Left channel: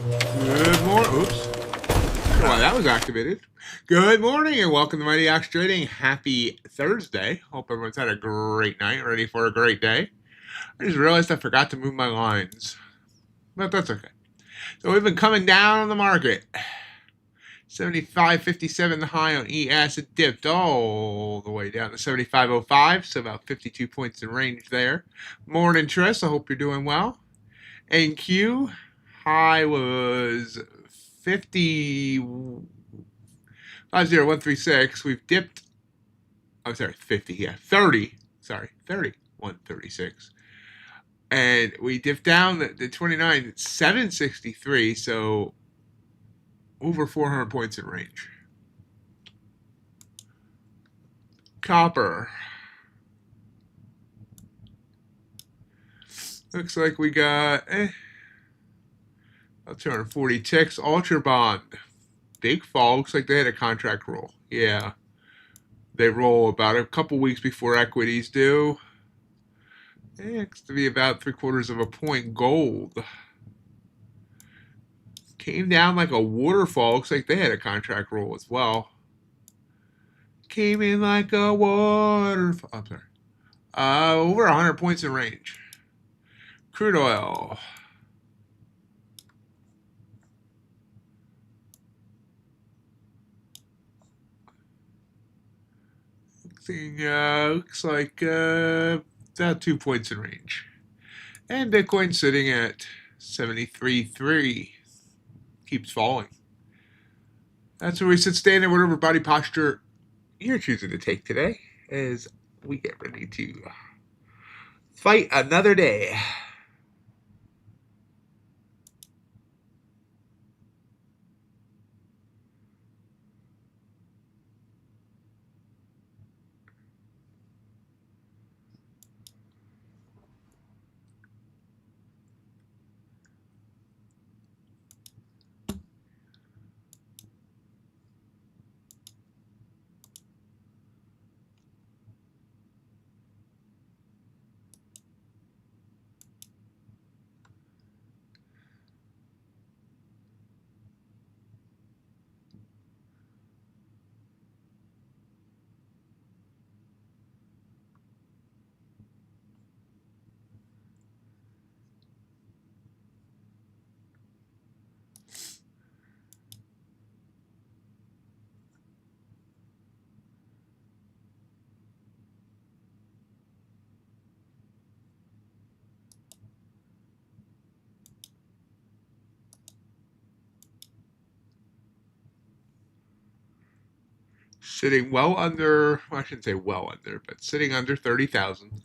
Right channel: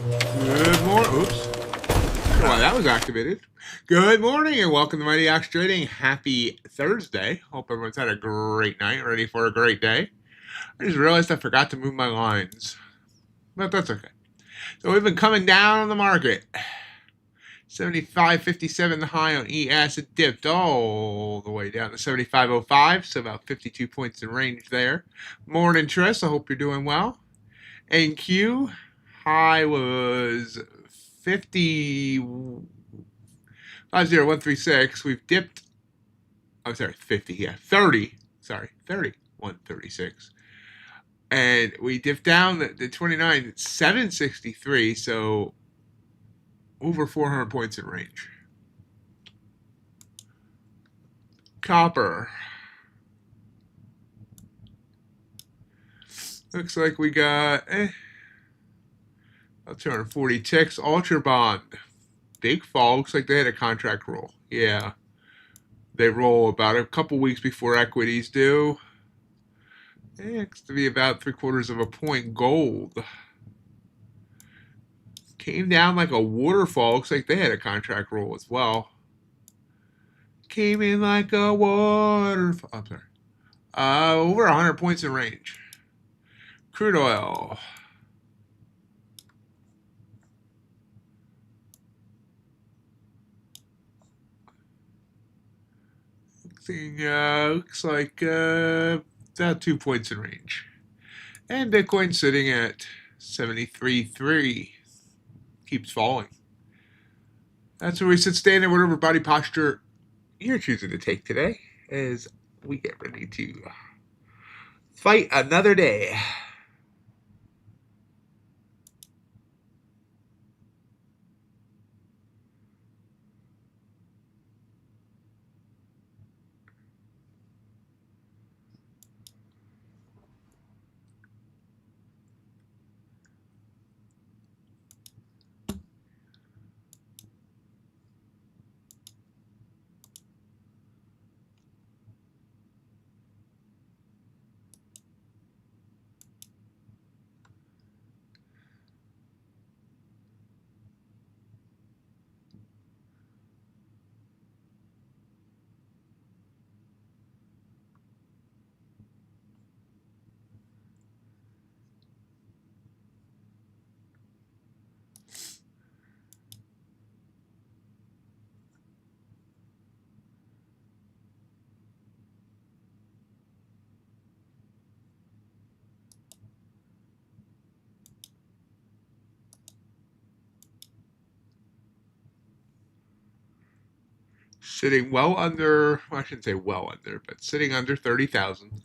Good morning. Oops. Well, that was activated. Good morning and welcome to MIGHTYOX Trading. Happy Thursday. Hope everyone's had a great night, ready for a great day. I just realized I forgot to move my lines, but that's okay. So we've been coming down on the market. 75.57 the high on ES. It dipped all the way down to 75.05, so about 52 points in range there. Morning, Triss. I hope you're doing well. NQ high was 50136. We've dipped. I'm sorry, 50. Yeah, 30. Sorry, 30. 136. And we dipped down the 29 at 763. So over 400 points in range. Copper. Looks like we got about 240 ticks. Ultra Bond. Big fall. Looks like they had a contract roll. Yeah. They roll about a couple weeks before equities do. Looks to be about 3/4 of a point gold. Came down like a waterfall. Looks like they had a contract roll as well. Came in like a waterfall. I'm sorry. Over 100 points in range. Crude oil. Looks like about 2 points in range. And Bitcoin sitting at 73.3. Keeps falling. That's where we sit standing, whatever body posture you're choosing to take today as we get ready to fight another day. Sitting well under, well, I shouldn't say well under, but sitting under 30,000.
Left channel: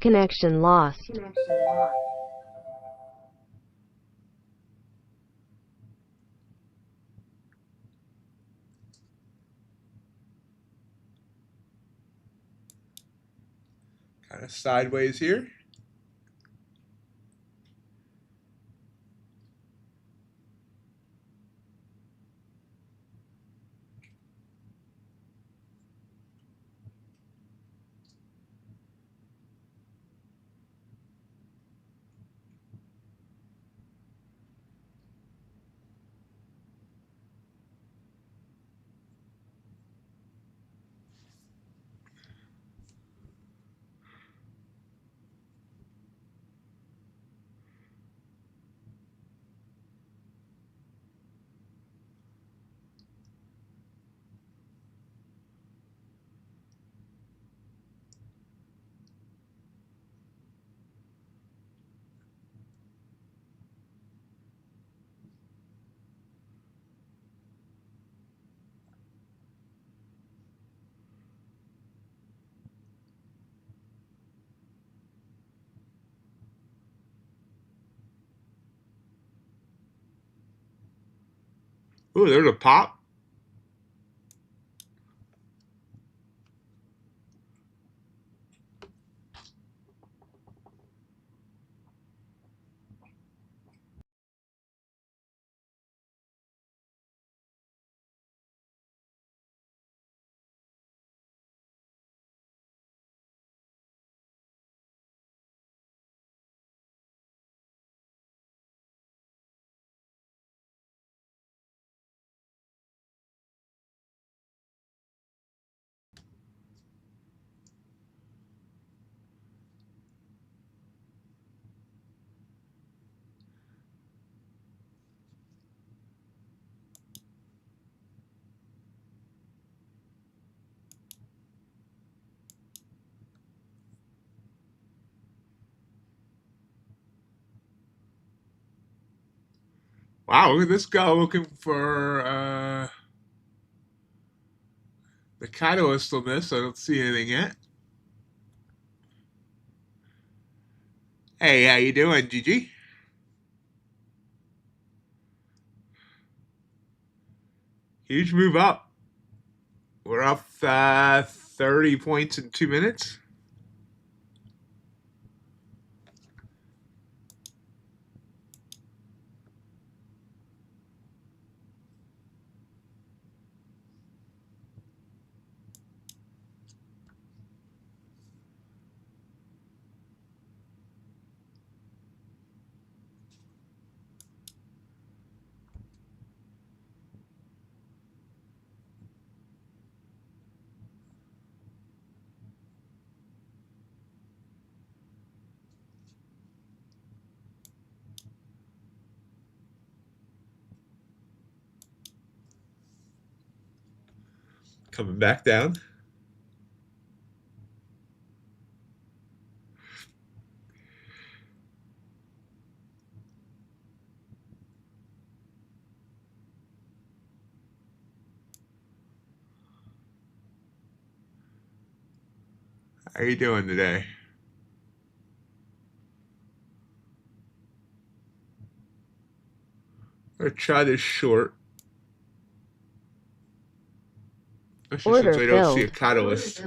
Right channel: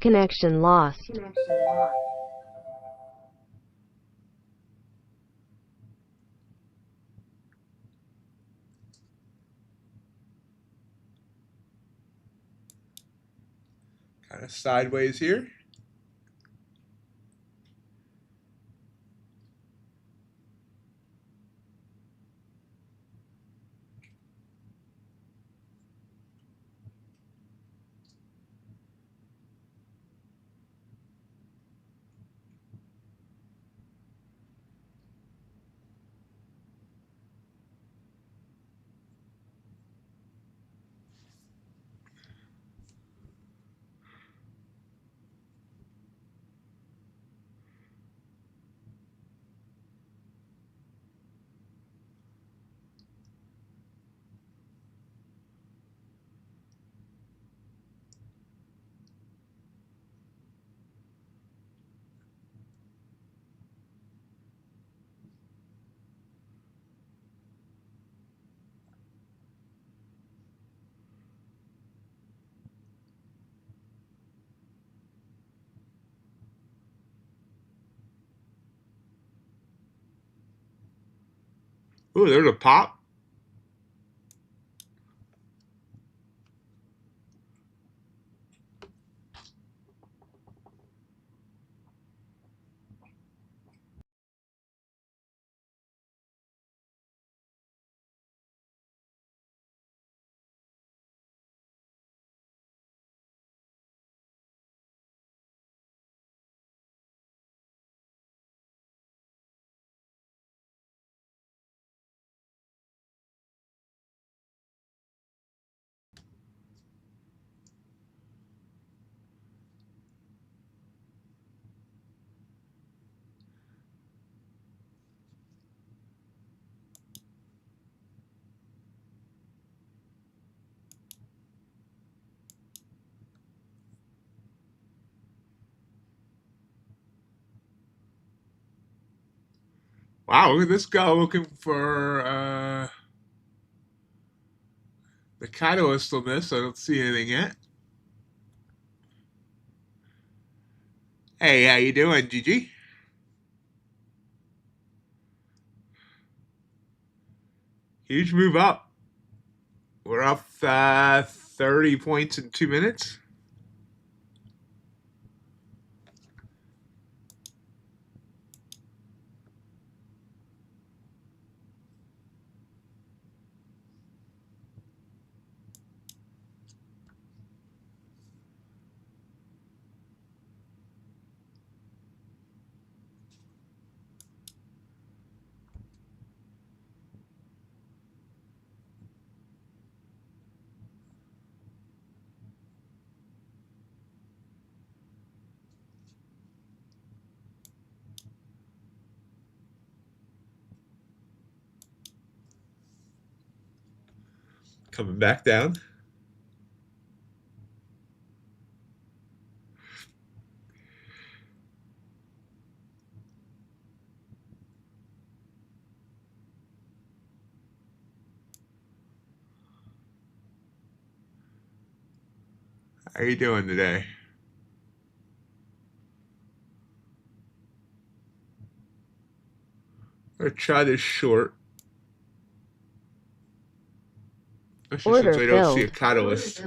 Connection lost. Kind of sideways here. Ooh, there's a pop. Wow, look at this guy looking for the catalyst on this. I don't see anything yet. Hey, how you doing, Gigi? Huge move up. We're up 30 points in 2 minutes. Coming back down. How you doing today? I'm gonna try this short. Especially since Order I don't see a filled. catalyst.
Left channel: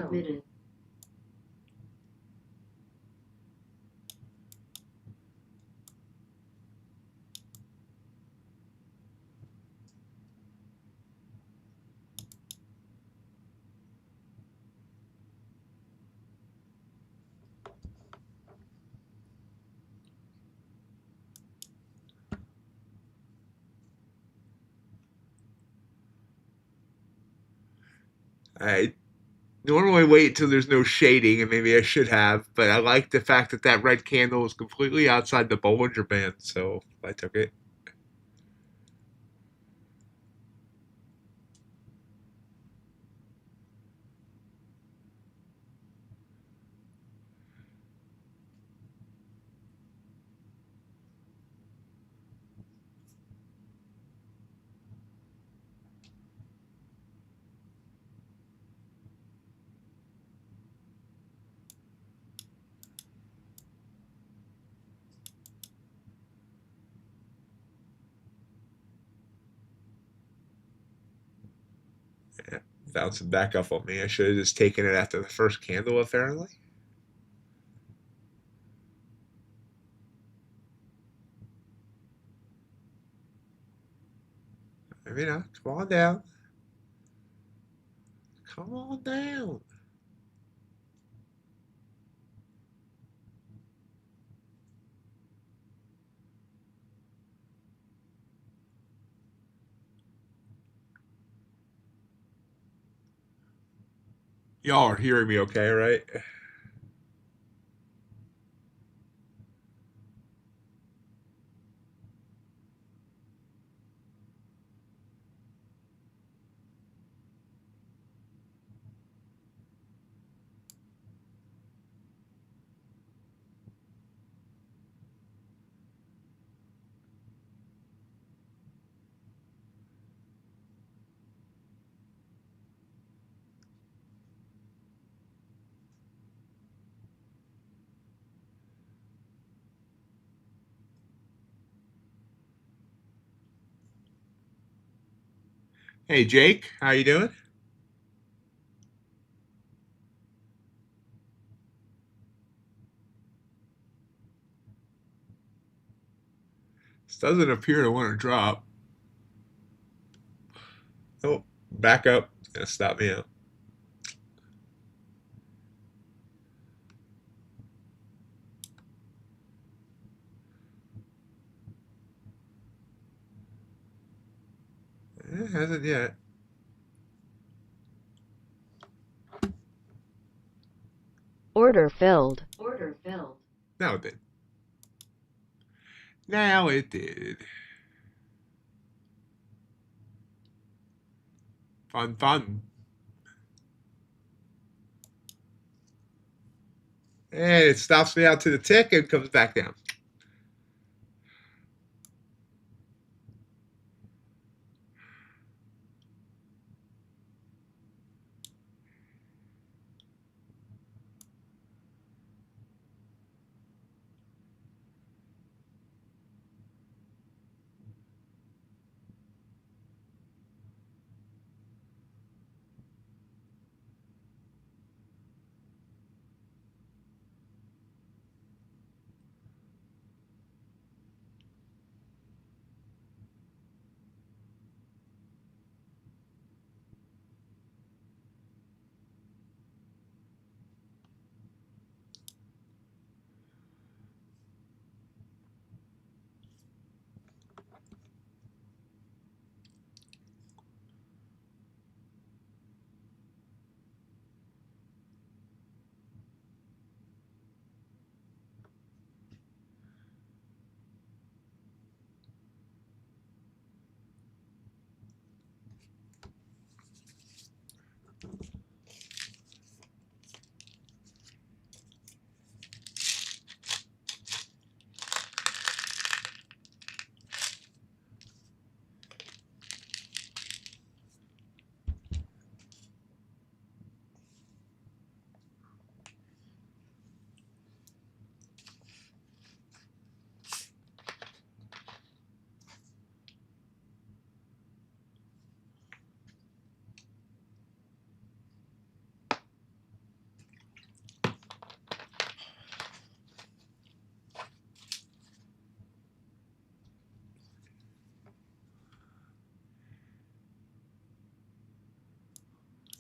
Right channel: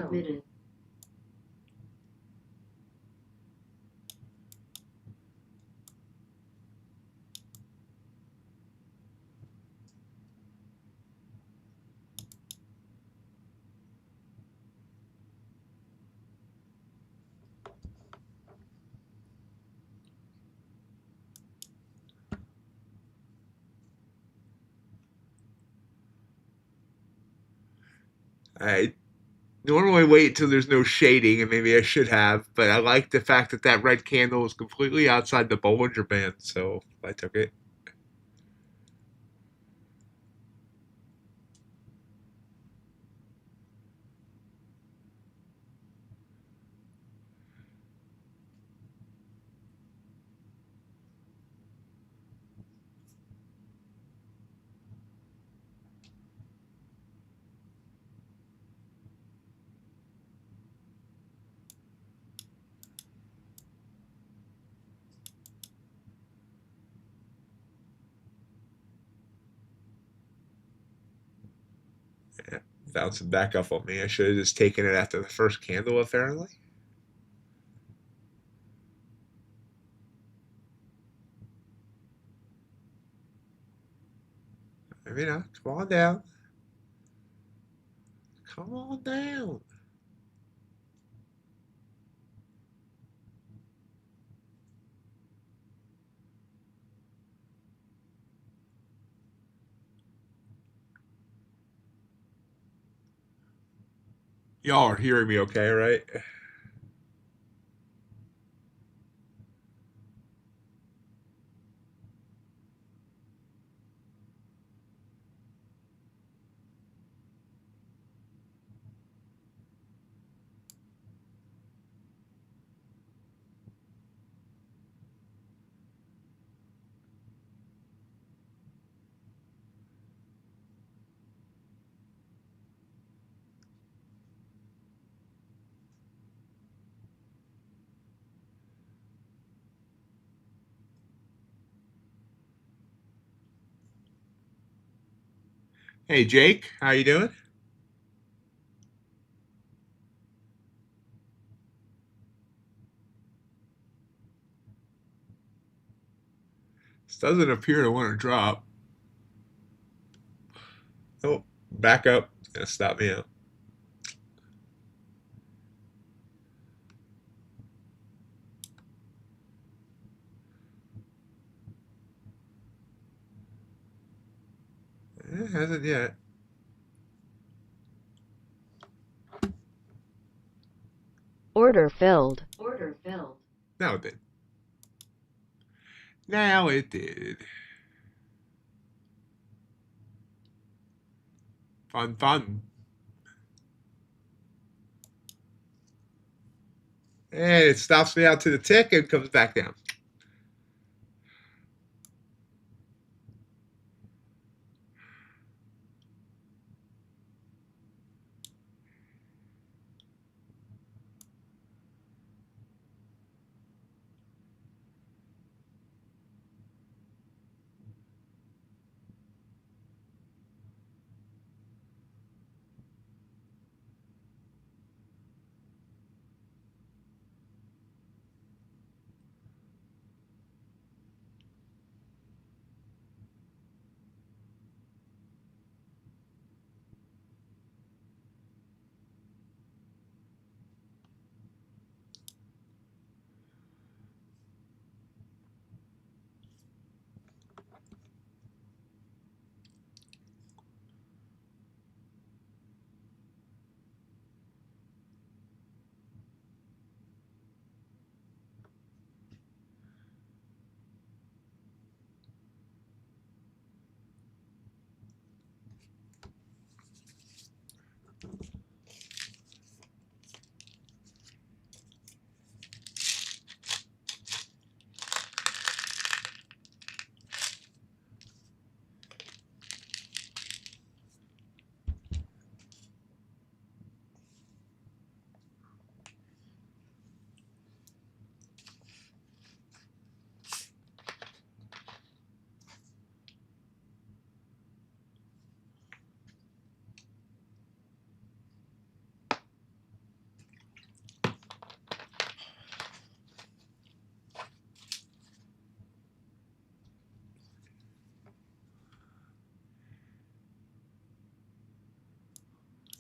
I normally wait until there's no shading, and maybe I should have, but I like the fact that that red candle is completely outside the Bollinger Band, so I took it. Yeah, bouncing back up on me. I should have just taken it after the first candle, apparently. Maybe not. Come on down. Come on down. Y'all are hearing me okay, right? Hey, Jake, how you doing? This doesn't appear to want to drop. Oh, back up. It's gonna stop me out. It hasn't yet. Order filled. Now it did. Now it did. Fun, fun. And it stops me out to the tick and comes back down.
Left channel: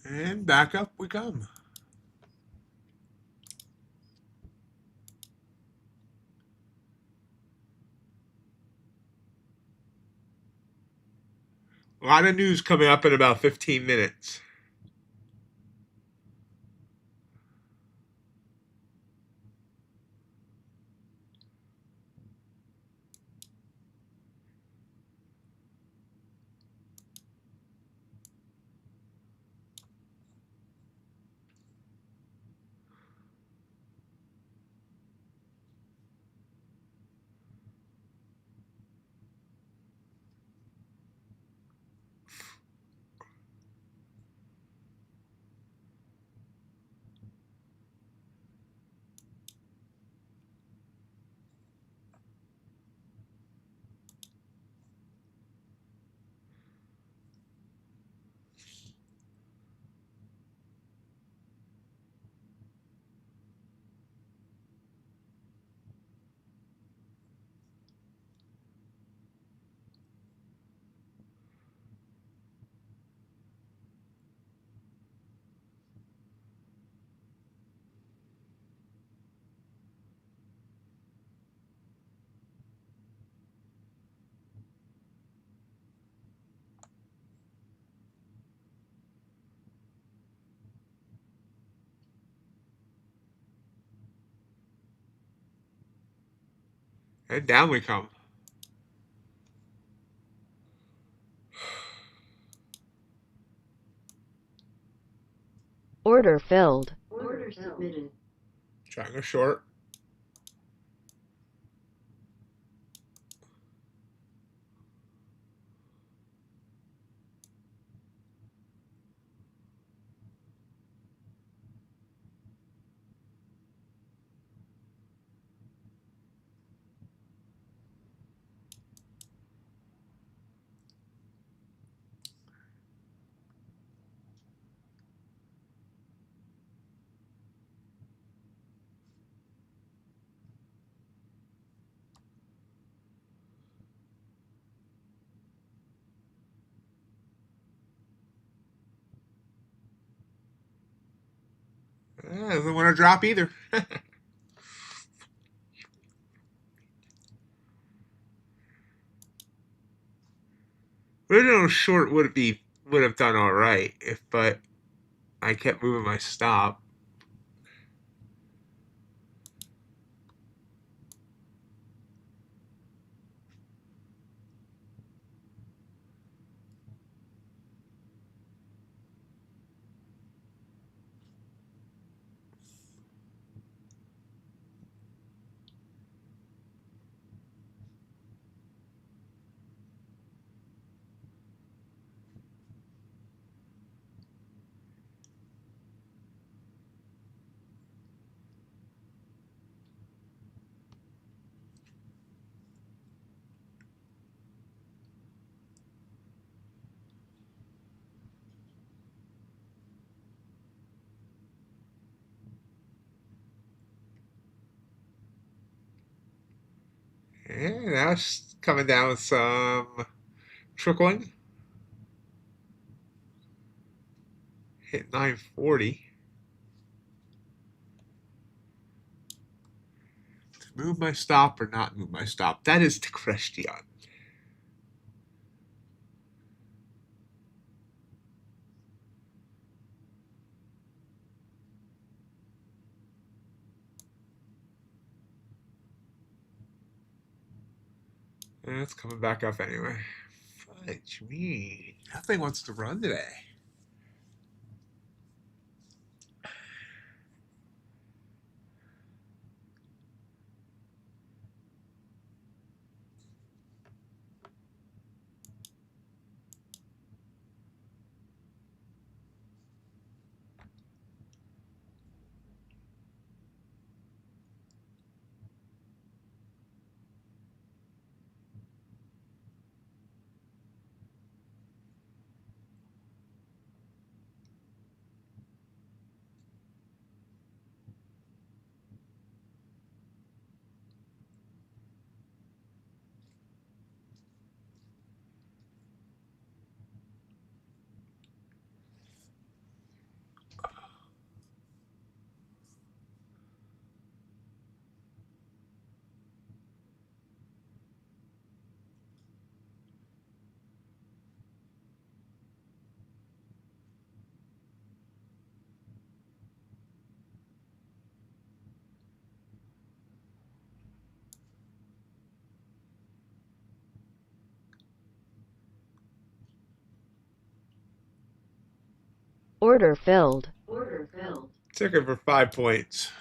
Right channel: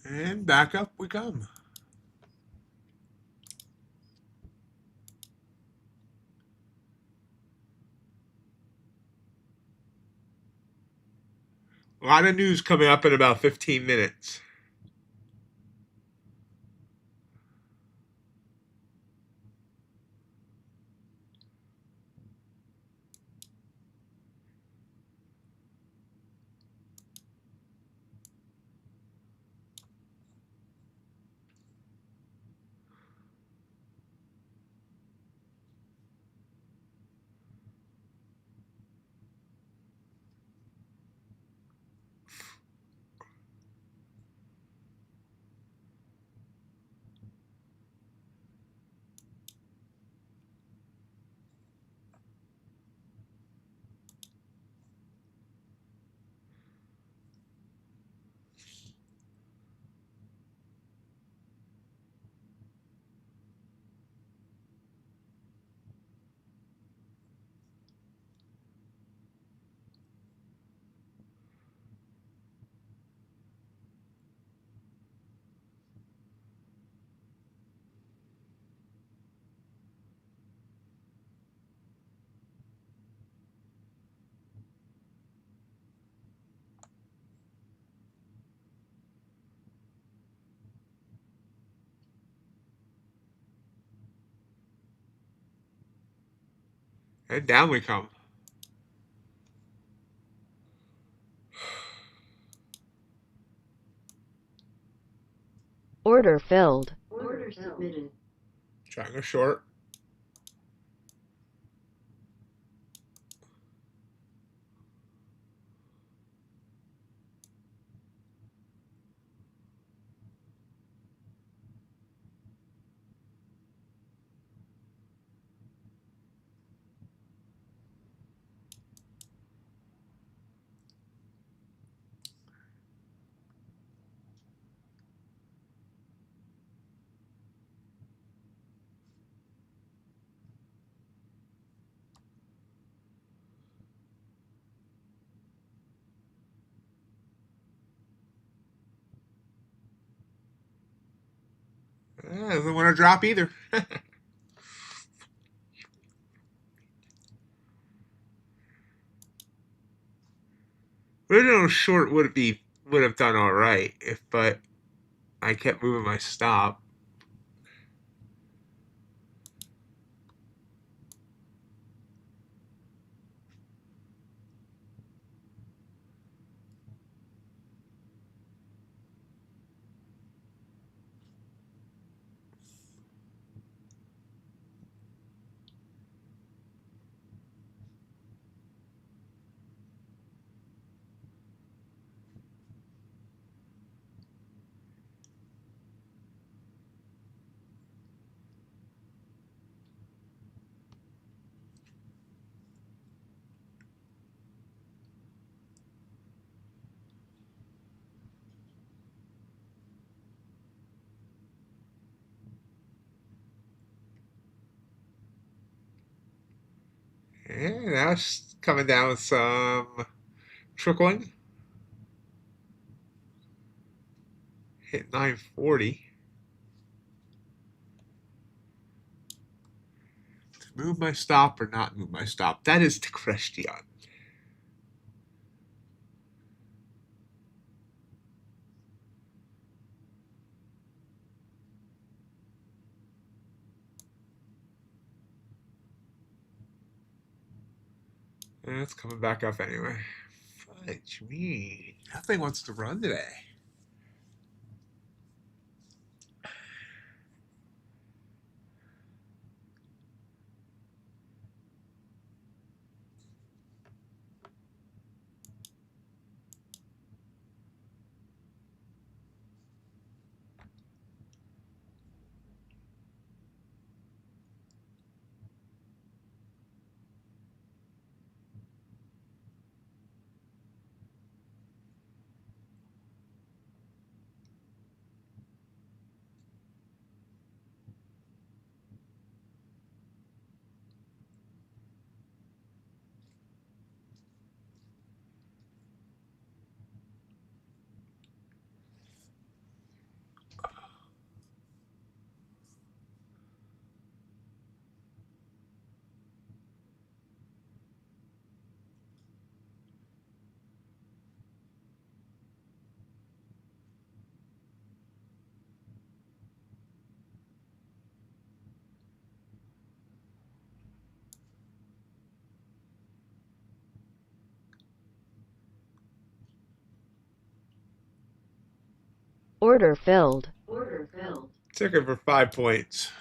And back up we come. A lot of news coming up in about 15 minutes. And down we come. Order filled. Order submitted. Triangle short. Doesn't want to drop either. Original short would have done all right but I kept moving my stop. And now it's coming down with some trickling. Hit 940. To move my stop or not move my stop? That is the question. And it's coming back up anyway. Fudge me. Nothing wants to run today. Order filled. Order filled. Took it for 5 points.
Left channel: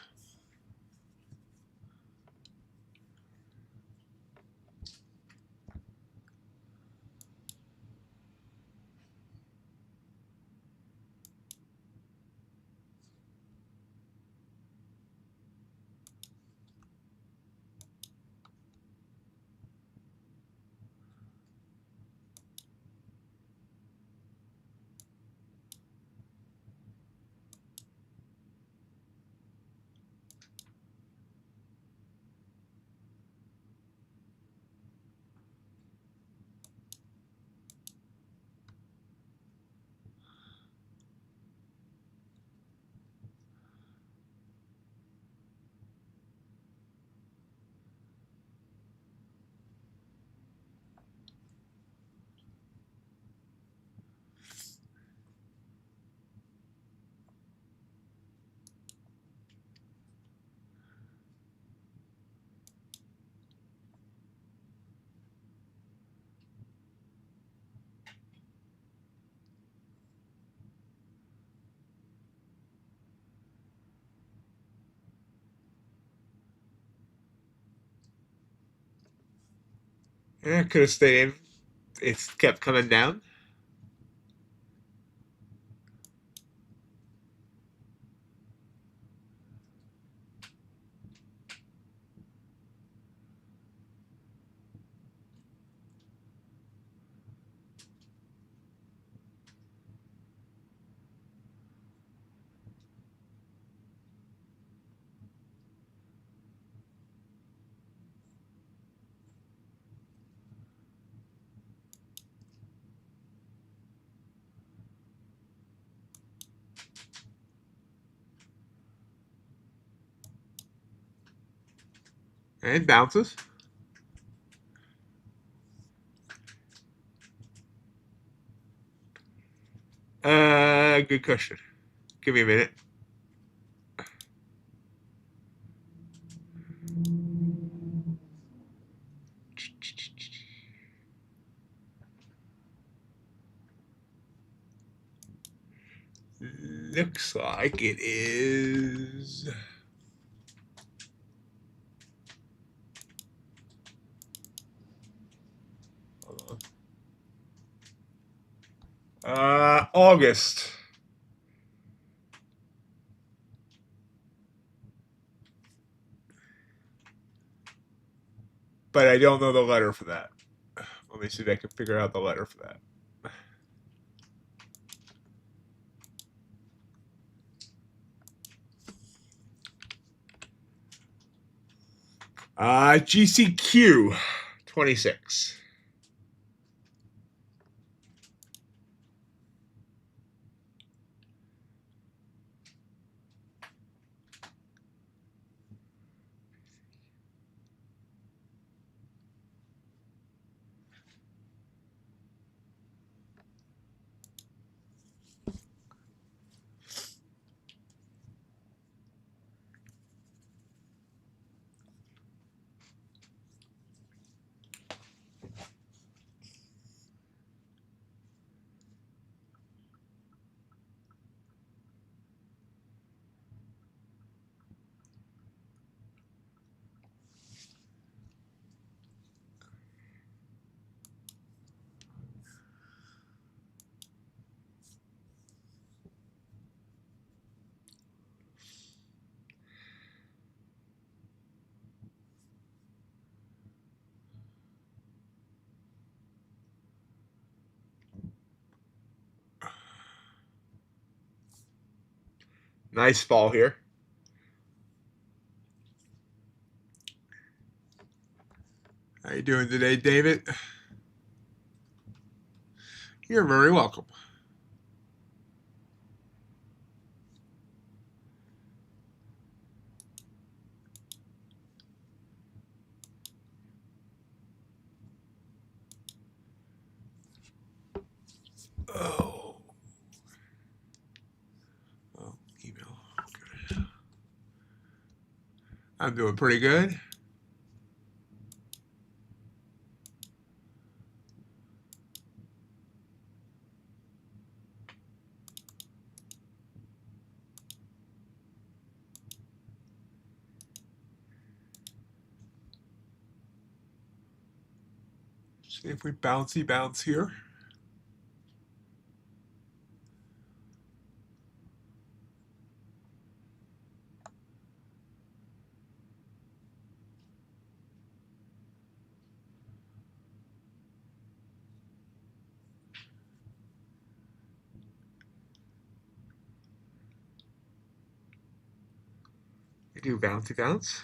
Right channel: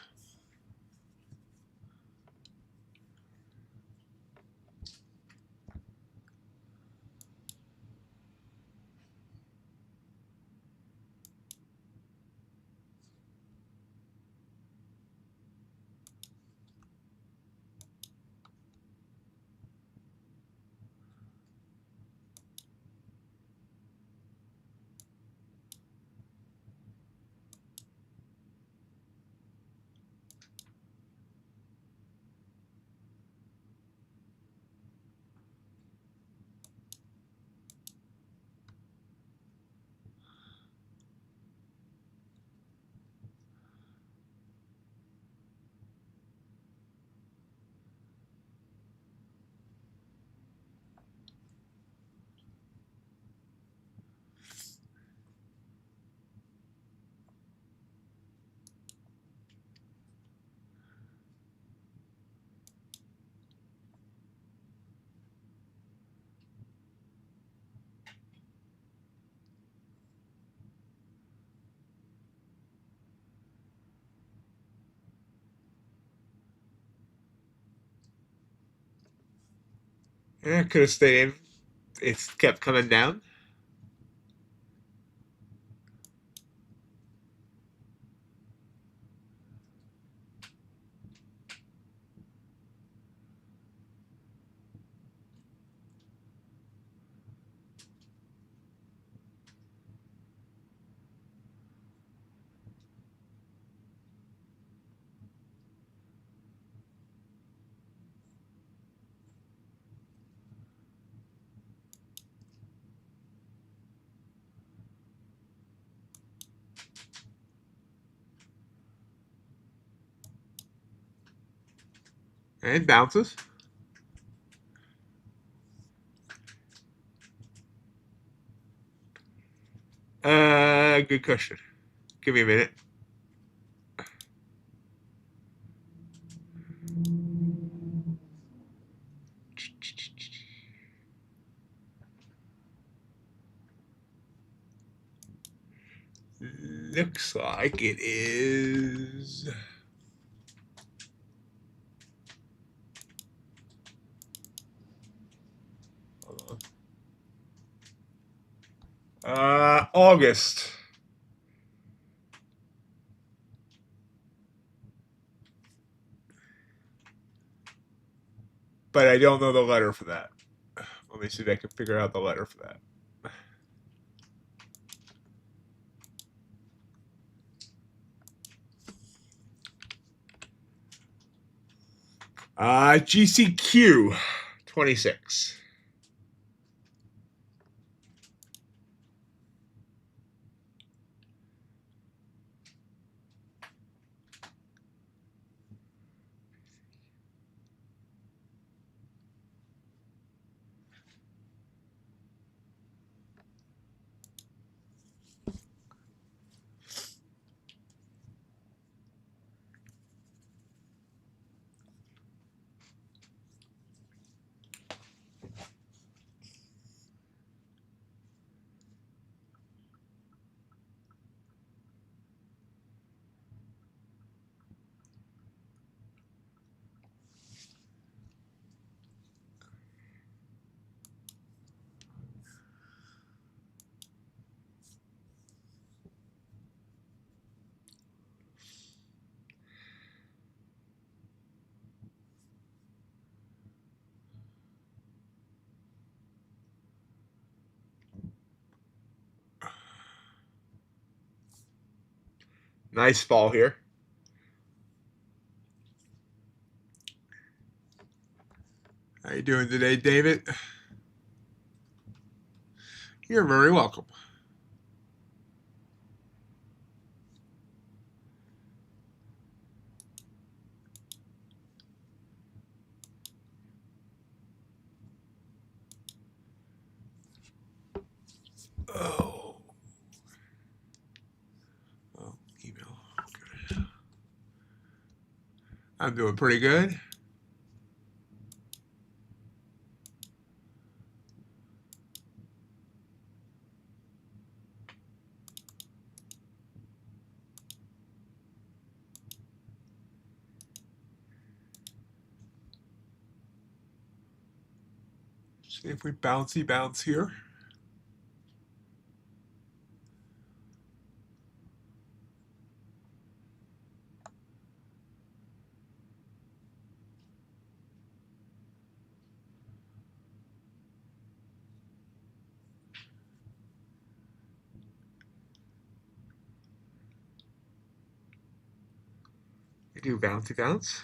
Yeah, could have stayed in. It's kept coming down. And bounces. Good question. Give me a minute. Looks like it is. Hold on. August. But I don't know the letter for that. Let me see if I can figure out the letter for that. GCQ 26. Nice fall here. How you doing today, David? You're very welcome. Oh. Oh, email. Okay. I'm doing pretty good. See if we bounce here. We do bouncy bounce.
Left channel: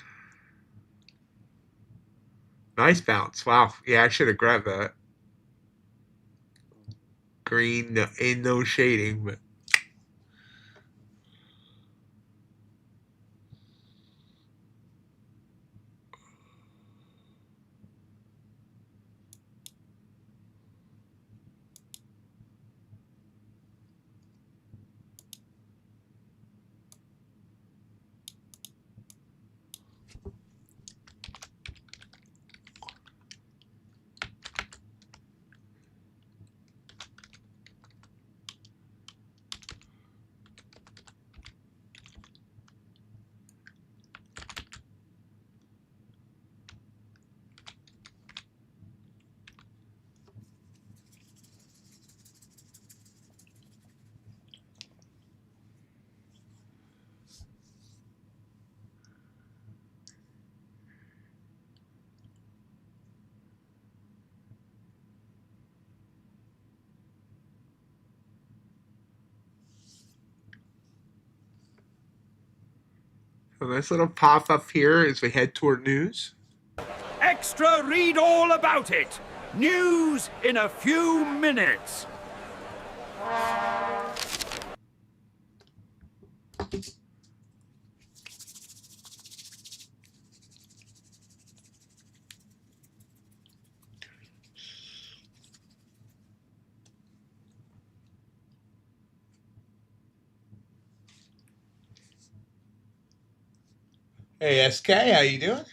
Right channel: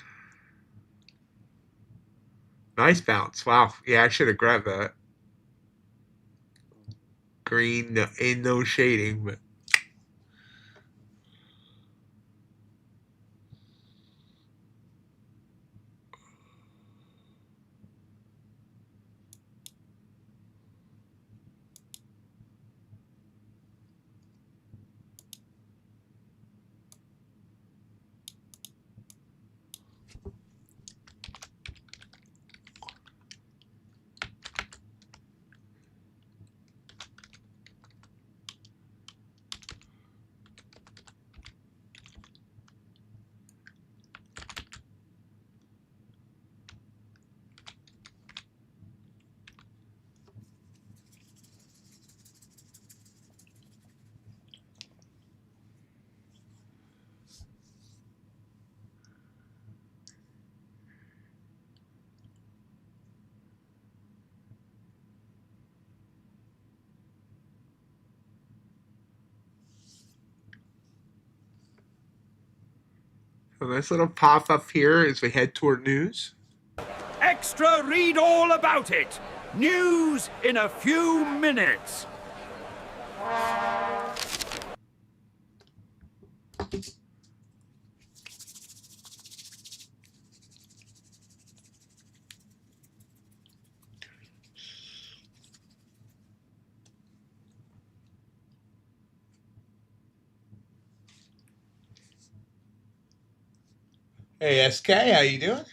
Nice bounce. Wow. Yeah, I should have grabbed that. Green, ain't no shading, but A nice little pop up here as we head toward news. Extra, read all about it. News in a few minutes. Hey SK, how you doing?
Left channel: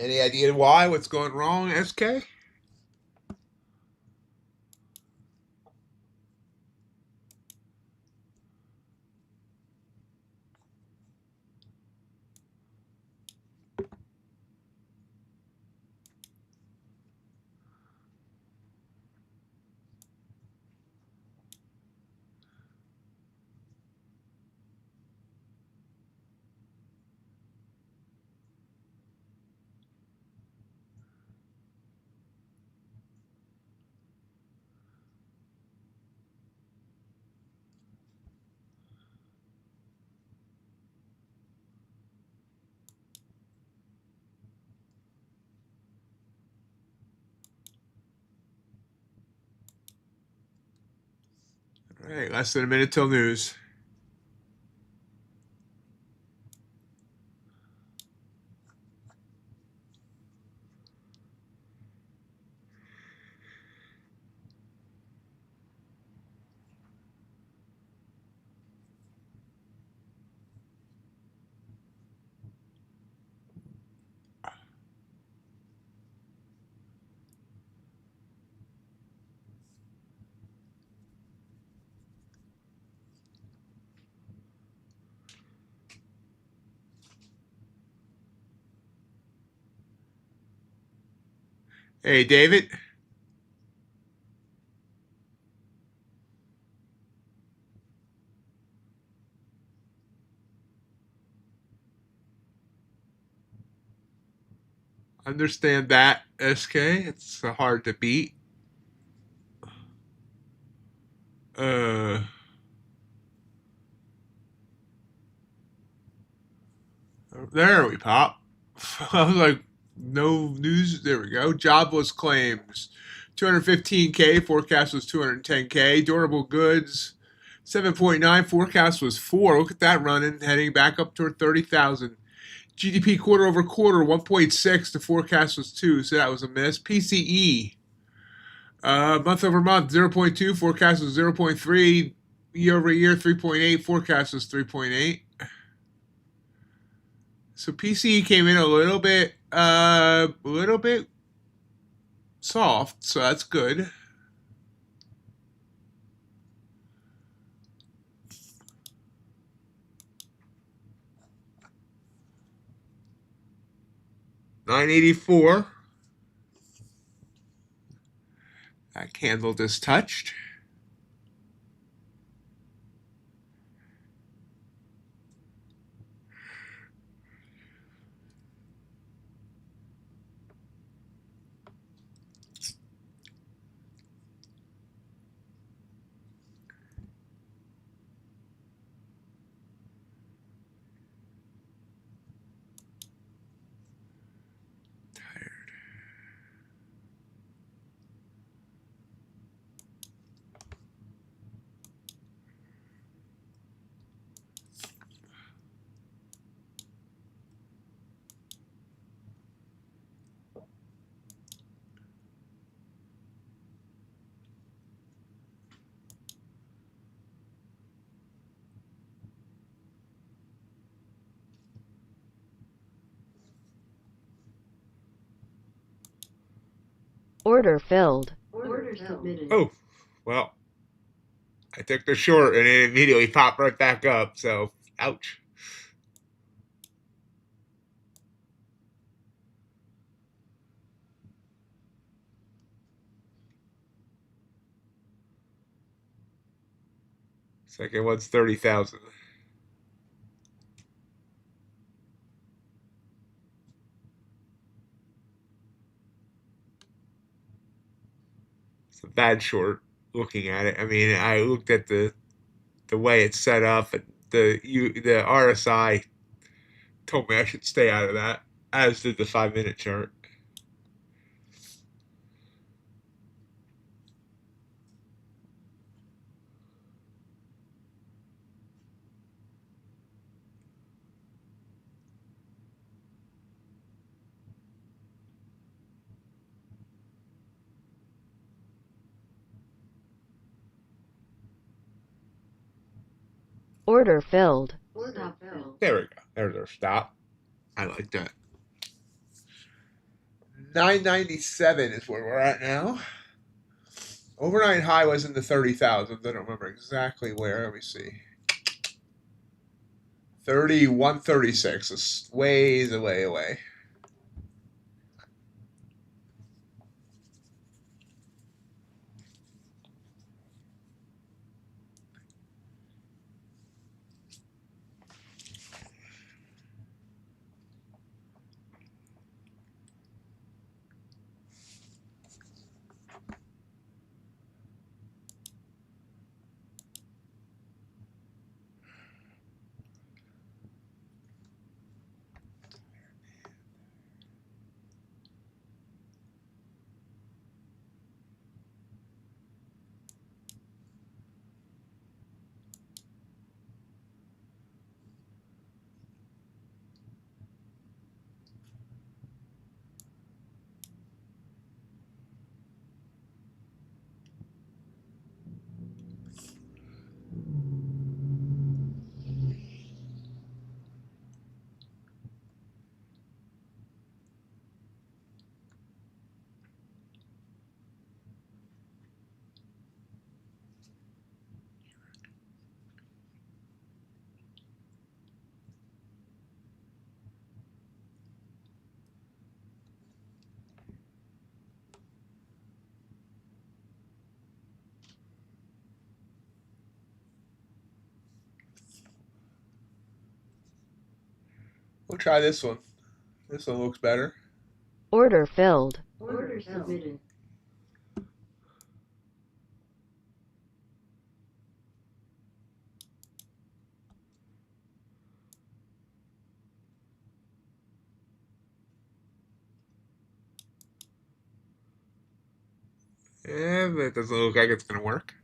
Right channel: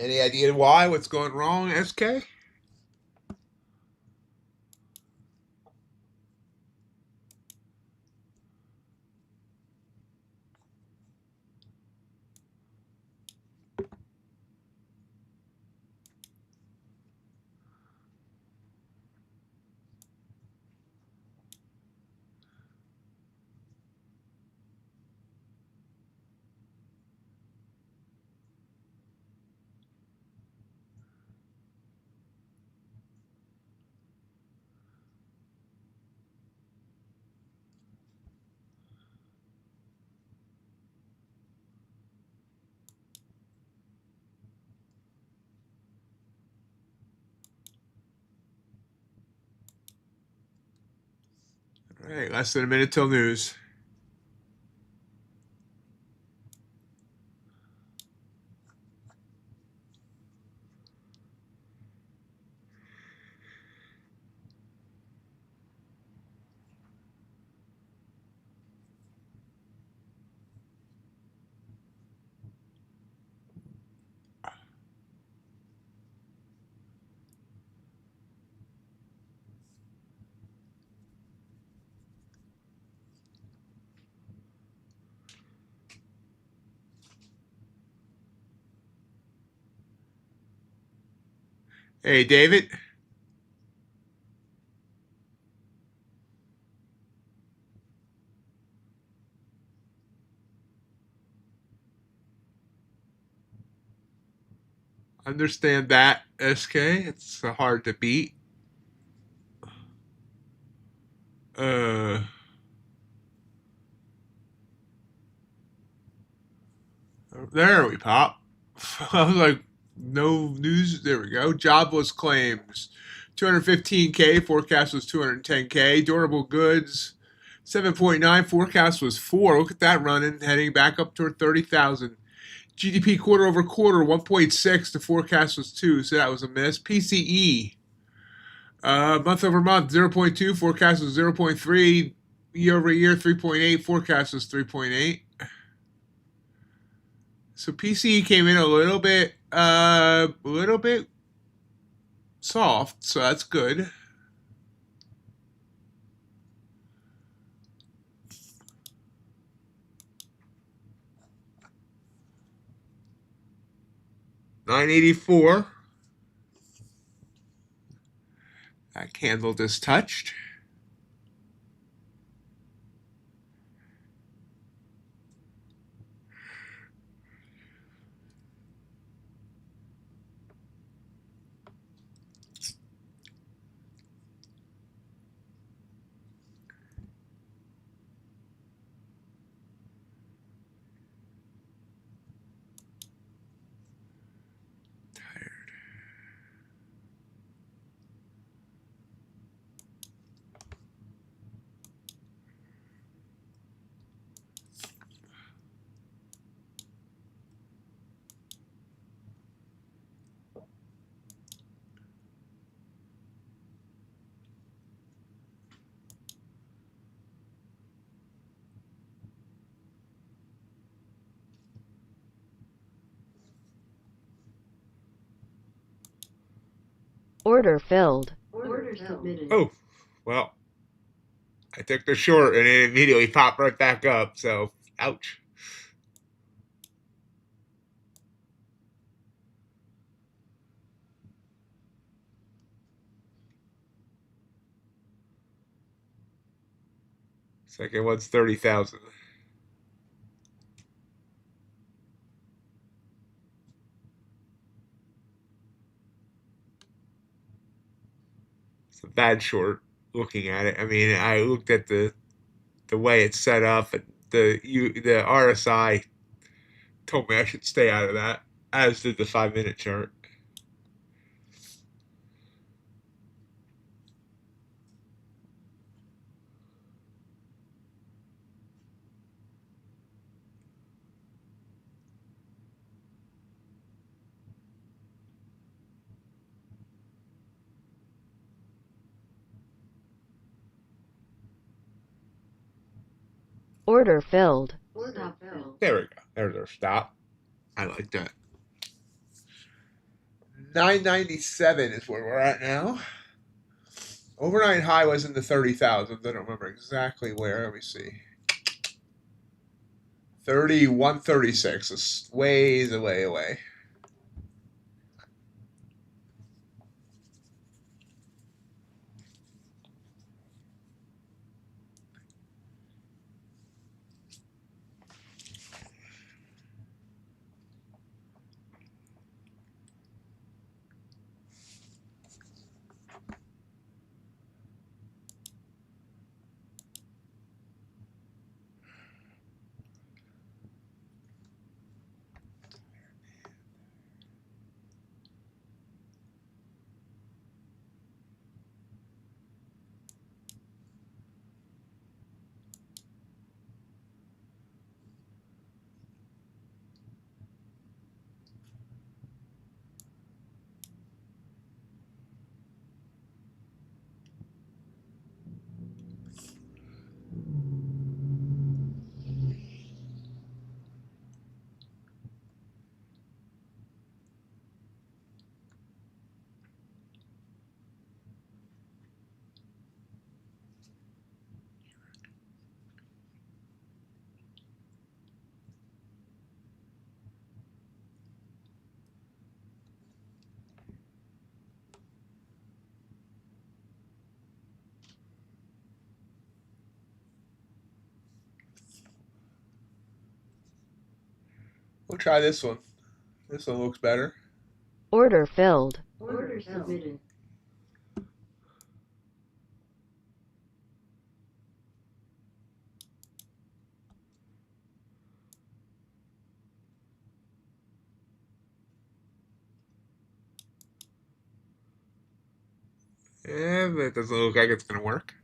Any idea why? What's going wrong, SK? All right, less than a minute till news. Hey, David. Understand that, SK. It's hard to beat. Uh, there we pop. I was like, no news. There we go. Jobless claims, 215K. Forecast was 210K. Durable goods, 7.9. Forecast was 4. Look at that running, heading back up toward 30,000. GDP quarter over quarter, 1.6. The forecast was 2, so that was a miss. PCE, month over month, 0.2. Forecast was 0.3. Year over year, 3.8. Forecast was 3.8. So PCE came in a little bit soft, so that's good. $9.84. That candle just touched. Tired. Order filled. Order submitted. Oh, well, I took the short and it immediately popped right back up. So, ouch. Second one's 30,000. It's a bad short looking at it. I mean, I looked at the way it's set up, and the RSI told me I should stay out of that, as did the 5 minute chart. Order filled. Stop filled. There we go. There's our stop. I like that. 997 is where we're at now. Overnight high was in the 30,000. I don't remember exactly where. Let me see. 3136. It's ways away. We'll try this one. This one looks better. Order filled. Order submitted. Yeah, but it doesn't look like it's going to work.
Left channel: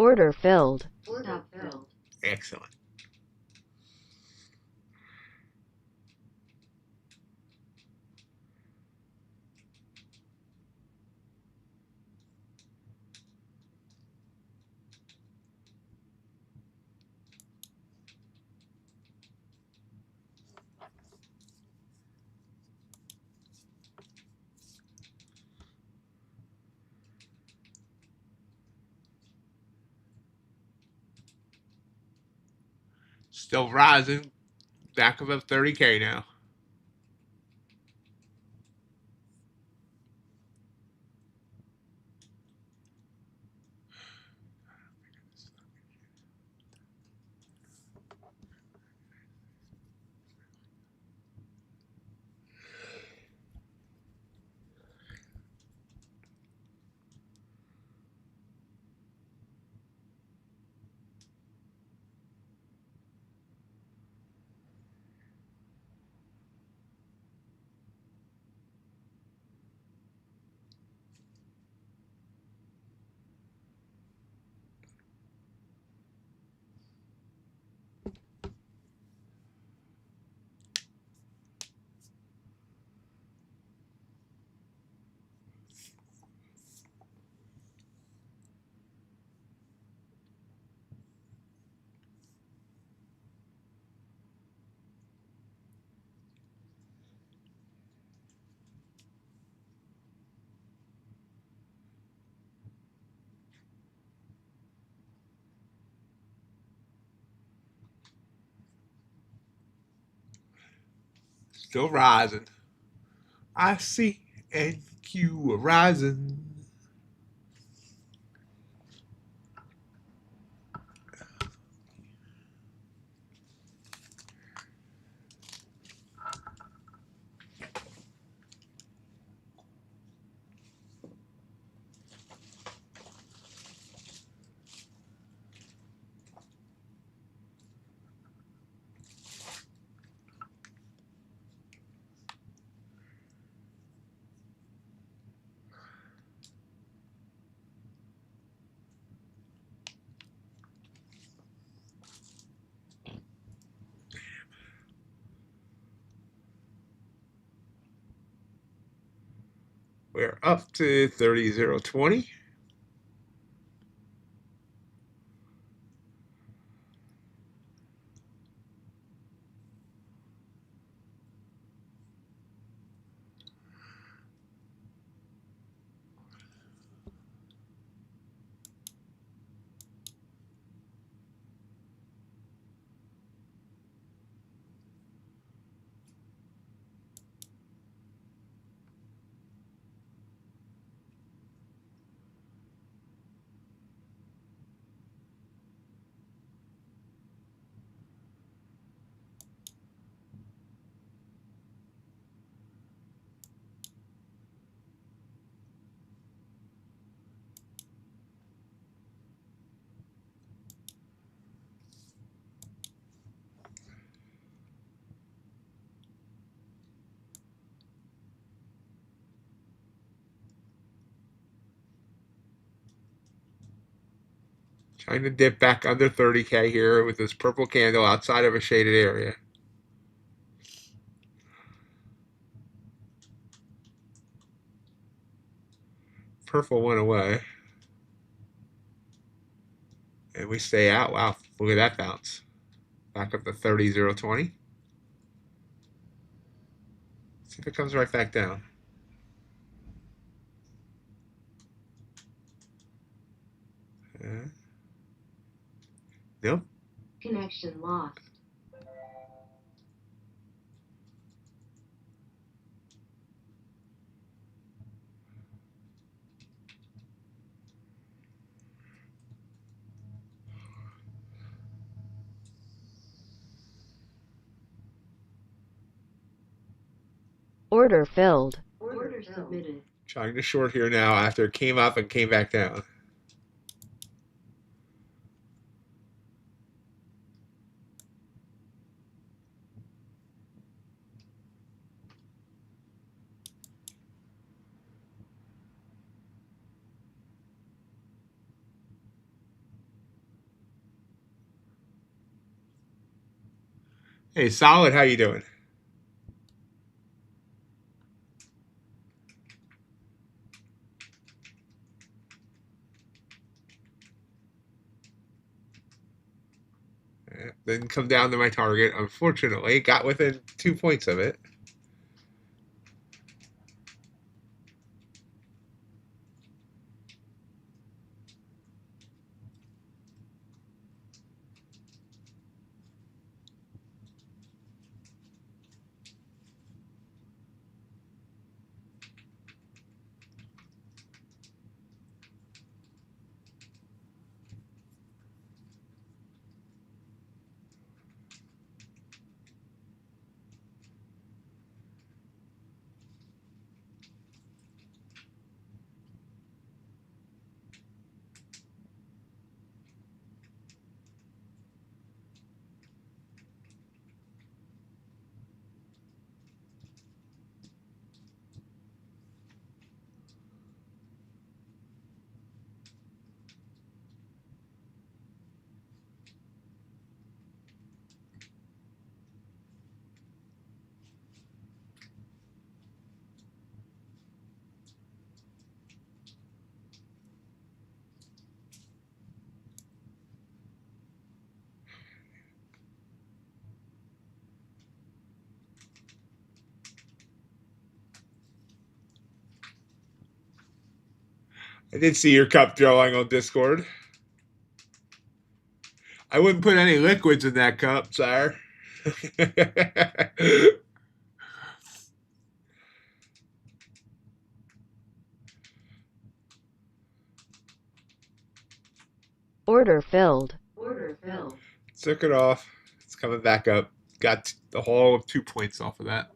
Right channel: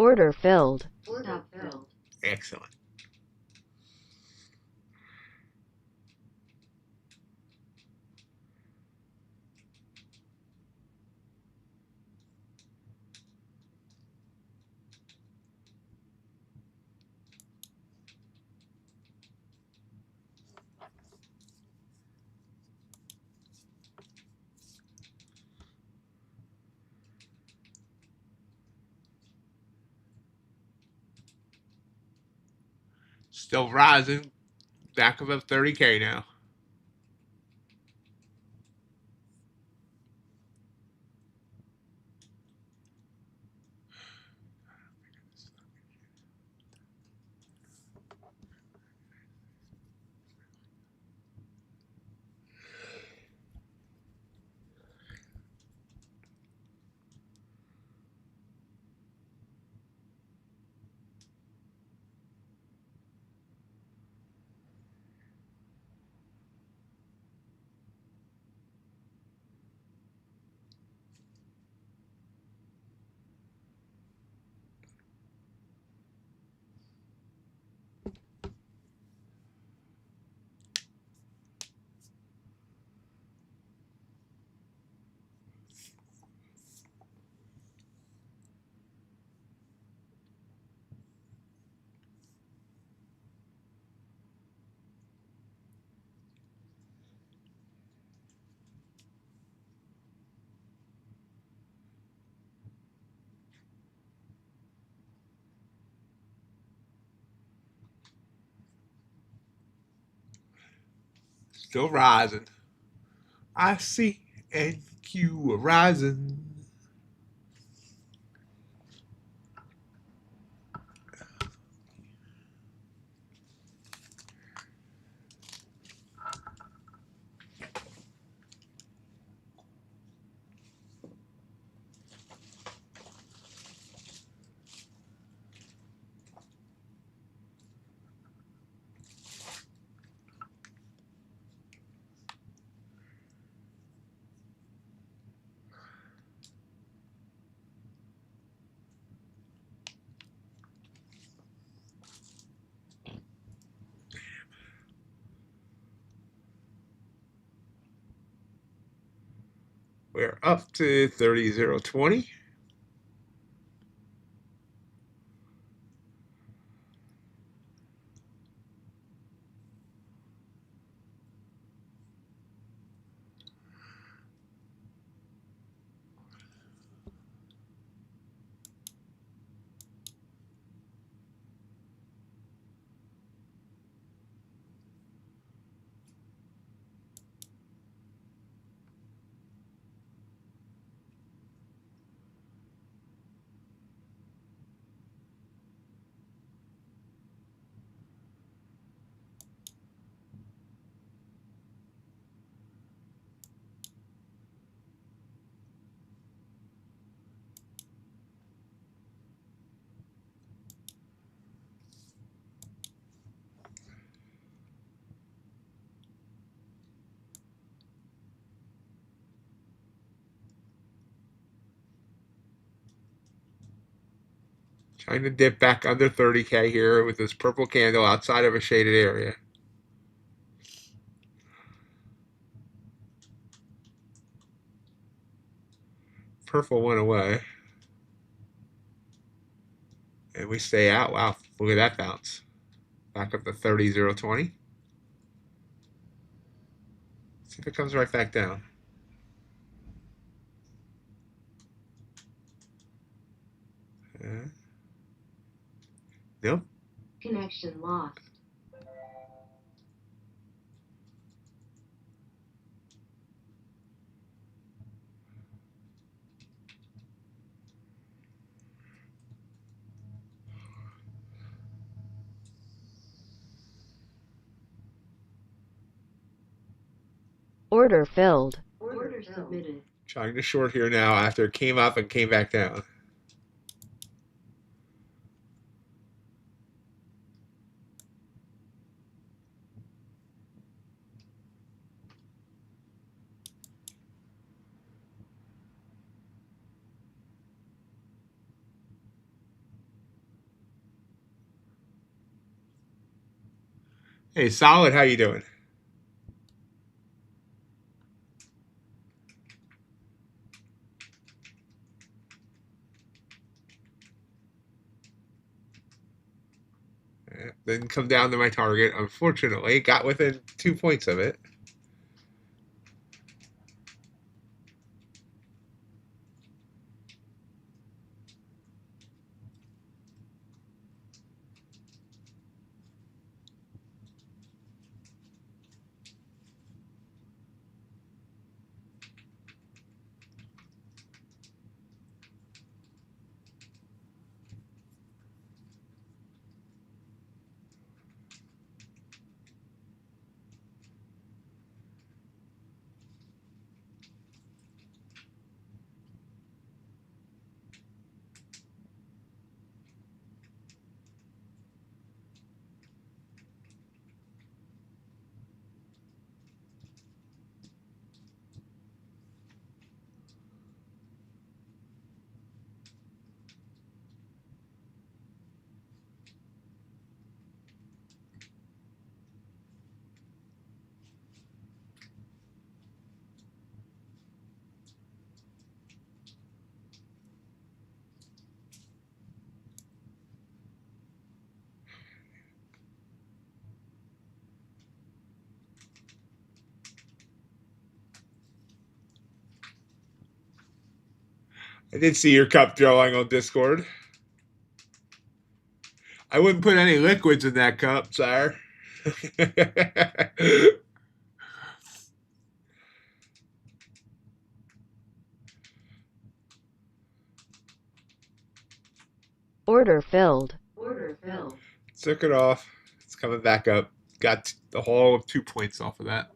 Order filled. Stop filled. Excellent. Still rising. Back above 30K now. Still rising. I see NQ rising. We're up to 30.020. Trying to dip back under 30K here with this purple candle outside of a shaded area. Purple went away. And we stay out. Wow, look at that bounce. Back up to 30.020. See if it comes right back down. Nope. Connection lost. Order filled. Order submitted. Trying to short here now after it came up and came back down. Hey, Solid, how you doing? Didn't come down to my target, unfortunately. Got within 2 points of it. I did see your cup drawing on Discord. I wouldn't put any liquids in that cup, sire. Order filled. Order filled. Took it off. It's coming back up. Got the whole of 2 points off of that.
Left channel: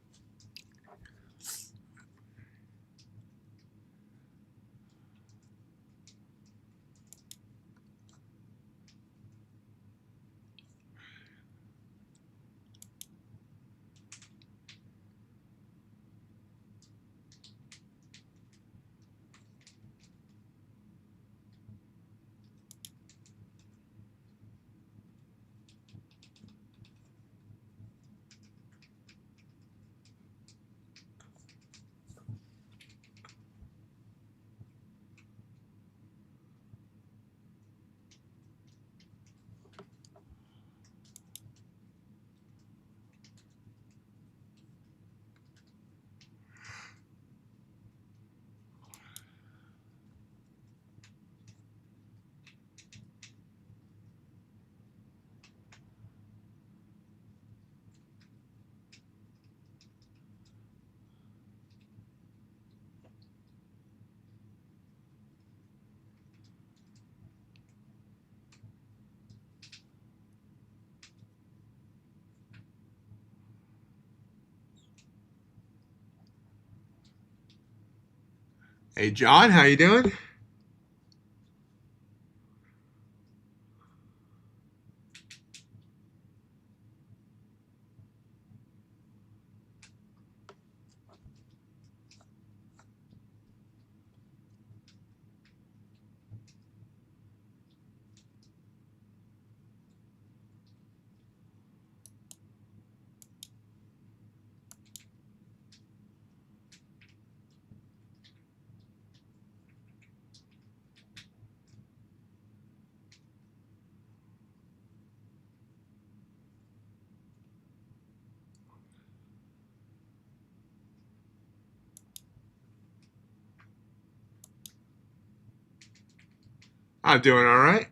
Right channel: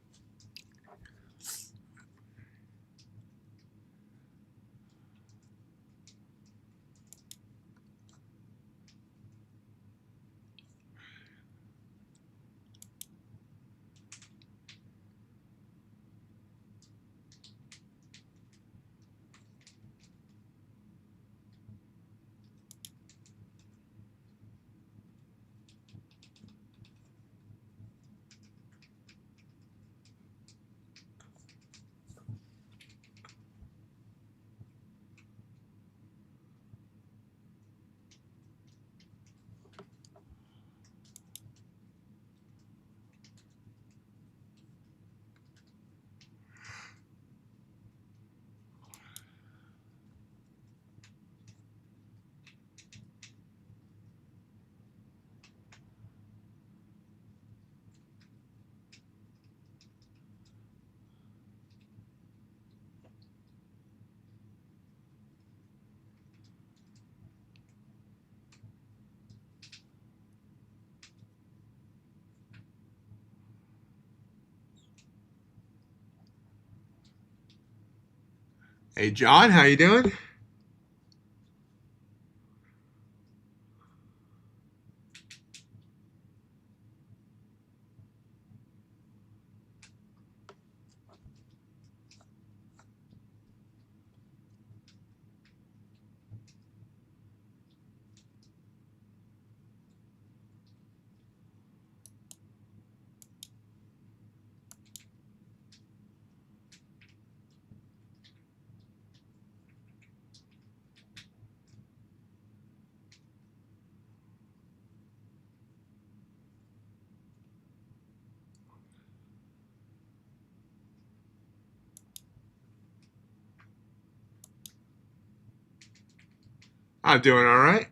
Hey, John, how you doing? I'm doing all right.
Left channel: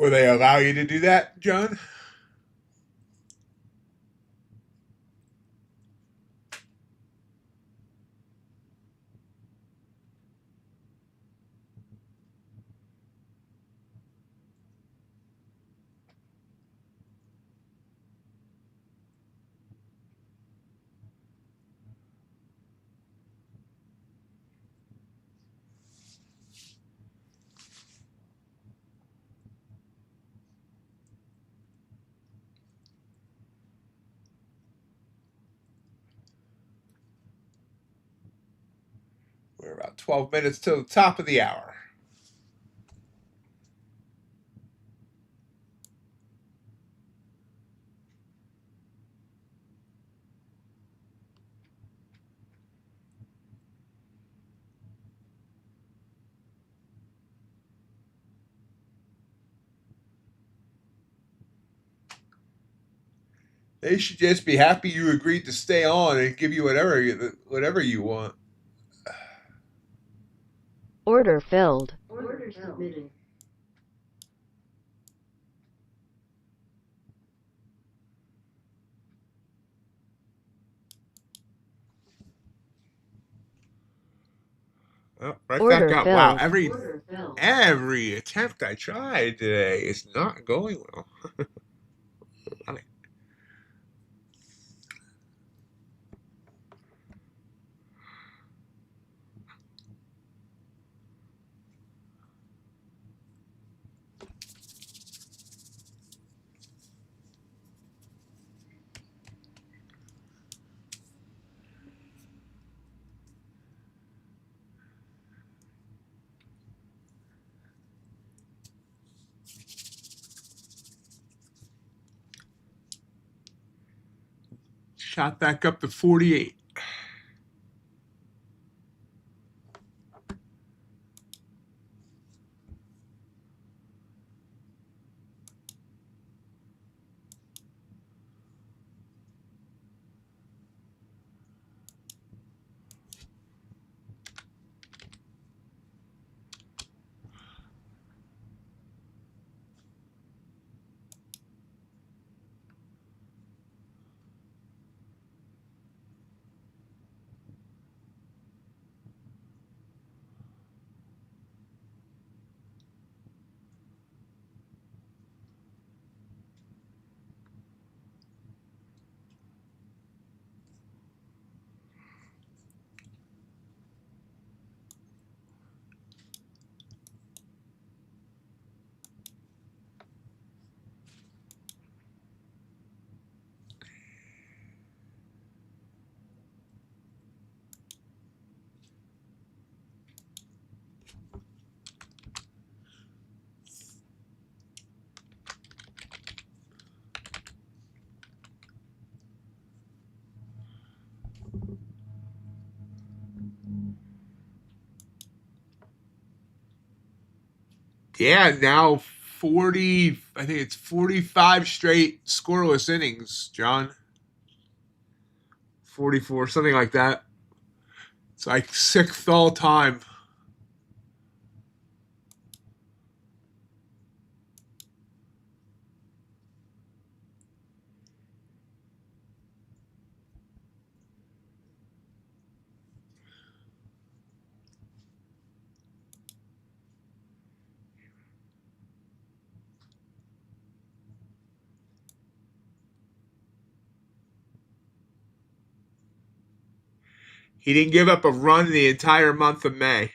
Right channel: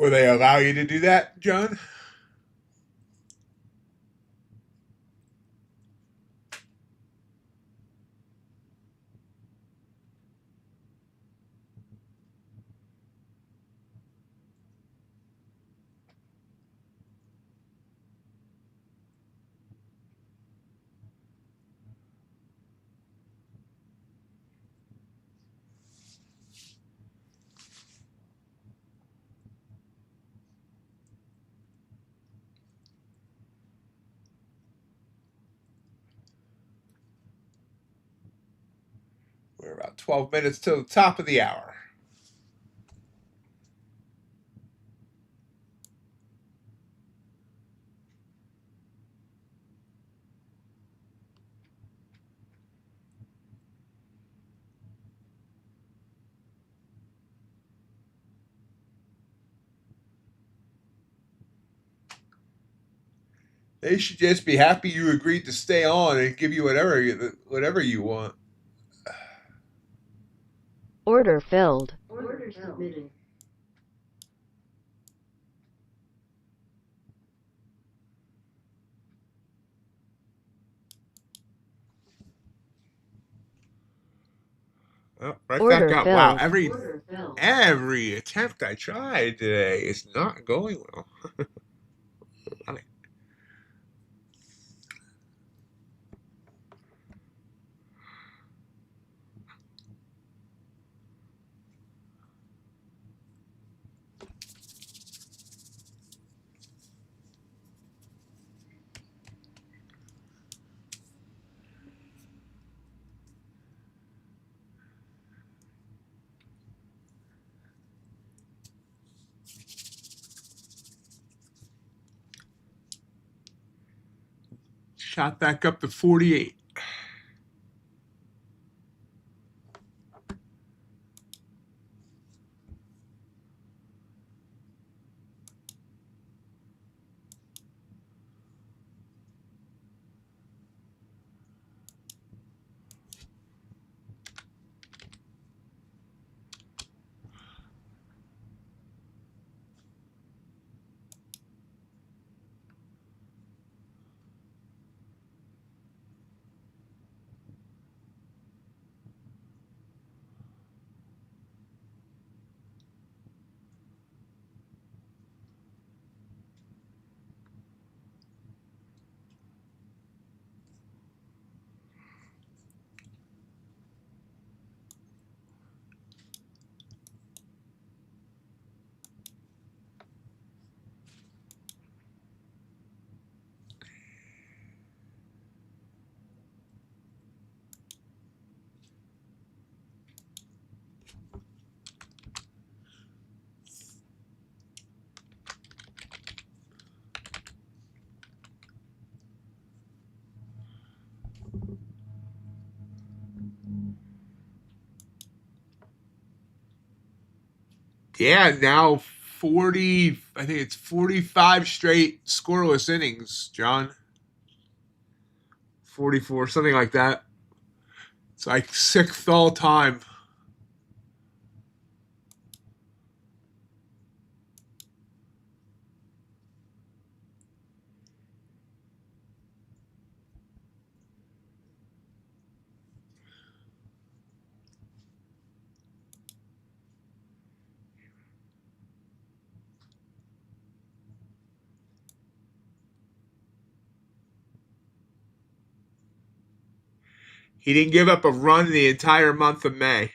Will they allow you to do that, John? We're about 12 minutes till the top of the hour. They should just be happy you agreed to stay on and give you whatever you want. Order filled. Order submitted. Oh, right back Order up. Wow, filled. Order filled. every attempt I tried today is not going well. Love it. Shot back up to 48. Yeah, now 40, I think it's 45 straight scoreless innings, John. 44, something like that. It's like sixth all time. He didn't give up a run the entire month of May.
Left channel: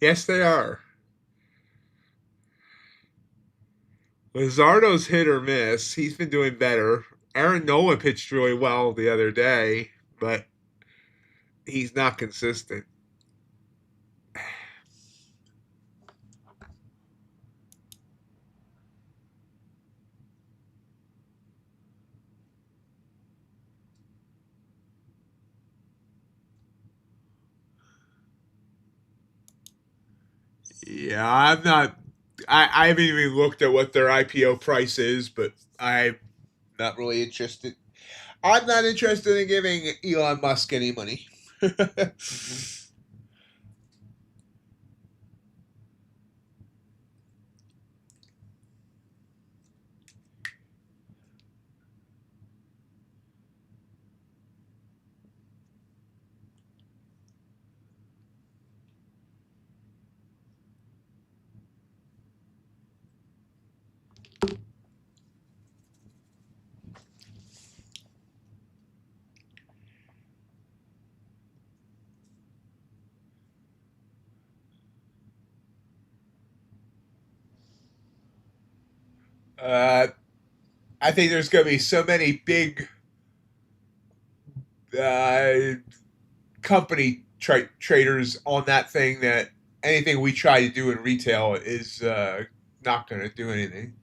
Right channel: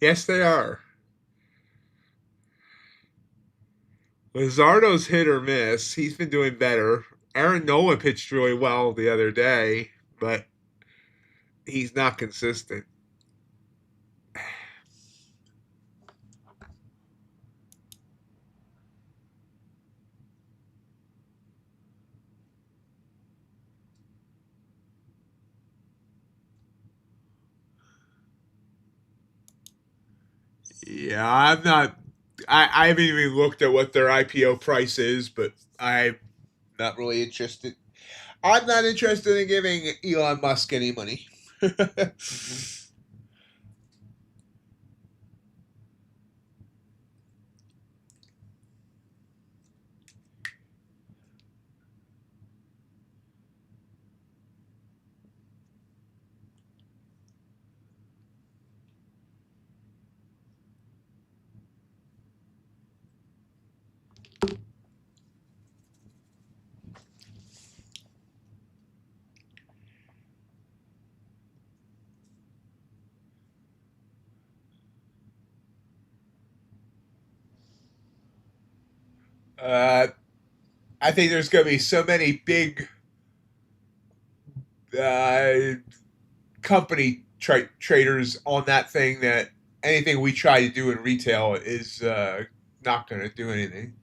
Yes, they are. Luzardo's hit or miss. He's been doing better. Aaron Nola pitched really well the other day, but he's not consistent. Yeah, I'm not. I haven't even looked at what their IPO price is, but I'm not really interested. I'm not interested in giving Elon Musk any money. Uh, I think there's going to be so many big uh, company traders on that thing that anything we try to do in retail is not going to do anything.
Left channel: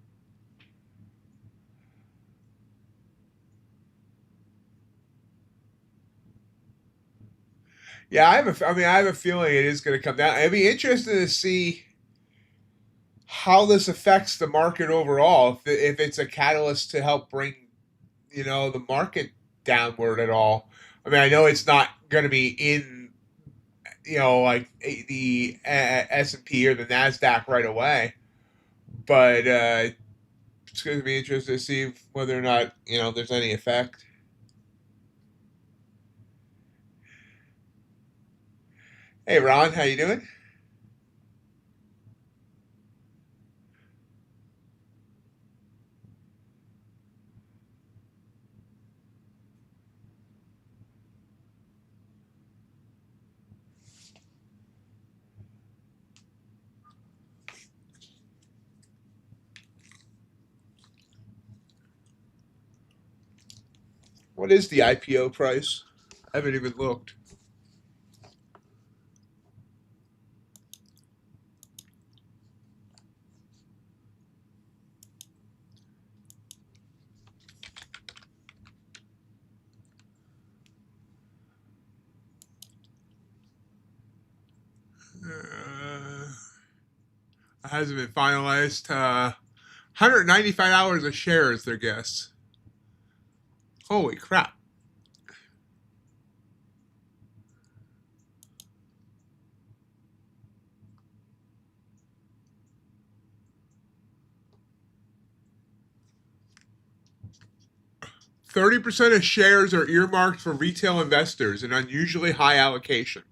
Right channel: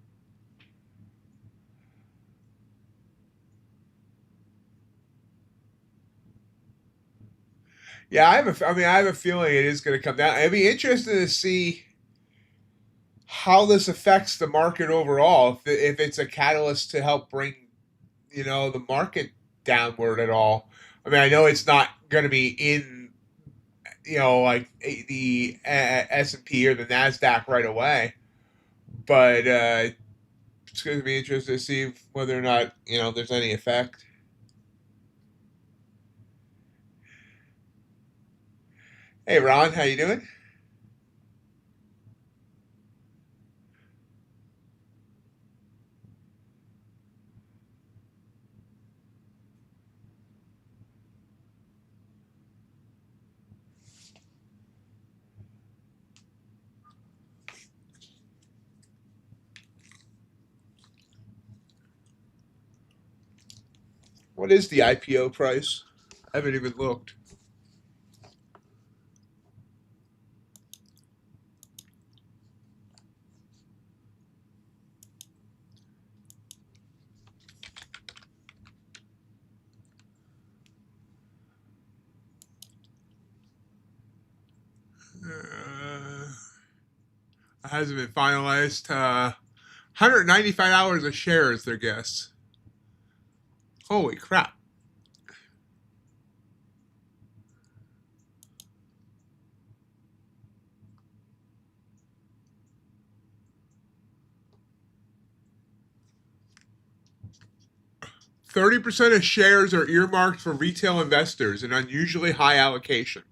Yeah, I have a feeling it is going to come down. It'd be interesting to see how this affects the market overall. If it's a catalyst to help bring, the market downward at all. I mean, I know it's not going to be in, like the S&P or the Nasdaq right away, but it's going to be interesting to see whether or not there's any effect. Hey, Ron, how you doing? What is the IPO price? I haven't even looked. 'It hasn't been finalized. 195 hours a share is their guess. Holy crap. 30% of shares are earmarked for retail investors, an unusually high allocation.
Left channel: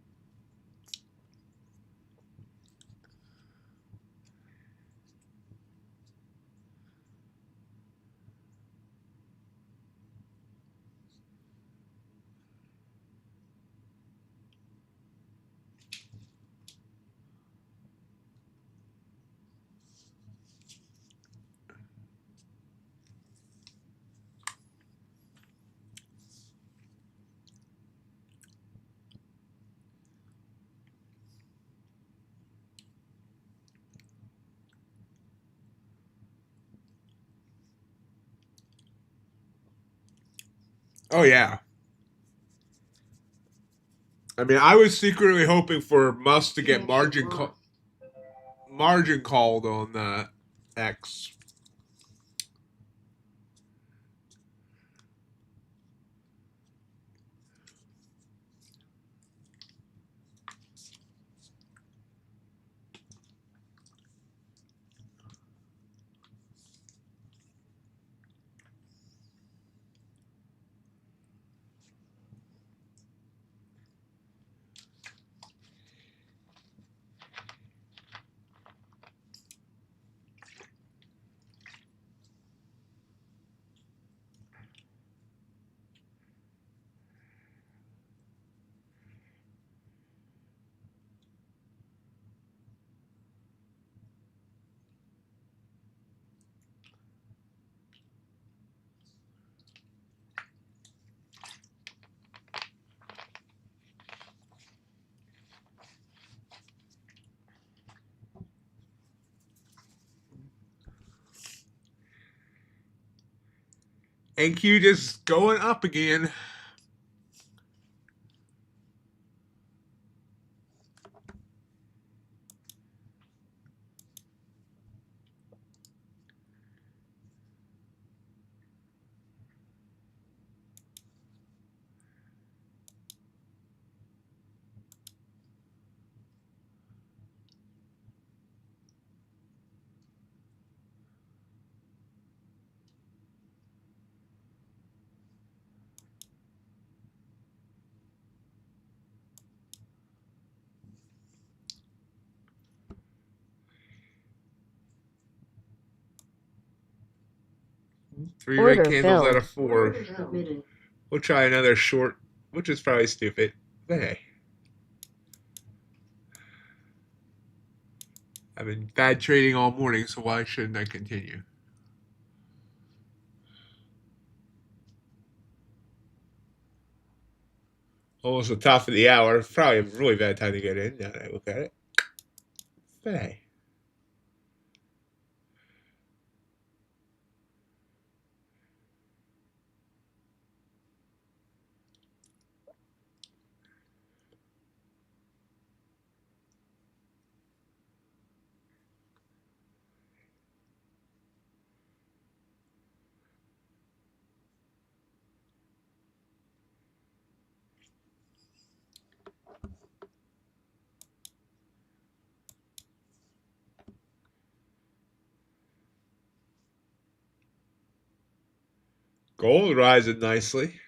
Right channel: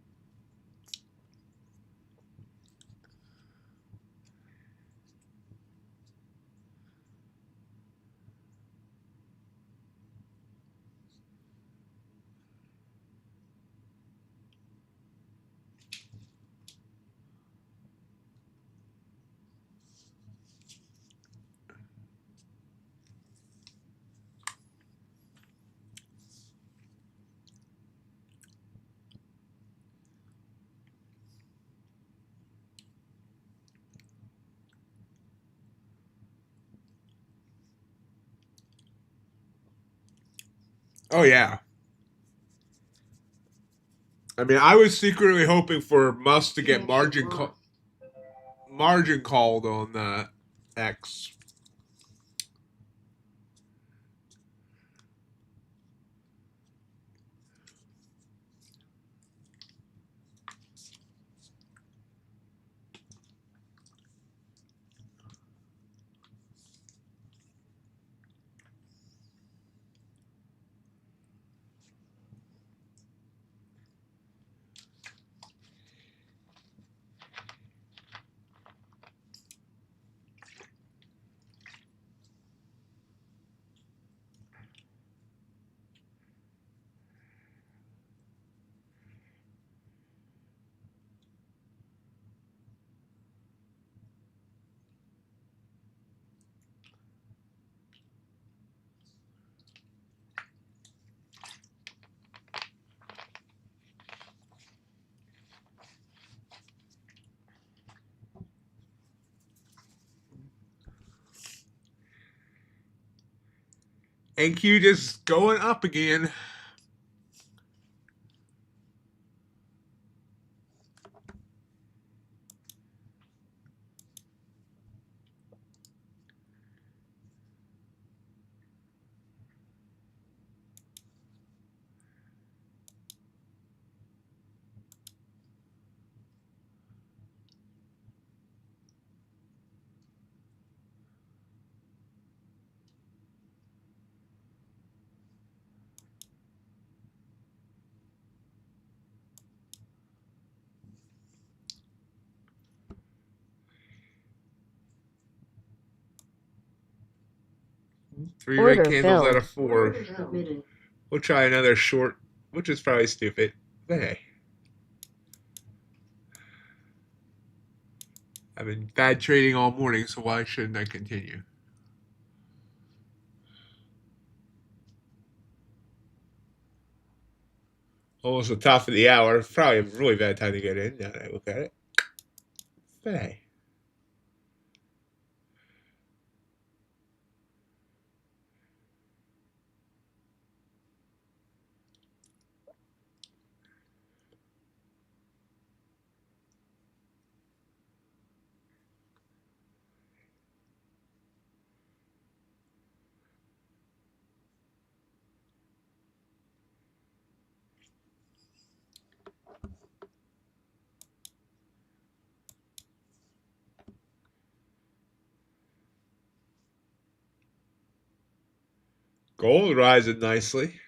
Oh, yeah. I mean, I was secretly hoping for Musk to get margin called on X. NQ just going up again. Three red Order candles out filled. of four. Order submitted. We'll try another short, which is probably stupid. But hey. I've been bad trading all morning, so why shouldn't I continue? Almost the top of the hour. Probably a really bad time to get in now that I look at it. But hey. Gold rising nicely.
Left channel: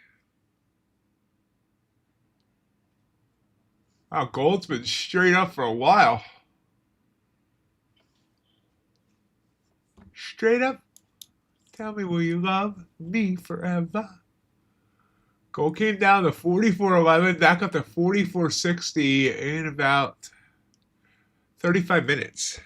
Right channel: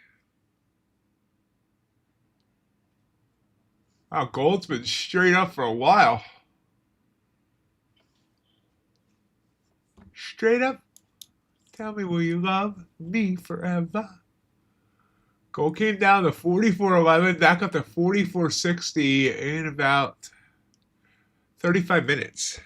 Wow, gold's been straight up for a while. Straight up. Tell me, will you love me forever? Gold came down to 44.11, back up to 44.60 in about 35 minutes.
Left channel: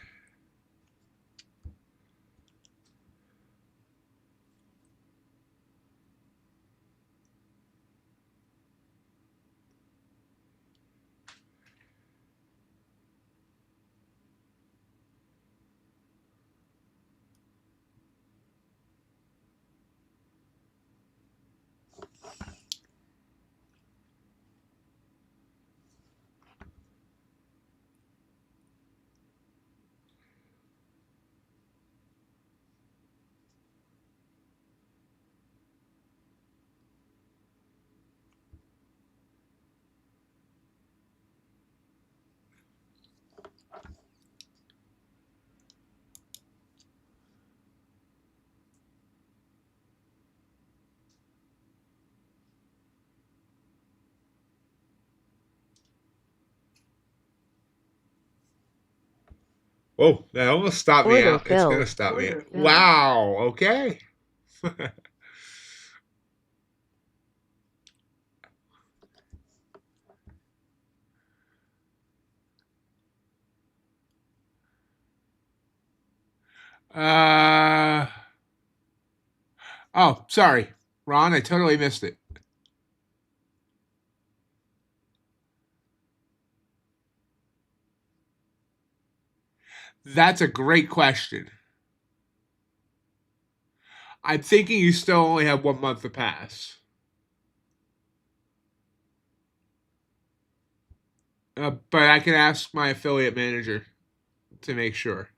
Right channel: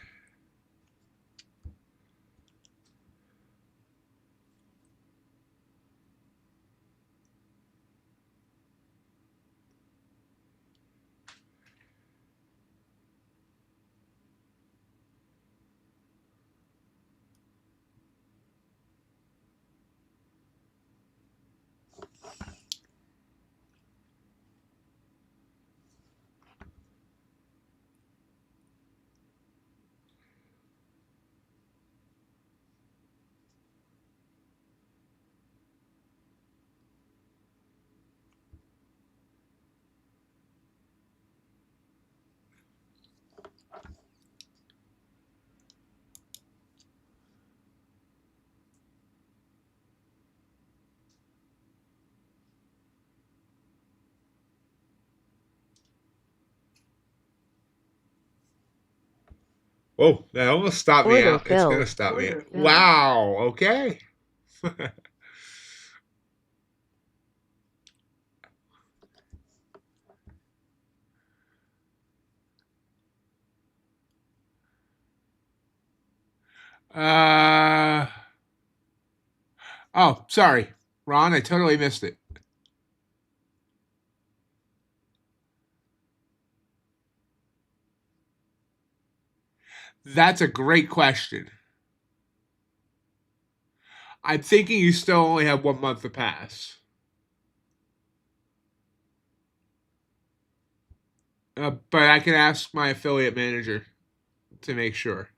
Whoa, that almost stopped me Order out. It's going to filled. stop me. Order filled. Wow, okay. uh, oh, sorry. Ron, I totally missed it. That's a great question. I'm thinking you still only have 1 month to pass. But I can ask my affiliate manager to make sure.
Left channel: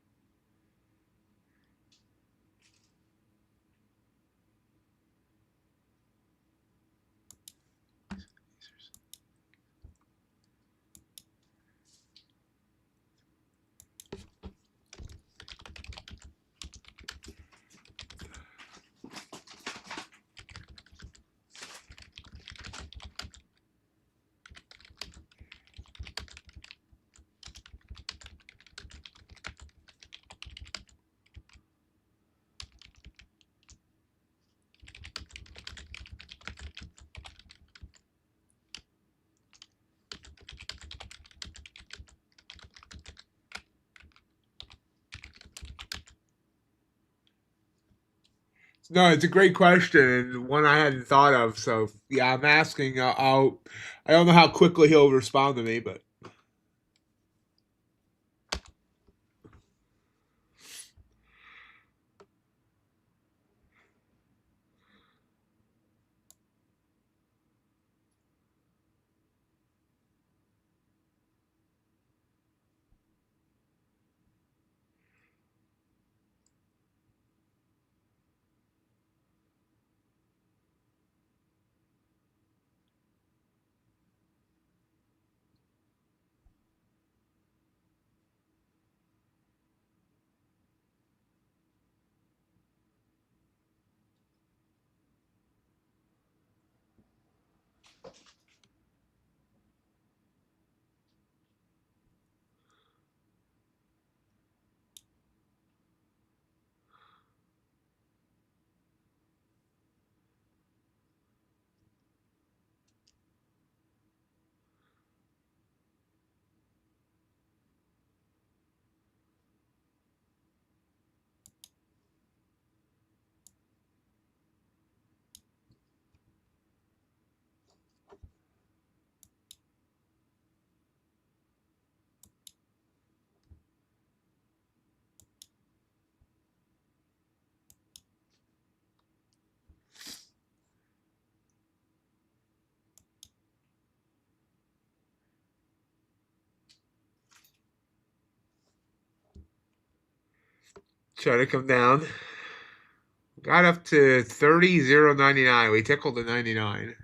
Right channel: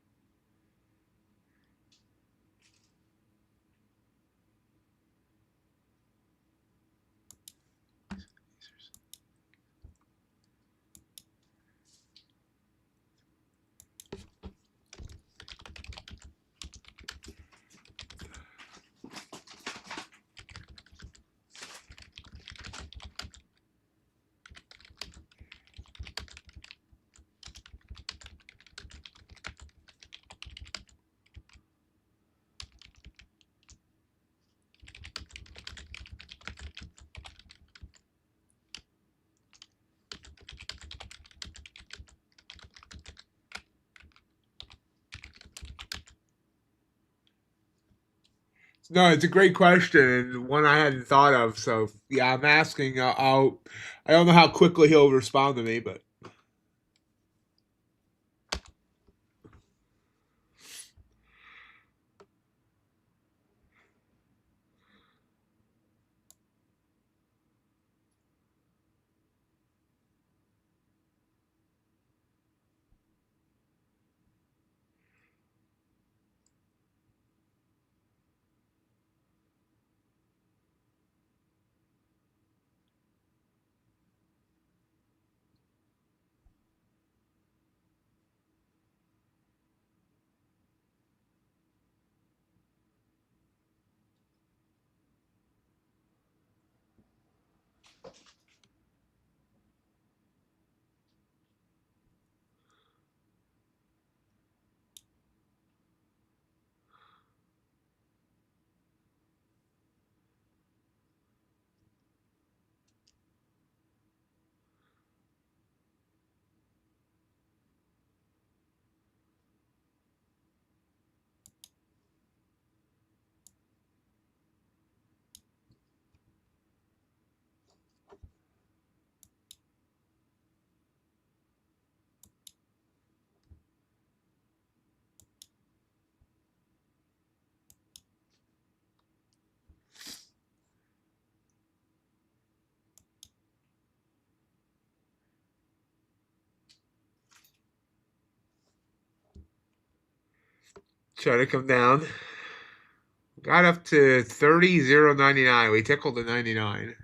No, it's a great question and one I hadn't thought of. So yeah, I'm asking. I don't know how quickly he'll respond to me, but Try to come down. Got up to 30,099. We tickled the 99.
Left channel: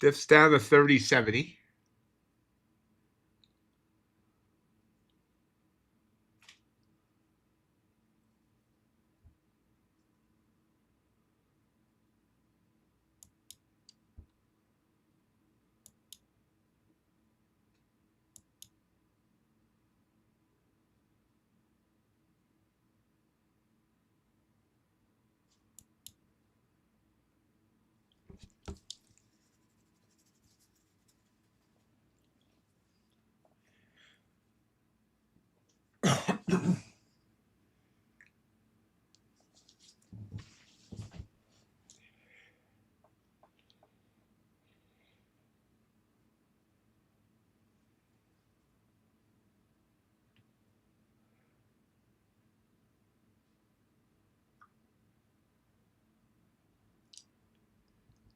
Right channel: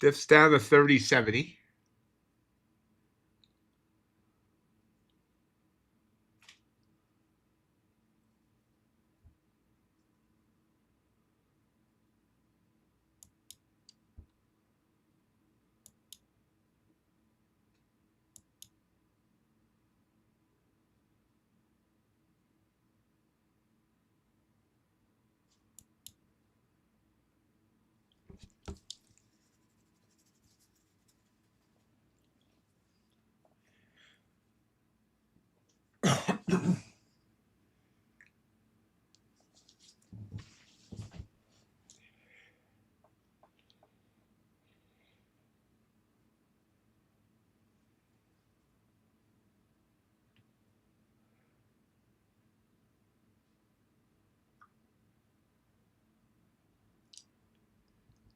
Dips down to 3070.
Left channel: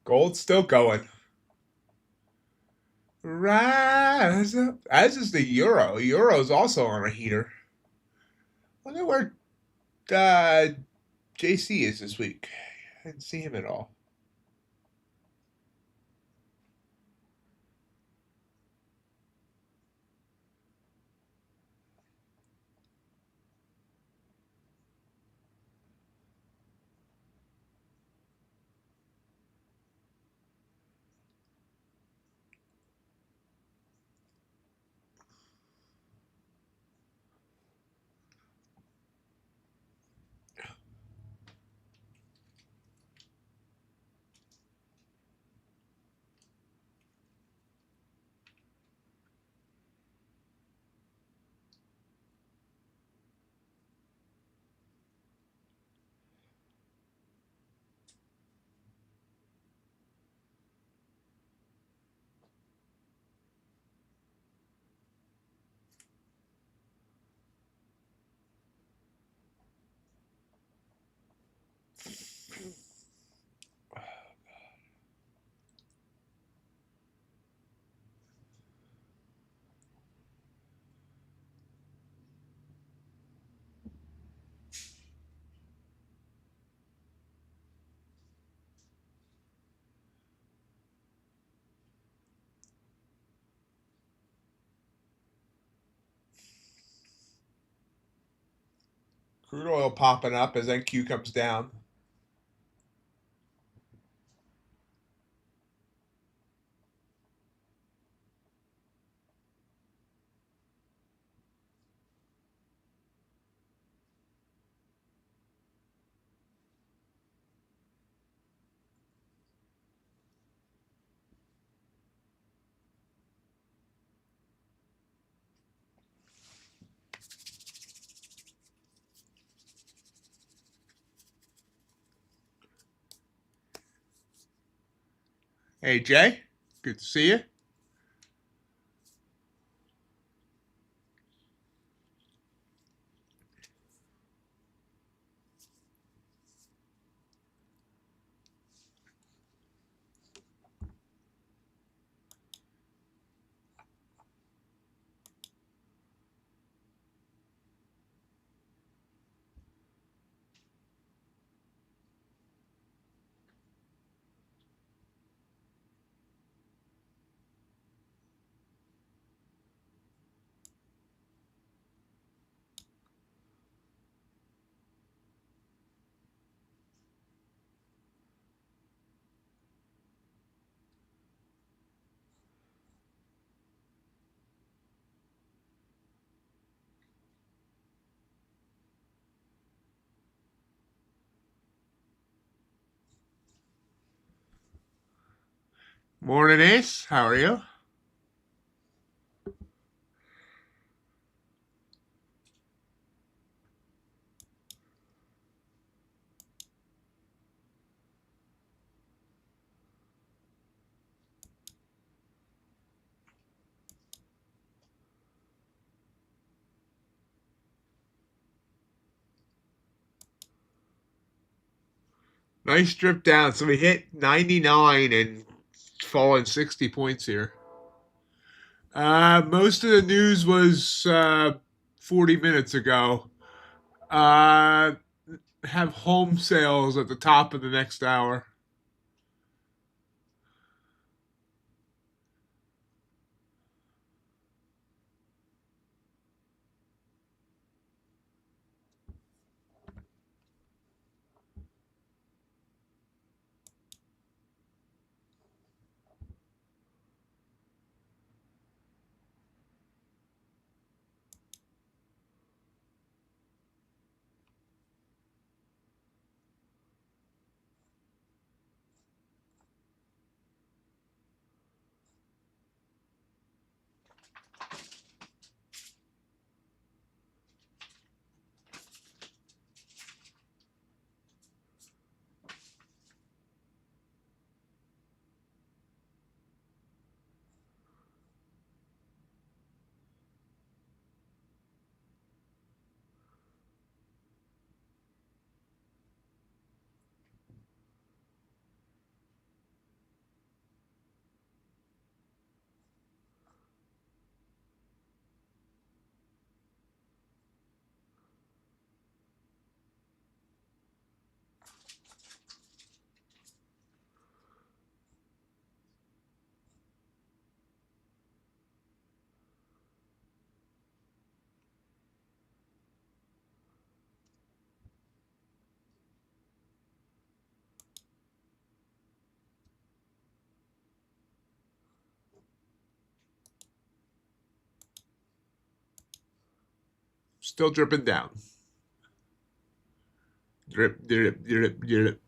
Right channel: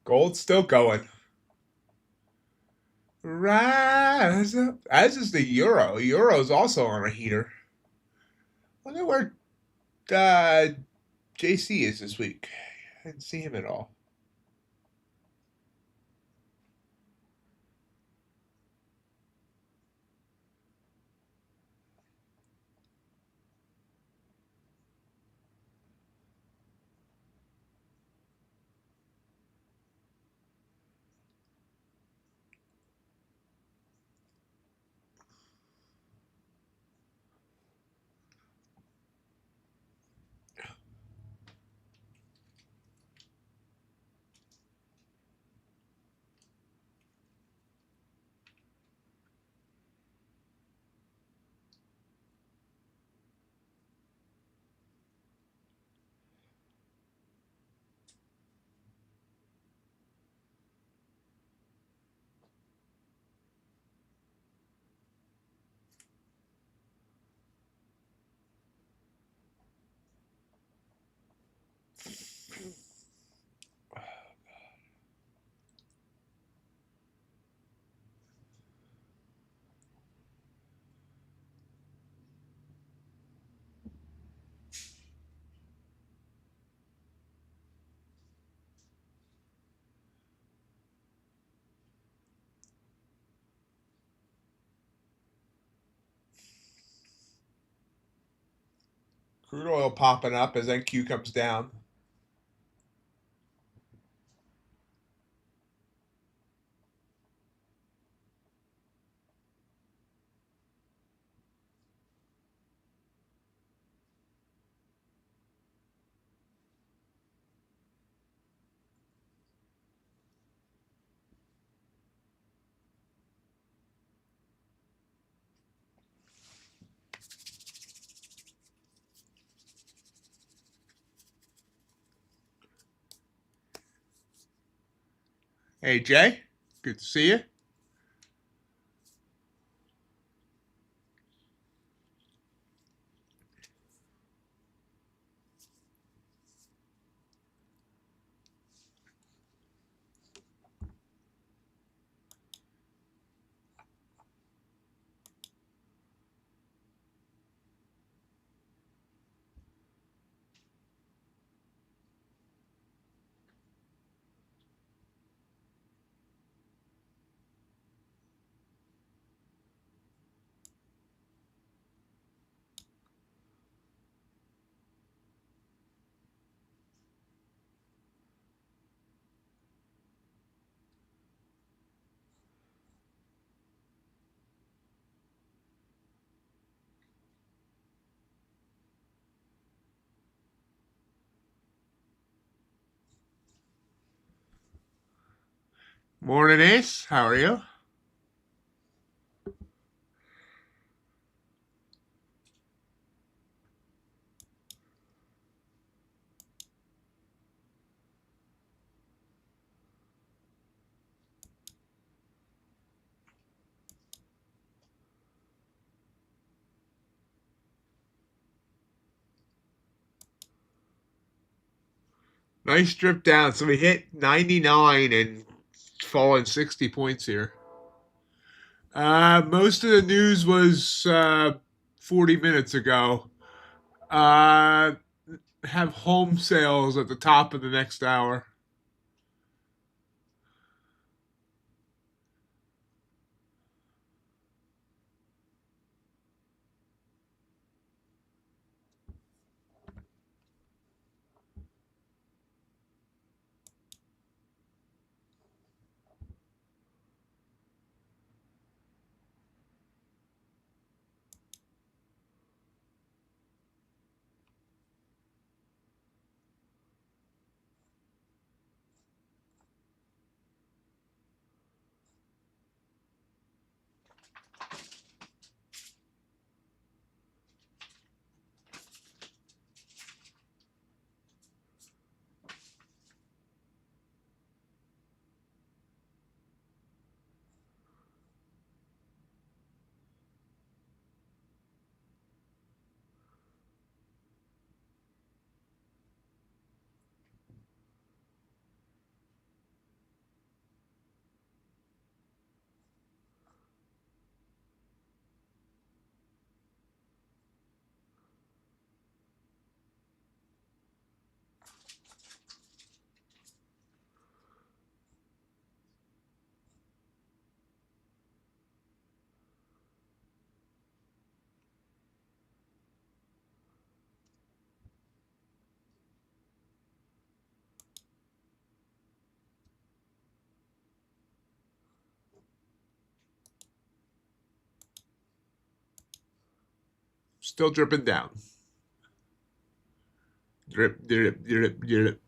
Gold's still going. Rise up. As is the euro. Euro's also on a heater. Wonder where JC is this week. I didn't see him at all. Crude oil popping up as NQ comes down. Hey, Jay. Good to see you. Morning, Ace. How are you? Nice drip down. So we hit 99 and fallen 60 points here. Most of the news was 40 minutes ago. Uh, have home sales at the top of the next hour. Still dripping down. Drip, drip, drip, drip.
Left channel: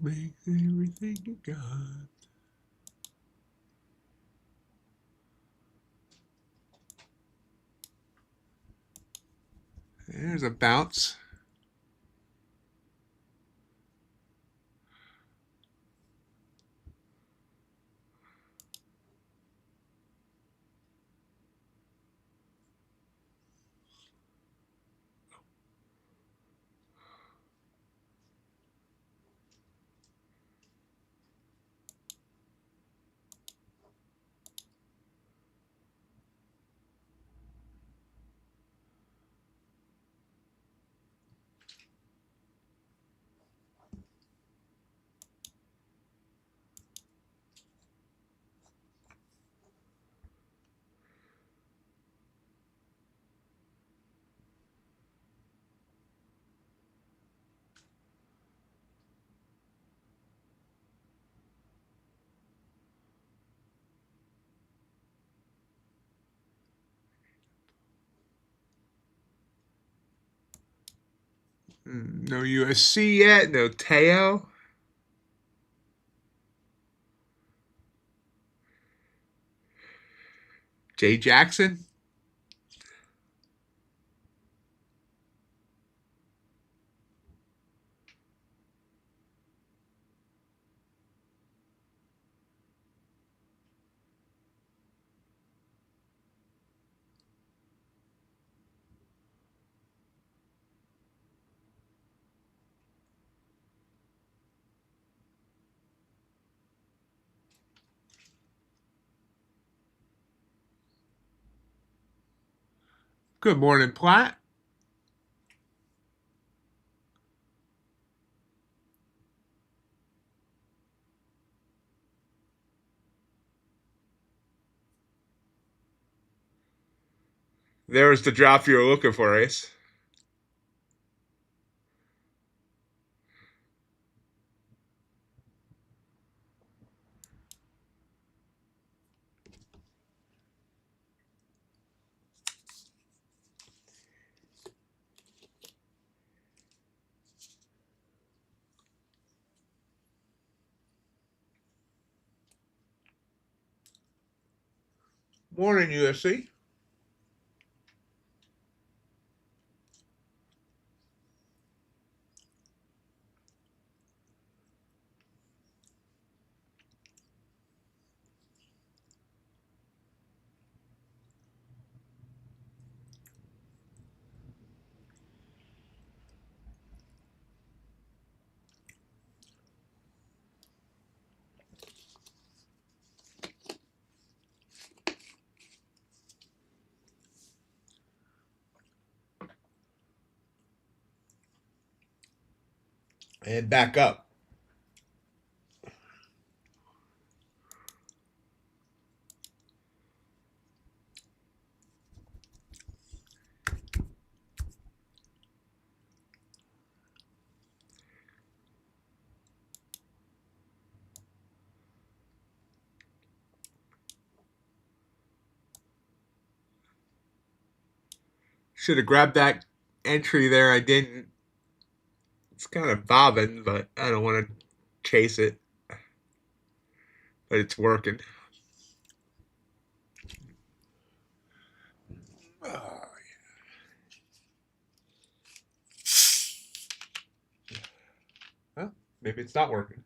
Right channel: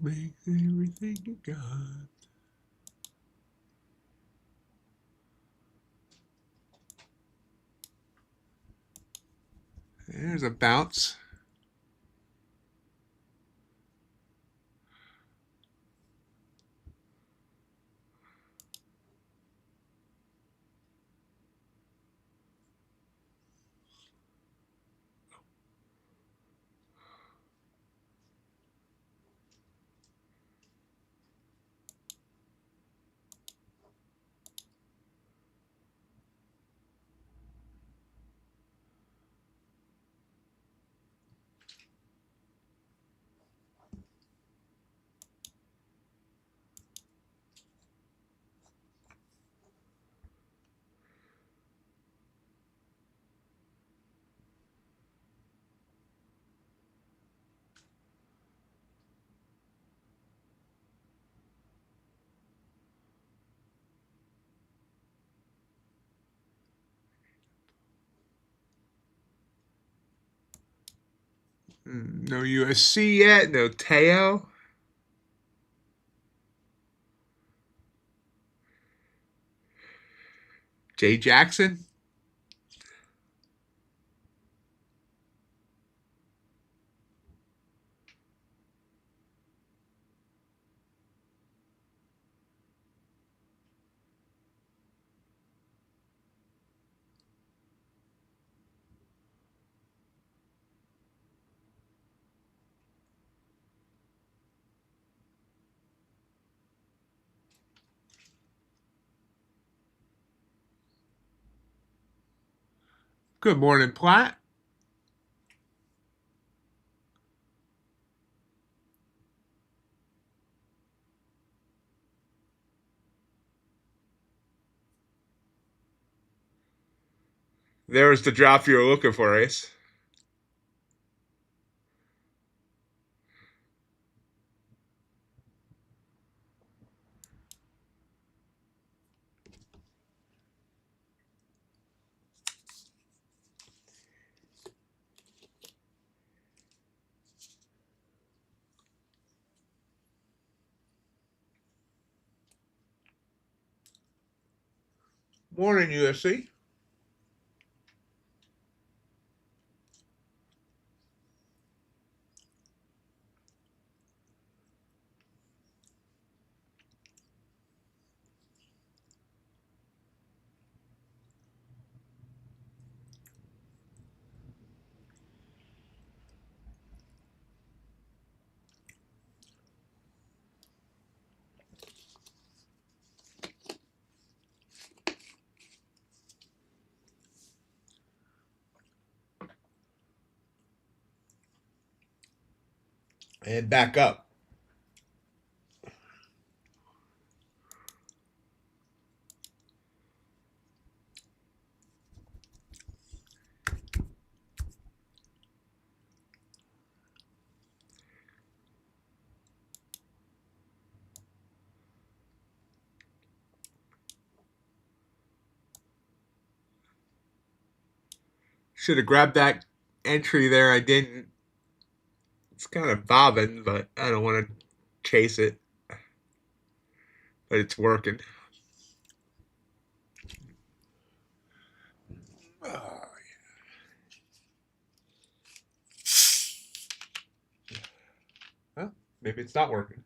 Make everything you got. There's a bounce. No USC yet. No Teo. Jay Jackson. Good morning, Platt. There's the drop you were looking for, Ace. Morning, USC. And back up. Should have grabbed that entry there. I didn't. It's kind of bobbing, but I don't want to chase it. But it's working. Oh, yeah. Well, maybe it's not working.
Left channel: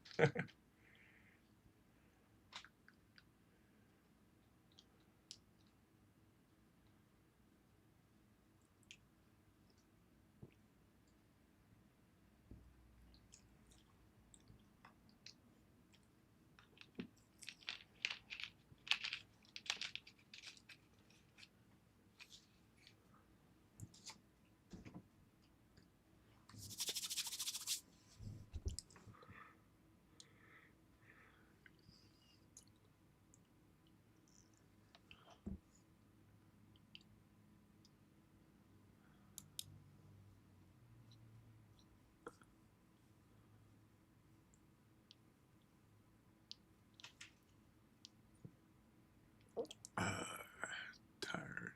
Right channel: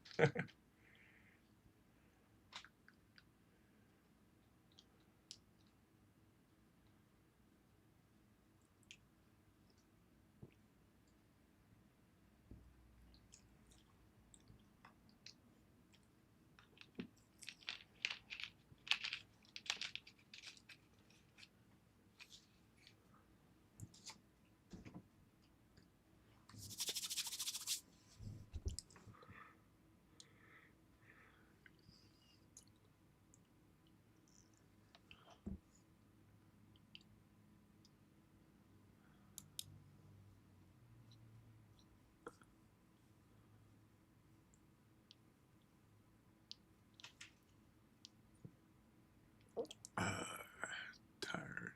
Tired.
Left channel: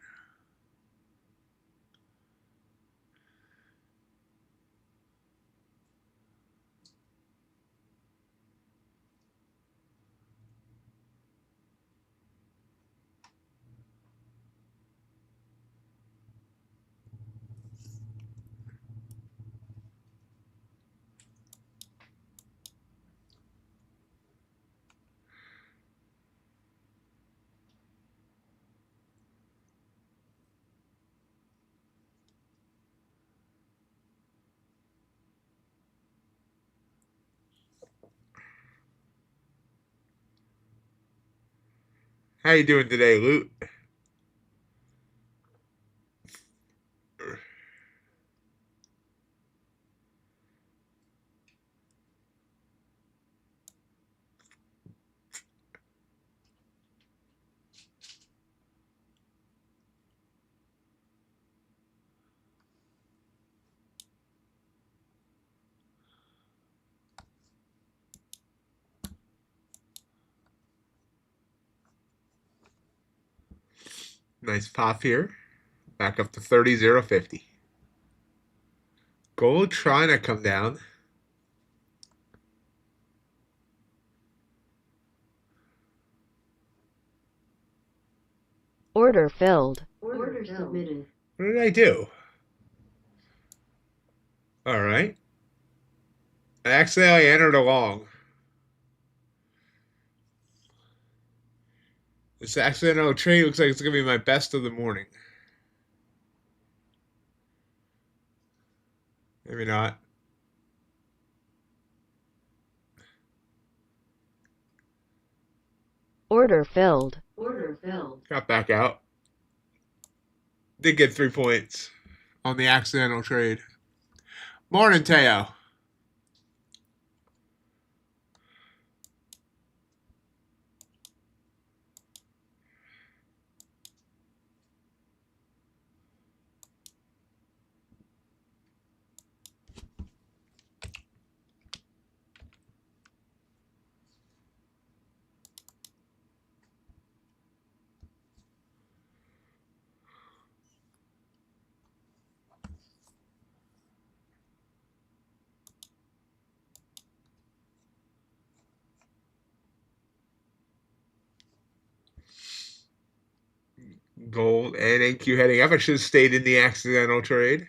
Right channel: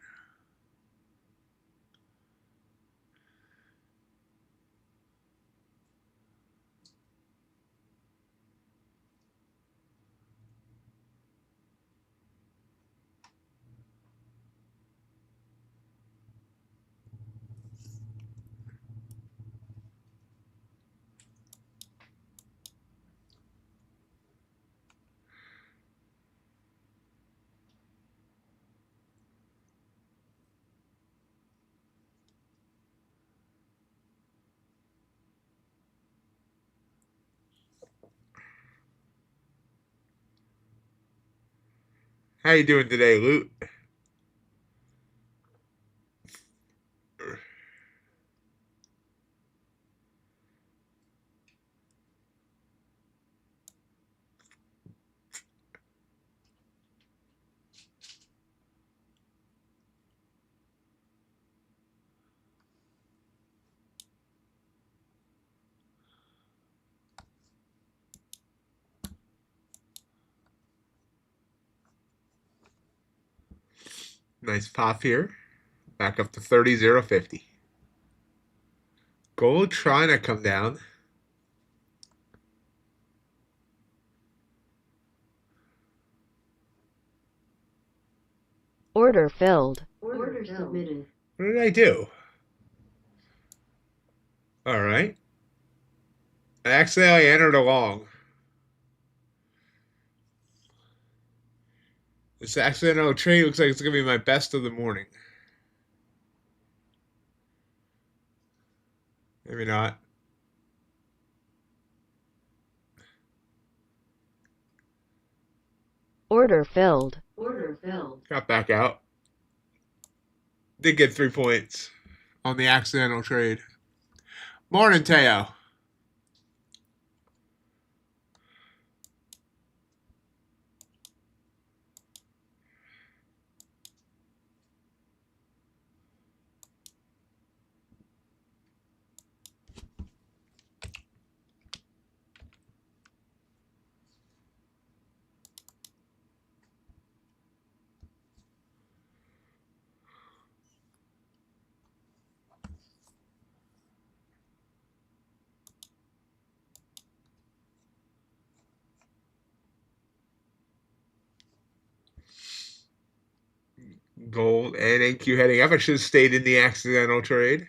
How you doing today, Loot? Nice pop here. Back up to 30.050. Gold trying to come down. Order filled. Order submitted. What did I do? All right. I accidentally entered a long. This accidental trade looks like it's going to be my best of the morning. Maybe not. Order filled. Order filled. Got back out. Did get 3 points on the accidental trade. Morning, Teo. Gold and NQ heading up. I should have stayed in the accidental trade.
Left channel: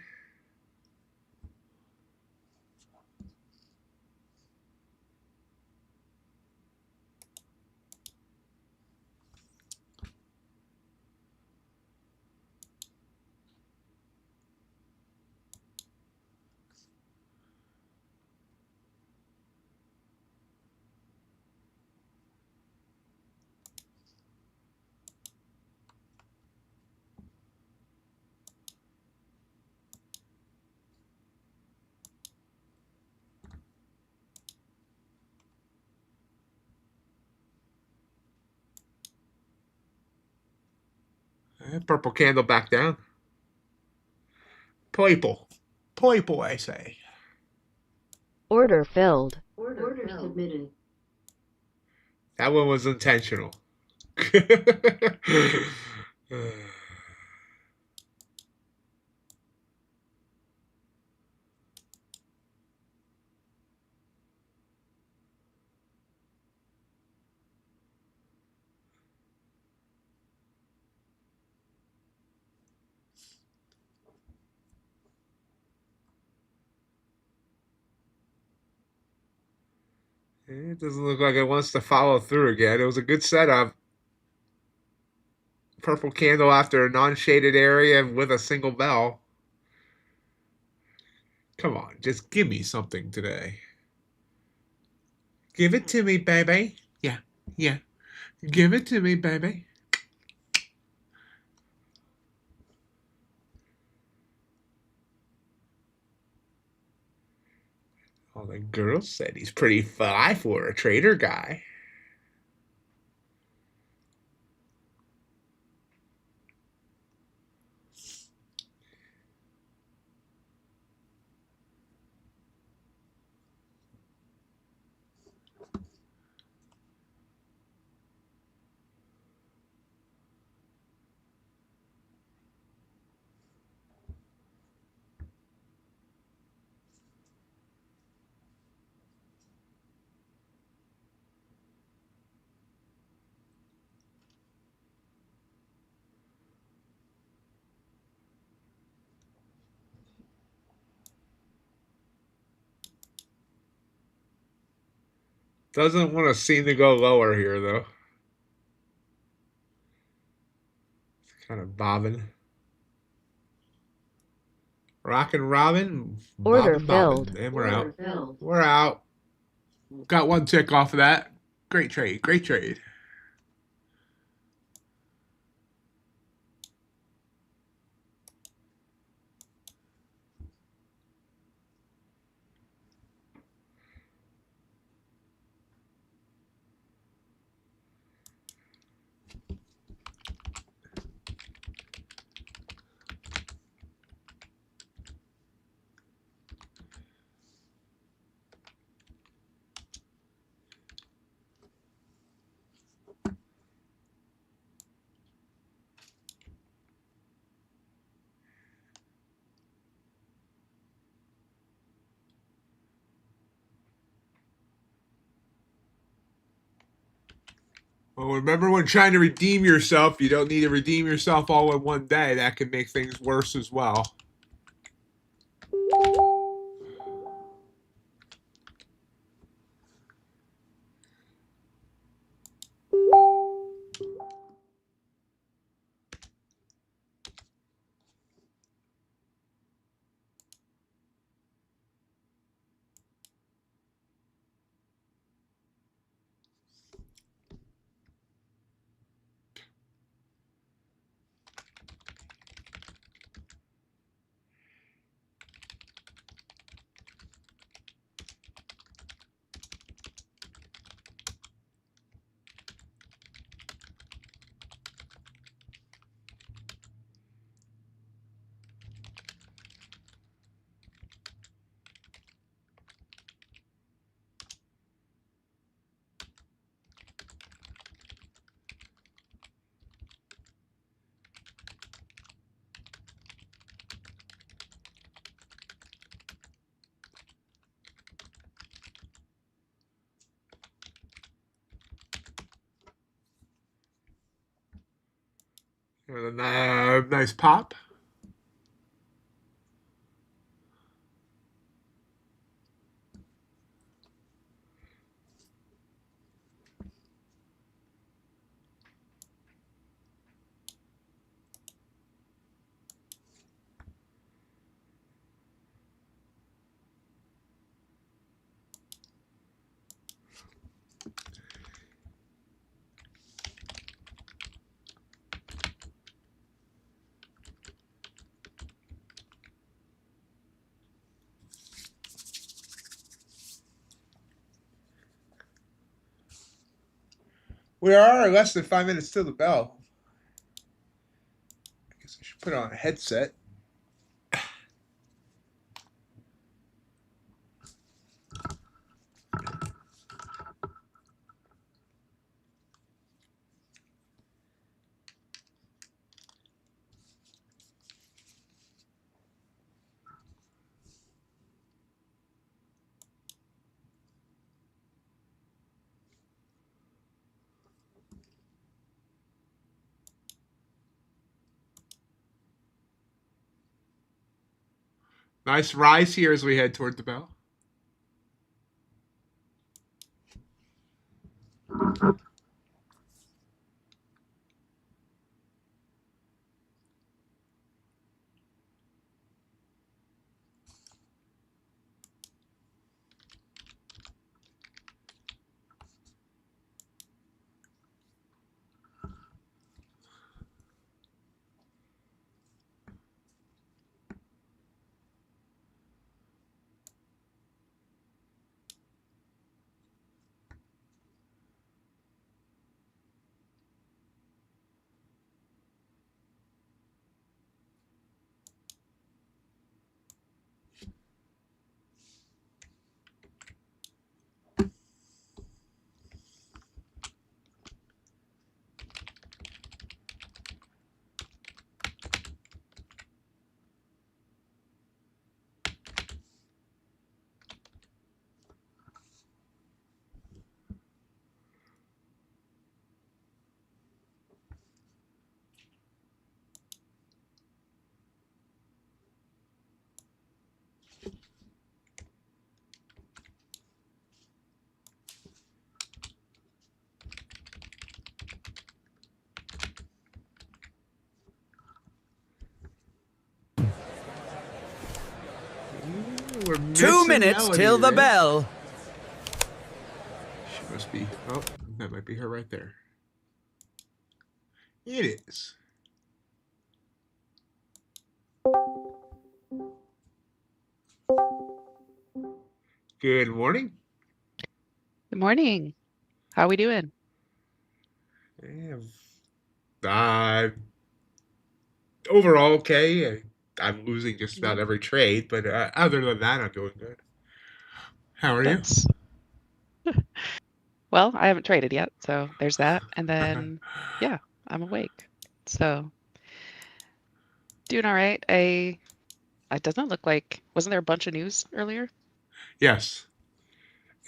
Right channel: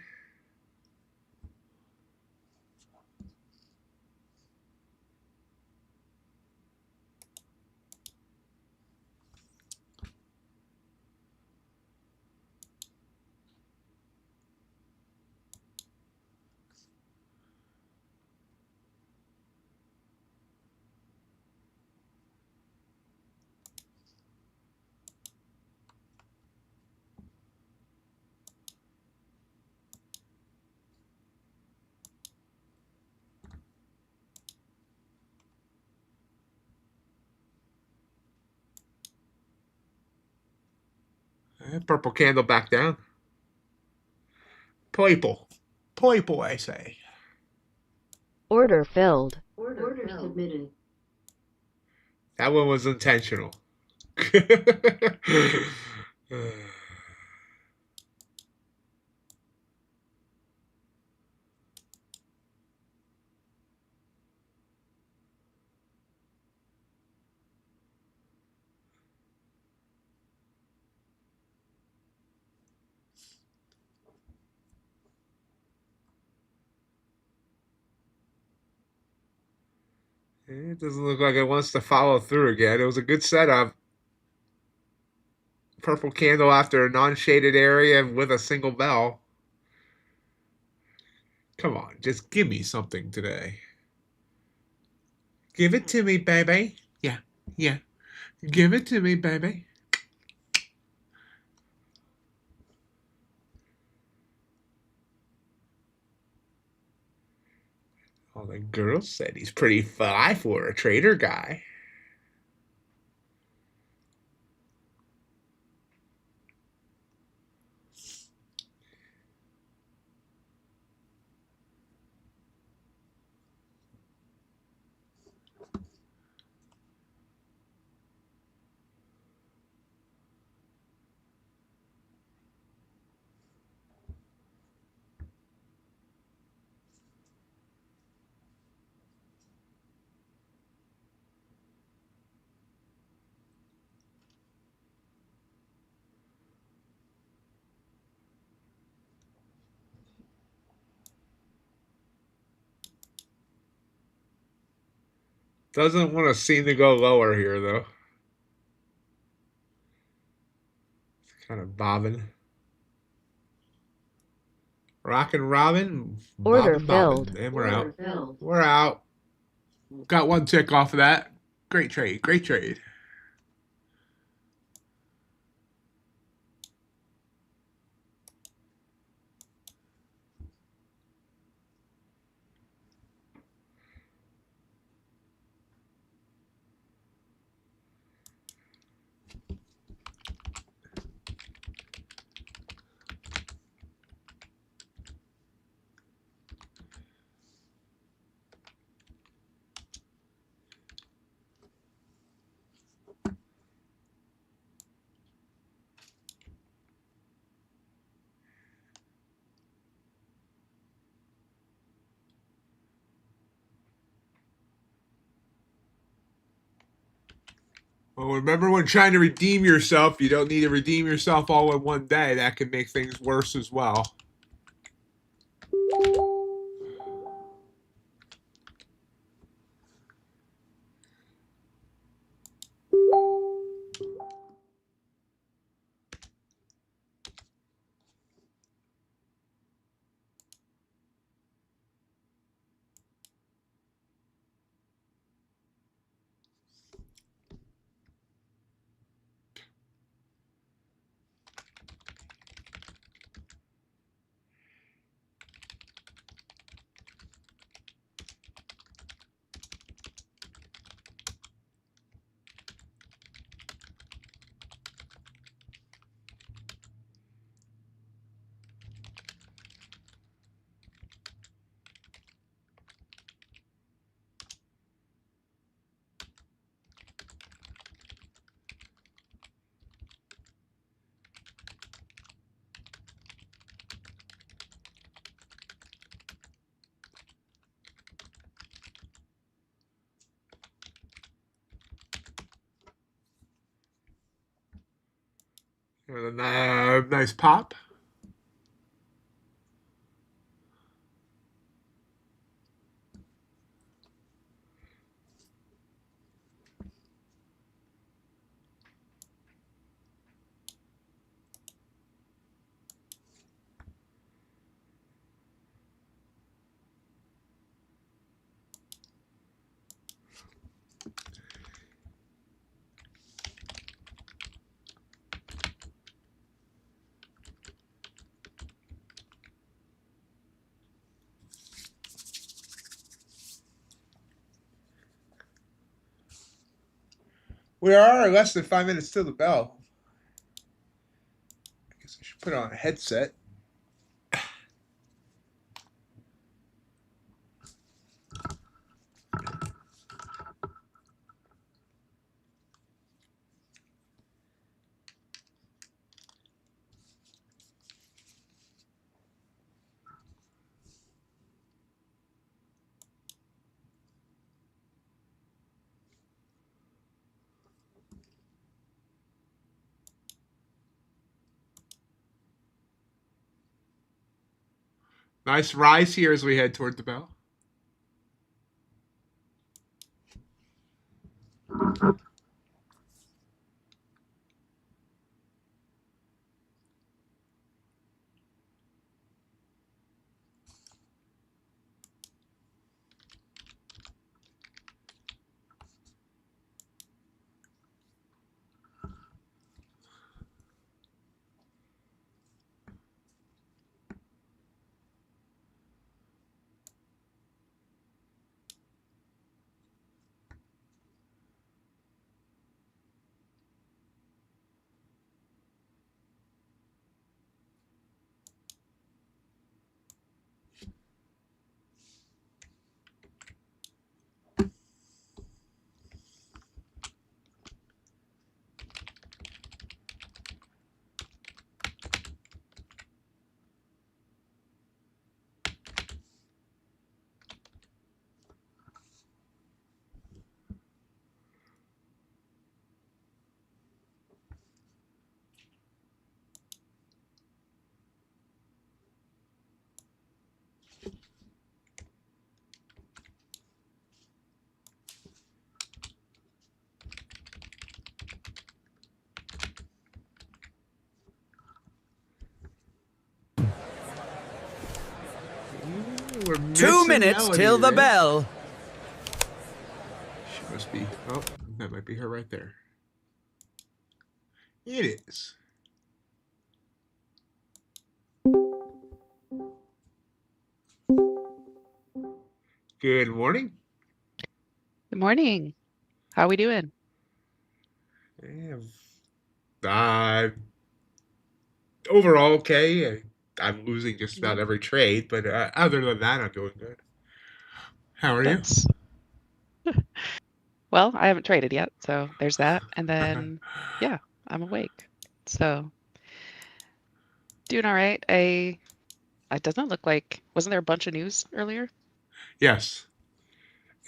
Purple candle back down. Purple. Purple, I say. Order filled. Order submitted. That one was intentional. It doesn't look like it wants to follow through again. It was a good setup. Purple candle after a non-shaded area with a single bell. Come on, just give me something today. Give it to me, baby. Yeah, yeah. Give it to me, baby. All the girls said he's pretty fly for a trader guy. Doesn't want to seem to go lower here, though. It's kind of bobbing. Rockin' Robin. Order Bobbin', filled. bobbin'. And we're Order out. filled. We're out. Got one tick off of that. Great trade. Great trade. Well, remember when trying to redeem yourself, you don't need to redeem yourself all in one day. That can make things worse as well. And then, nice pop. We are less than 5 minutes till the bell. I guess I should put on a headset. Nice rise here as we head toward the bell. We're 2 missing minutes Melody till the there. bell. She must be. Oh, that might be her right there. It is. Good morning. Good morning. How we doing? Overall, okay. I'm losing just about Mhm. every trade, but other than that, I'm doing good. How are you? That's well, I haven't traded yet, so there's that. And then yeah, I'm awake. So doing all right. It doesn't look like wasn't there a bunch of news earlier? Yes,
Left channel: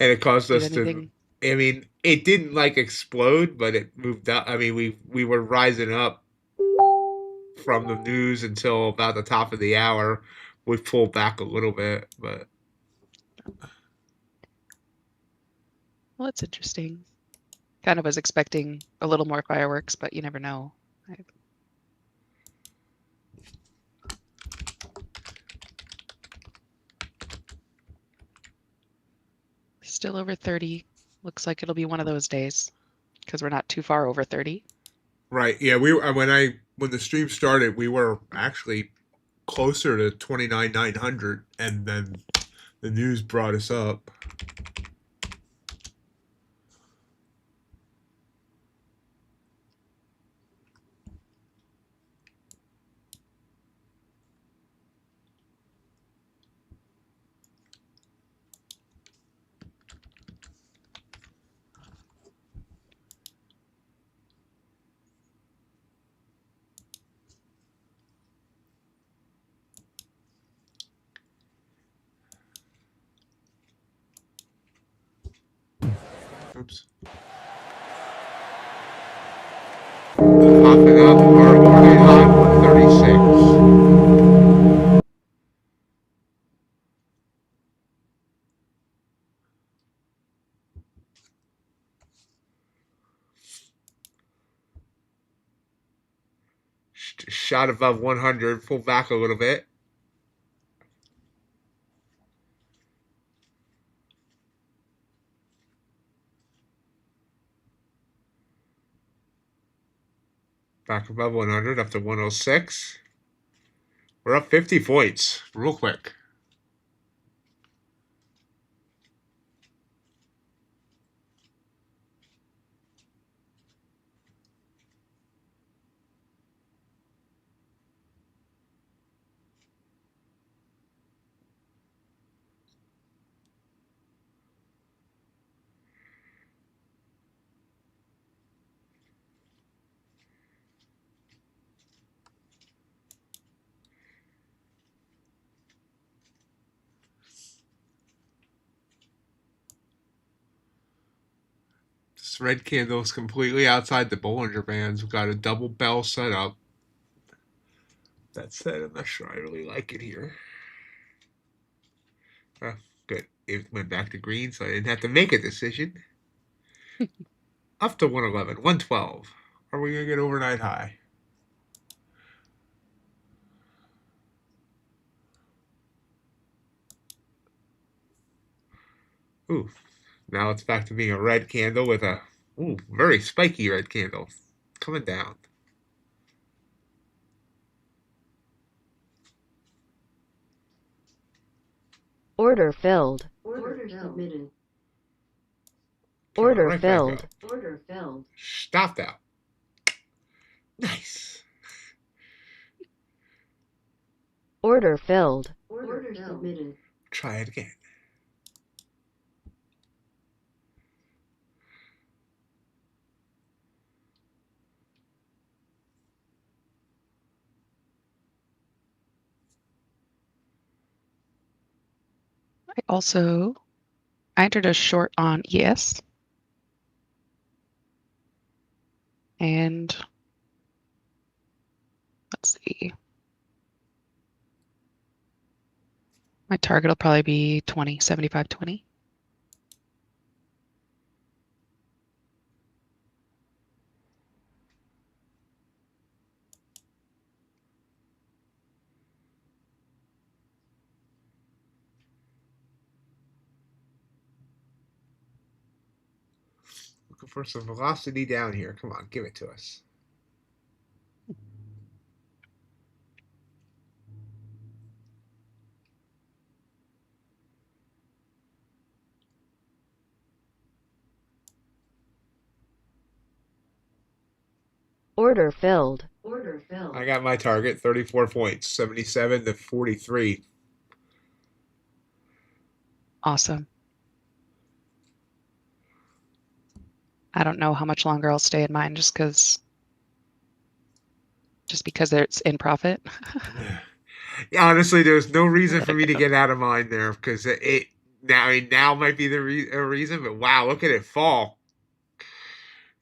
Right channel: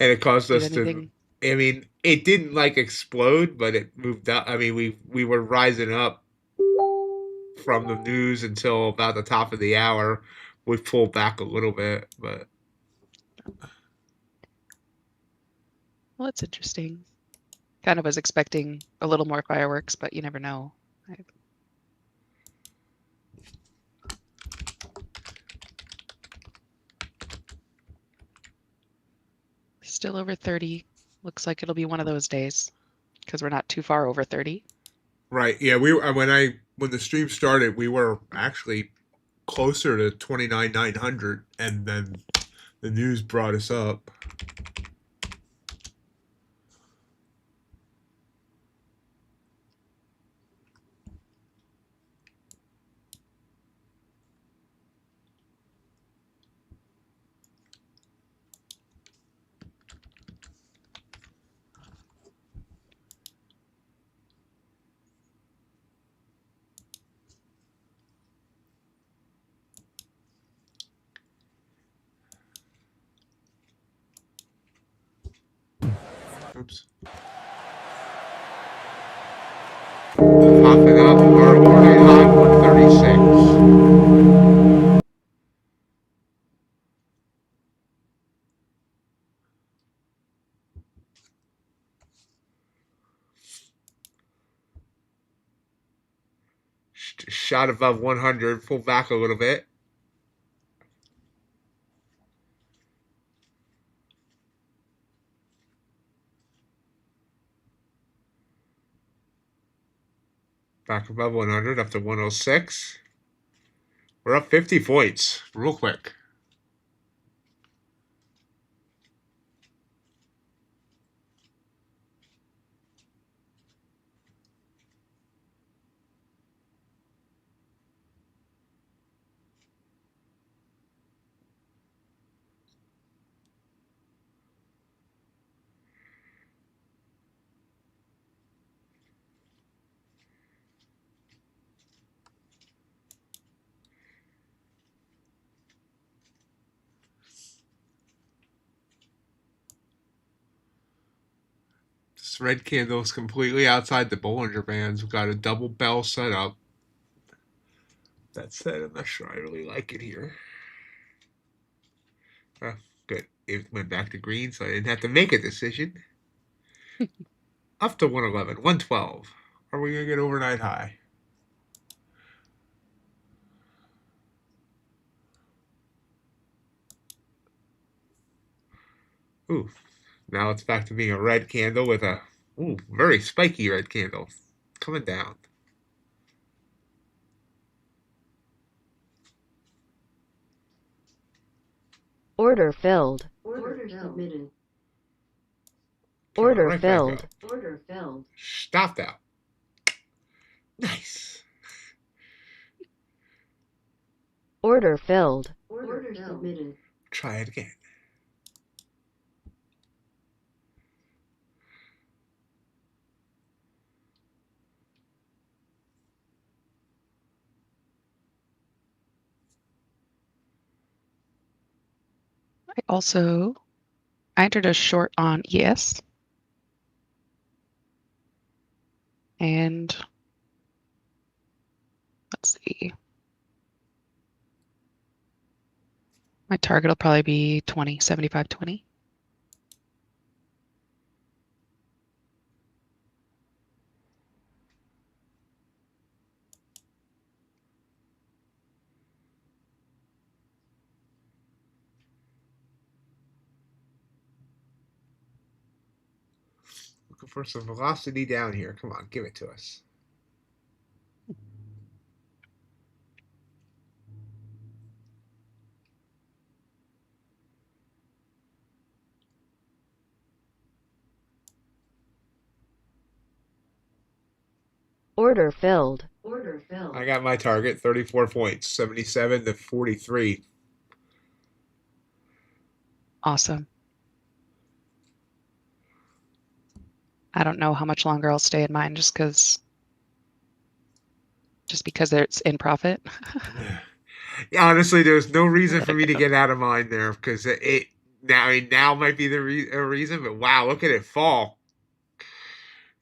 and it caused Did us to. anything I mean, it didn't like explode, but it moved up. I mean, we were rising up from the news until about the top of the hour. We pulled back a little bit, but well, it's interesting. Kind of was expecting a little more fireworks, but you never know. Still over 30. Looks like it'll be one of those days because we're not too far over 30. right, yeah. When the stream started, we were actually closer to 29,900, and then the news brought us up. Oops. Popping up our warning shot above 100, pull back a little bit. Back above 100, up to 106. We're up 50 points real quick. This red candle is completely outside the Bollinger Bands. We've got a double bell set up. That said, I'm not sure I really like it here. Good. It went back to green, so I didn't have to make a decision. Up to 111, 112. Are we going to get overnight high? Ooh, now it's back to being a red candle with a very spiky red candle coming down. Order filled. Order submitted. Order right back filled. up. Order filled. Stopped out. Nice. Order filled. Order submitted. Try it again. I entered a short on ES. And let's see. My target will probably be 20, 75, 20. Looking for some velocity down here. Come on, give it to us. Order filled. Order filled. I got my target, 34 points, 77 to 43. Awesome. I don't know how much longer I'll stay in mine just because it's in profit. Yeah, honestly, there's no reason for me to get out of mine there because now might be the reason. But wow, look at it fall.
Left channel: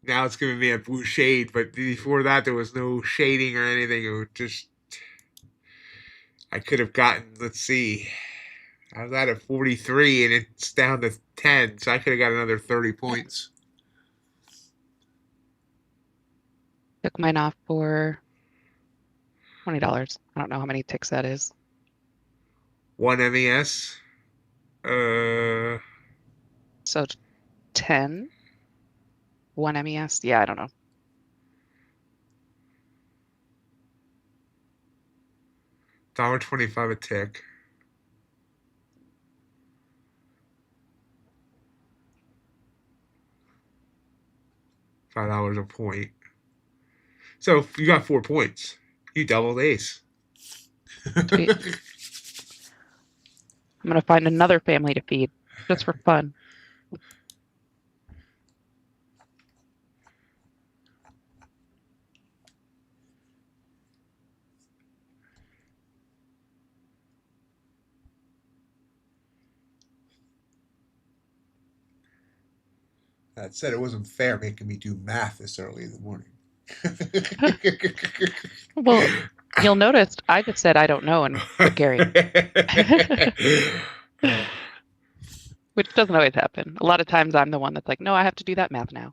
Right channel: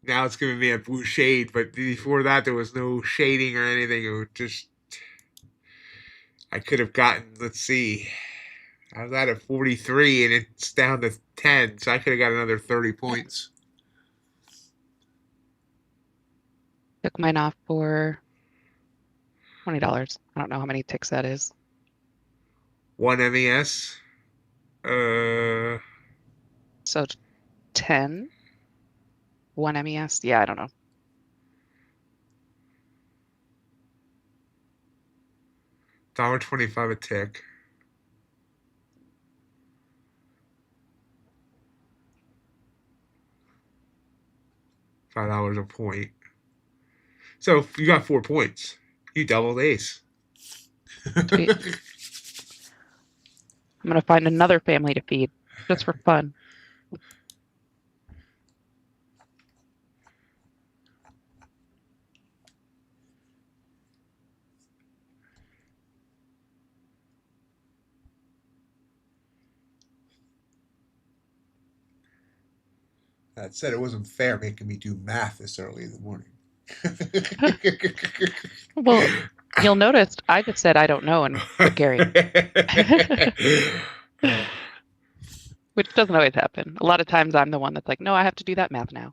Now it's giving me a blue shade, but before that there was no shading or anything. It was just I could have gotten. Let's see, I was at 43 and it's down to 10, so I could have got another 30 points. Took mine off for $20. I don't know how many ticks that is. 1 MES. So 10. 1 MES. Yeah, I don't know. $1.25 a tick. $5 a point. So you got 4 points. You doubled ace. Sweet. I'm gonna find another family to feed just for fun. That said, it wasn't fair making me do math this early in the morning. Well, you'll notice I just said I don't know and put Gary, which doesn't always happen. A lot of times I'm the one that's like, no, I have to do that math now.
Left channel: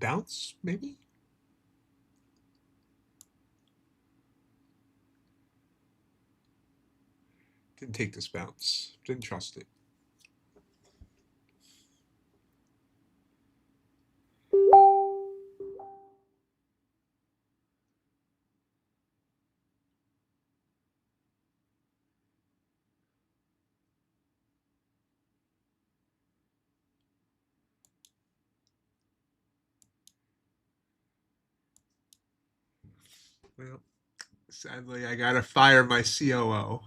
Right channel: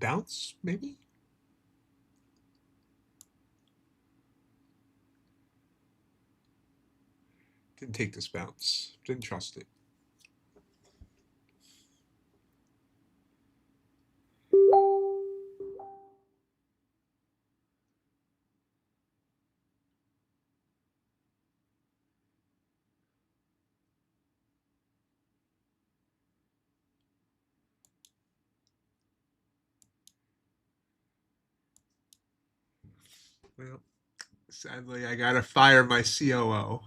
bounce, maybe? Didn't take this bounce. Didn't trust it. Well, sadly, I gotta fire my COO.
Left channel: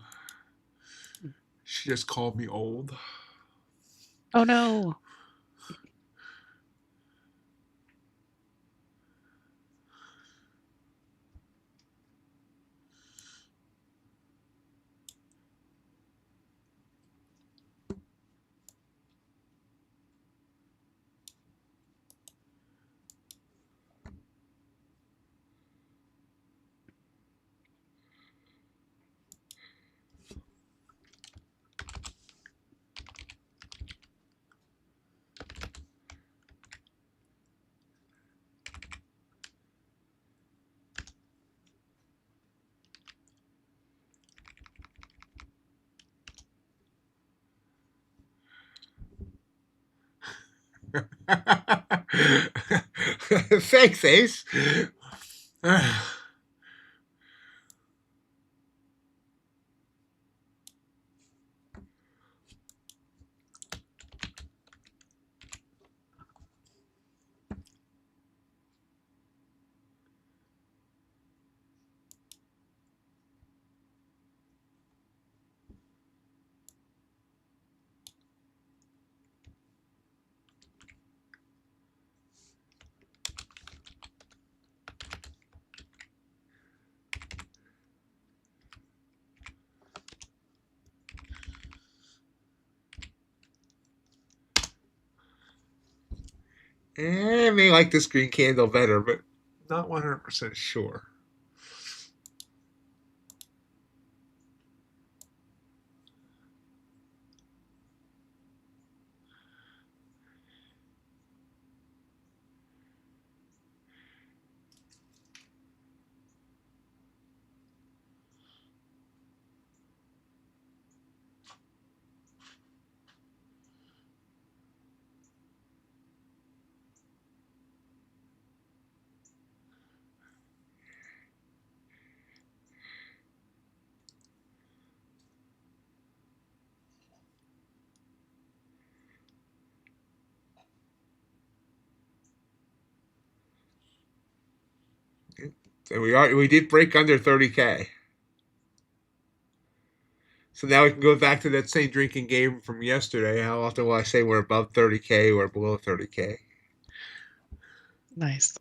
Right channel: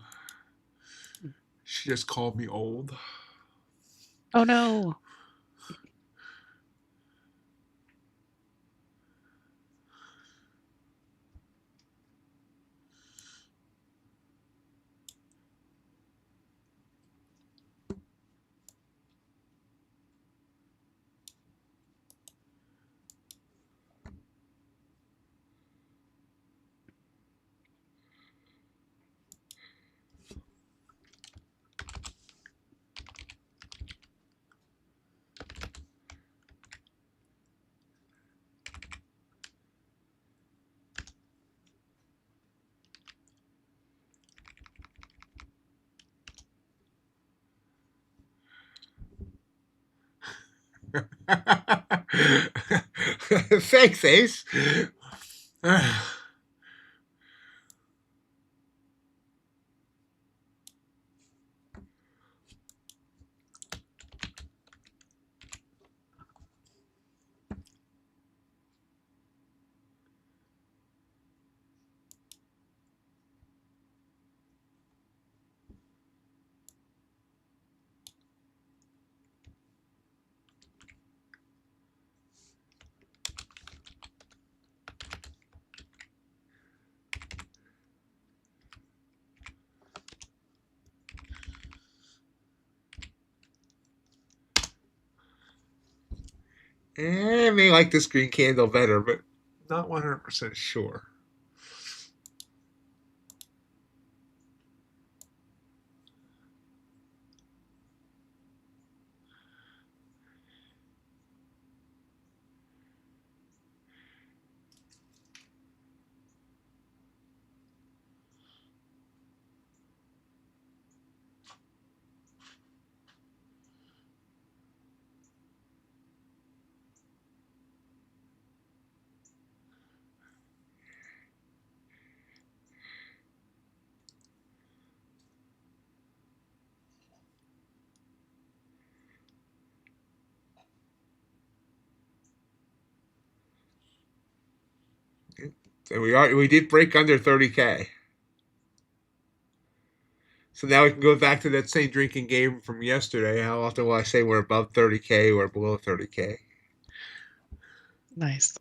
She just called me old. Oh no. Thanks, Ace. I may like this green candle better, but not 100% sure. And we did break under 30K. So now we can go back to that same drinking game from yesterday. How often will I say we're above 30K or below 30K? Nice.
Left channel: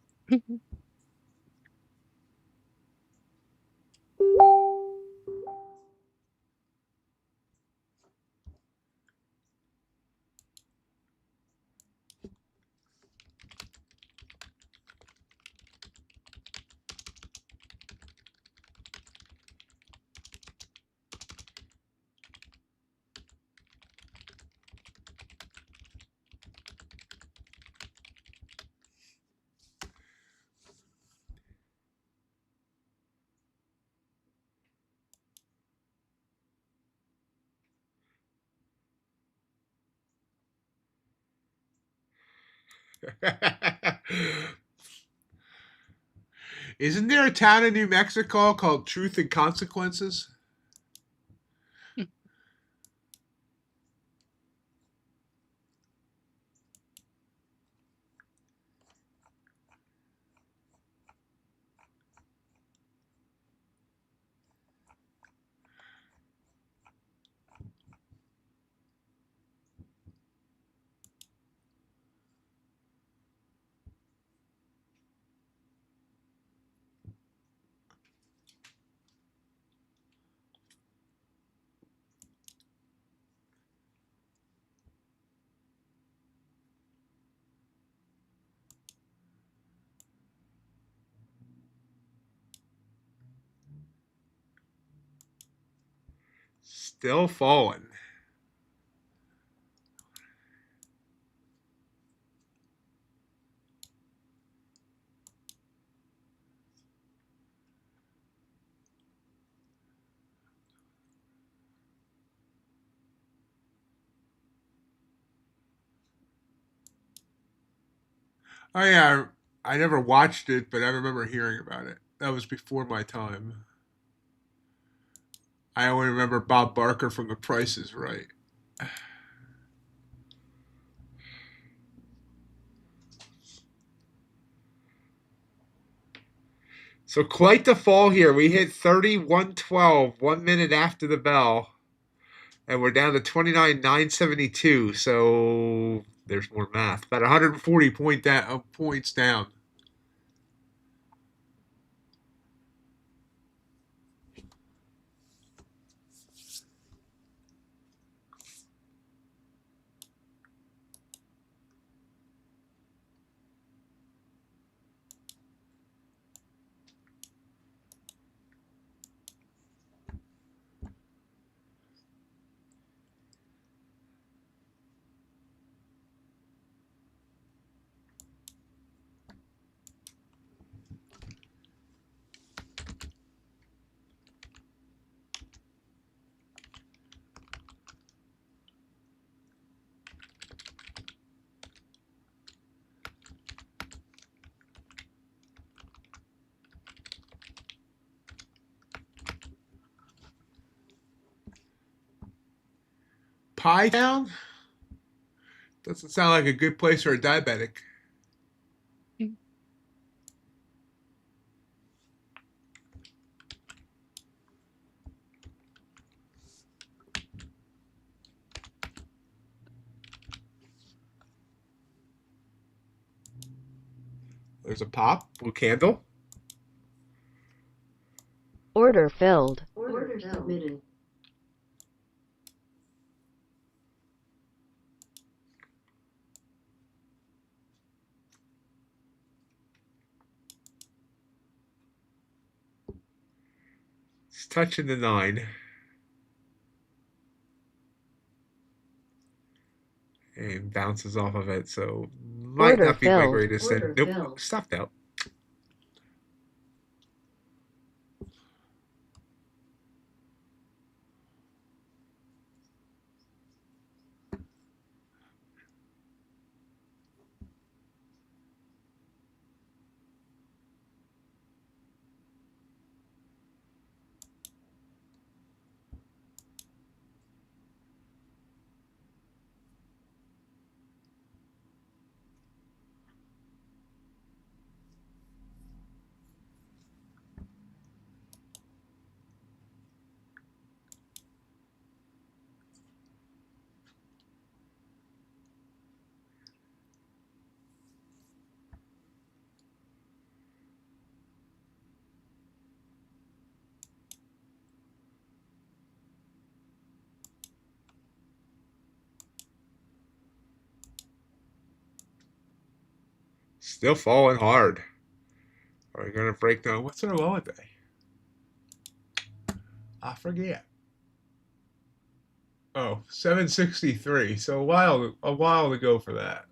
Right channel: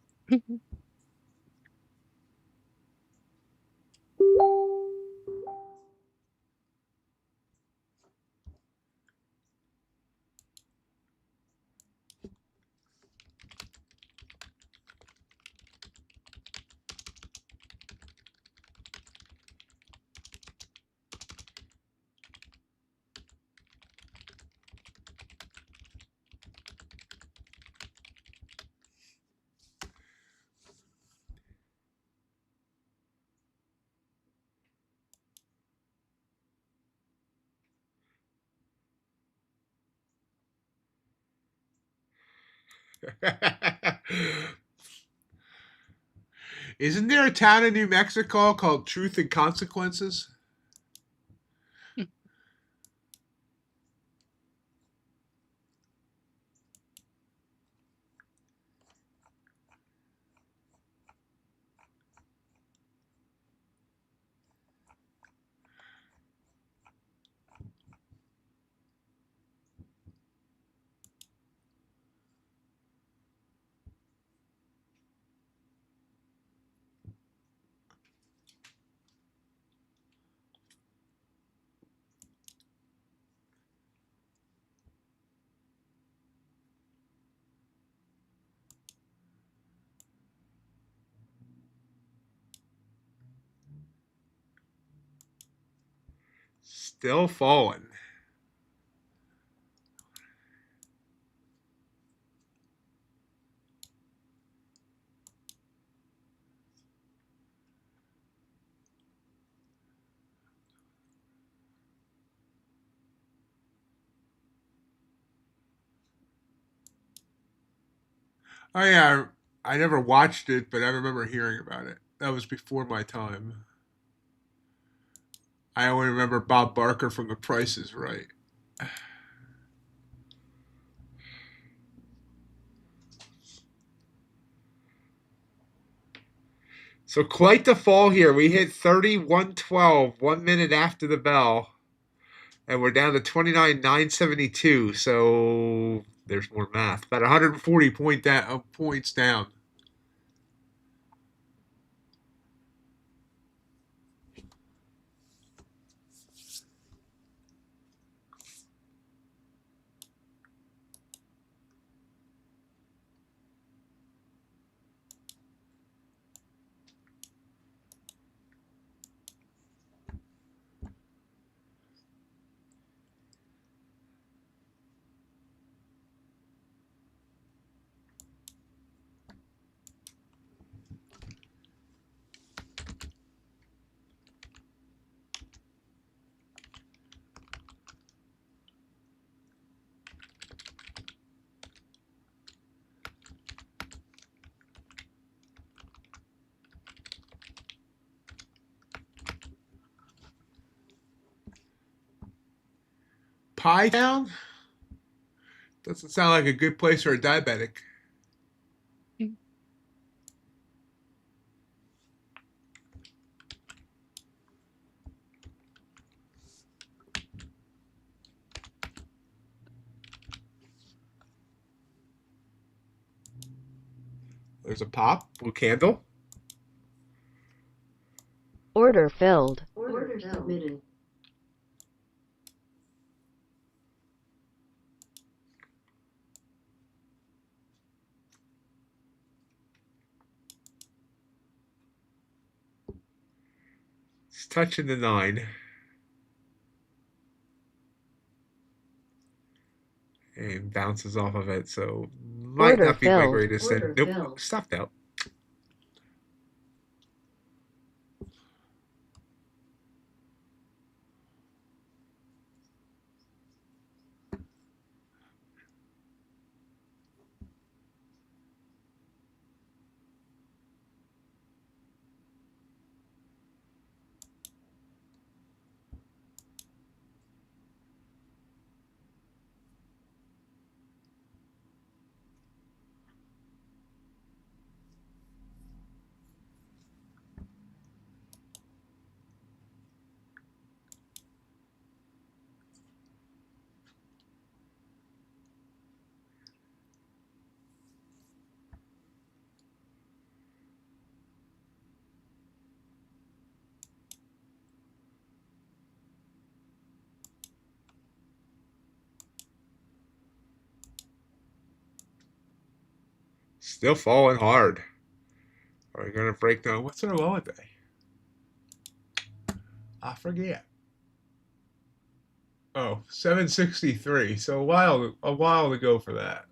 Isn't there a town in New Mexico called Truth and Consequences? Still falling. Oh yeah, I never watched it, but I remember hearing about it. That was before my time. I only remember Bob Barker from The Price is Right. So quite the fall here. We hit 31.12 1 minute after the bell. And we're down to 29,972. So there's more math. About 140 points down. Pie Town? Doesn't sound like a good place for a diabetic. There's a pop, blue candle. Order filled. Order submitted. It's touching the 9. And bounces off of it, so might Order not be my filled. greatest. Order Nope, filled. stopped out. Still falling hard. Are we gonna break down? What's our low day? I forget. Oh, 763. So a while to go for that.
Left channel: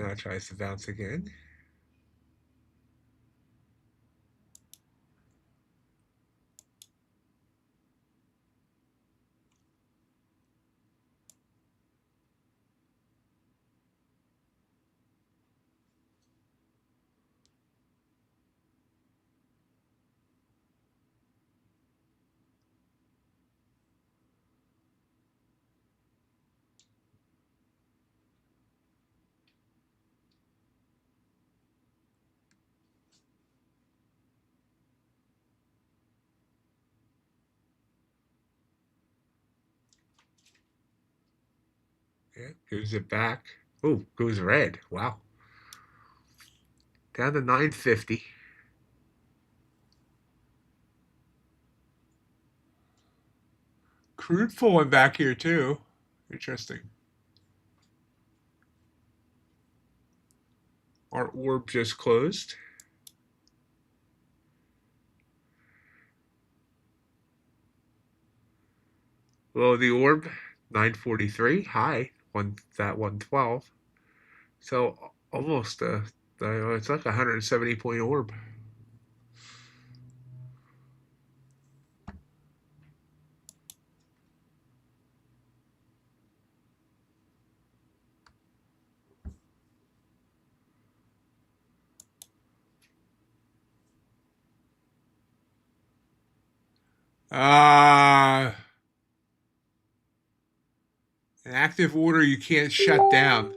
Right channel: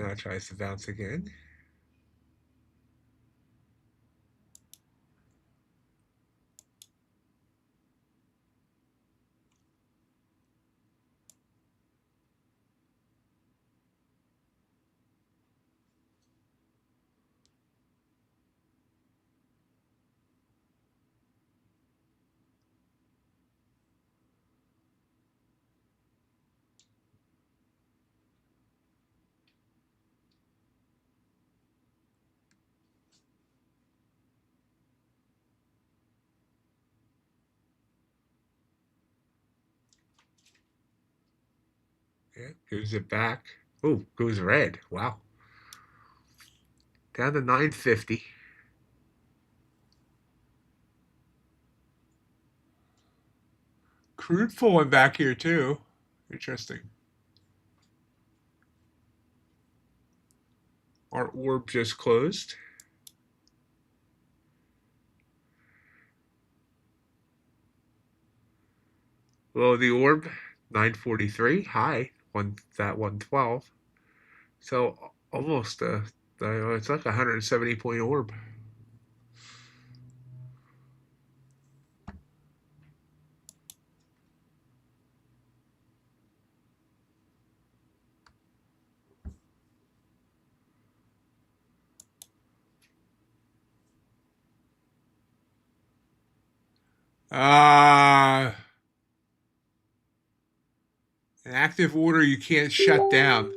Now it tries to bounce again. Yeah, gives it back. Oh, goes red. Wow. Down to 950. crude falling back here too. Interesting. Our orb just closed. Below the orb, 943. High, that 112. So almost it's like a 170 point orb. An active order you can't shut down.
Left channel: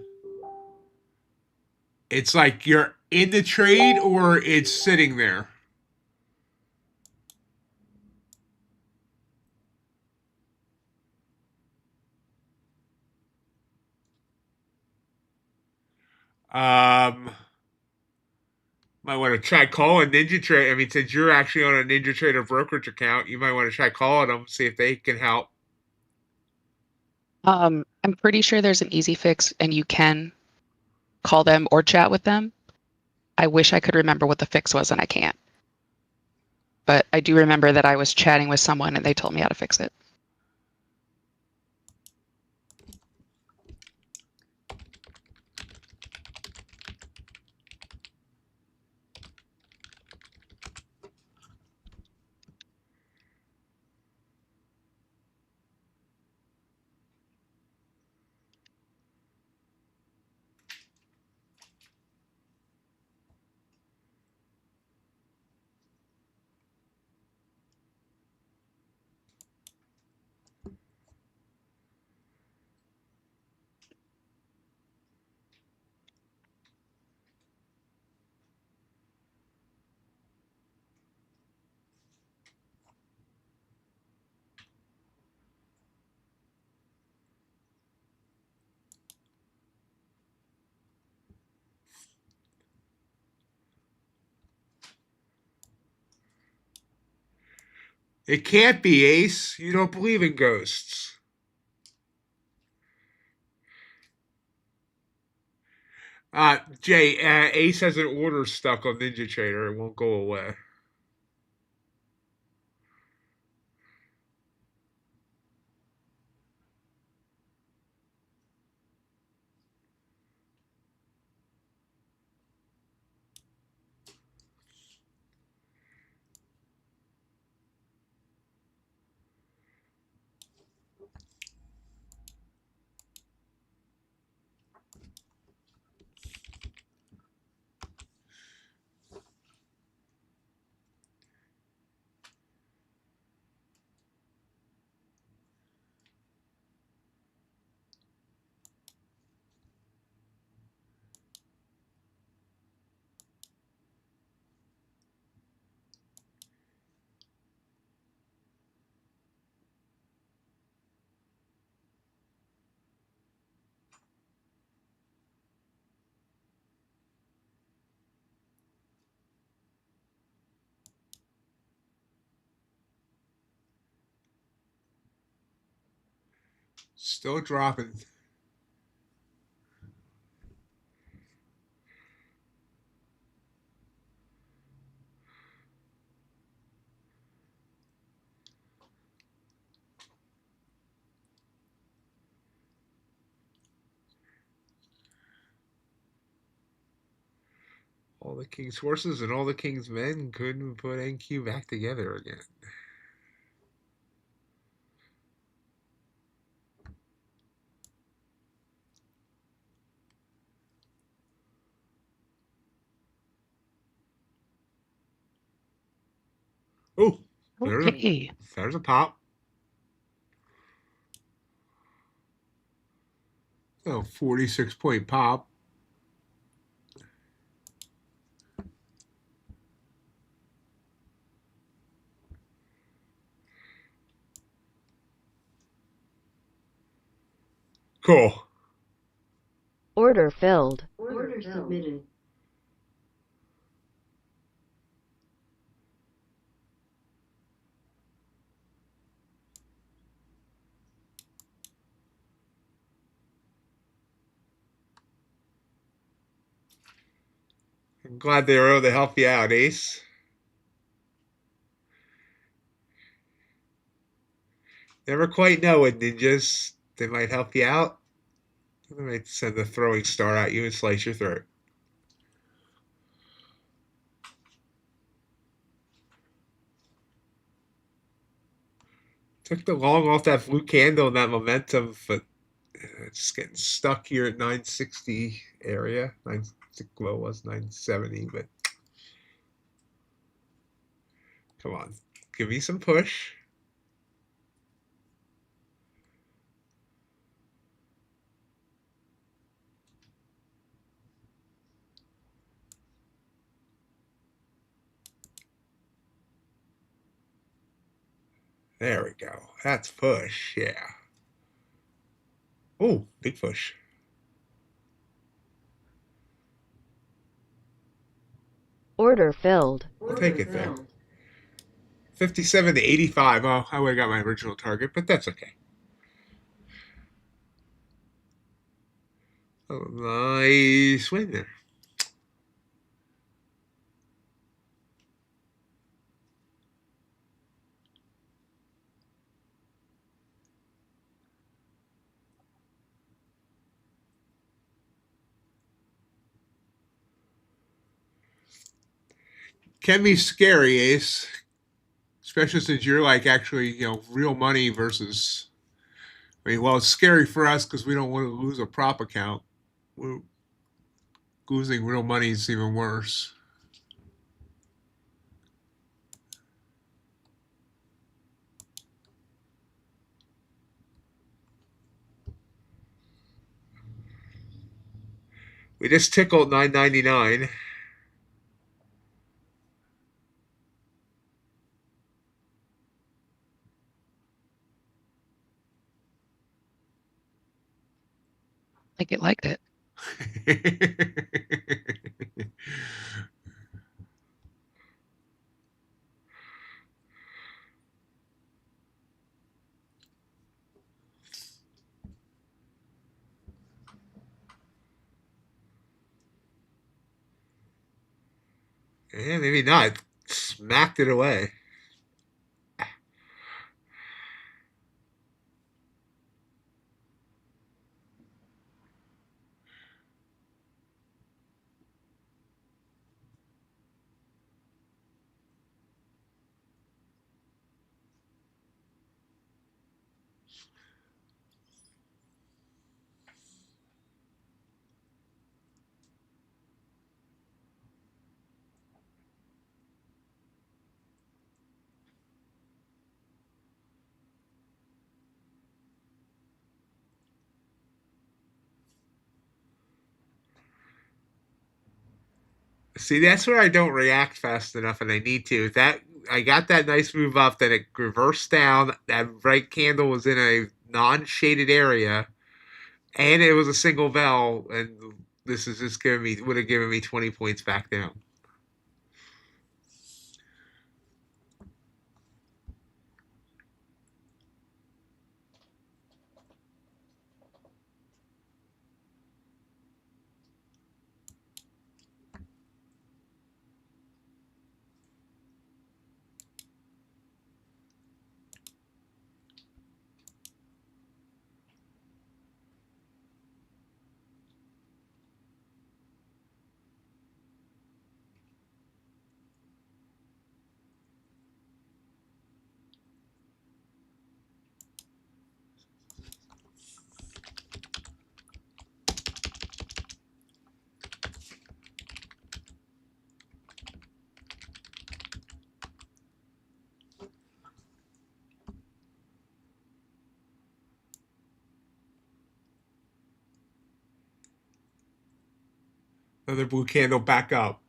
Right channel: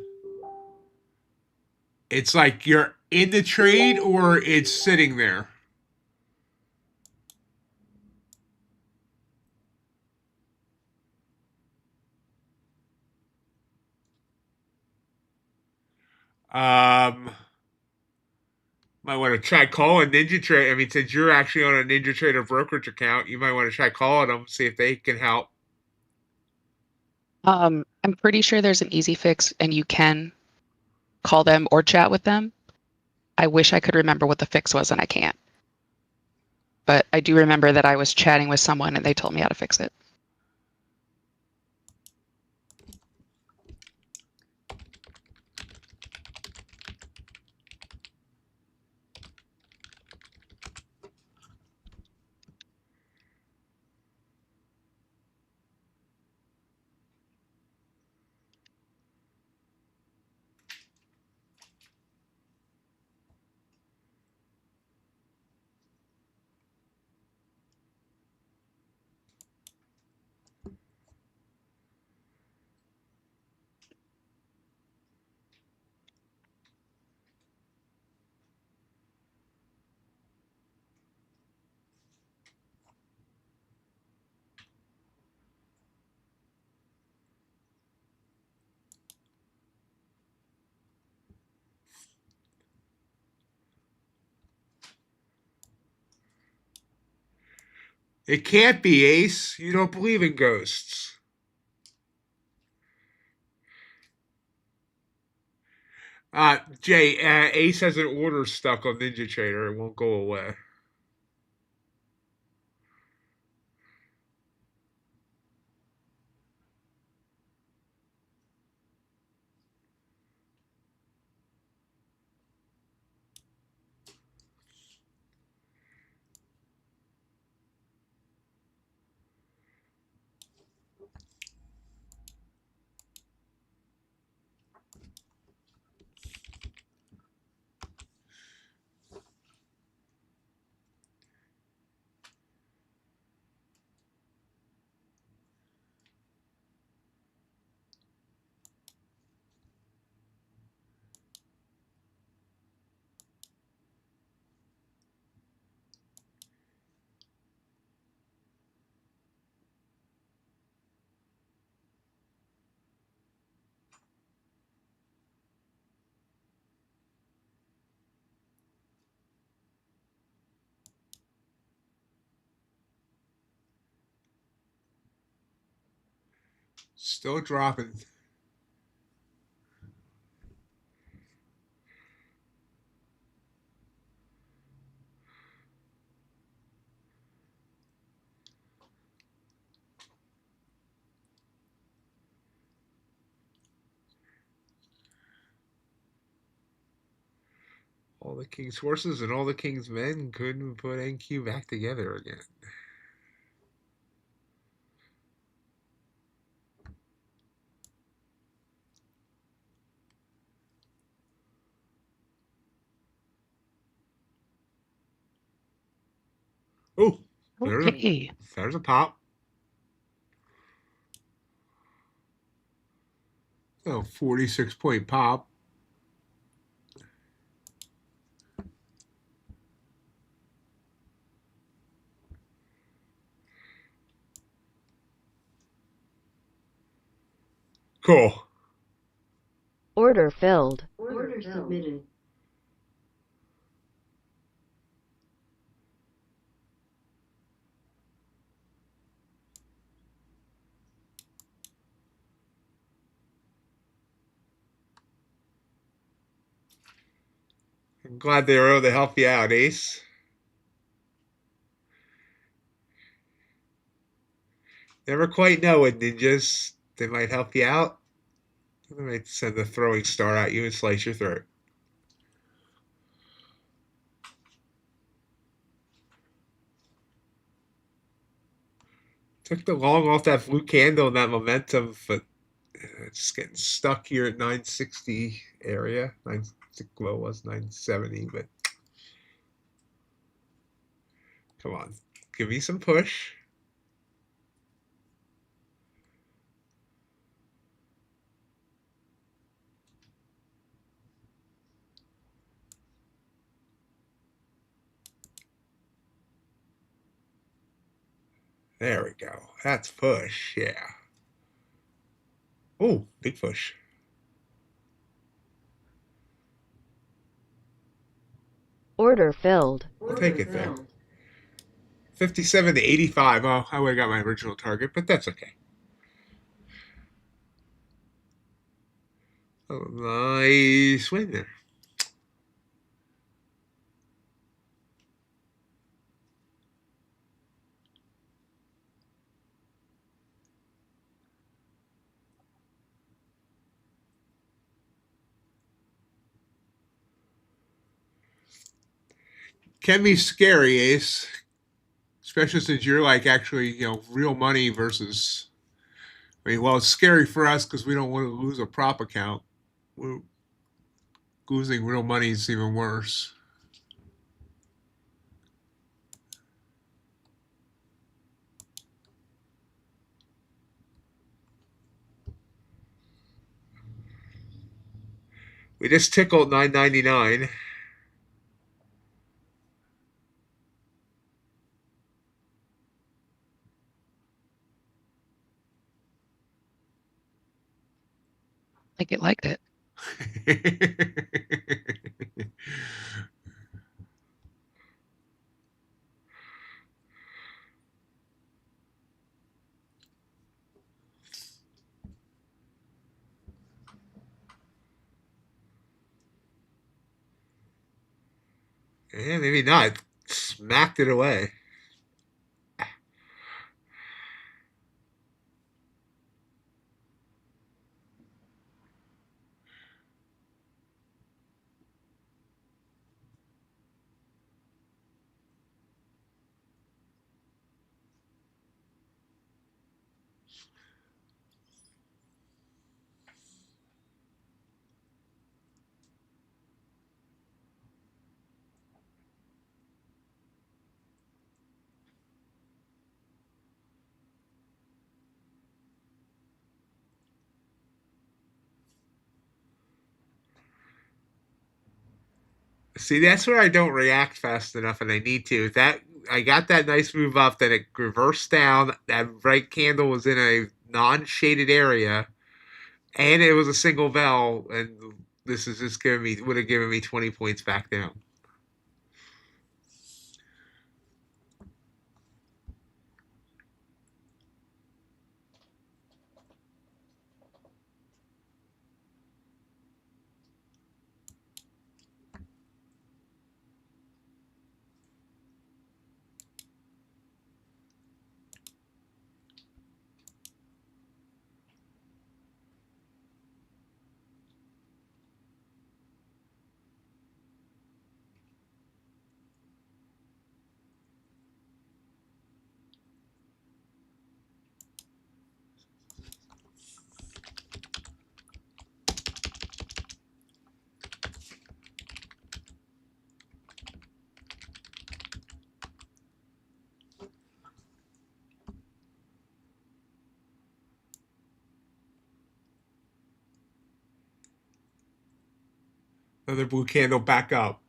It's like you're in the trade or it's sitting there. Um, might want to try calling Ninja Trade. I mean, since you're actually on a Ninja Trader brokerage account, you might want to try calling them, see if they can help. I'm pretty sure there's an easy fix and you can call them or chat with them. I wish I could remember what the fix was and I can't. But I do remember that I was chatting with someone and they told me how to fix it. It can't be, Ace. You don't believe in ghosts. Jay, Ace has an order stuck on Ninja Trader. It won't go away. Still dropping. All the king's horses and all the king's men couldn't put NQ back together again. Oh, Okay. there's a pop. Oh, 46 point pop. Cool. Order filled. Order submitted. I'm glad they were able to help you out, Ace. Never quite know with ninjas. They might help you out. They might send a throwing star at you and slice your throat. Took the long off that blue candle and that momentum, but it's getting stuck here at 960 area. Low was 970, but come on, give me some push. There we go. That's push. Yeah. Oh, big push. Order filled. I'll take it there. 57 to 85. Oh, I would have got my original target, but that's okay. Oh, nice win there. Can be scary, Ace. Especially since you're like actually, real money versus. I mean, well, it's scary for us because we don't want to lose a prop account. Losing real money is even worse. We just tickled 999. Like it liked it. Yeah, maybe not. Smacked it away. See, that's where I don't react fast enough, and I need to. That I got that nice move up, then it reversed down. That right candle was in a non-shaded area, and it was a single bell, and this is just would have given me 20 points back down. Another blue candle back up.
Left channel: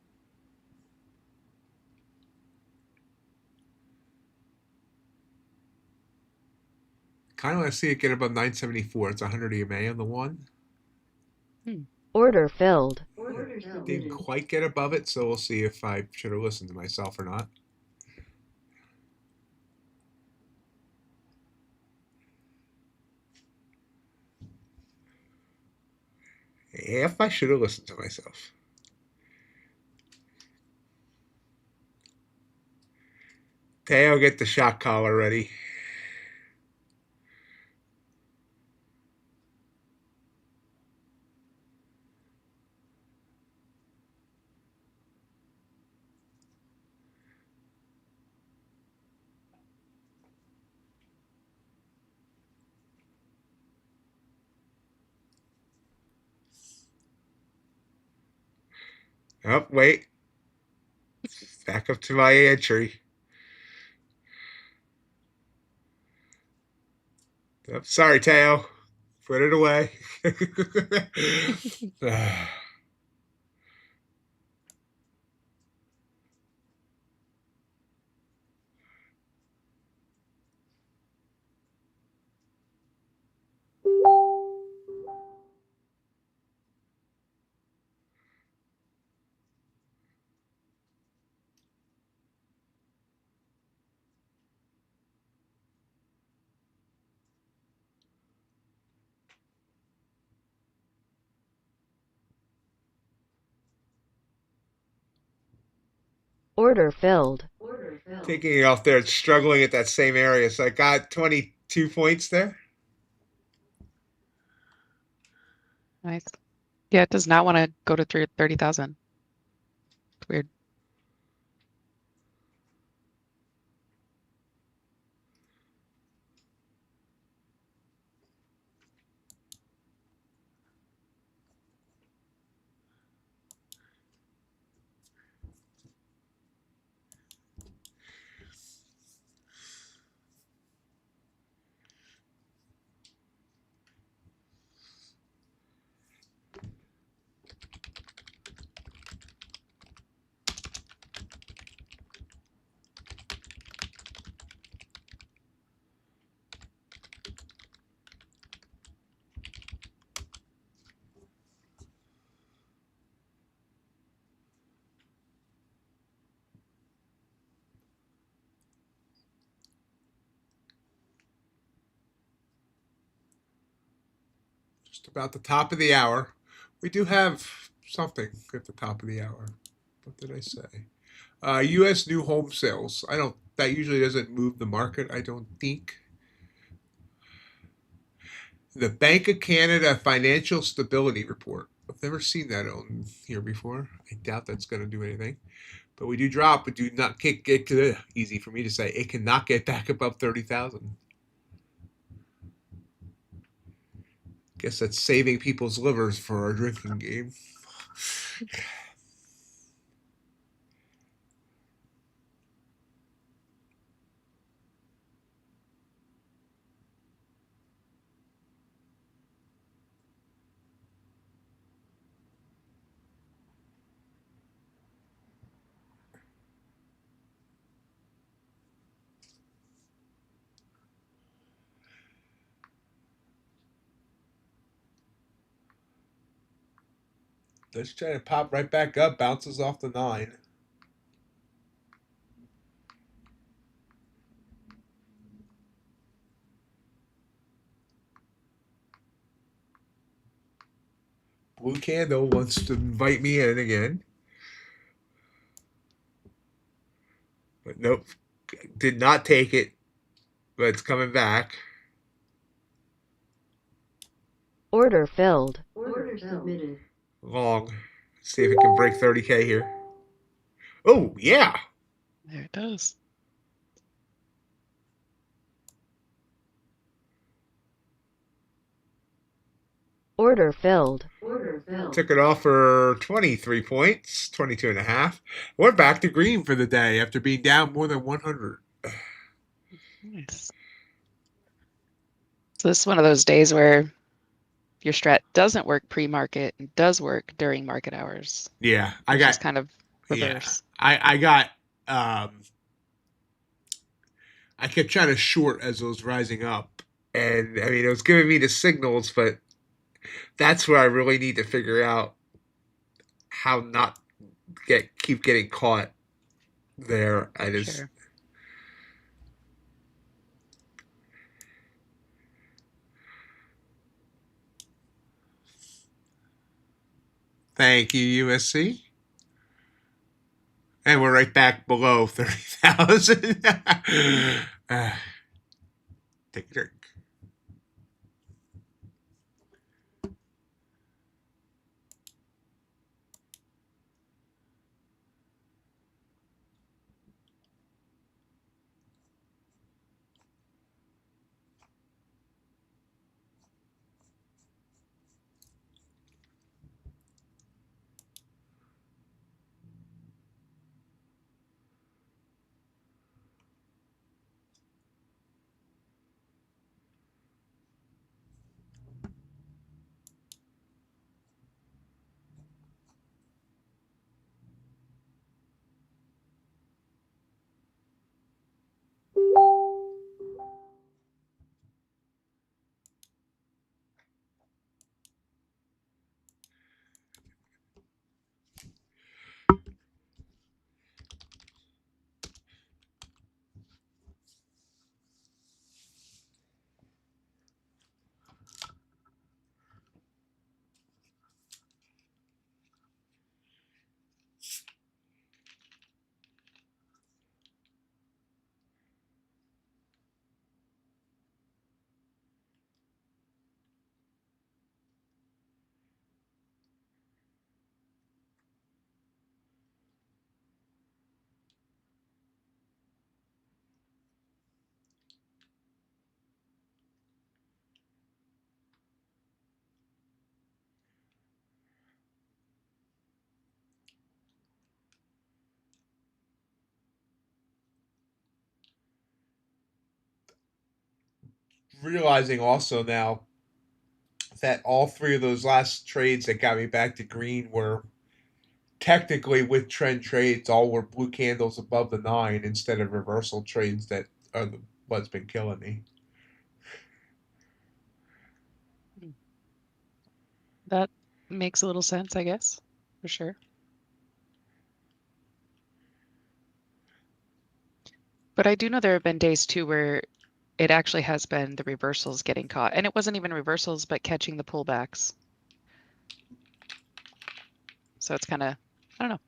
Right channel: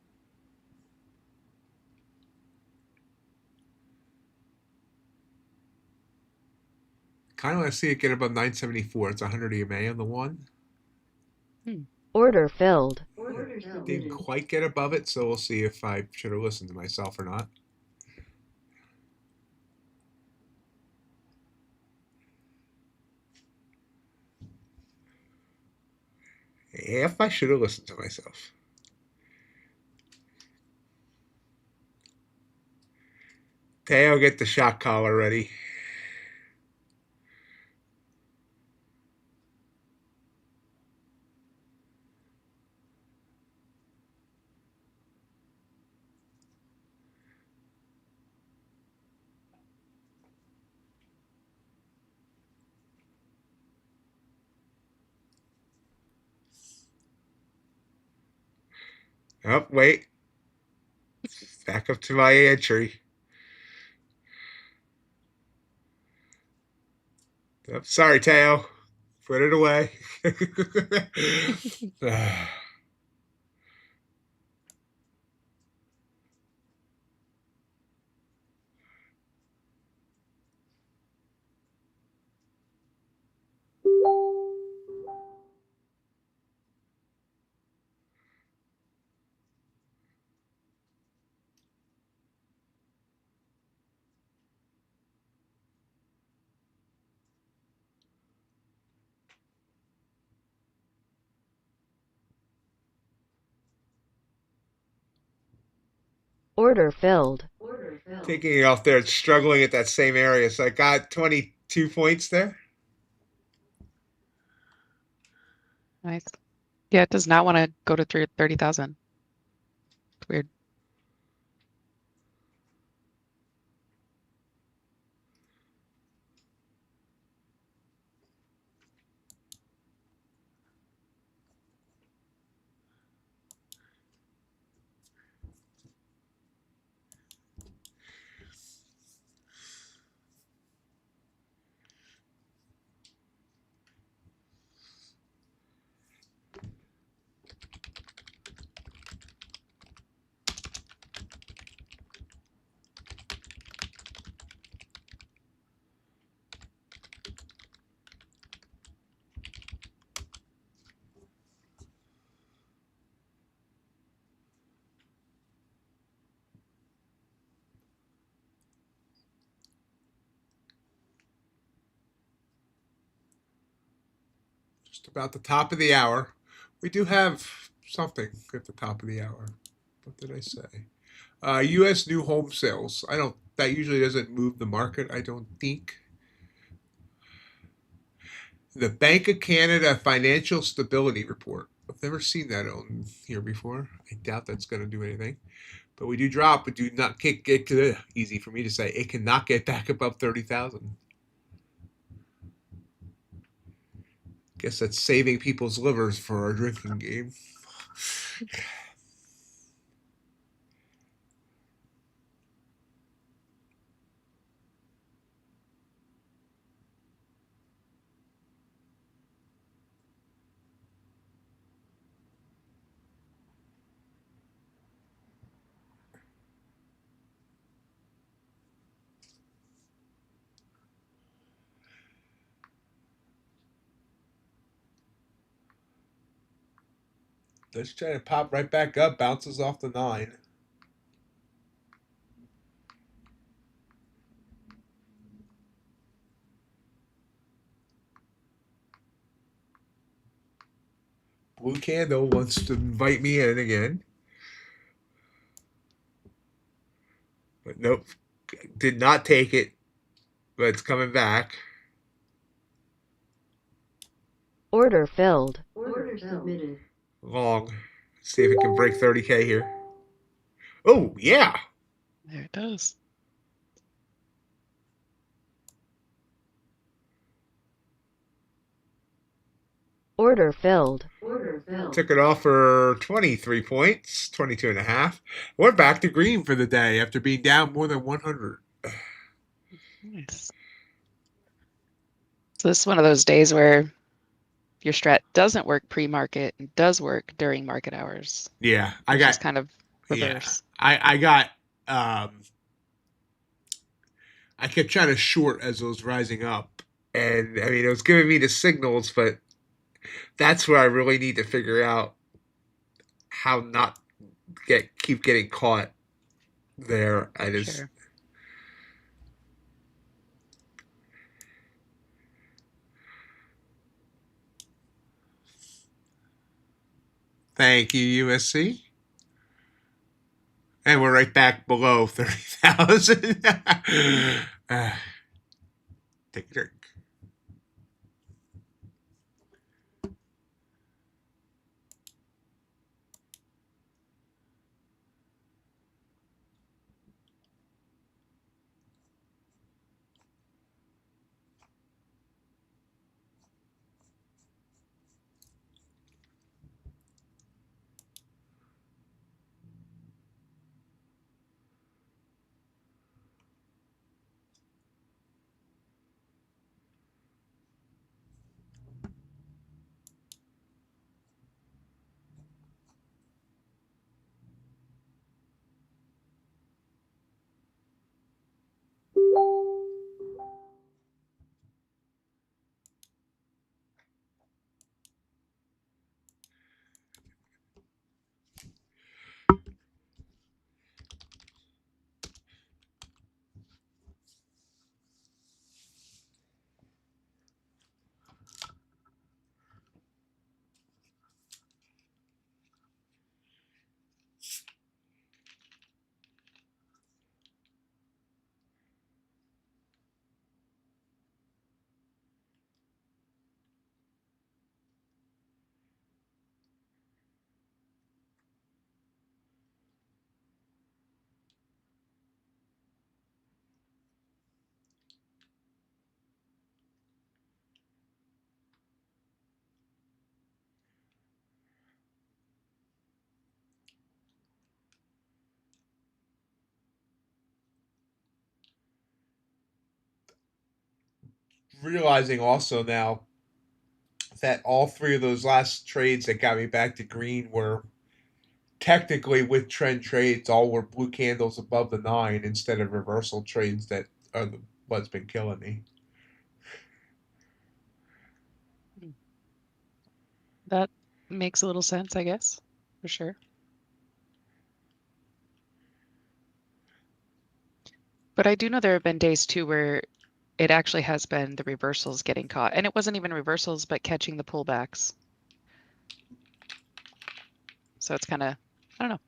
Kind of want to see it get above 974. It's 100 EMA on the one. Order filled. Didn't quite get above it, so we'll see if I should have listened to myself or not. If I should have listened to myself. Teo, get the shot collar ready. Oh, wait. Back up to my entry. Oh, sorry, Teo. Put it away. Order filled. Order filled. Taking it off there, it's struggling at that same area. So I got 22 points there. Nice. Yeah, it does not want to go to 30,000. It's weird. Just about the top of the hour. We do have something at the top of the hour. What did I say? U.S. new home sales. That usually doesn't move the market, I don't think. The Bank of Canada Financial Stability Report. I've never seen that on here before. I doubt that's going to do anything. But we do drop. We do not kick it. Easy for me to say. It cannot get back above 30,000. Guess that's saving people's livers for our drinking game. Let's try to pop right back up. Bounces off the 9. Blue Candle wants to invite me in again. But nope. Did not take it. But it's coming back. Order filled. Order submitted. Long. Let's see if it can break 30K here. Oh, yeah. There it does. Order filled. Order filled. Took it off for 23 points, 22 and a half. We're back to green for the day after being down more than 100. Nice. So this is one of those days where your strat doesn't work pre-market and does work during market hours. Yeah, I got kind of reverse. Yeah, I got I kept trying to short as it was rising up, and I mean it was giving me the signals, but that's where I really need to figure out how not keep getting caught there. I just Sure. Thank you, USC. And we're right back below 30,000. Take a drink. Realizing also now that all three of those last trades that got me back to green were technically with trend trades, all were blue candles above the 9 instead of reversal trades that are what's been killing me. That makes a little sense, I guess, for sure. But I do know there have been days too where it actually has been the reversals getting caught. And it wasn't even reversals, but catching the pullbacks. So it's kind of, I don't know.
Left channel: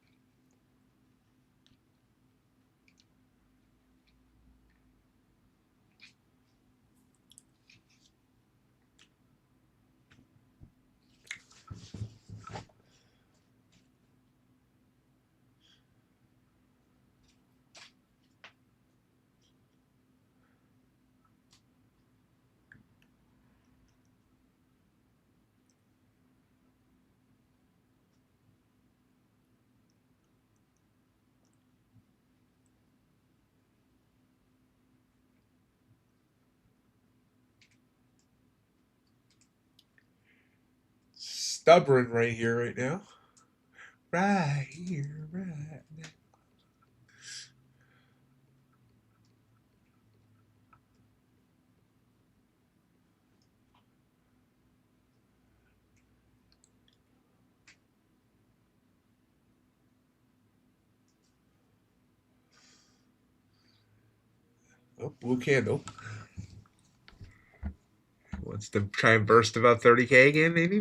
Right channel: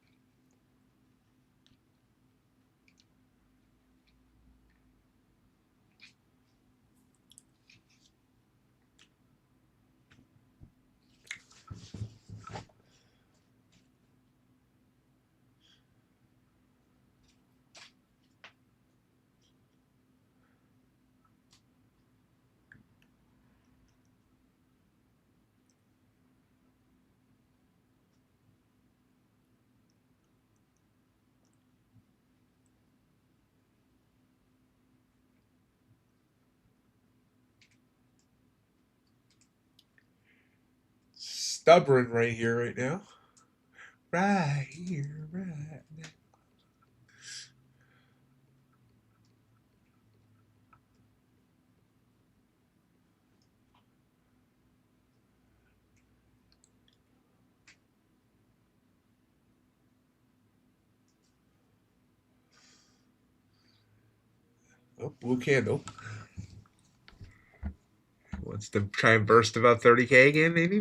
Stubborn right here, right now. Right here, right now. Oh, blue candle. Wants to try and burst about 30K again, maybe.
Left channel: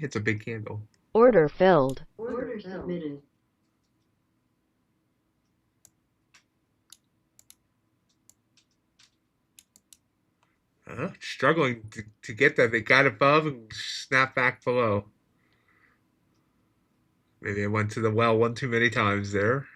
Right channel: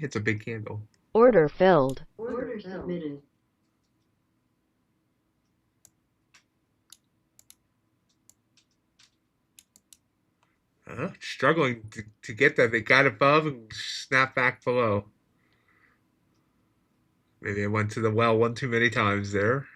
It's a big candle. Order filled. Order submitted. Struggling to get that. They got above and snapped back below. Maybe I went to the well one too many times there.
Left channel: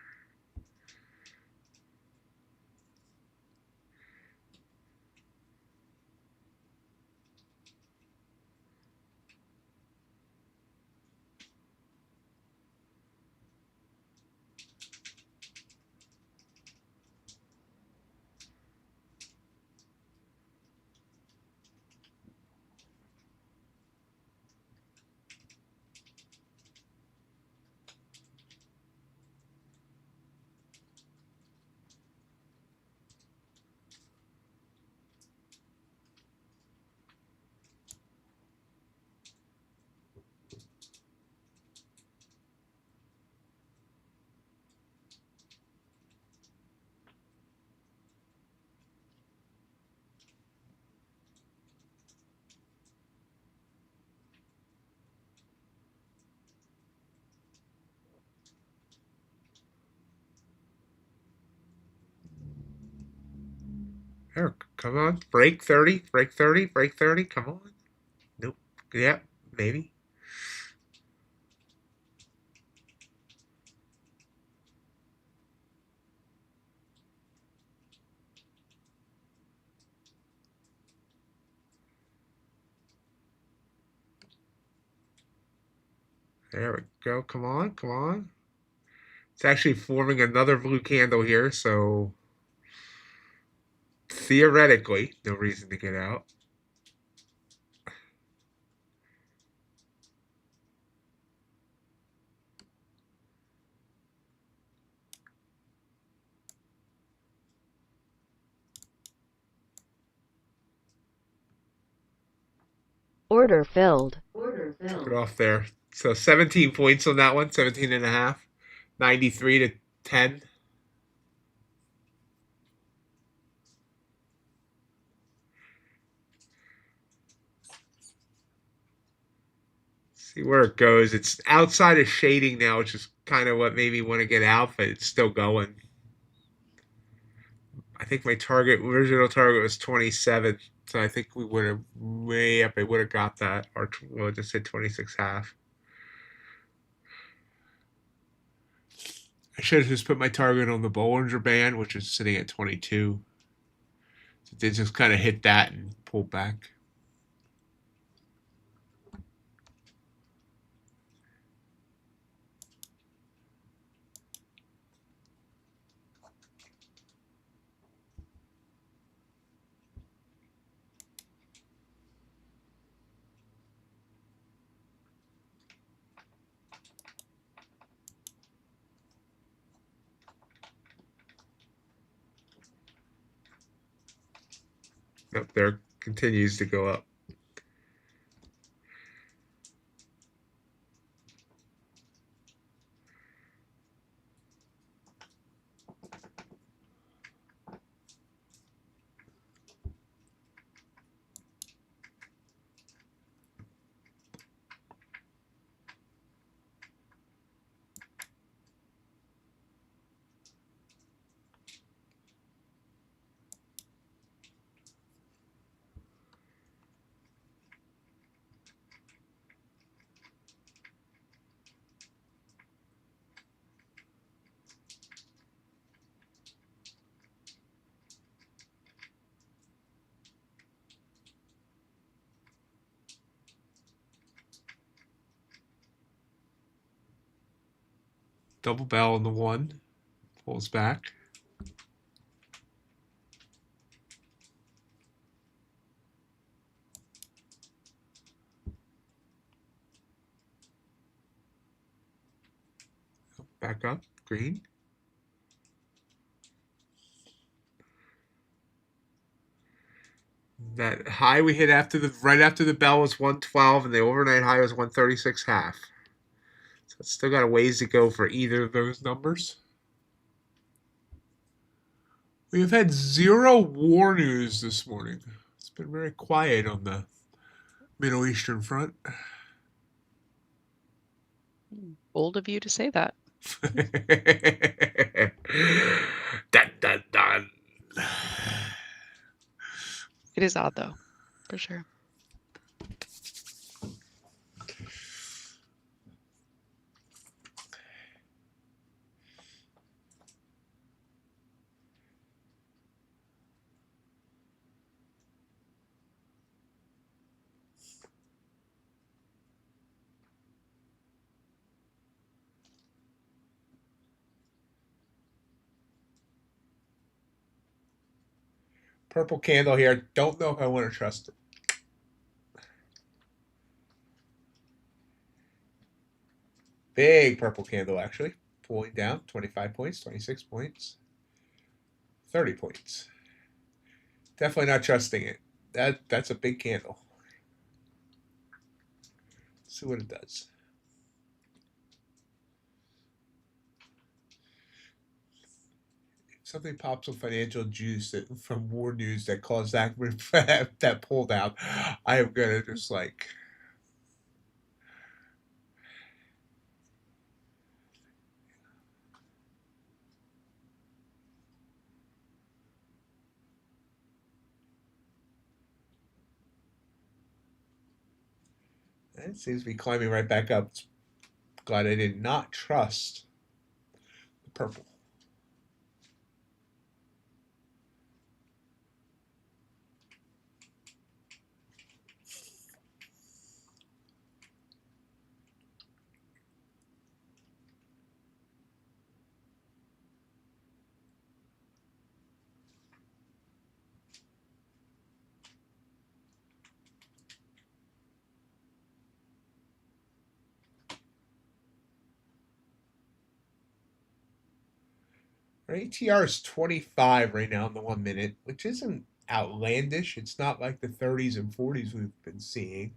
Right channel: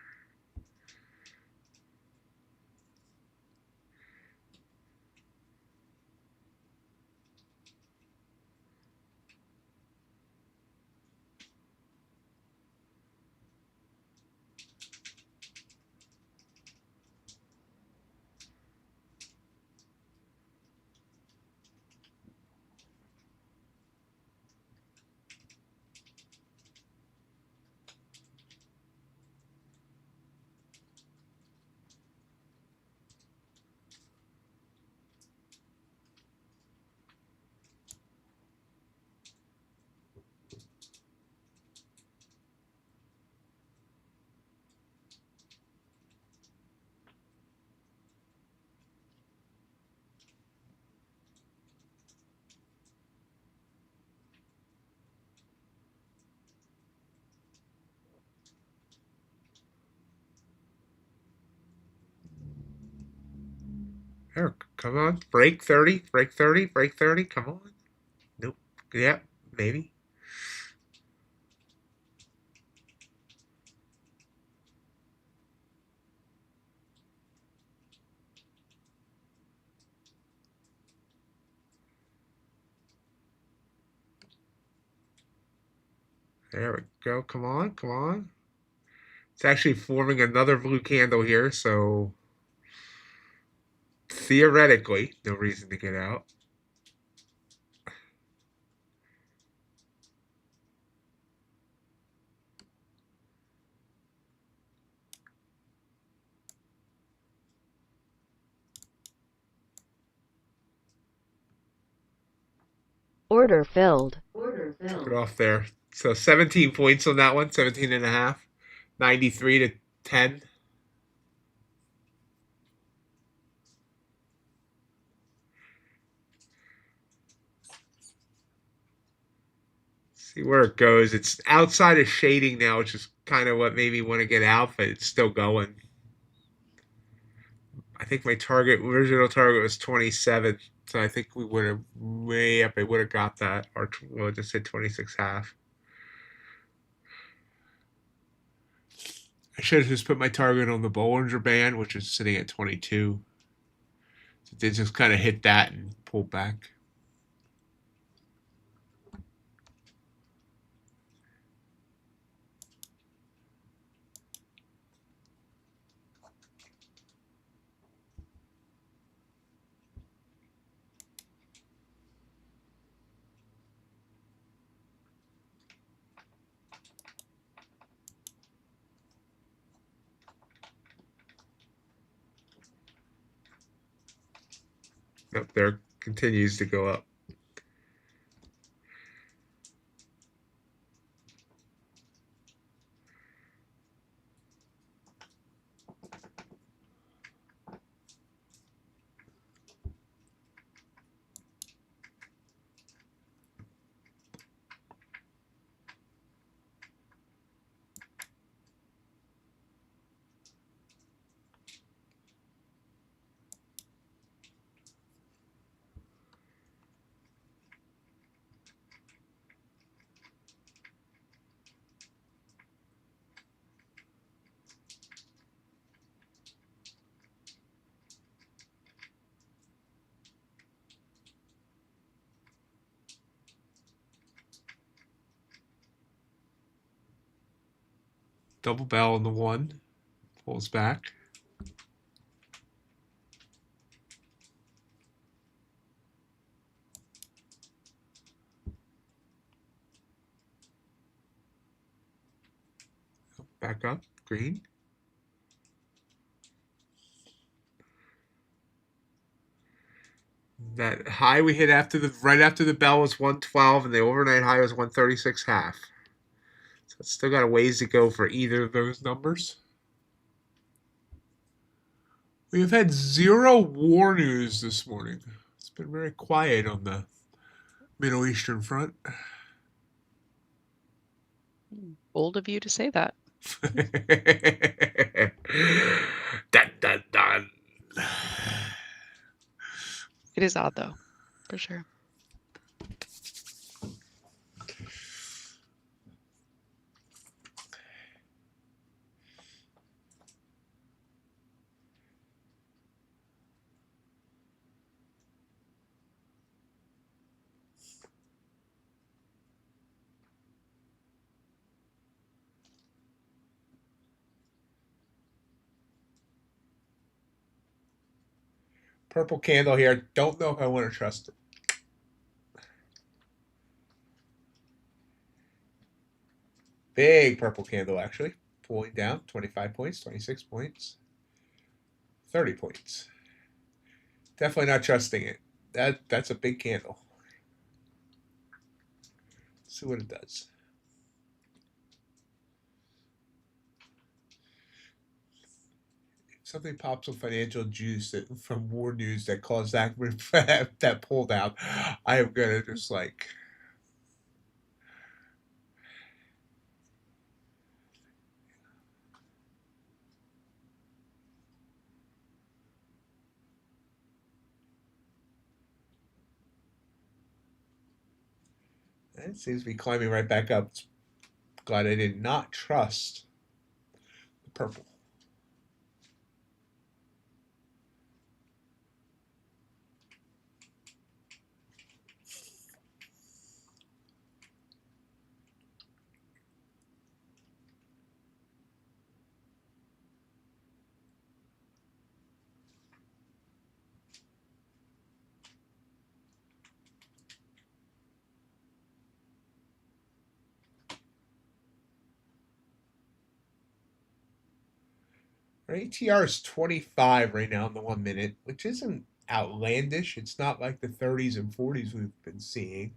There, come on. Break 30, break 30, break 30. Come on. Nope. Yeah, maybe. There we go. Come on, come on. It's actually forming another blue candle here, so theoretically, no reason to get out. Order filled. Order Took it filled. off there. So 17 points on that one, 17 and a half. 93 to 10. See where it goes. It's outside of shading now, which is kind of what made me want to get out, but it's still going. I think my original target was 27, so I think we would have way up. I would have got that, or well, just said 26 half. I should have just put my target on the Bollinger Band, which is sitting at 22. So they just kind of hit that and pull back. Up there continues to go up. Double bell on the 1. Pulls back. Back up. Green. That high we hit right after the bell was 112, and the overnight high was 136 half. So it's still got a ways to go for either of those numbers. We have had 0 war news this morning. It's been very quiet on the Middle Eastern front. Bold of you to say that. Dun, dun, dun. It is odd though, for sure. Purple candle here. Don't know if I want to trust it. Big purple candle, actually. Pulling down 25 points, 26 points, 30 points. Definitely not trusting it. That's a big candle. Let's see what it does. Something pops on financial juice from war news that caused that that pull down. I am gonna just like. It seems to be climbing right back up. Glad I did not trust the purple. Our ATR is 25 right now in the 1 minute, which isn't outlandish. It's not like the 30s and 40s we've been seeing.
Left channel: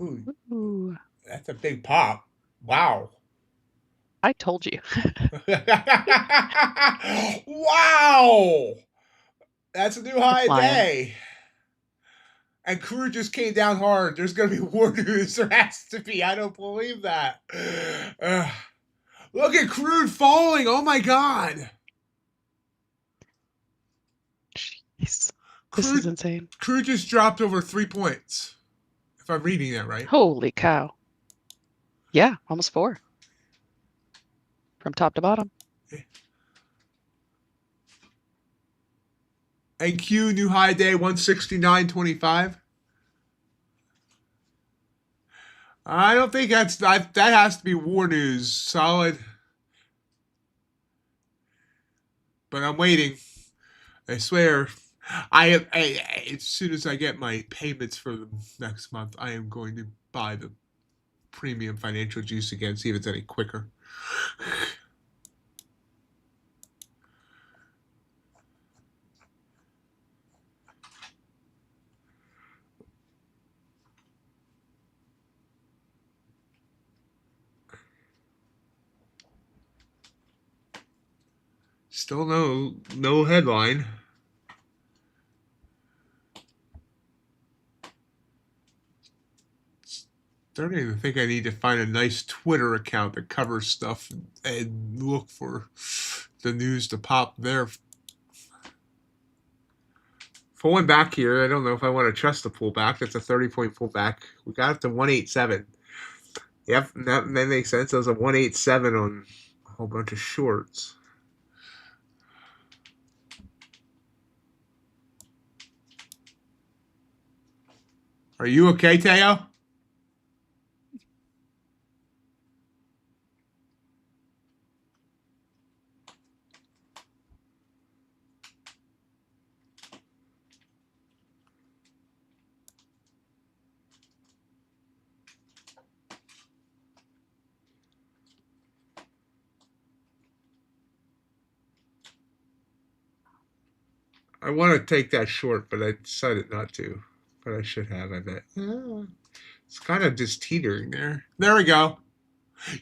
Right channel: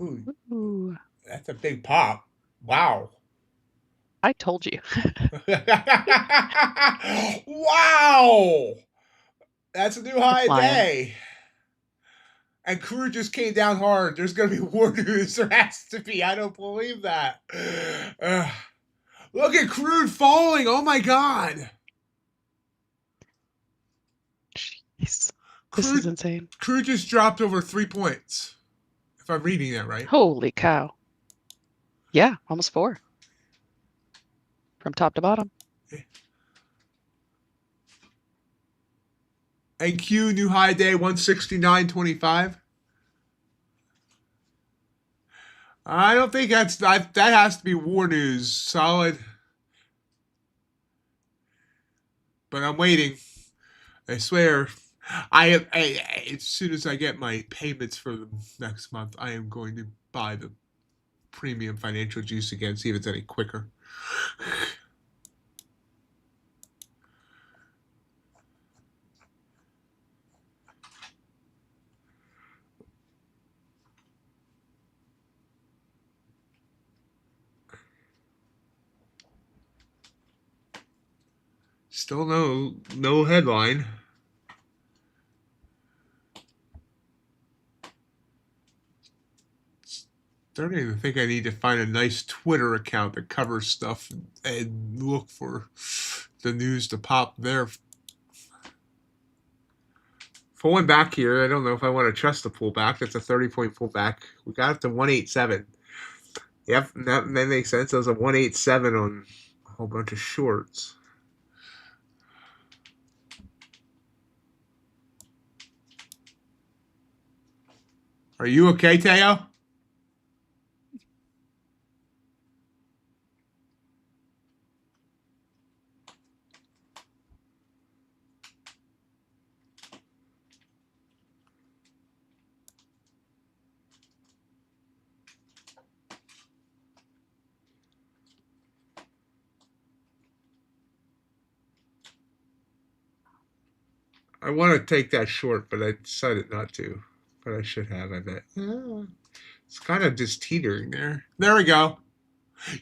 Ooh, Ooh, that's a big pop. Wow. I told you. Wow. That's a new high Flying. day. And crude just came down hard. There's going to be war news. There has to be. I don't believe that. Look at crude falling. Oh my God. Jeez. This is insane. Crude just dropped over 3 points. If I'm reading that right. Holy cow. Yeah, almost 4. From top to bottom. NQ new high day 169.25. I don't think that has to be war news. Solid. But I'm waiting. I swear. As soon as I get my payments for the next month, I am going to buy the premium financial juice again, see if it's any quicker. Still no headline. Don't even think I need to find a nice Twitter account that covers stuff and look for the news to pop there. Pulling back here, I don't know if I want to trust the pullback. That's a 30-point pullback. We got up to 187. Yep, that makes sense. That was a 187 on a whole bunch of shorts. Are you okay, Teo? I want to take that short, but I decided not to. But I should have, I bet. It's kind of just teetering there. There we go.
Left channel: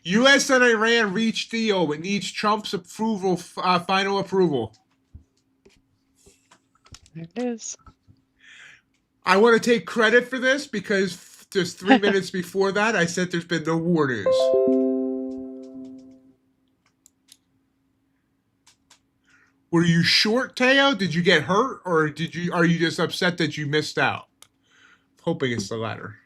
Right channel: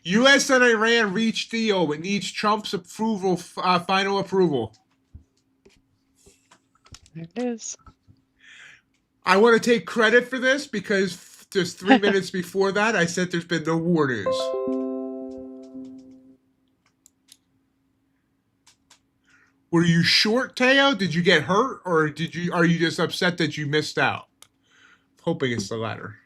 U.S. and Iran reached deal. It needs Trump's approval, final approval. There it is. I want to take credit for this because just 3 minutes before that, I said there's been no war news. Were you short, Teo? Did you get hurt, or are you just upset that you missed out? Hoping it's the latter.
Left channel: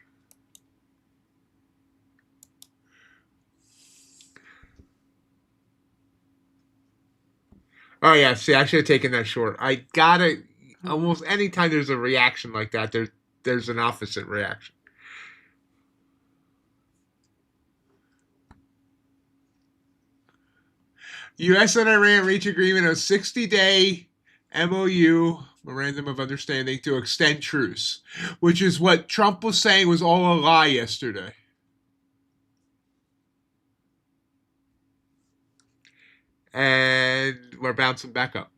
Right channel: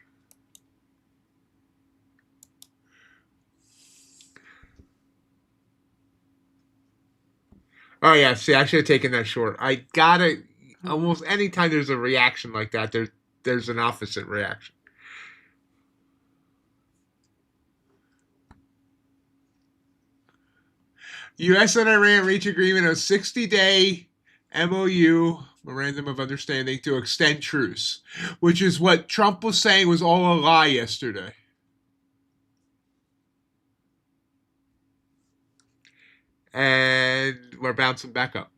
Oh yeah, see, I should have taken that short. I gotta almost anytime there's a reaction like that, there's an opposite reaction. U.S. and Iran reach agreement on 60-day MOU, Memorandum of Understanding, to extend truce, which is what Trump was saying was all a lie yesterday. and we're bouncing back up.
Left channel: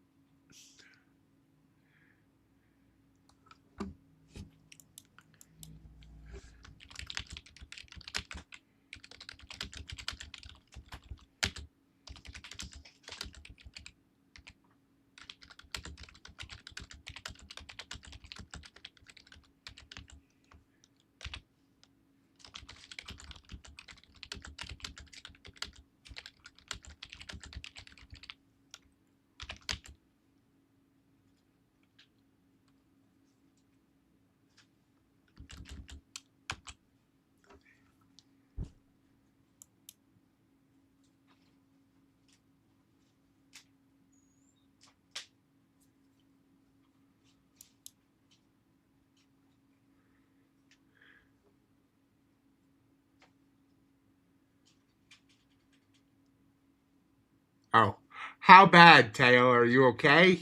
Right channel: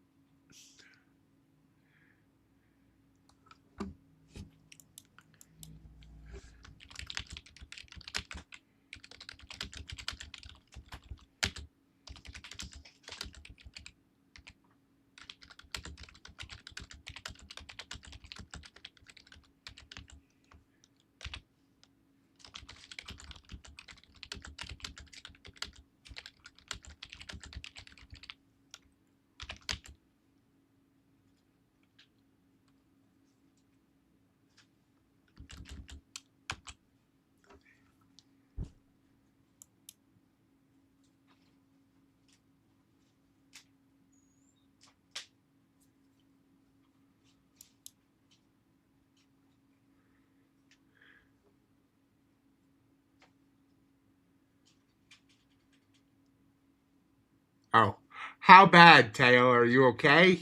Oh, how bad, Teo? Are you okay?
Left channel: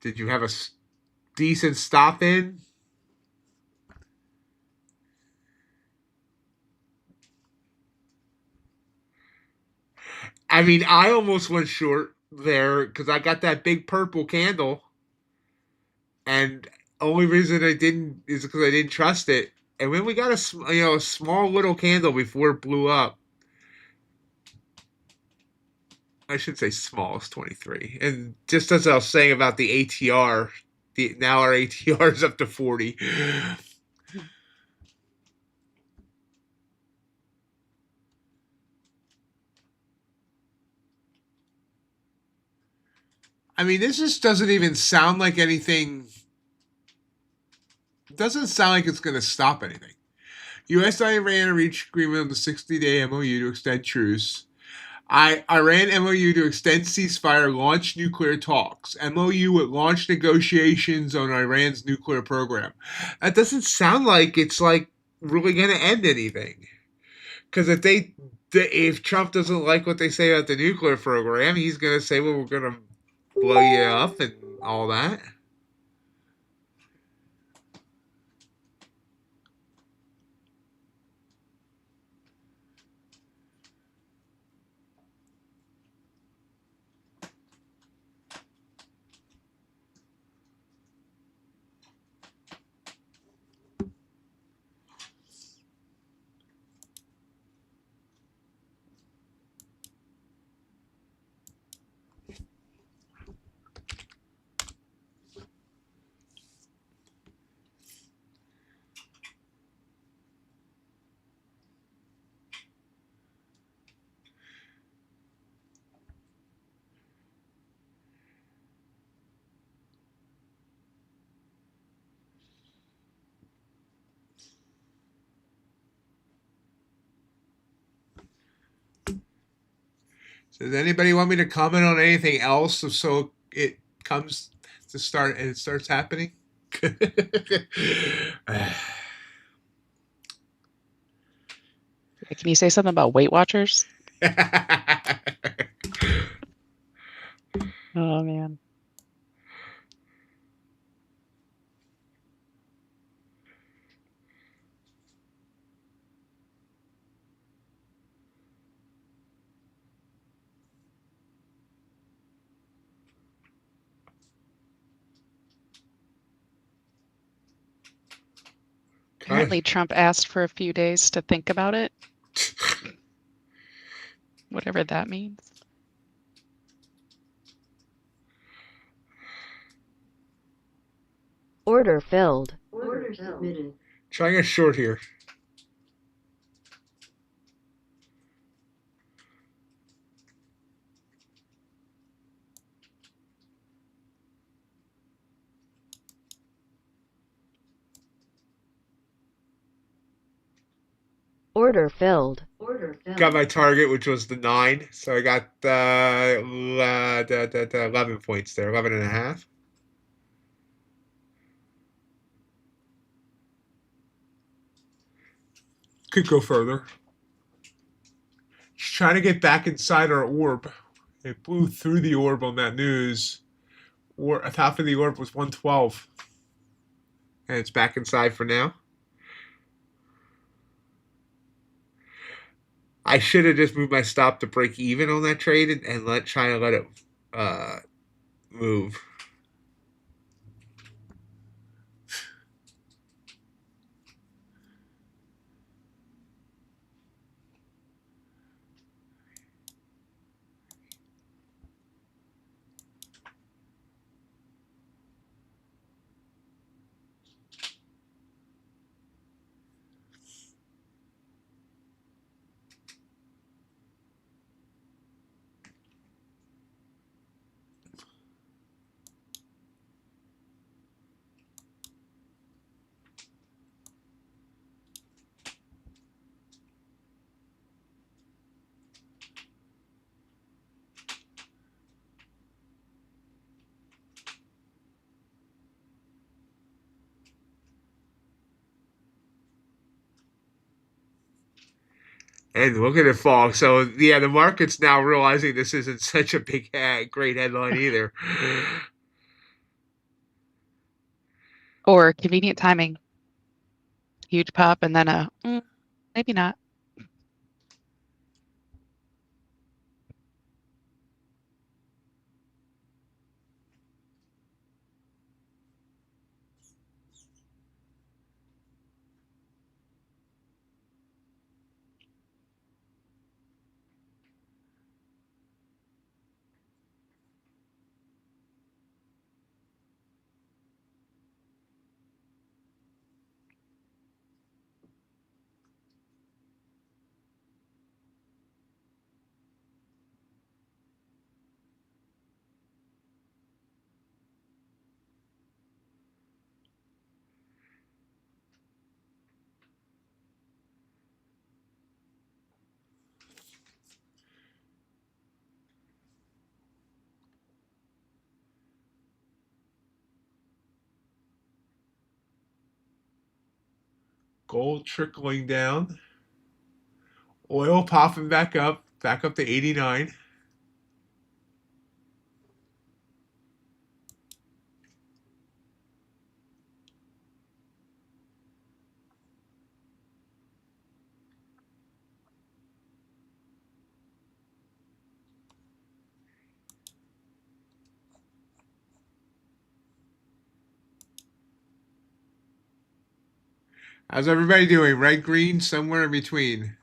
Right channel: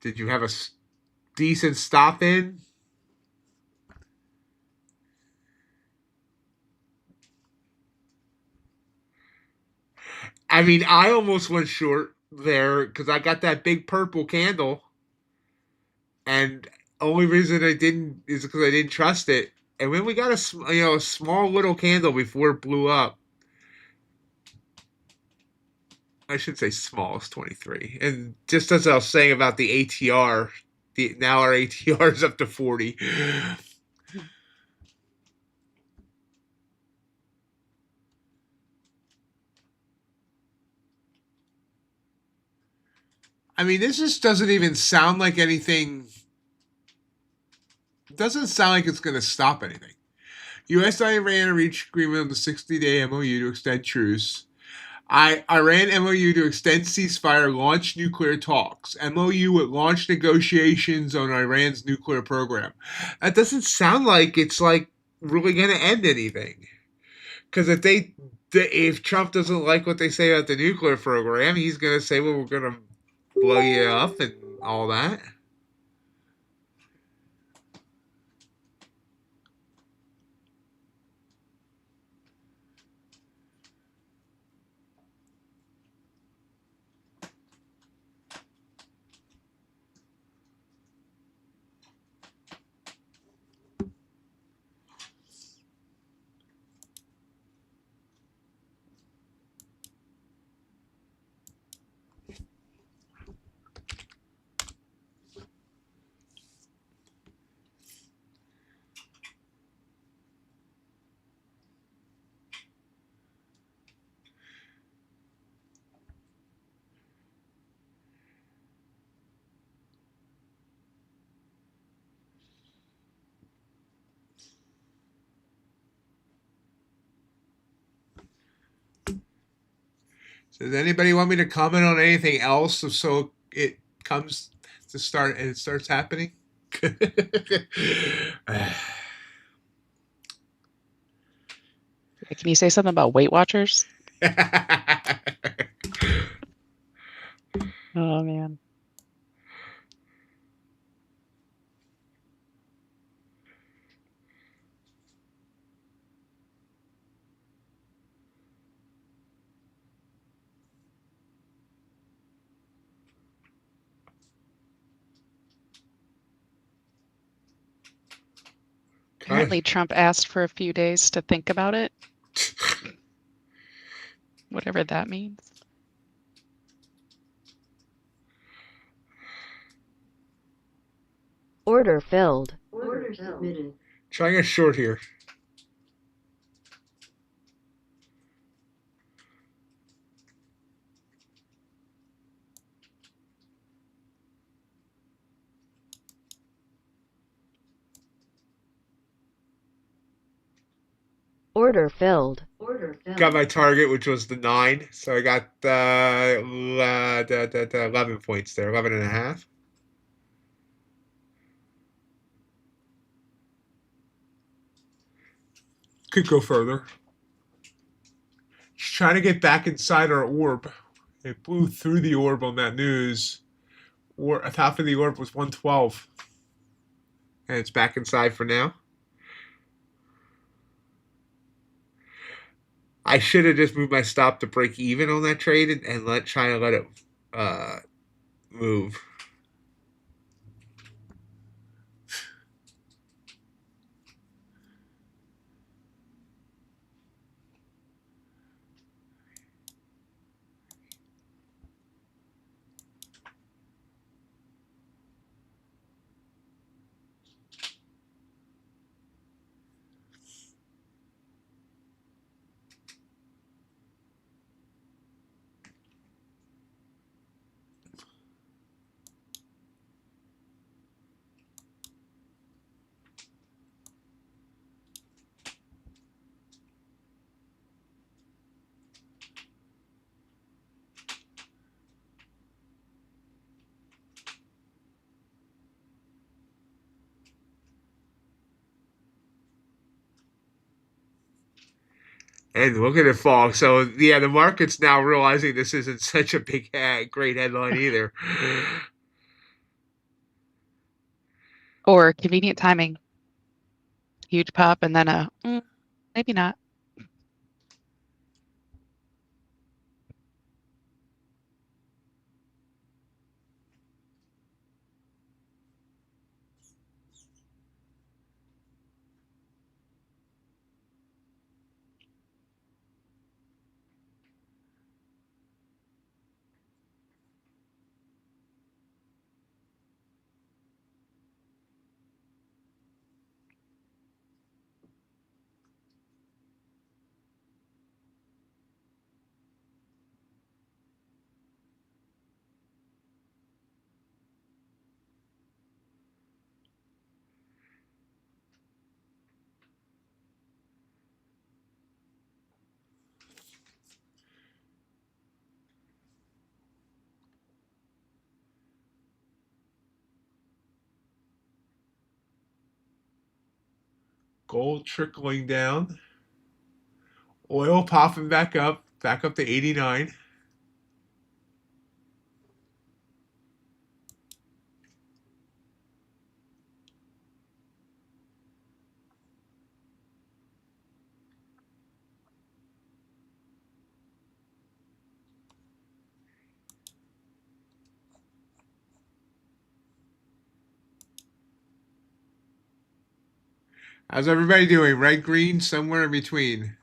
Did you have a decent stop in? I mean, I almost went short there because I got that big purple candle, and only reason I didn't is because I didn't trust it. And when we got a small little candle before it blew up, I should say small, it's 23. And just as I was saying about the ATR, now our ATR is up to 40. I mean, this just doesn't even sound like anything. It doesn't sound like it's going to stop anything. U.S. and Iran reached agreement on the 60-day MOU to extend truce. Iran MOU to extend ceasefire, launch nuclear talks. MOU would launch negotiations on Iran's nuclear program. That doesn't sound like it's like really going to end anything. Because if Trump doesn't like what they say about the nuclear program, he's going to say, well, we're going to blow you up and all that. So does anybody want me to comment on anything else so it comes to start and it starts happening? Can you say something about Weight Watchers? Oh man. Apparently, Trump asked for a few days to think about it. Whatever that means. Order filled. Order submitted. Trying a short here. Order filled. Order filled. Got my target, which was the 9. So I got 11 points there, 11 and a half. Could go further. Just trying to get back inside our orb. It blew through the orb on that news. Or half of the orb was 112. And it's back inside for now. I should have just moved my stop to break even on that trade and let it uh, move. And look at it fall. So yeah, the market's now realizing this isn't such a big, great headline either. Or convenient timing. Huge pop and then a maybe not. Gold trickling down. Oil popping back up to 89. How's everybody doing? Red, green, somewhere in between.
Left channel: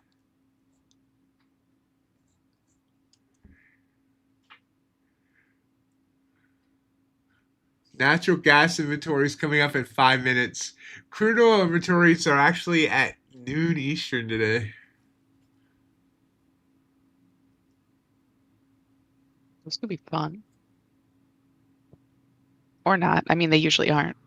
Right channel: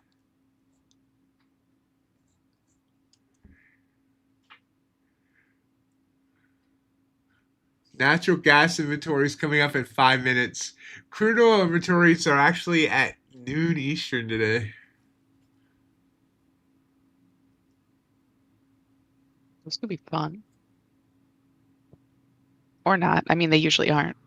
Natural gas inventories coming up in 5 minutes. Crude oil inventories are actually at noon Eastern today. This could be fun. Or not. I mean, they usually aren't.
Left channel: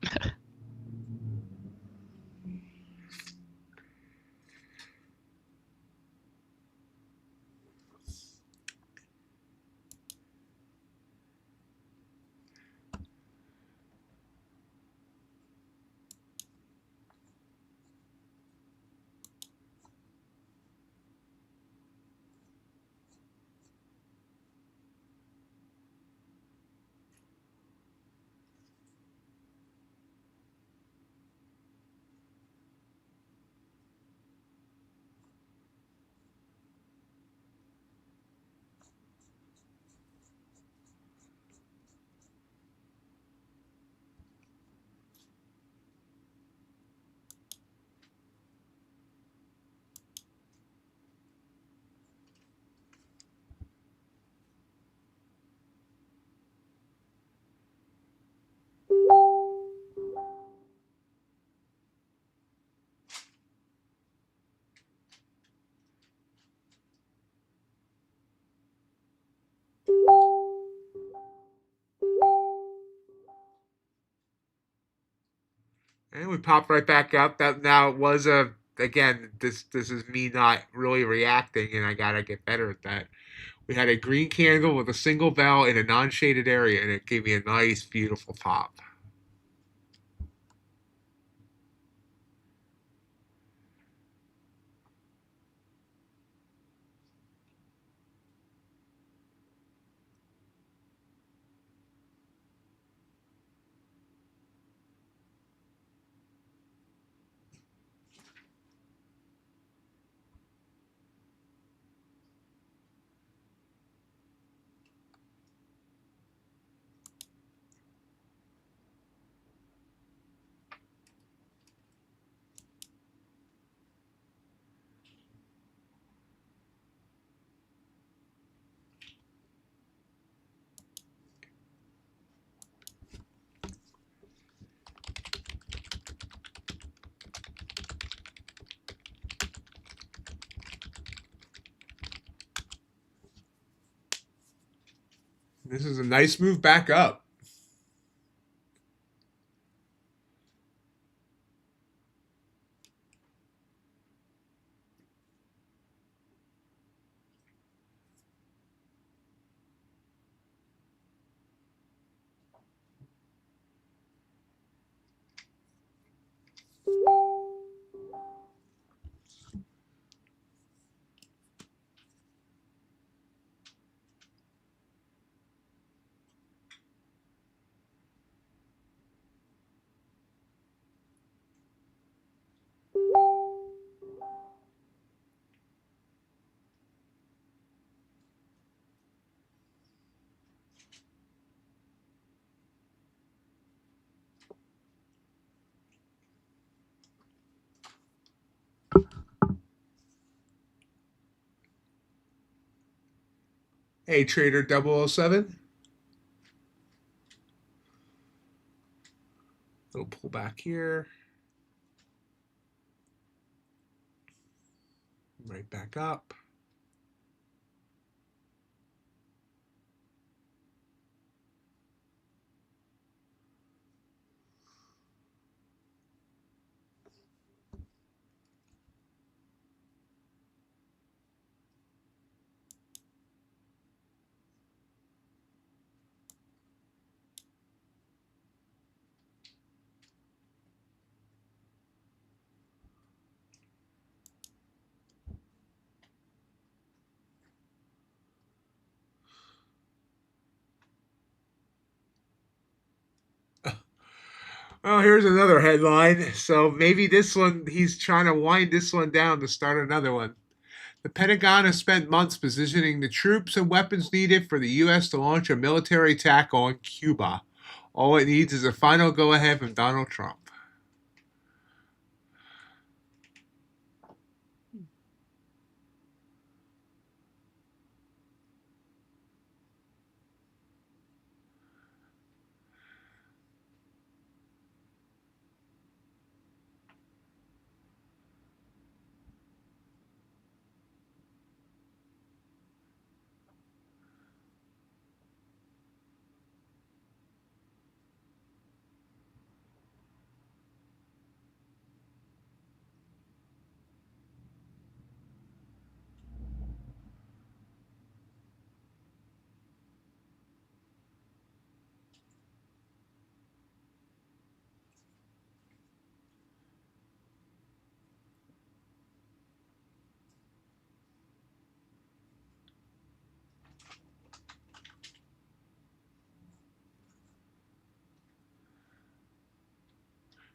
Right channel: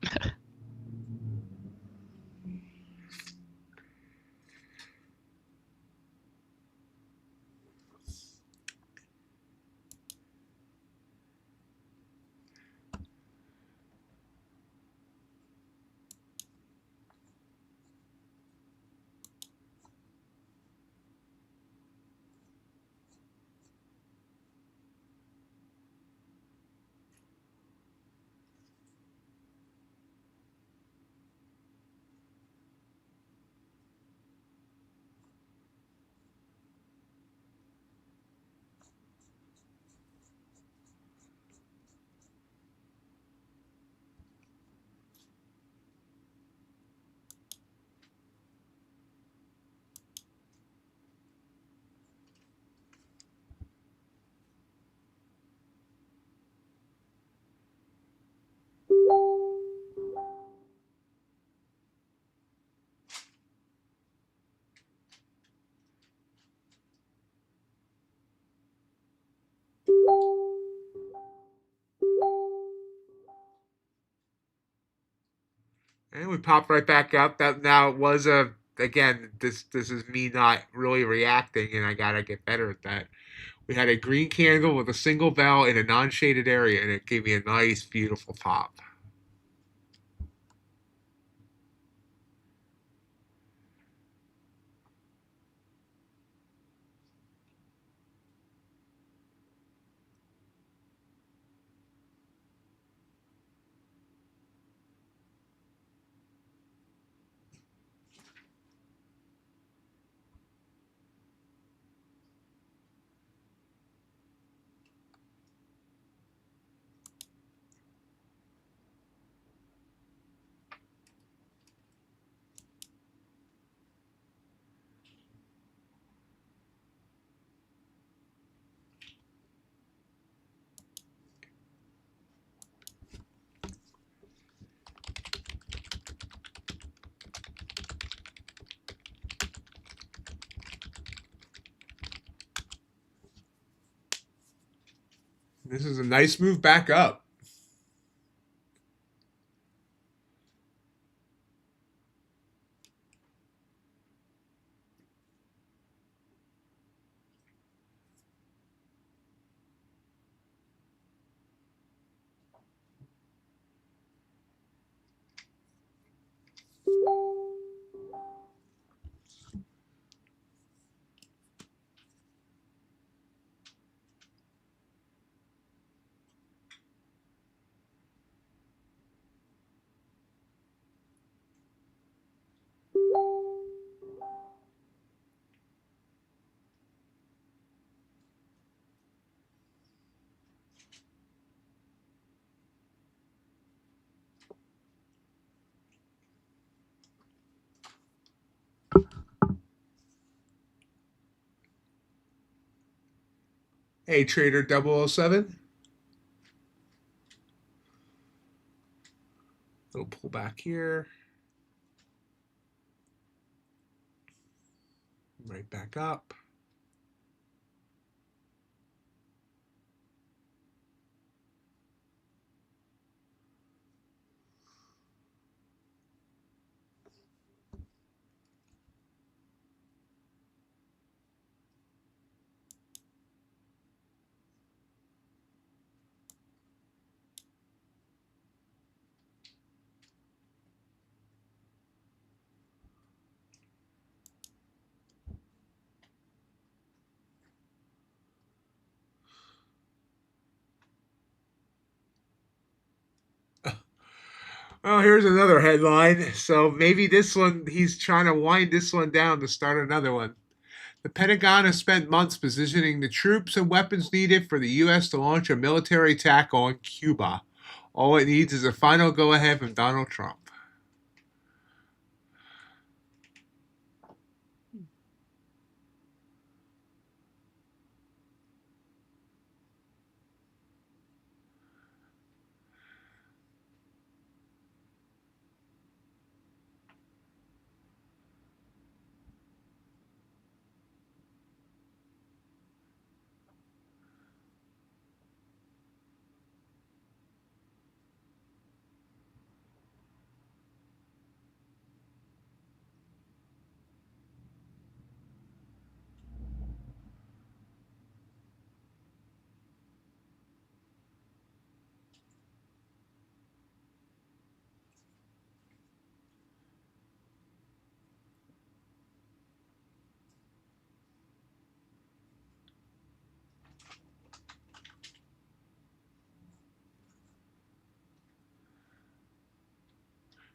And we popped right back up. That now was a again. This is me not really reacting, and I gotta get better at that. We had a green candle with a single bell in a non-shaded area, and it gave me a nice, beautiful pop. This is a nice move back up. Hey, Trader 007. Little pull back here. Right back up. Oh, here's another headline. So maybe this one, he's trying to wind this one down to start another one. The Pentagon has spent months positioning the troops and weapons needed for the U.S. to launch a military attack on Cuba. All it needs is a final go ahead from Donald Trump.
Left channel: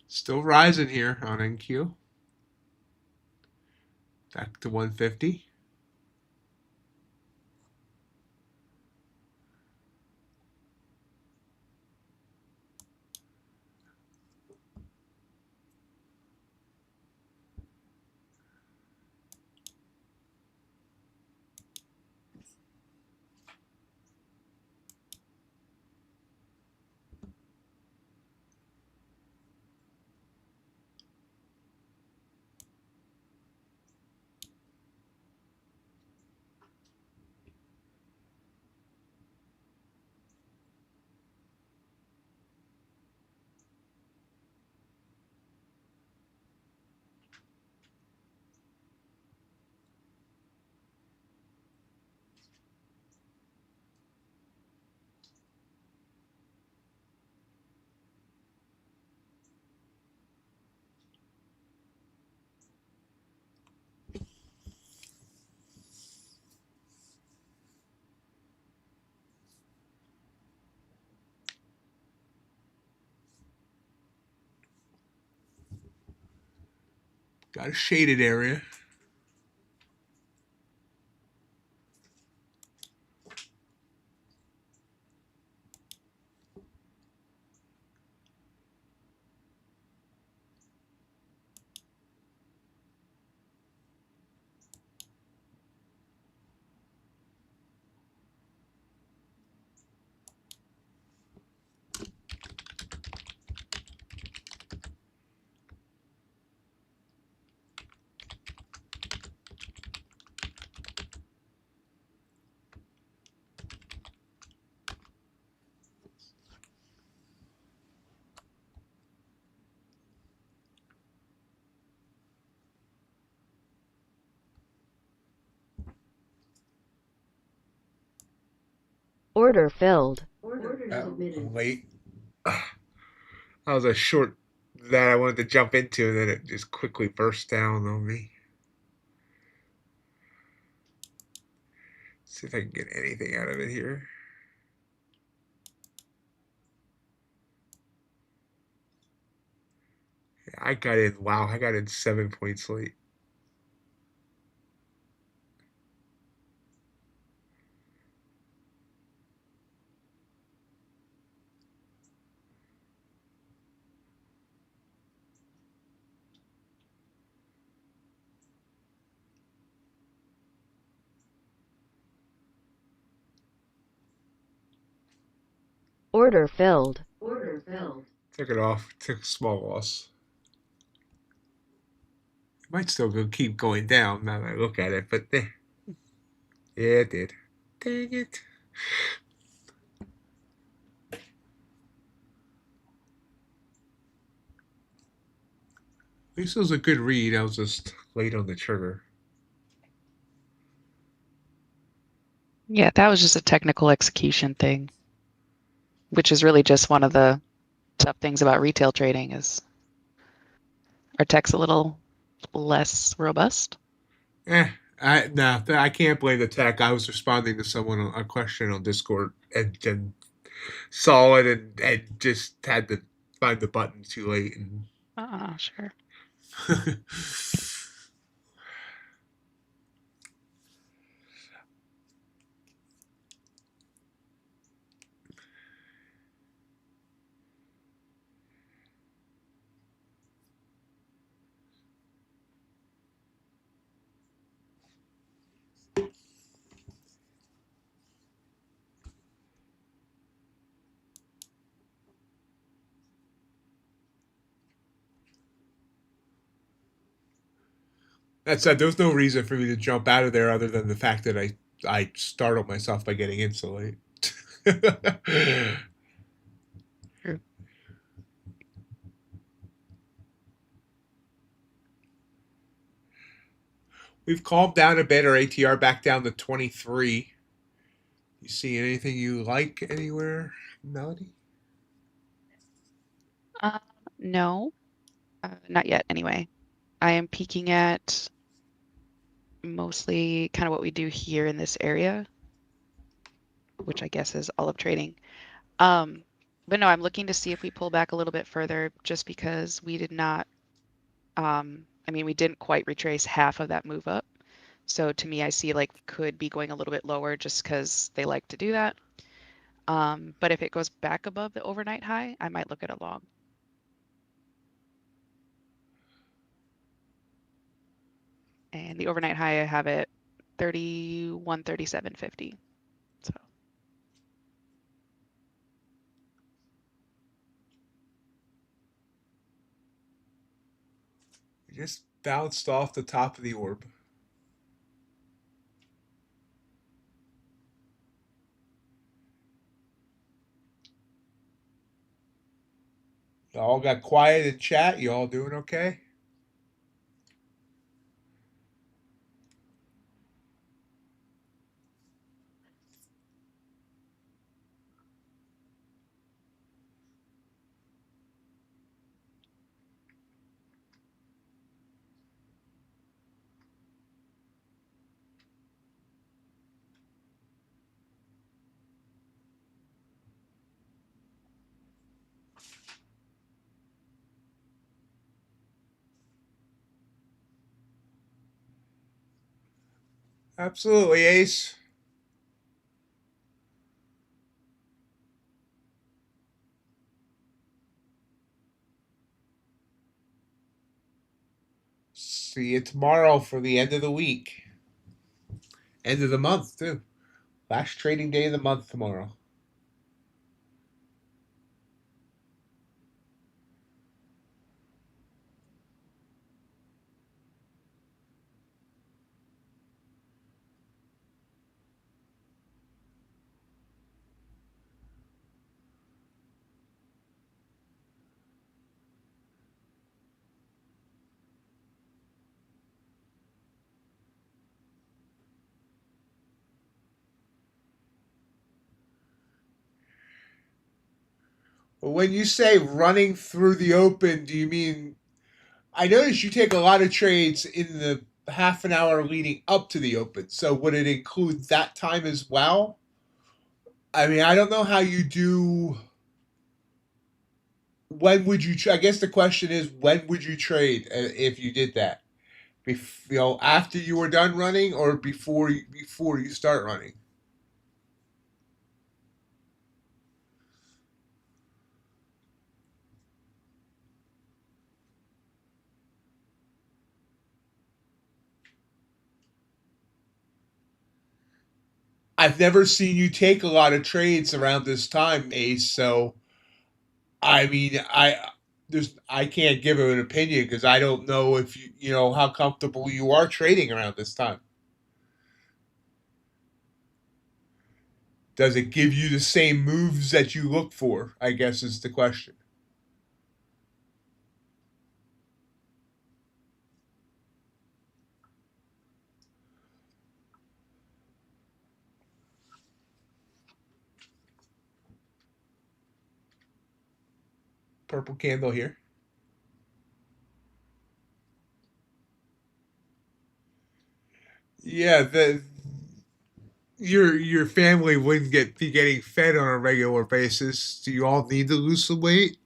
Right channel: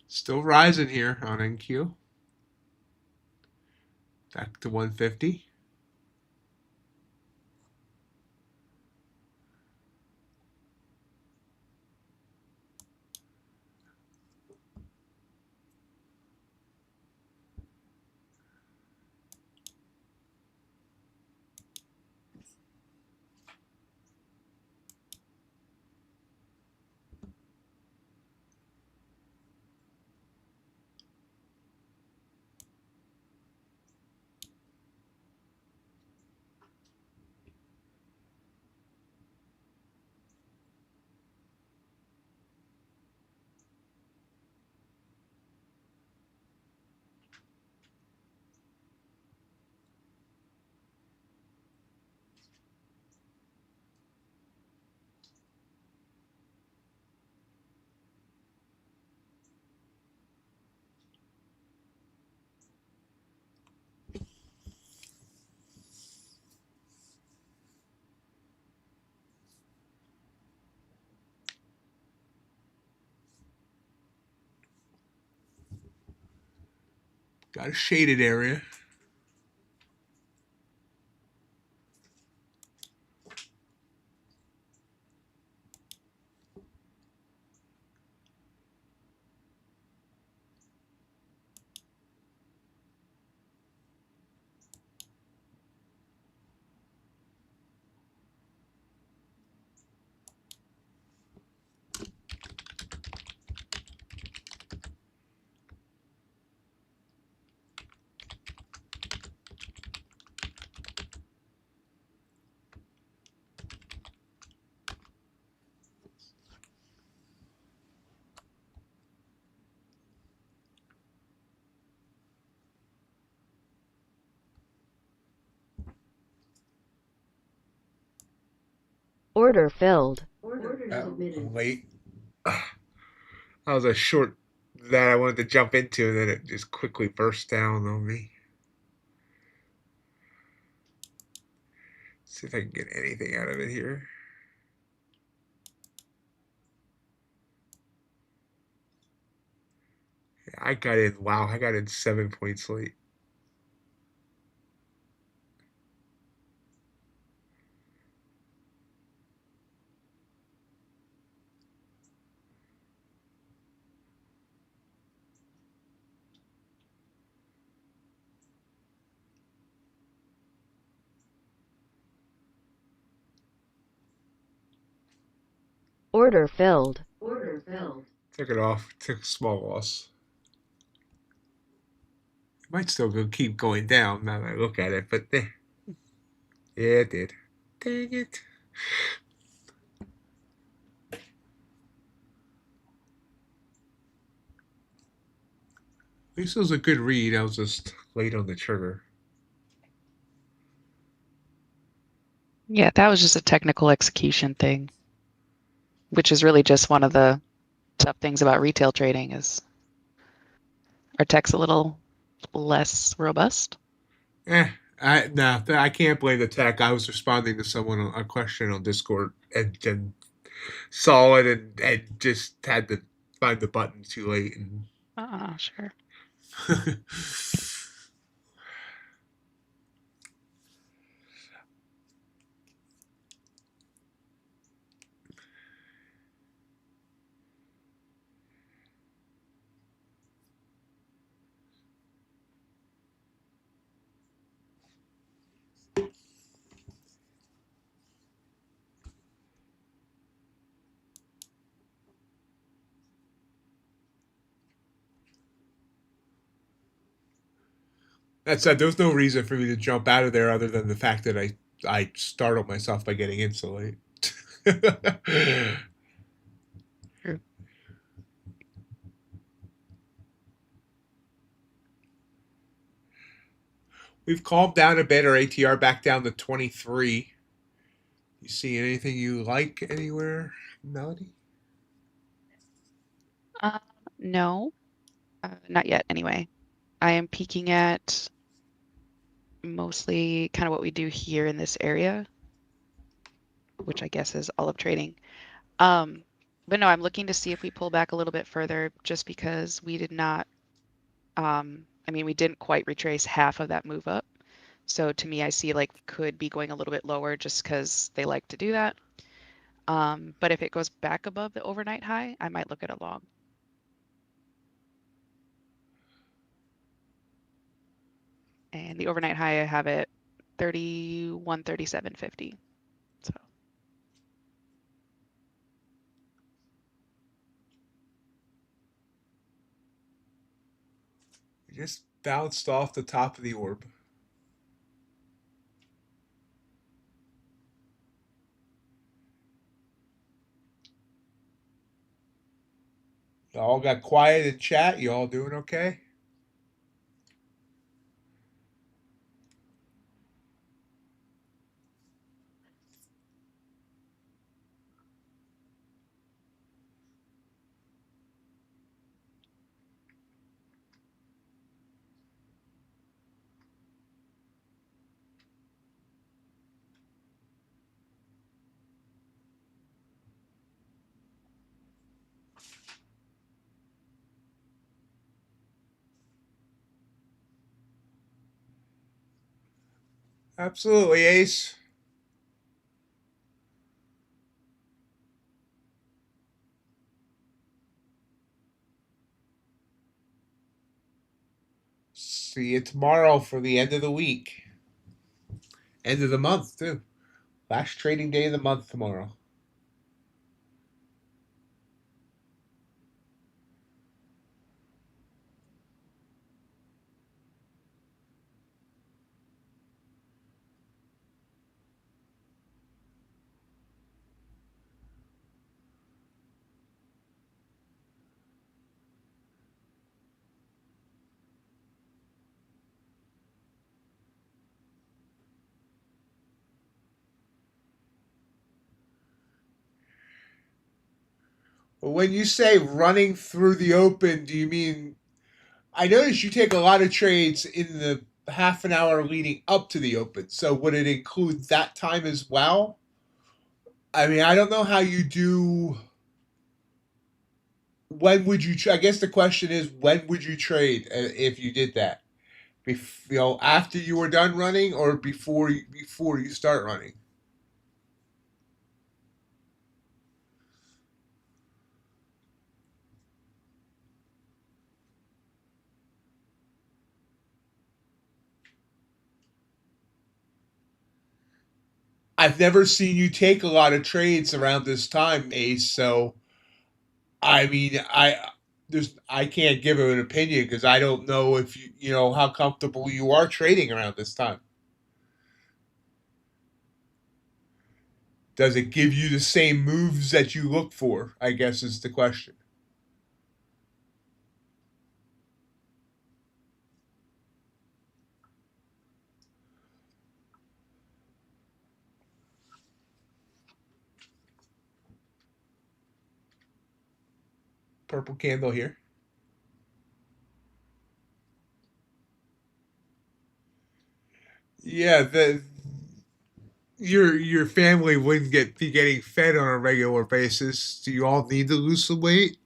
Still rising here on NQ. Back to 150. Got a shaded area. Order filled. Order I'm submitted. late. That was a short that I wanted to jump into, and then it just quickly burst down on me. See if I can get anything out of it here. Yeah, I got in. Wow, I got in 7 points late. Order filled. Order filled. Took it off. Took a small loss. It might still keep going down now that I look at it, but yeah, it did. Dang it. At least it was a good read. I was just late on the trigger. Yeah, that was just a technical execution thing, which is really just one of the tough things about retail trading is our tech's a little less robust. I can't blame the tech. I was responding to someone a question on Discord and saw it and just had to find the button too late and Sure. that said, there was no reason for me to jump out of there other than the fact that I startled myself by getting in so late. True. We've calmed down a bit. Our ATR back down to 23. You see anything you like anywhere, Melody? No, not yet anyway. I am peeking at mostly kind of what we do here in this area, which I guess is all of trading. But no, I'm looking to see if we pull back a little bit further just because we did not, I mean, we didn't quite retrace half of that move up. So to me, I see like we could be going a little bit lower just because they like to do that. But if it goes back above the overnight high, I might look at a long. And the overnight high, I have it 3137.50. So We just bounced off the top of the orb. Y'all got quiet in chat. You all doing okay? Absolutely, Ace. See you tomorrow for the end of the week. End of the month, too. Last trading day of the month tomorrow. When you say running through the open, do you mean? I notice you take a lot of trades in the half an hour leading up to the open. So would it include that time as well? I mean, I don't know how you do. When would you? I guess the question is, when would you trade if you did that? After you were done running, or before you start running? I've never seen you take a lot of trades around this time, Ace. So I mean, I can't give an opinion because I don't know if you know how comfortable you are trading around this time. Does it give you the same moves that you look for? I guess is the question. Purple candle here. Yeah, the your family wouldn't be getting fed on a regular basis. Do you all need to lose some weight?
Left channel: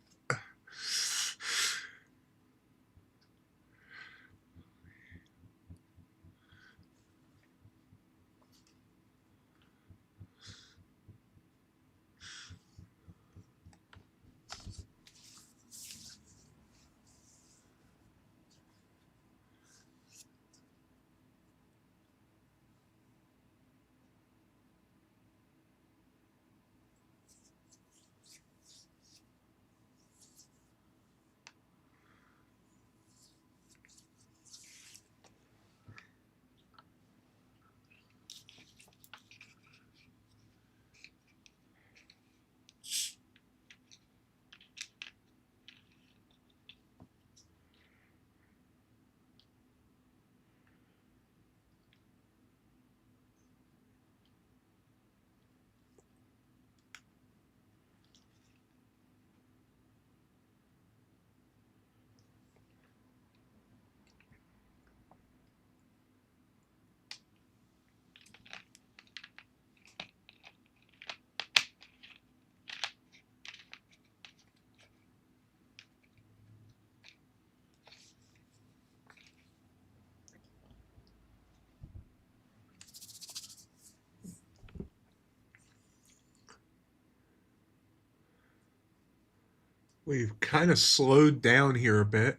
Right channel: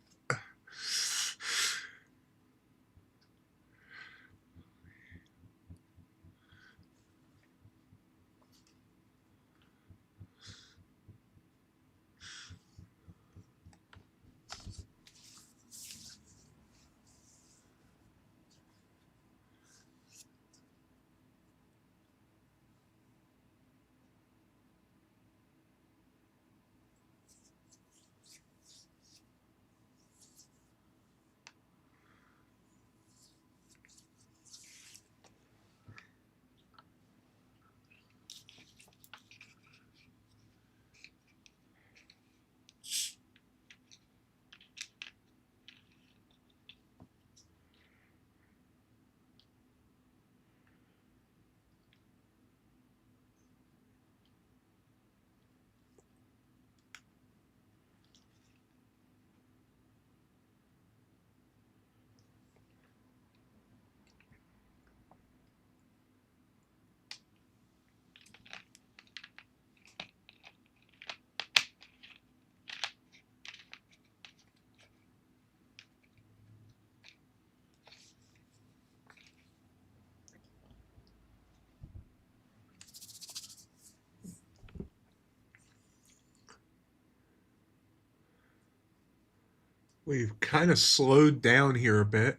We've kind of slowed down here a bit.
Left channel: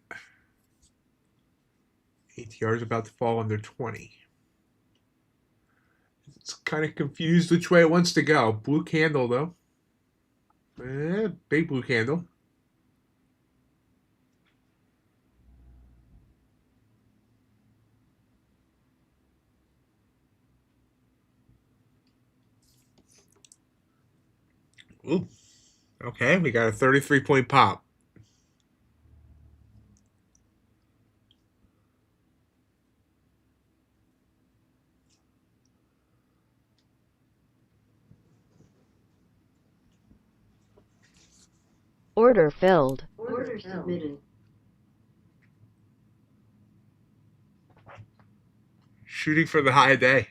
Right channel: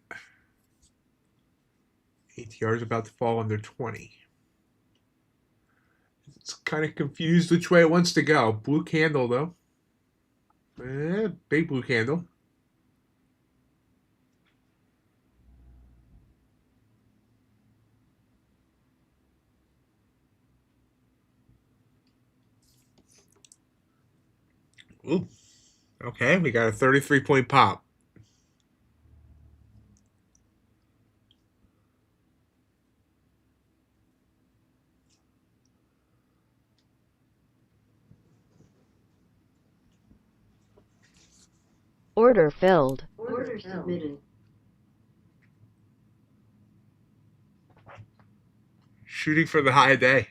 ATR is about to fall under 20. It's kind of confused which way it wants to go. Blue candle though. Big blue candle. Ooh. Okay, we got a 33-point pop. Order filled. Order submitted. Shooting for the high day.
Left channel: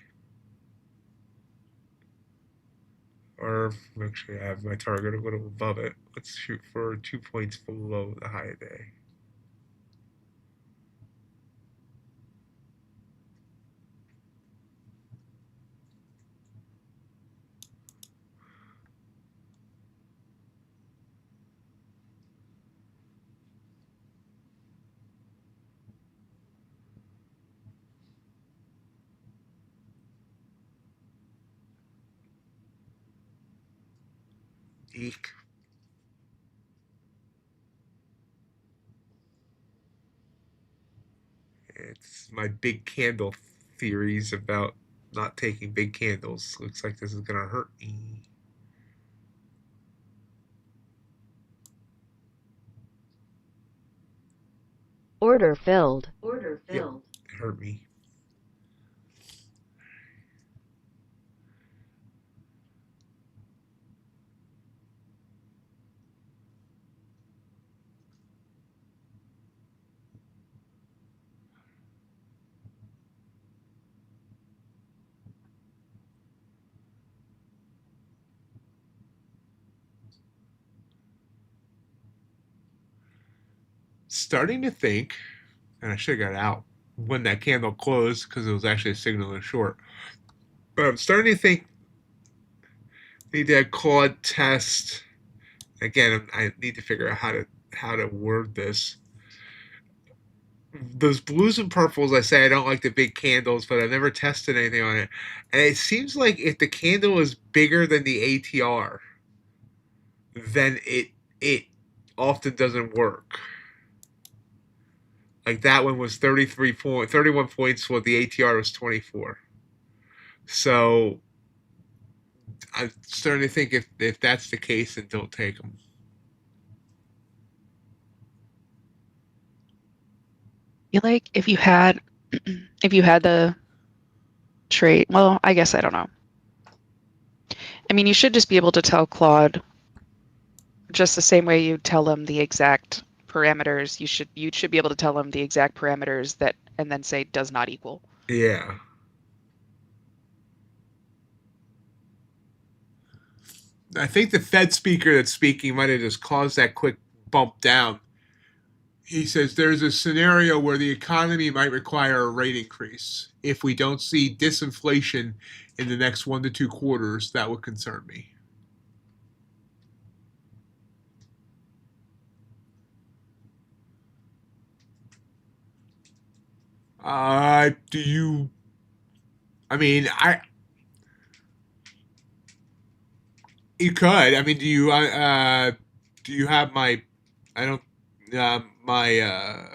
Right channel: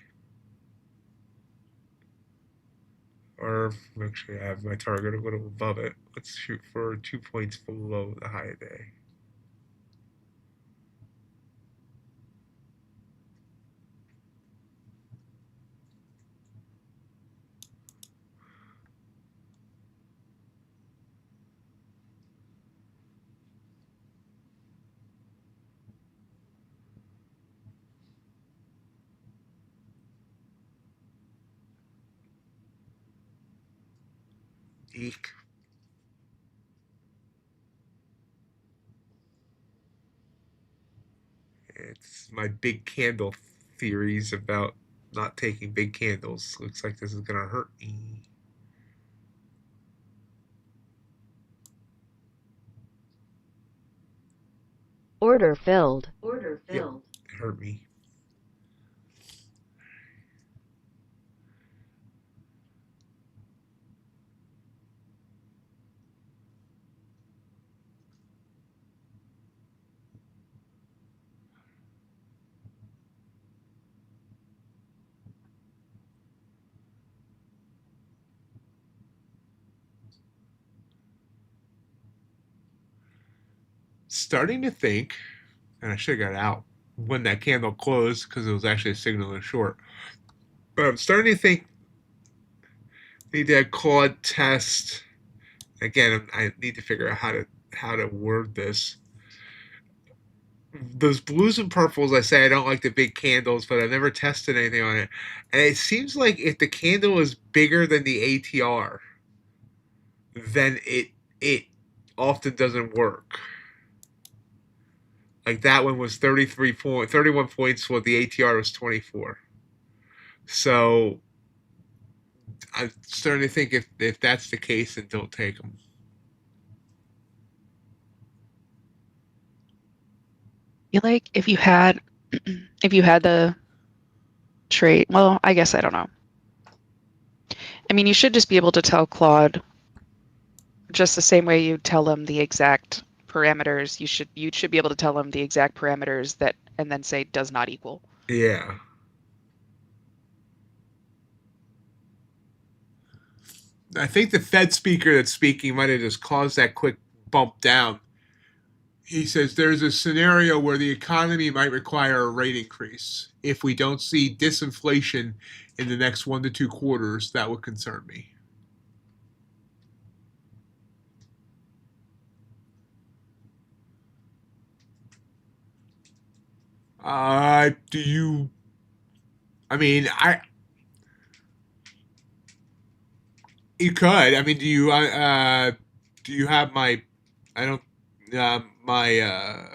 Or actually, I have my target a little above it. Let's shoot for 2 points below the high day. Eek. It's my big candle theories about not taking big candles. Looks like this is gonna hurt me. Order filled. Order Yep, filled. it hurt me. starting to think, and I should have got out when that candle closed because it was actually a signal in short. But I'm starting to think need to Claude test again. I need to figure out how to word this. Those blues and purples, I say I don't like the big candles, but I've never tested anything on it. And it seems like if the candle is bigger than the ATR, then it often doesn't work. Like that one was 31 points, while the ATR was 24. So I'm starting to think if that's the case, then don't take them. feel like if you had if you had the trade, well, I guess I don't know. I mean, you should just be able to tell Claude just the same way you tell them the exact parameters. You should be able to tell them the exact parameters that and then say does not equal. Yeah. I think the Fed speaker that's speaking might have just caused that quick bump down. He says there's a scenario where the economy might require a rate increase. If we don't see disinflation in the next 1 to 2 quarters, that would concern me. Do you? I mean, you could. I mean, do you have my? I don't. My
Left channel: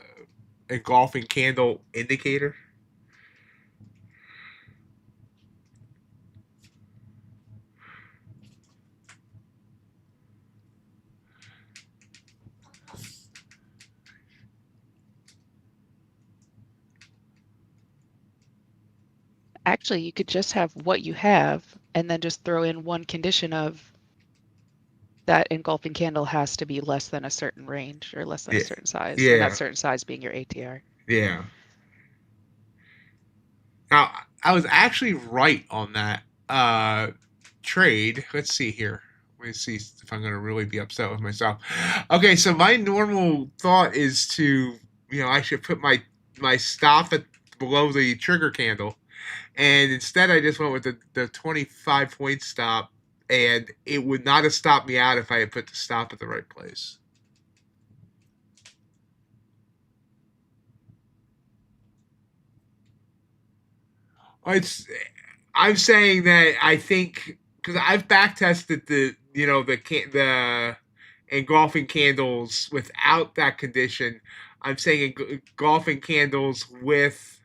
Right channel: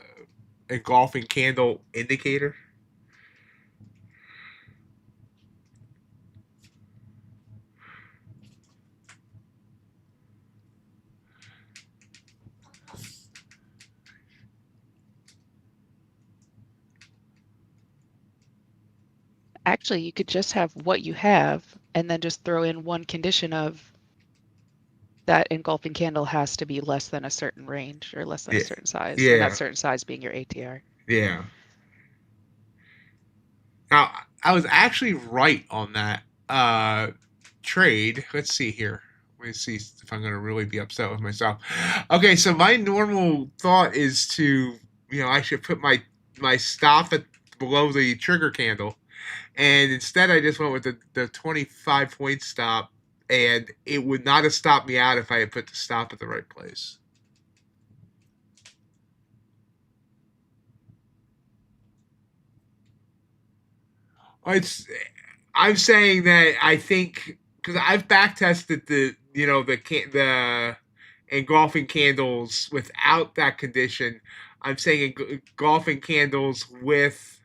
engulfing candle indicator. Actually, you could just have what you have and then just throw in one condition of that engulfing candle has to be less than a certain range or less than a Yeah. certain size, and that Yeah. certain size being your ATR. Yeah. Now, I was actually right on that trade. Let's see here. Let me see if I'm going to really be upset with myself. Okay, so my normal thought is to, I should put my stop at below the trigger candle, and instead I just went with the 25 point stop, and it would not have stopped me out if I had put the stop at the right place. It's I'm saying that I think because I've back tested the engulfing candles without that condition. I'm saying engulfing candles with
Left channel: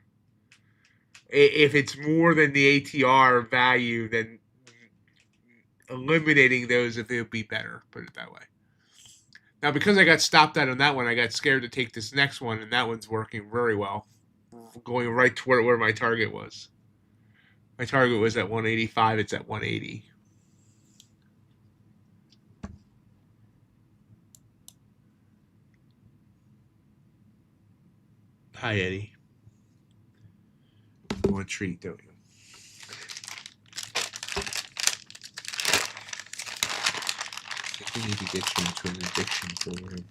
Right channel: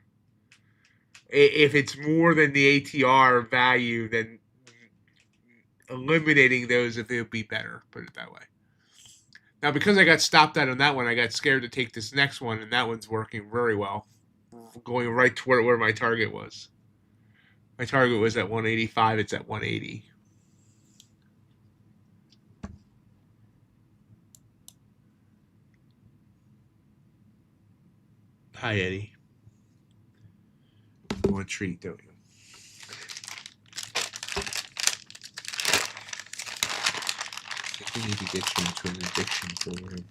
if it's more than the ATR value, then eliminating those if it would be better. Put it that way. Now, because I got stopped out on that one, I got scared to take this next one, and that one's working very well, going right toward where my target was. My target was at 185. It's at 180. Hi, Eddie. You want a treat, don't you? I think we need to get you into an addiction program.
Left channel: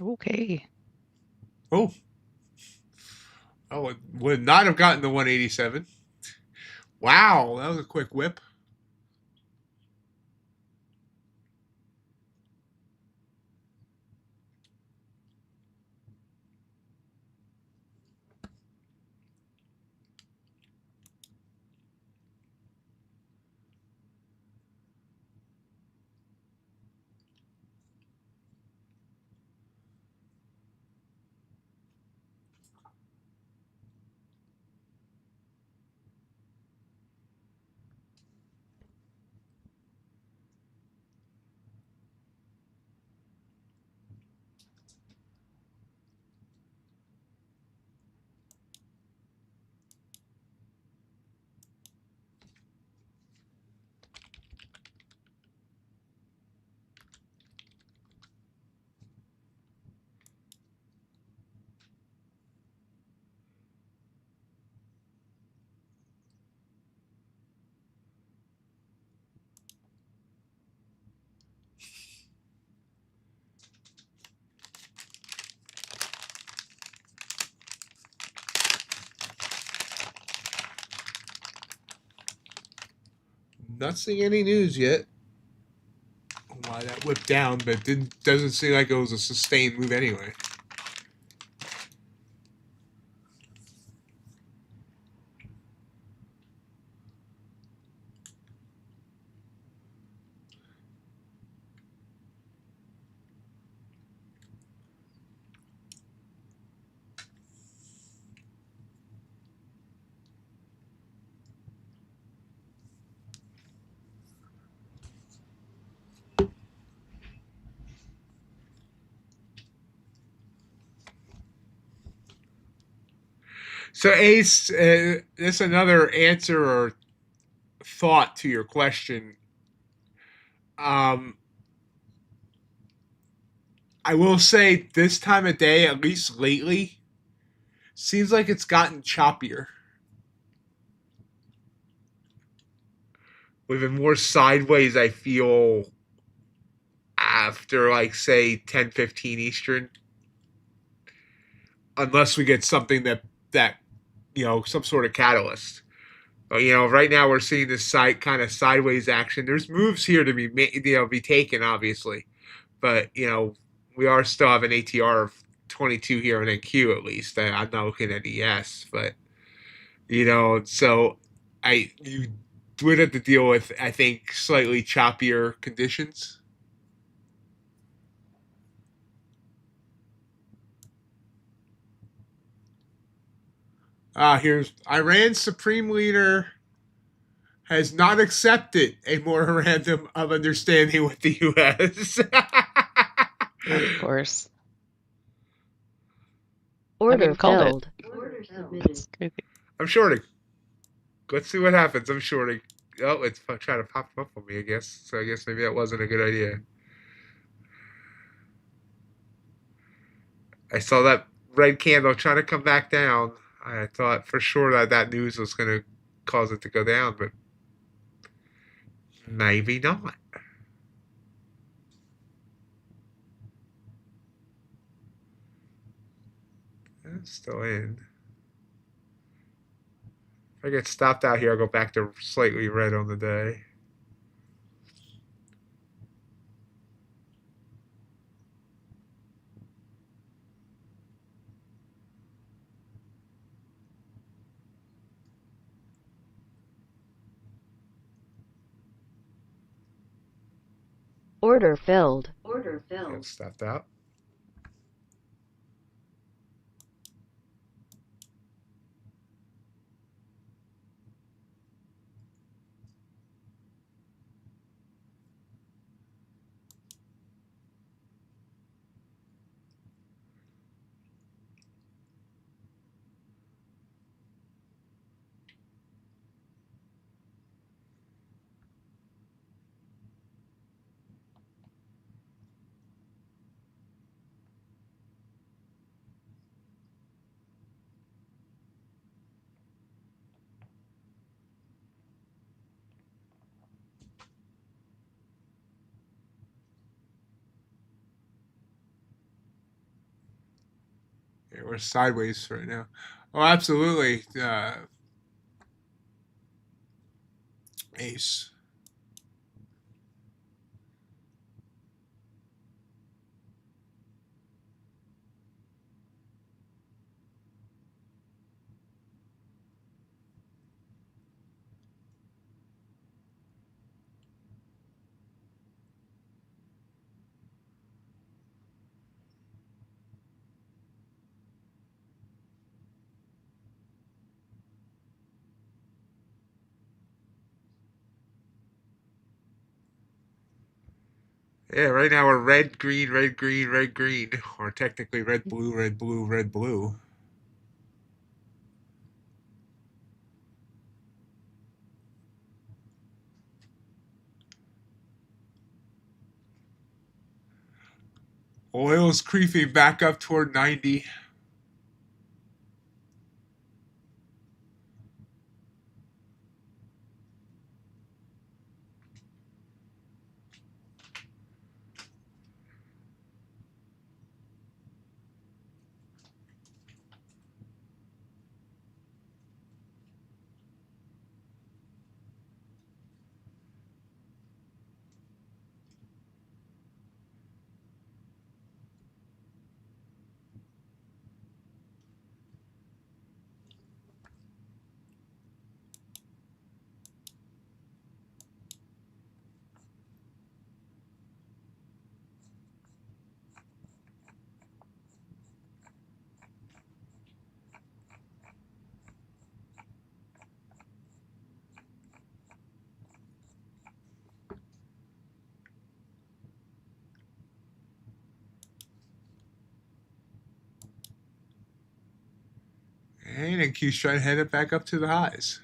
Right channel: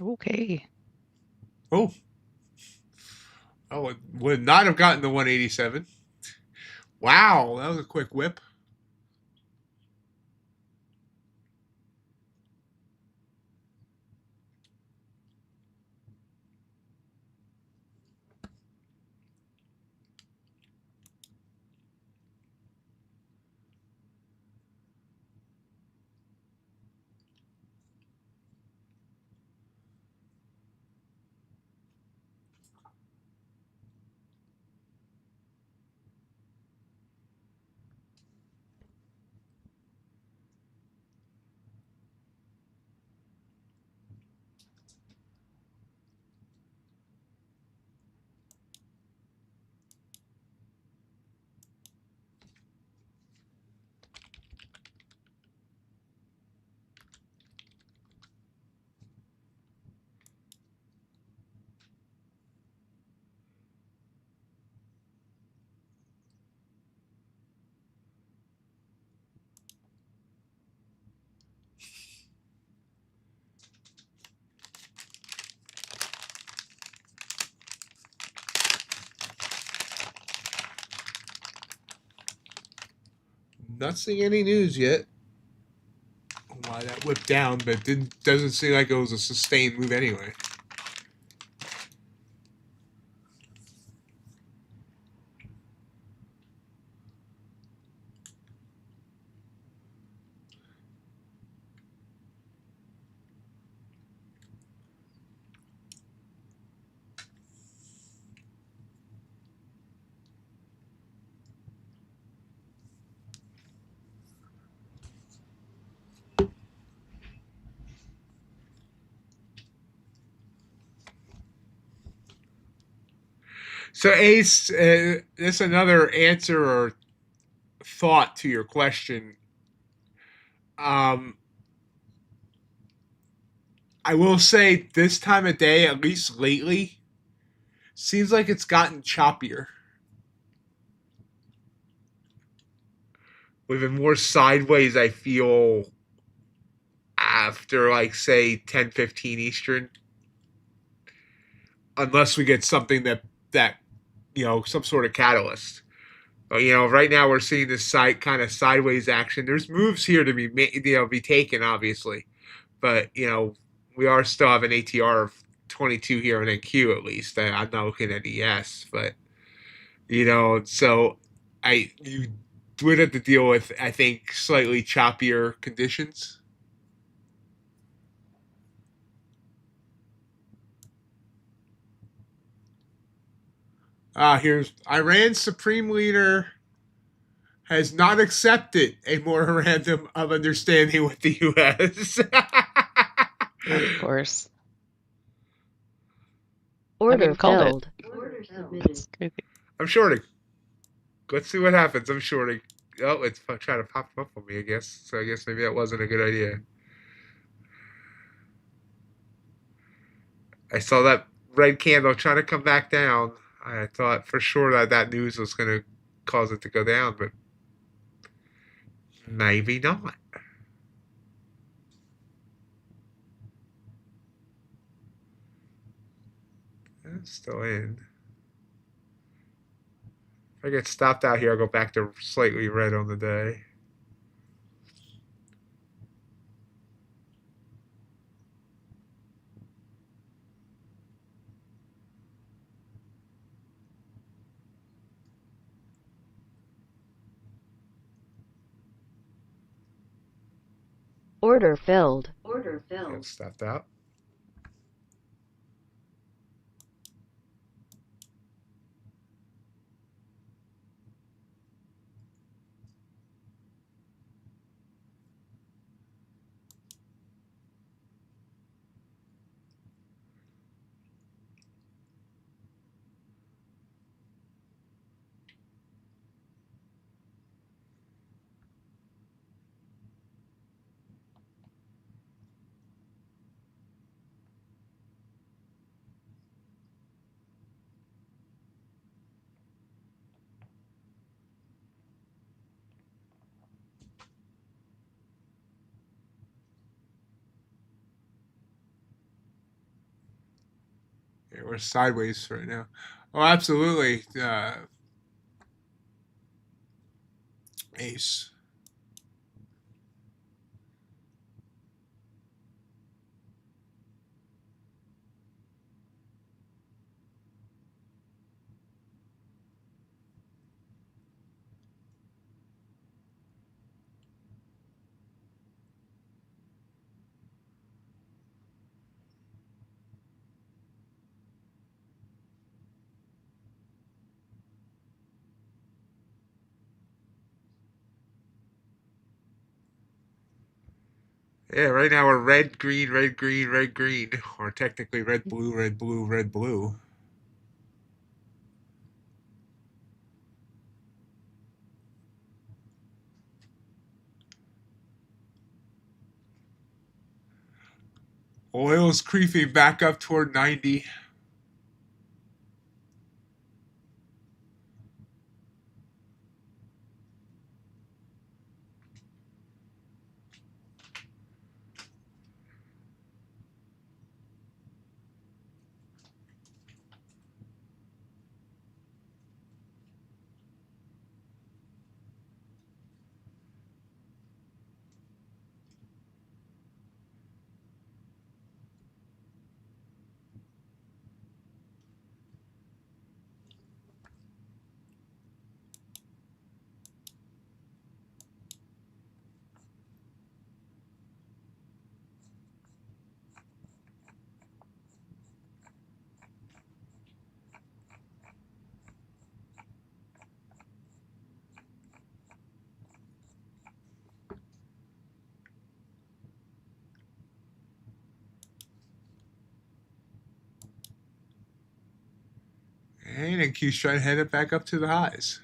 Okay. Oh, it would not have gotten the 187. Wow, that was a quick whip. not seeing any news yet. Why that whipped down, but doesn't seem like it was a sustained move anyway. So Ace, that's another answer or thought to your question. I will say this time of day, at least lately, seems like it's gotten choppier. We've been more sideways, I feel, after like say 10:15 Eastern. Unless we get something that some sort of catalyst. But, right now we're seeing this side kind of sideways action. There's moves here to be taken, obviously, but we are still have an ATR of 22 here in NQ at least. I'm not looking at ES, but so you would have to deal with, I think, slightly choppier conditions. Here's Iran's supreme leader has not accepted a memorandum of understanding with the U.S. Of course. Order called it. filled. Order submitted. That's crazy. I'm shorting. Let's see what happens. I'm shorting. Oh, it's trying to pop up on me, I guess. So I guess maybe that wasn't a good idea. I saw that red candle trying to come back down. I thought for sure that news was going to cause it to go down, but maybe not. It's still in. If I get stopped out here, I'll go back to slightly red on the day. Order filled. Order Get filled. stopped out. Yeah, we're sideways right now. Oh, absolutely. Ace. Yeah, right now we're red, green, red, green, red, green. Or technically red, blue, red, blue, red, blue. Oil's creeping back up toward 90. And then keeps trying to head it back up to the highs.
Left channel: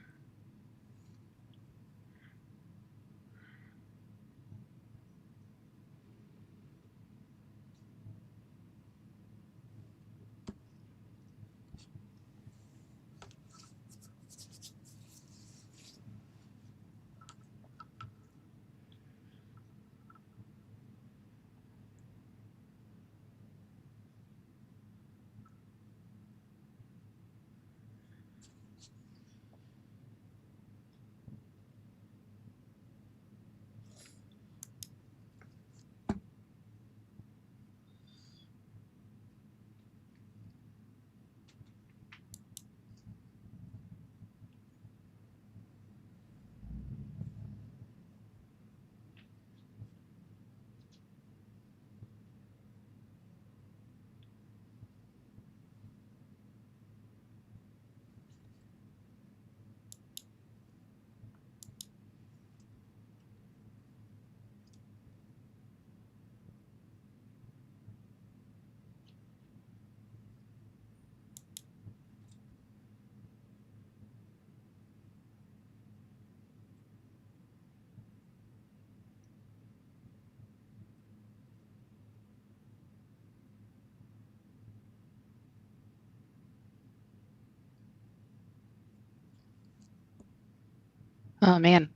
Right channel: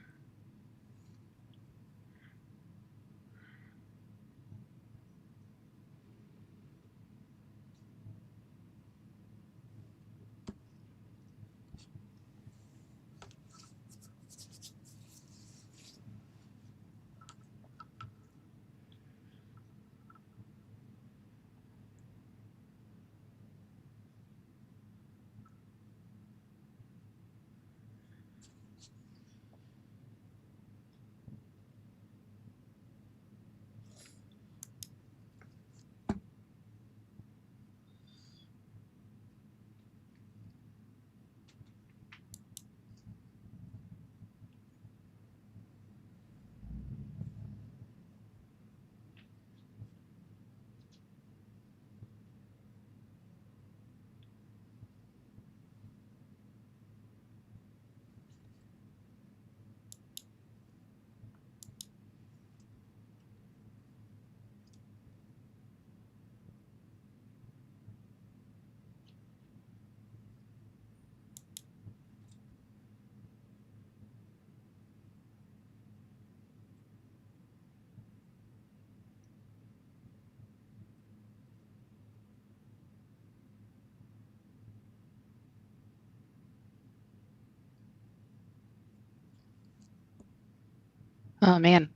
Oh man,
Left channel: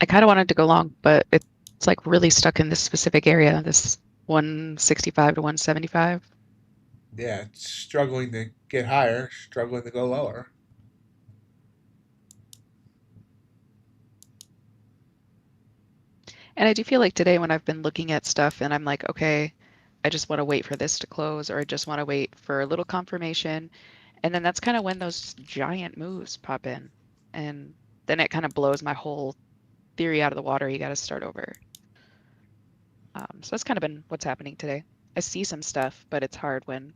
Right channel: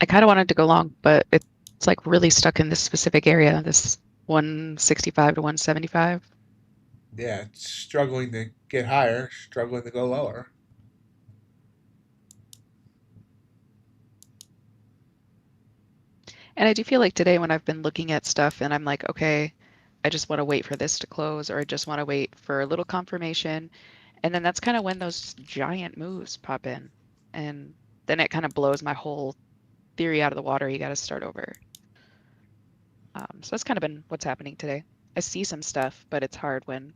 I kind of wanted to go long, but it's like really stuck in this specific area, this 165 to 175. Yeah, it's struggling to get higher, struggling to go lower. And I do feel like today when I've been looking at stuff and I'm like, okay, I just want to wait for this to close, or I just want to wait for a little confirmation. And then that's kind of when those giant moves pop in. And then it kind of blows my whole theory out of the water. You got to start over. So that's kind of been what's happening today. I see some stuff, but it's hard when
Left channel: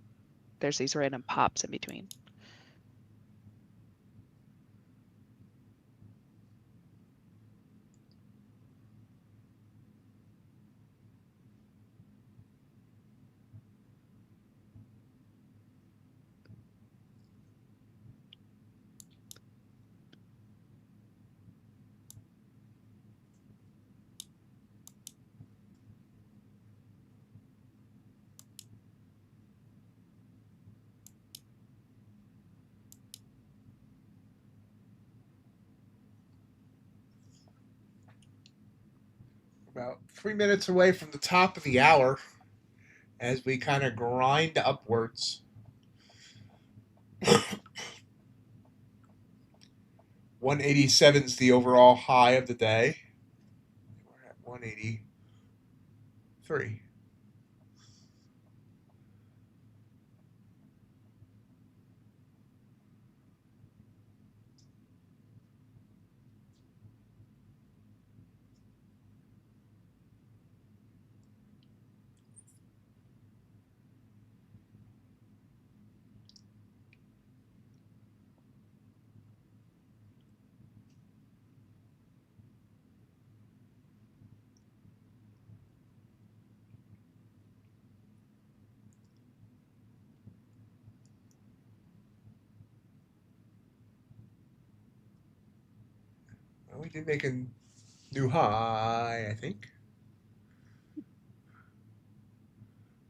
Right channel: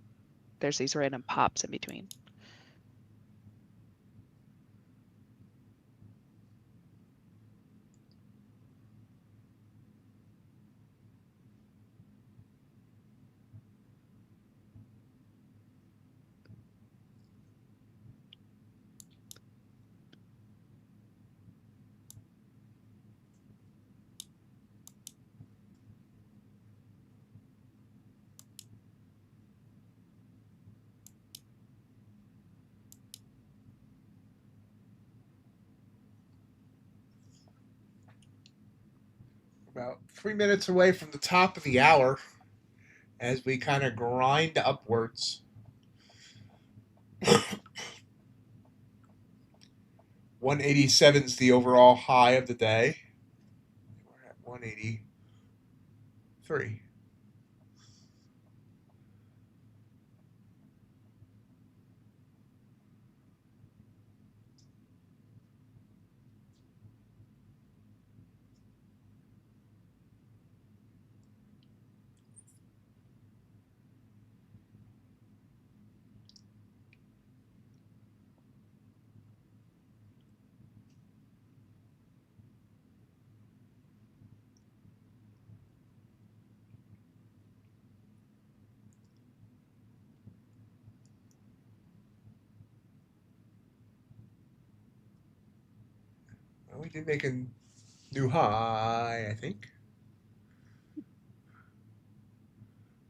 there's these random pops in between. About 3 minutes away from the top of the hour as we kind of grind upwards. 187 is the overall high of the day. We're at 183. Well, we did make a new high, I think.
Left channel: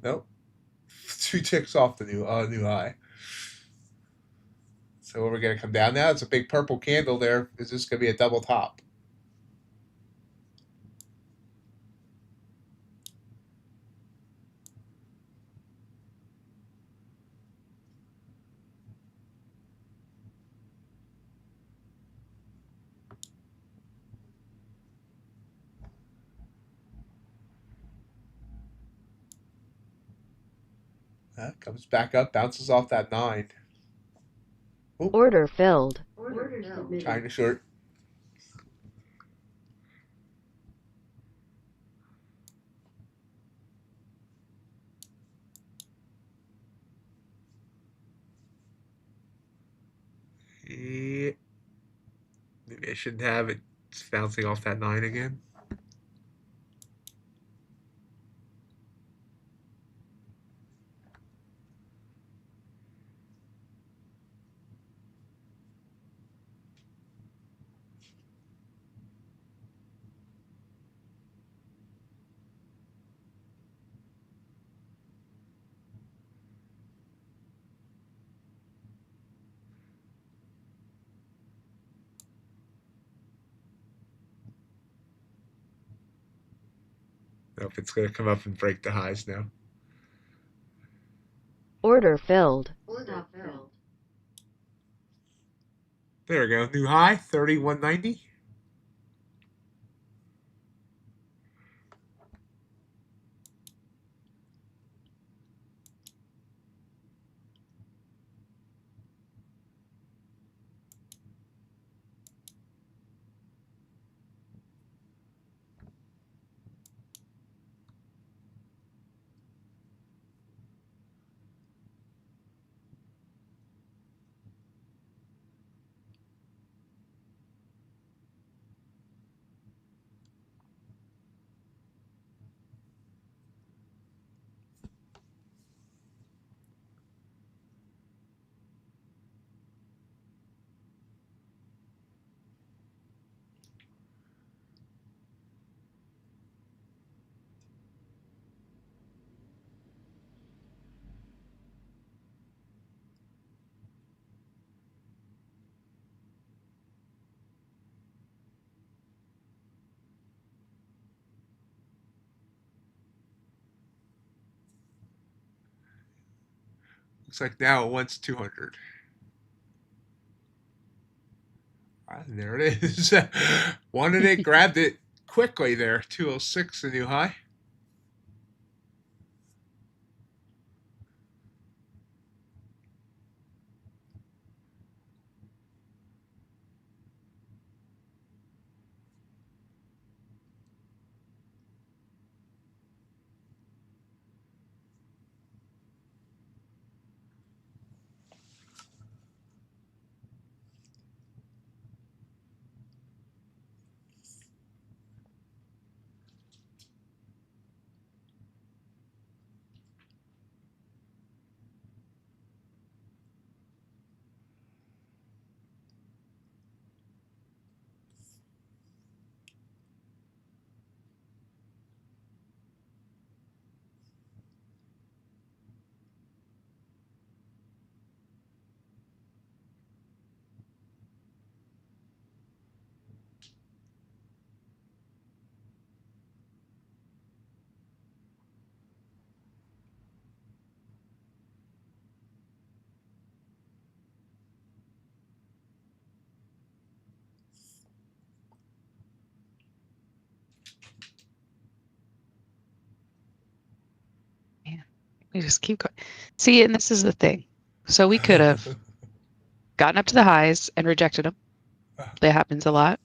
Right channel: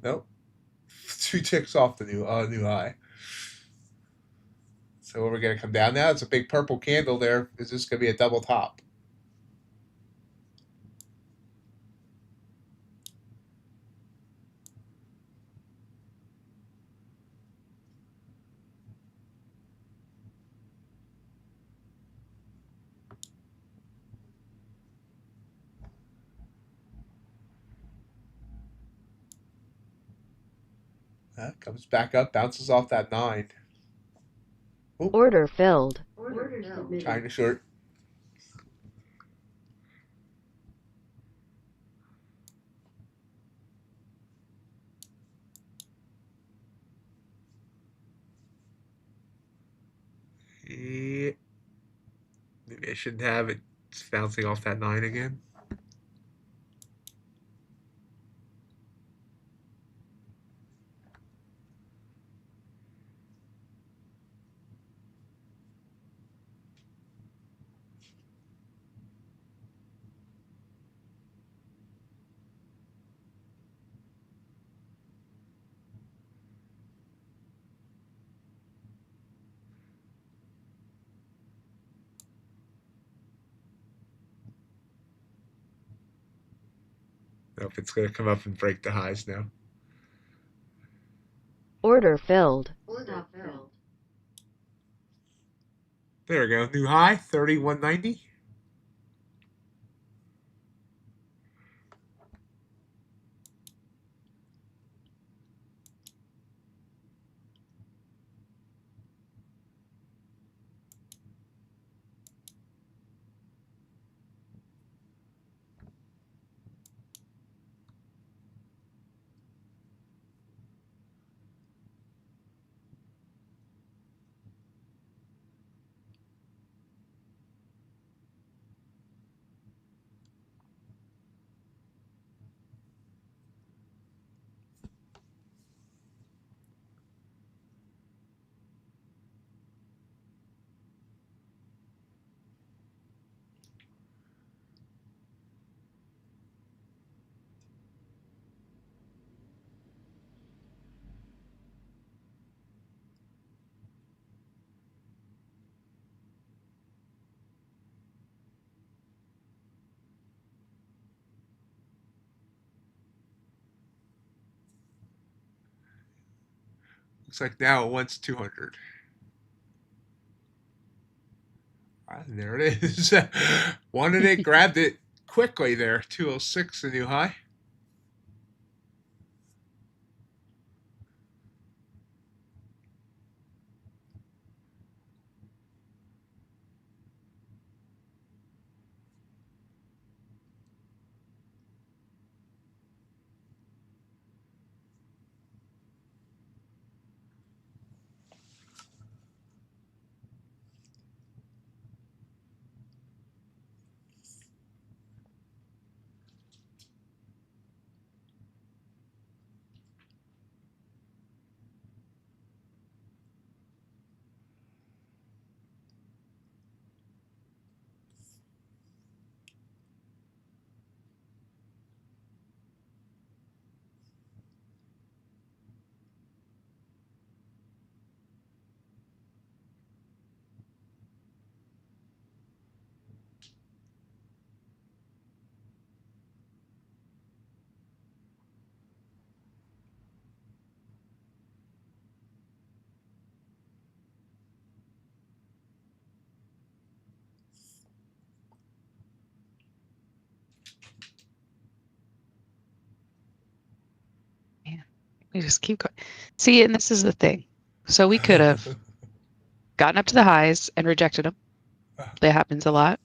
Nope. 2 ticks off the new high. So we're going to come down now. It's a big purple candle there. Is this going to be a double top? Comes back up, bounces off that 9. Oop, Order filled. Order submitted. trying to short. Yeah. Maybe I shouldn't have it. It's bouncing off that 9 again. Nope, it's going to come up and break the highs now. Order filled. Stop filled. There we go. New high, 31.90. Looks like now it wants 200. And there it is. Wanted it, grabbed it quickly there. 206, the new high. Man, we just keep going. See, and this is the thing. So we could have gotten up to the highs and rejected them. That happens a lot.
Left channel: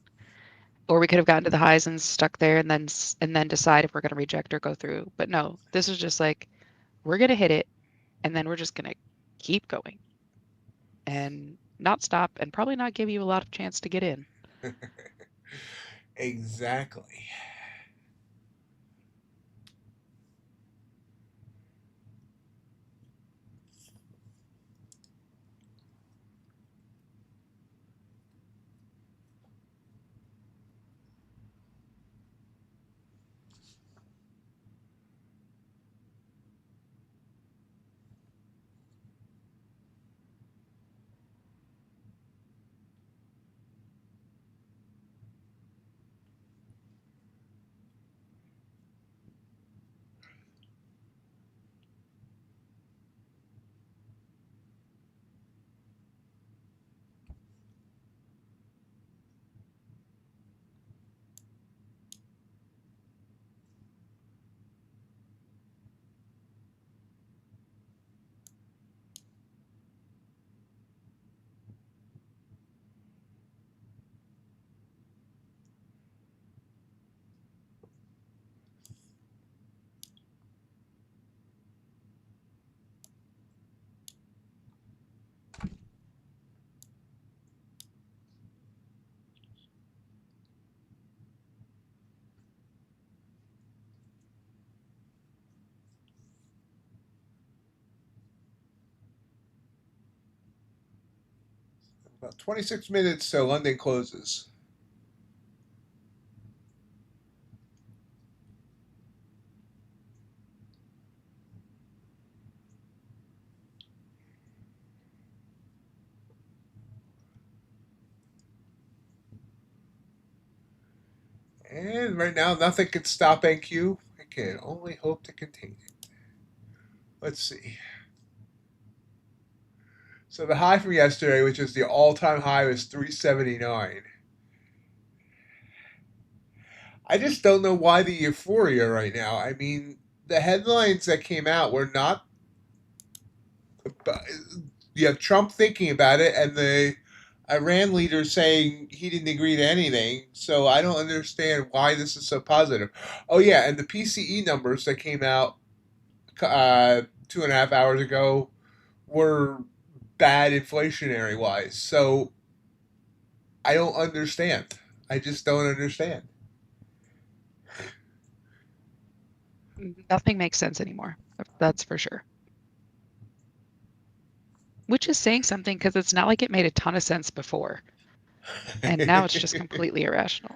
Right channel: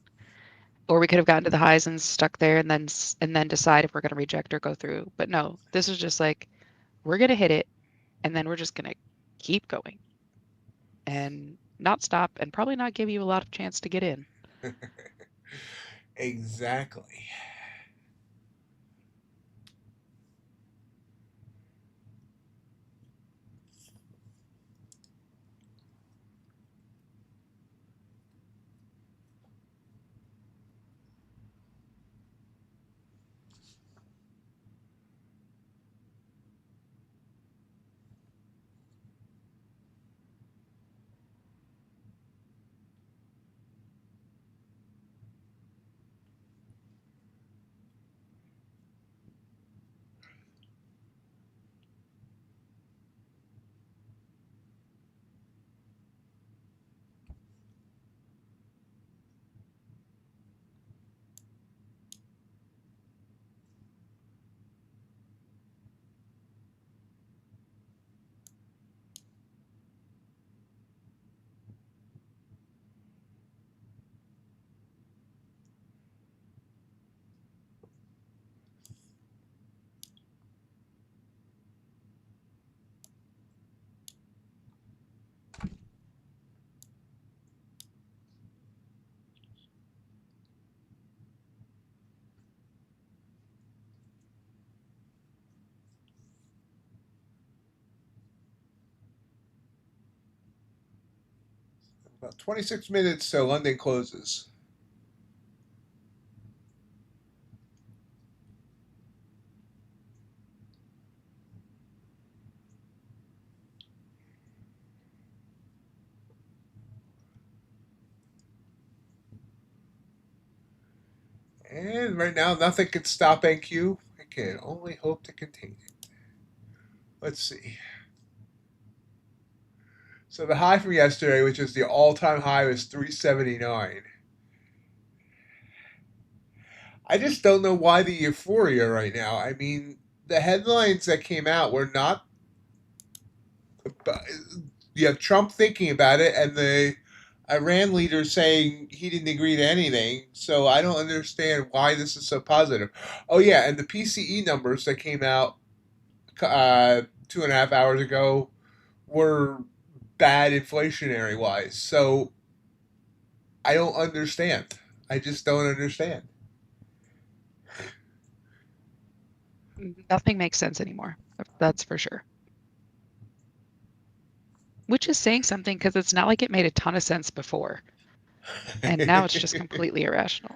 Or we could have gotten to the highs and stuck there and then decide if we're going to reject or go through. But no, this is just like we're going to hit it and then we're just going to keep going and not stop and probably not give you a lot of chance to get in. Exactly. About 26 minutes so London closes. And right now, nothing can stop NQ. can only hope to contain it. Let's see. So the high from yesterday, which is the all-time high, was 379. I just don't know why the euphoria right now. I mean, the headlines that came out were not. You have Trump thinking about it, and the Iran leader saying he didn't agree to anything. So I don't understand why this is so positive. Oh yeah, and the PCE numbers that came out 2.5 hours ago were bad inflationary wise. So I don't understand. I just don't understand. Nothing makes sense anymore. That's for sure. Which is saying something because it's not like it made a ton of sense before. And now it's just completely irrational.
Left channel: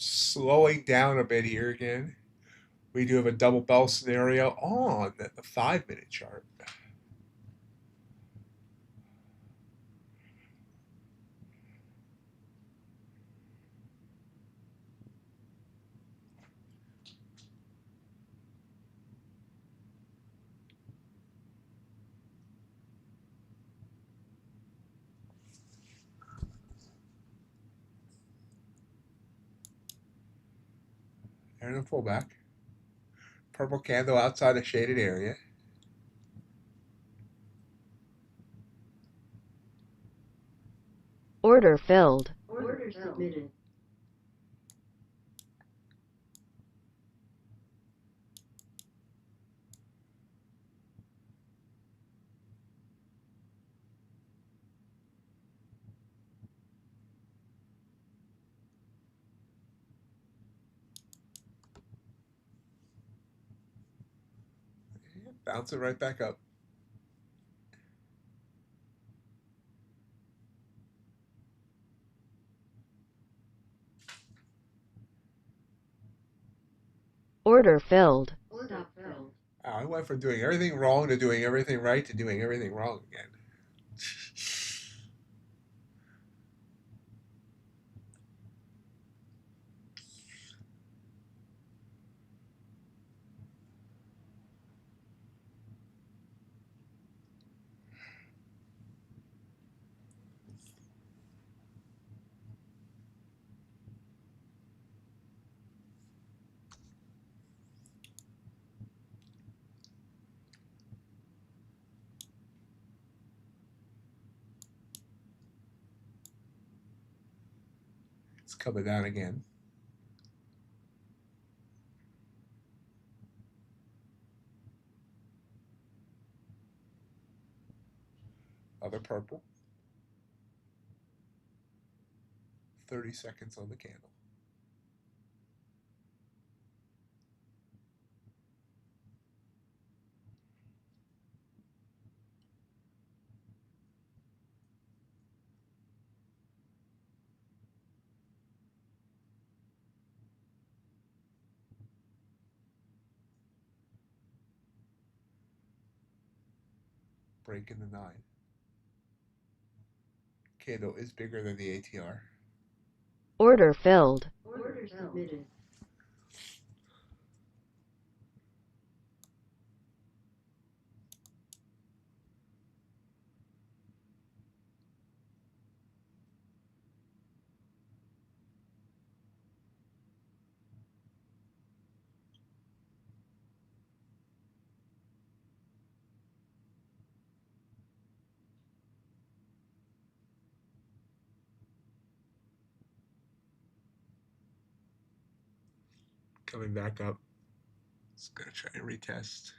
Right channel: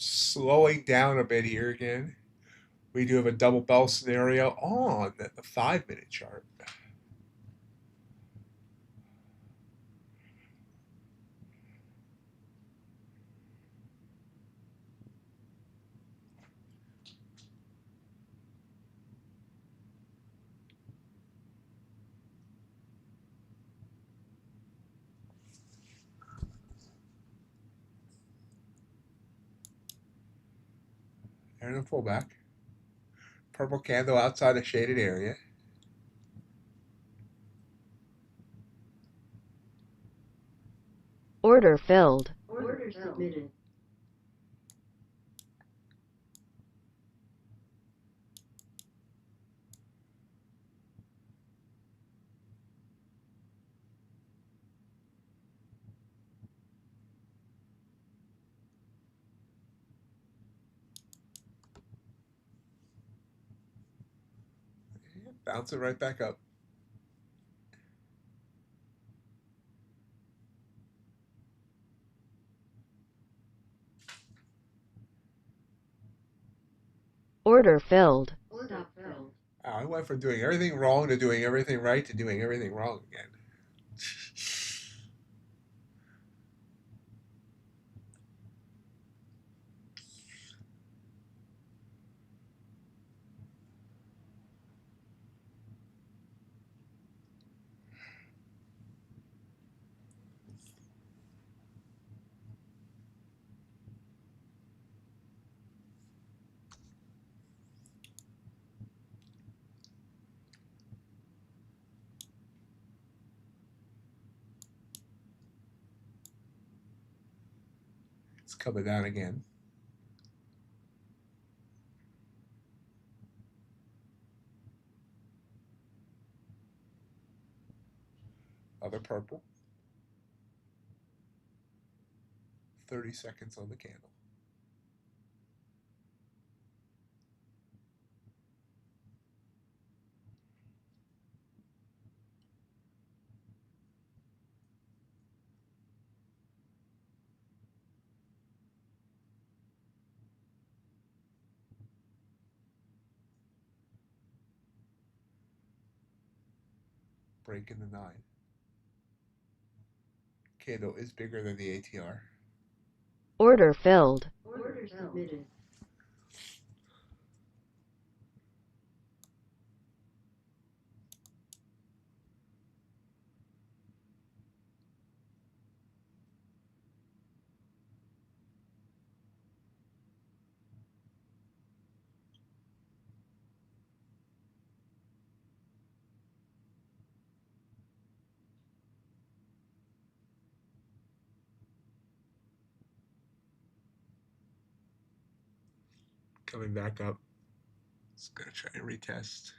Slowing down a bit here again. We do have a double bell scenario on the 5 minute chart. And a pullback. Purple candle outside a shaded area. Order filled. Order submitted. Bounce it right back up. Order filled. Stop filled. I went from doing everything wrong to doing everything right to doing everything wrong again. It's coming down again. Other purple. 30 seconds on the candle. Break in the 9. Candle is bigger than the ATR. Order filled. Order submitted. Coming back up. Just gonna try and retest.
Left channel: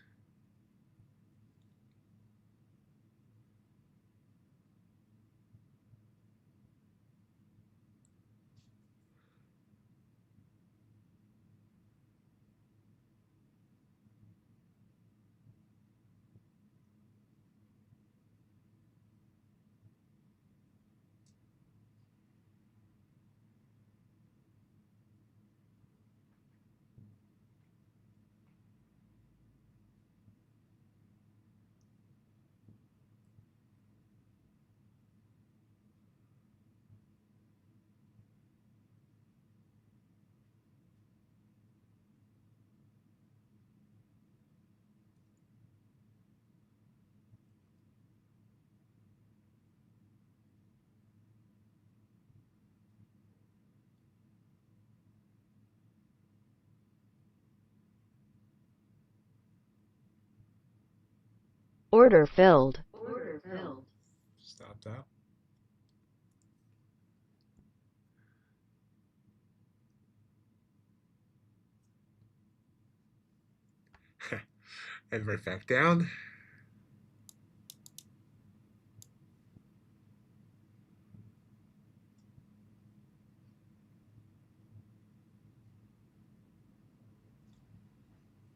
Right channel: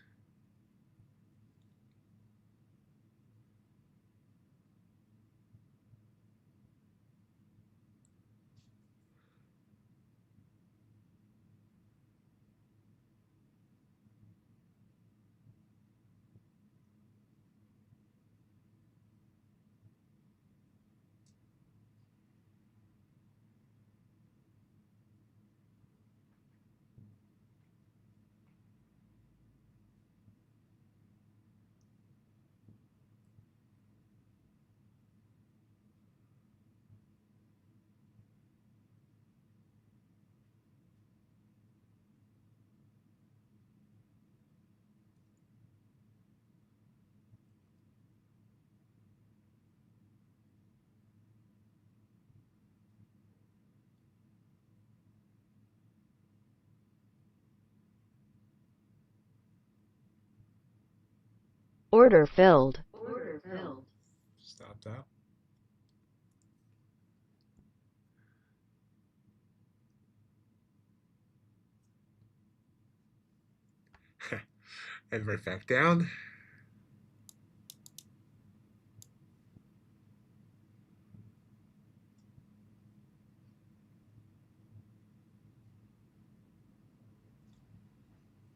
Order filled. Order filled. Stop that. And right back down.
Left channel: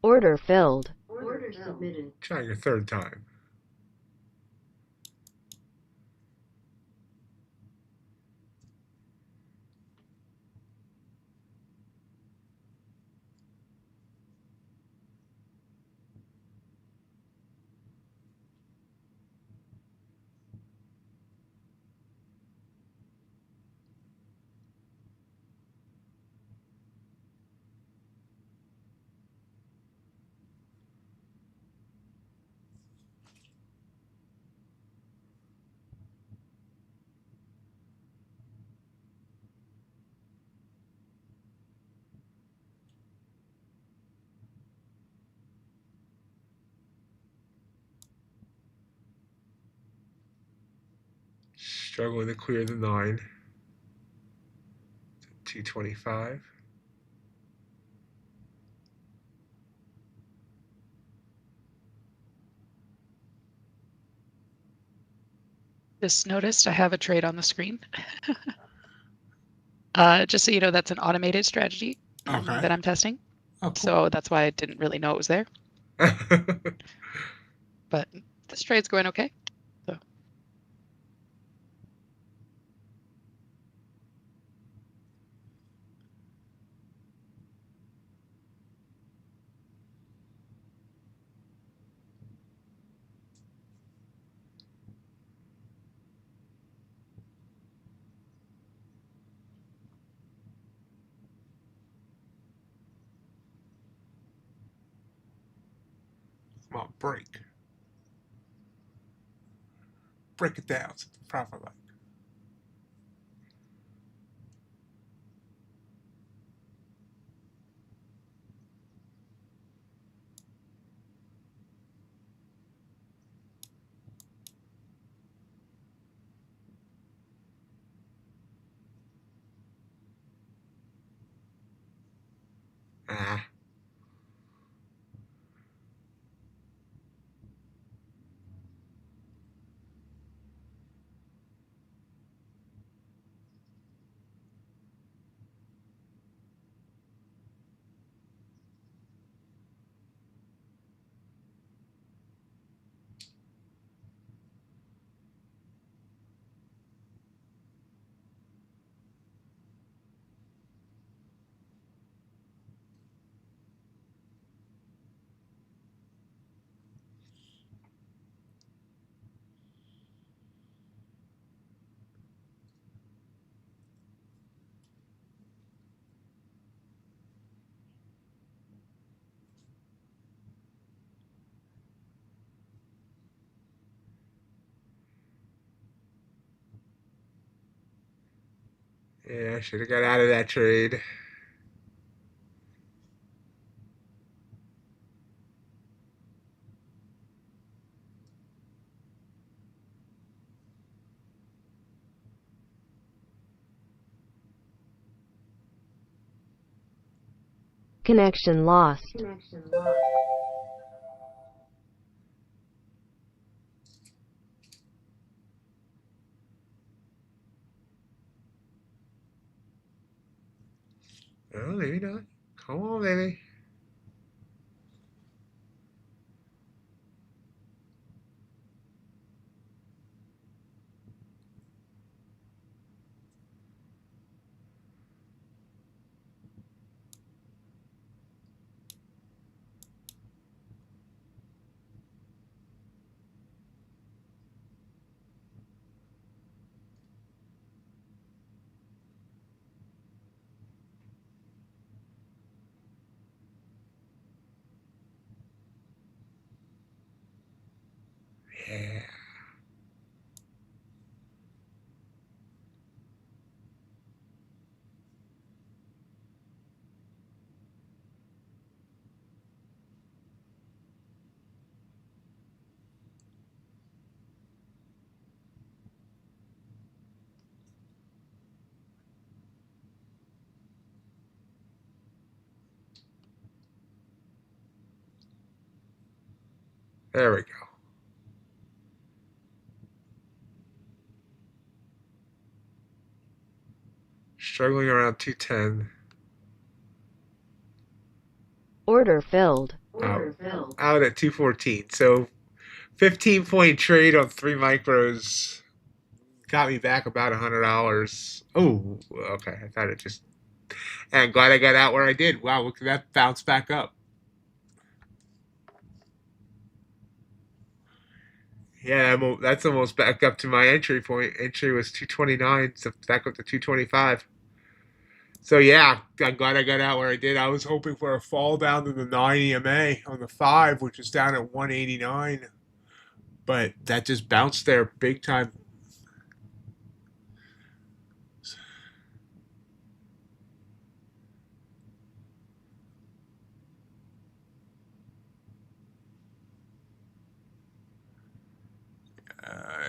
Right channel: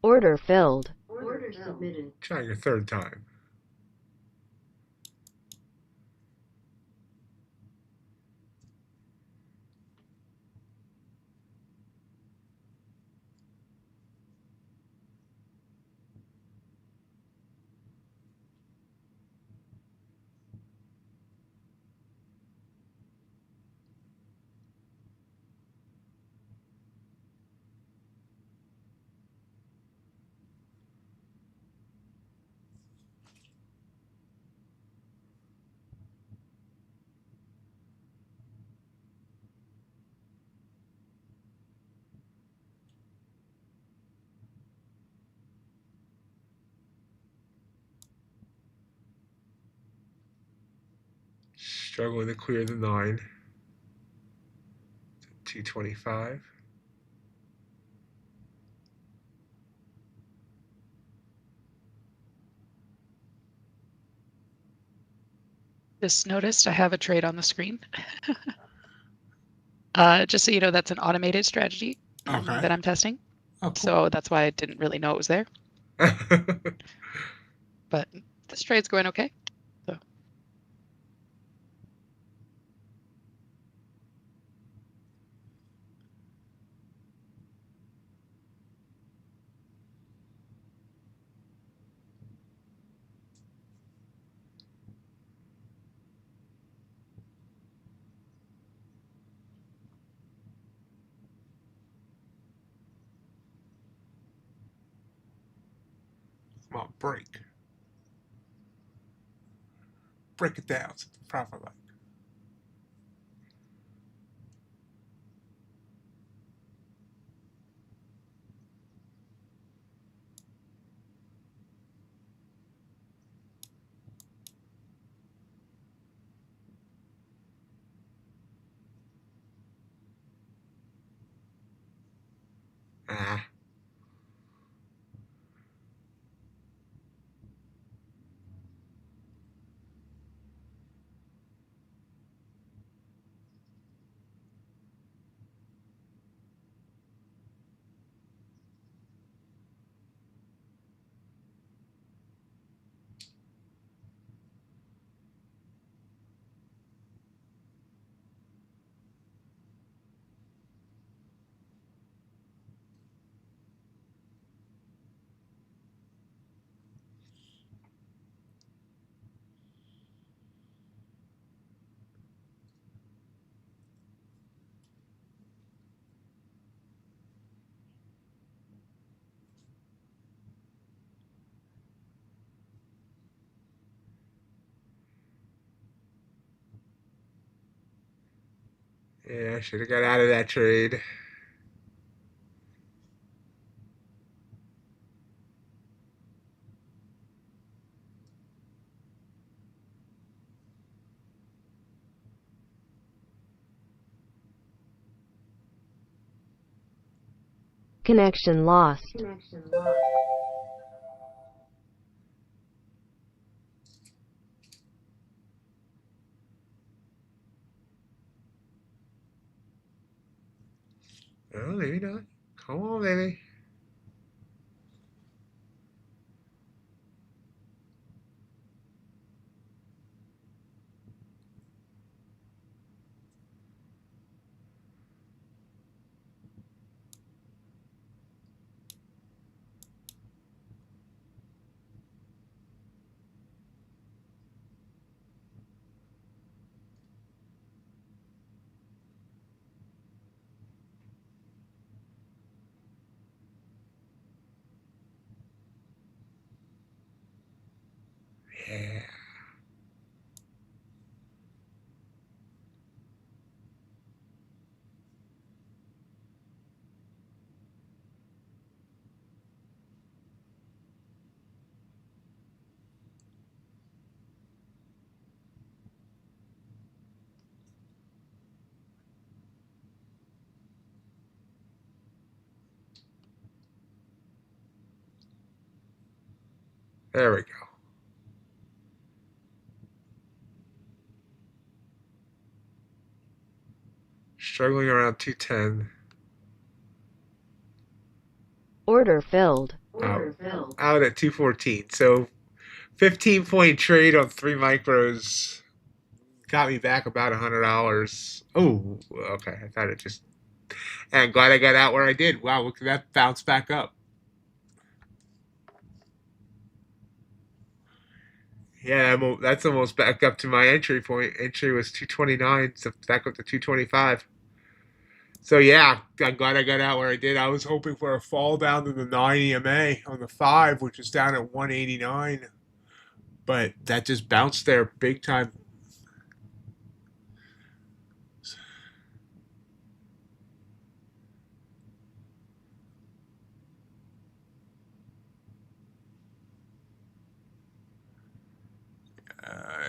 Order filled. Order submitted. Try your third time. Struggling to clear the 9. 225. Just noticed I have a trade on the screen. Just so you know, that's an automated strategy Okay. that I'm testing. Oh, cool. So that's why I didn't really know it was there. But this trade's going okay. So Come on, break. Break it down to the profit line. Ah. Yeah, I should have got out of that trade. Connection lost. Connection lost. Oh, maybe not. Come on, baby. Yeah. There we go. Struggling around 210. Order filled. Order filled. Out at 214. So 15-point trade on 3 micros got me back about $100. Oh, okay. I thought it just. And I'm glad I got out where I did. Wow, look at that bounce back up. Yeah, that's almost back up to my entry point. Entry was 229, so back up to 225. So yeah, I'm glad I got out where I did. I was hoping for a fall down to the 9 EMA on the 5, which is down at 189. But that just bounced there big time.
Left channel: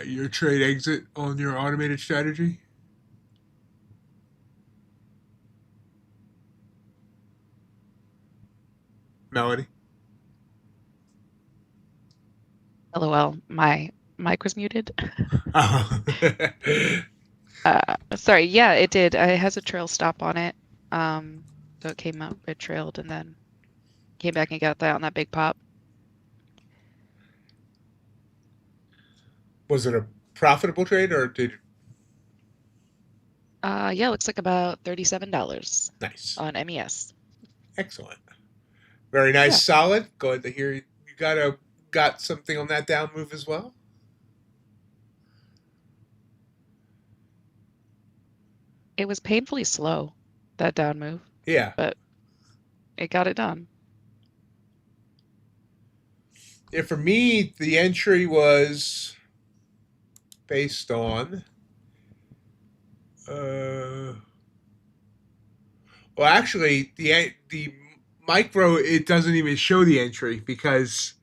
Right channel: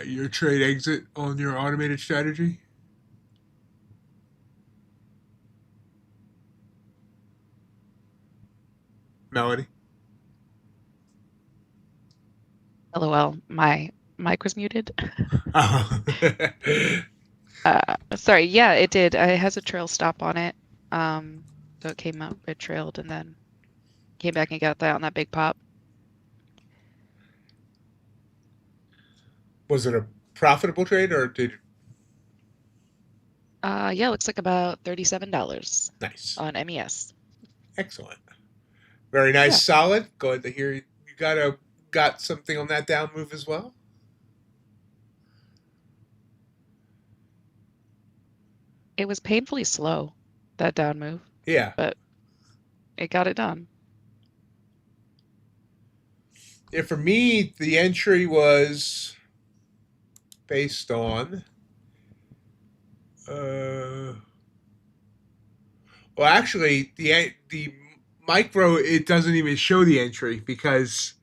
Your trade exit on your automated strategy? Melody? LOL, my mic was muted. Oh. Sorry, yeah, it did. It has a trail stop on it. So it came up, it trailed, and then came back and got that on that big pop. Was it a profitable trade or did. Yeah, looks like about $37 Nice. on MES. Excellent. Very nice, Yeah. solid. Glad to hear you got something on that down move as well. It was painfully slow, that down move, Yeah. but it got it done. Yeah, for me, the entry was based on well, actually, the micro, it doesn't even show the entry because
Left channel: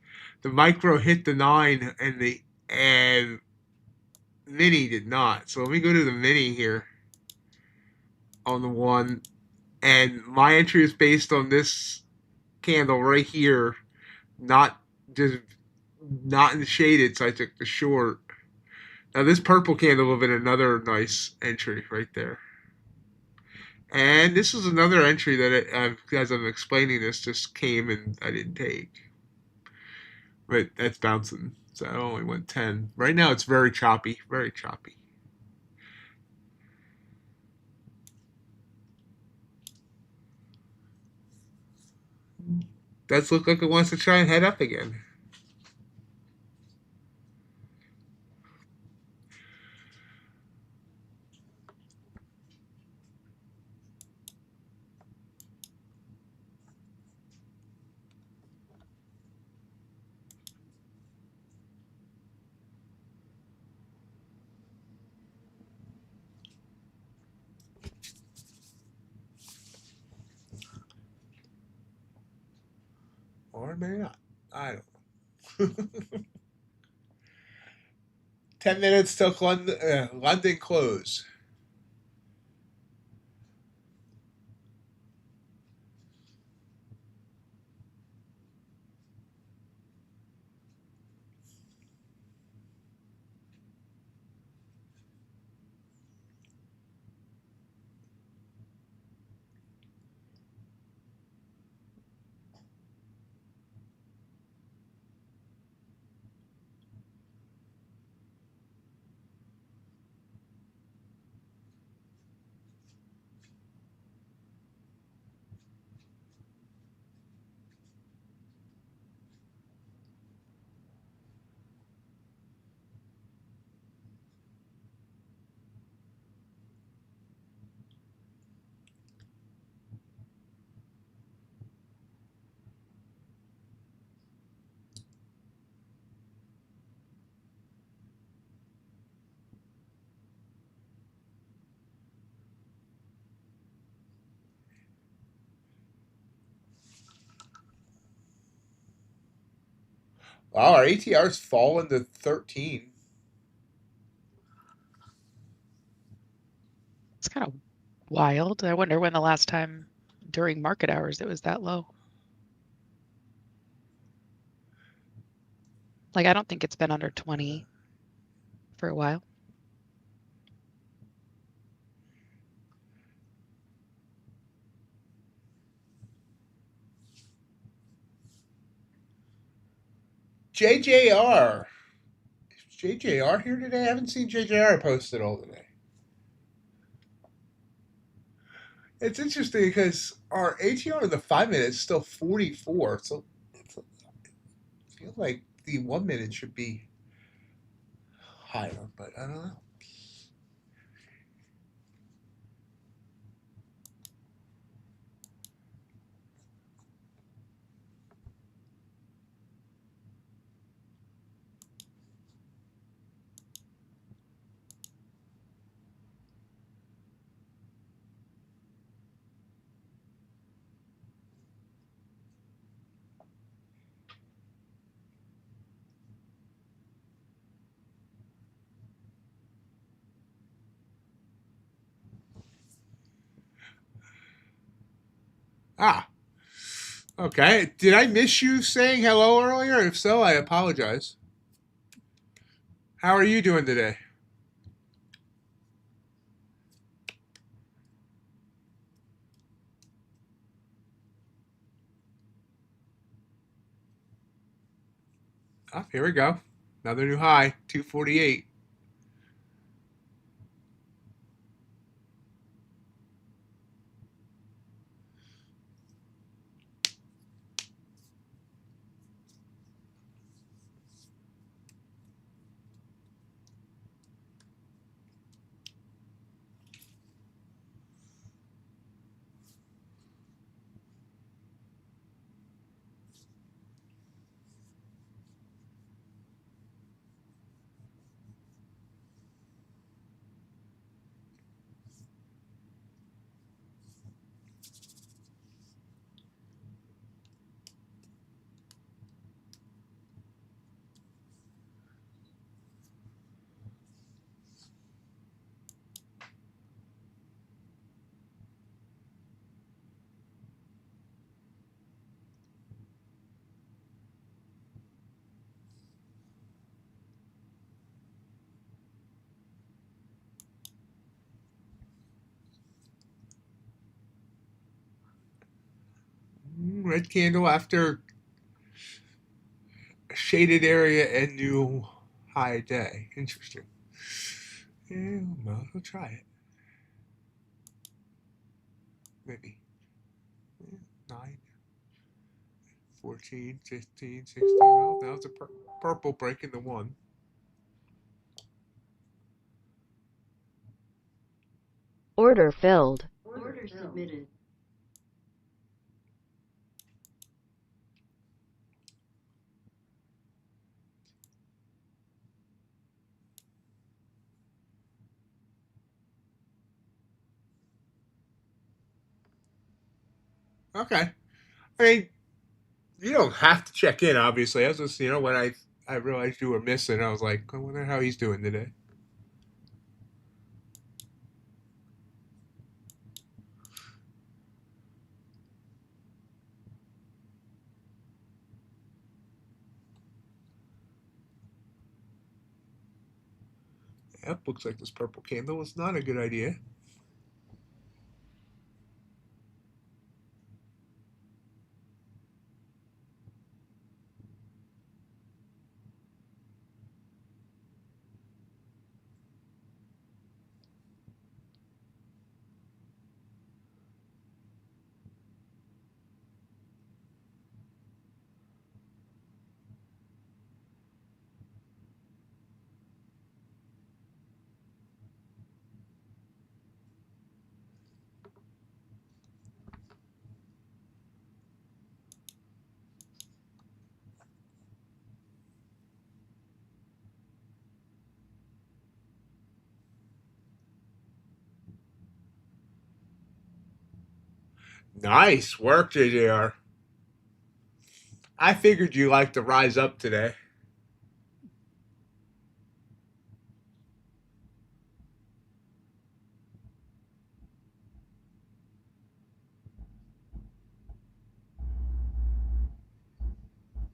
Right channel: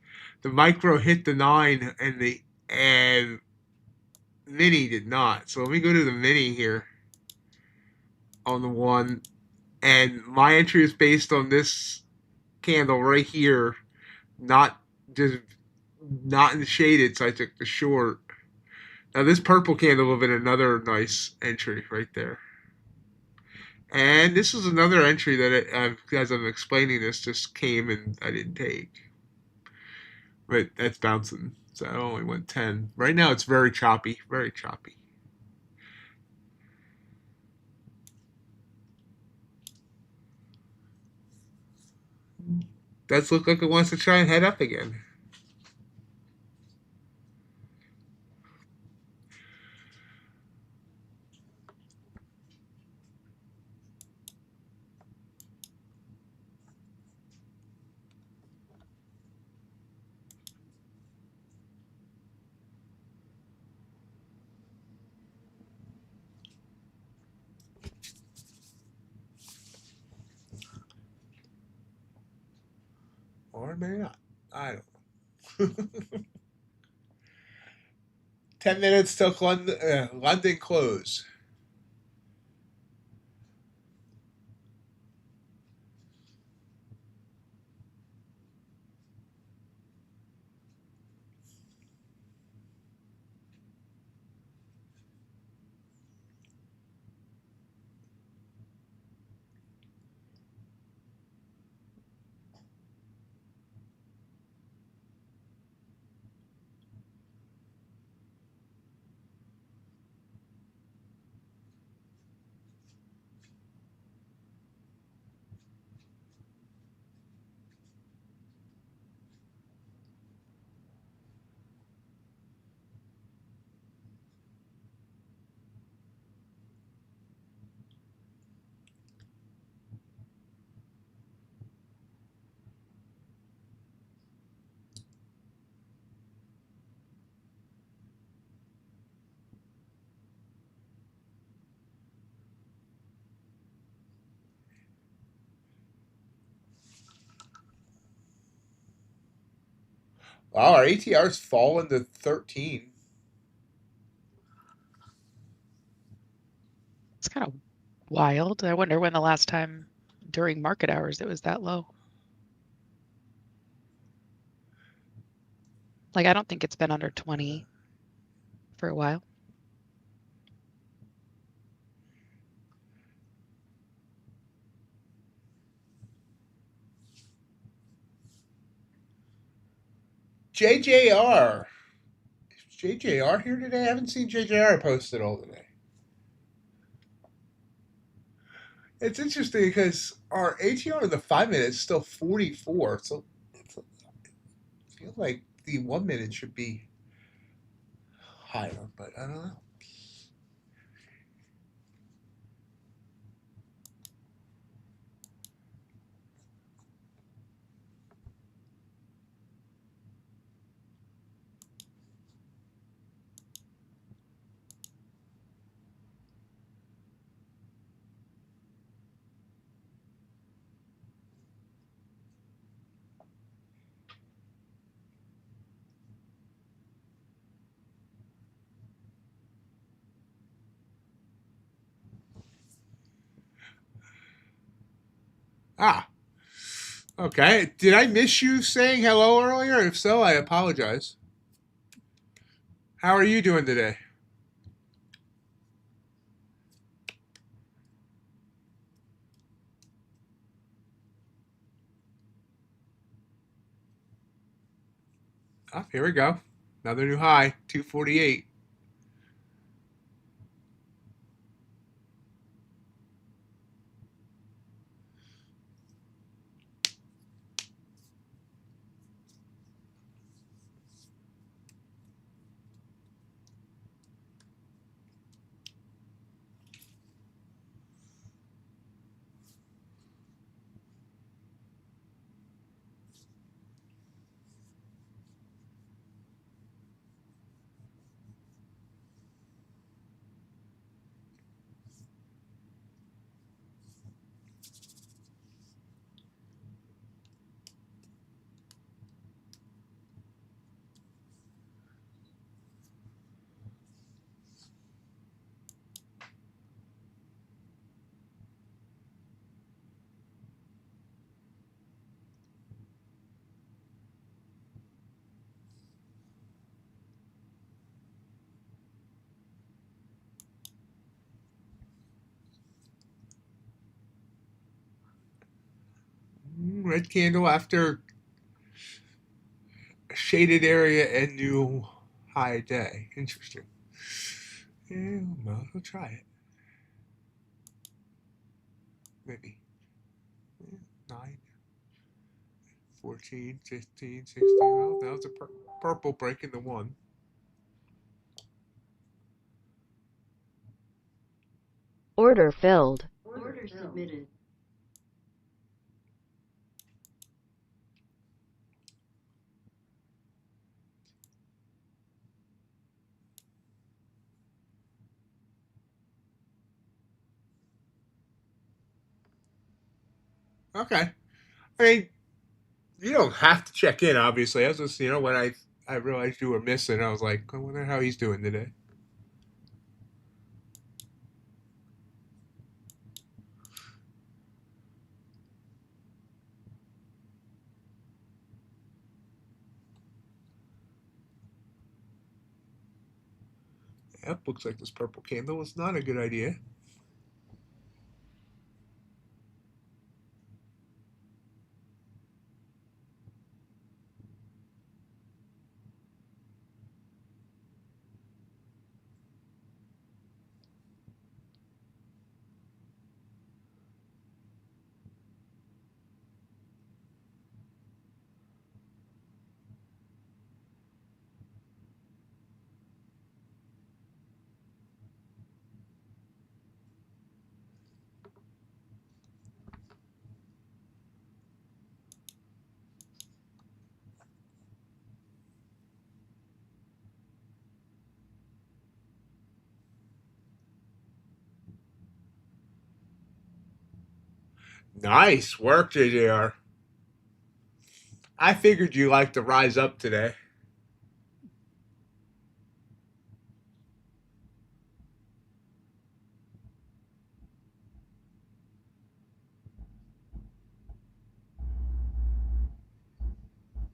the micro hit the 9 and mini did not. So let me go to the mini here on the 1, and my entry is based on this candle right here, not just not in shaded. So I took the short. Now this purple candle would have been another nice entry right there. And this is another entry that, as I'm explaining this, just came and I didn't take. But that's bouncing. So I only went 10. Right now it's very choppy. Very choppy. Does look like it wants to try and head up again. Or maybe not. I don't know. 10 minutes till London close. Wow, our ATR's fallen to 13. It's kind of wild. I wonder when the last time during market hours it was that low. Like, I don't think it's been under 20 for a while. JJR. Is JJR here today? I haven't seen JJR posted all today. It's interesting because our ATR in the 5 minute is still 44. So it feels like the 1 minute should be higher, but I don't know. Ah, okay. Did I miss you saying hello earlier? If so, I apologize. How are you doing today? Ah, here we go. Another new high, 248. Red candle after a shaded area and new high day. Interesting. Yeah, well, we'll try it. Maybe. 9, 14, 15, 16. Well, that was a purple breaking the 1. Order filled. Order submitted. Okay. I mean, you don't have to check in, obviously. I was just, when I realized you were missing, I was like, I wonder how he's doing today. Yep, looks like this purple candle was not a good idea. Nice work, JJR. I figured you liked to rise up today.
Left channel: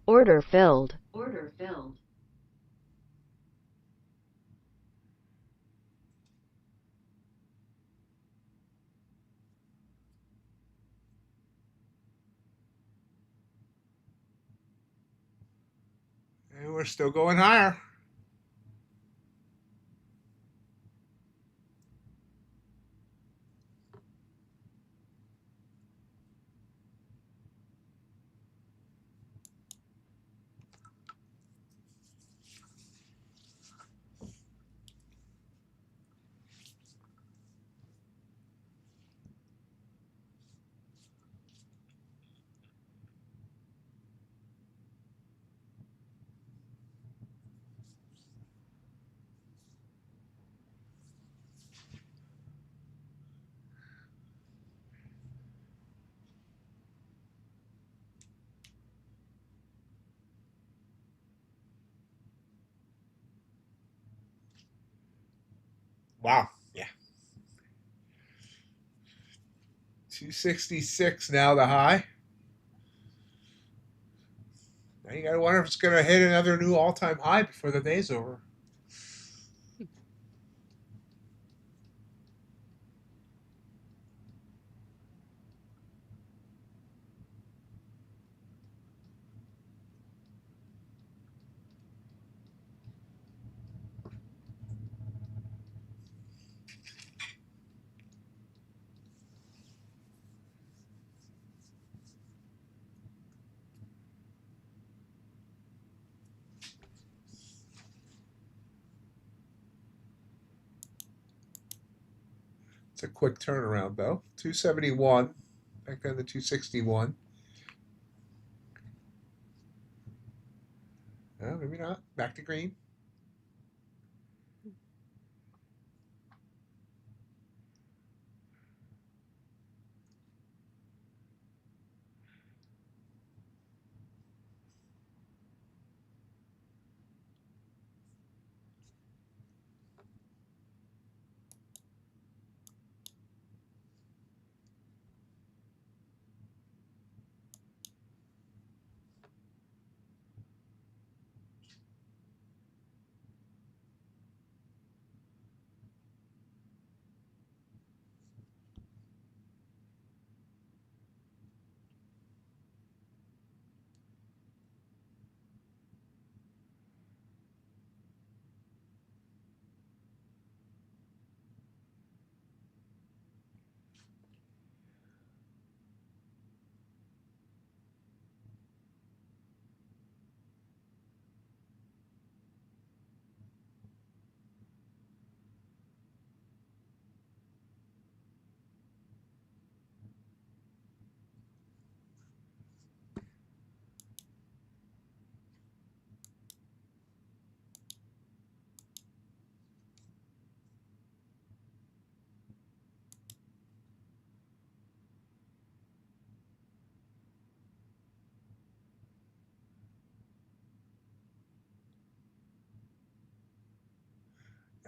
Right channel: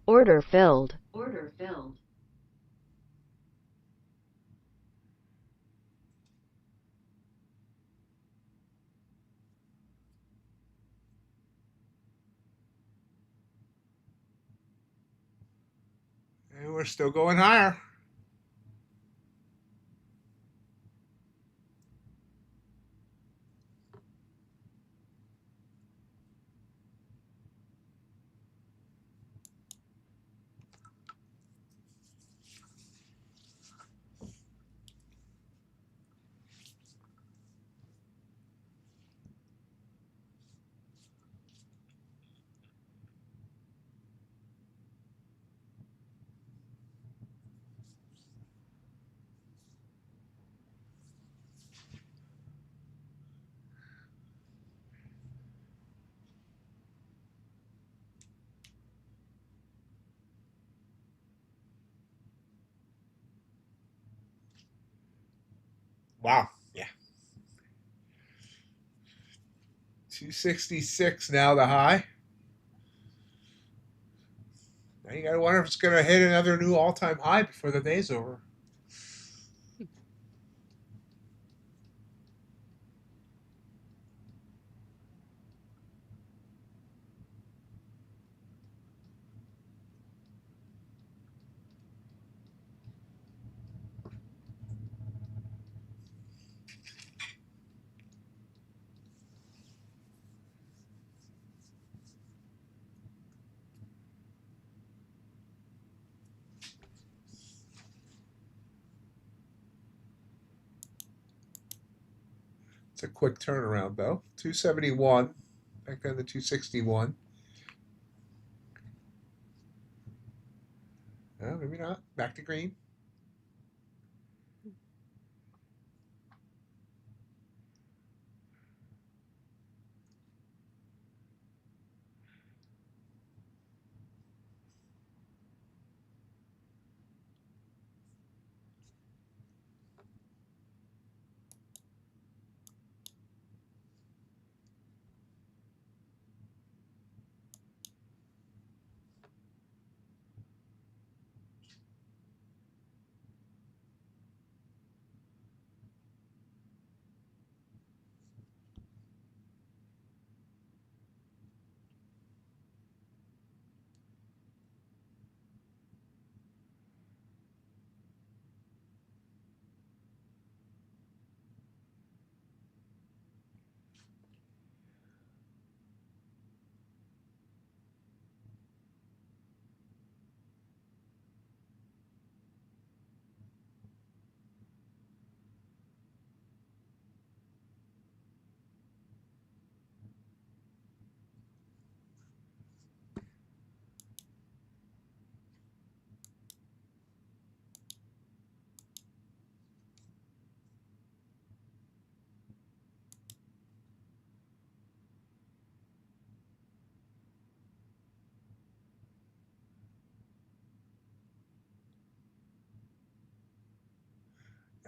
Order filled. Order filled. And we're still going higher. Wow. Yeah. 266 now the high. Now you gotta wonder if it's gonna hit another new all-time high before the day's over. It's a quick turnaround though. 271 back down to 261. Maybe not. Back to green.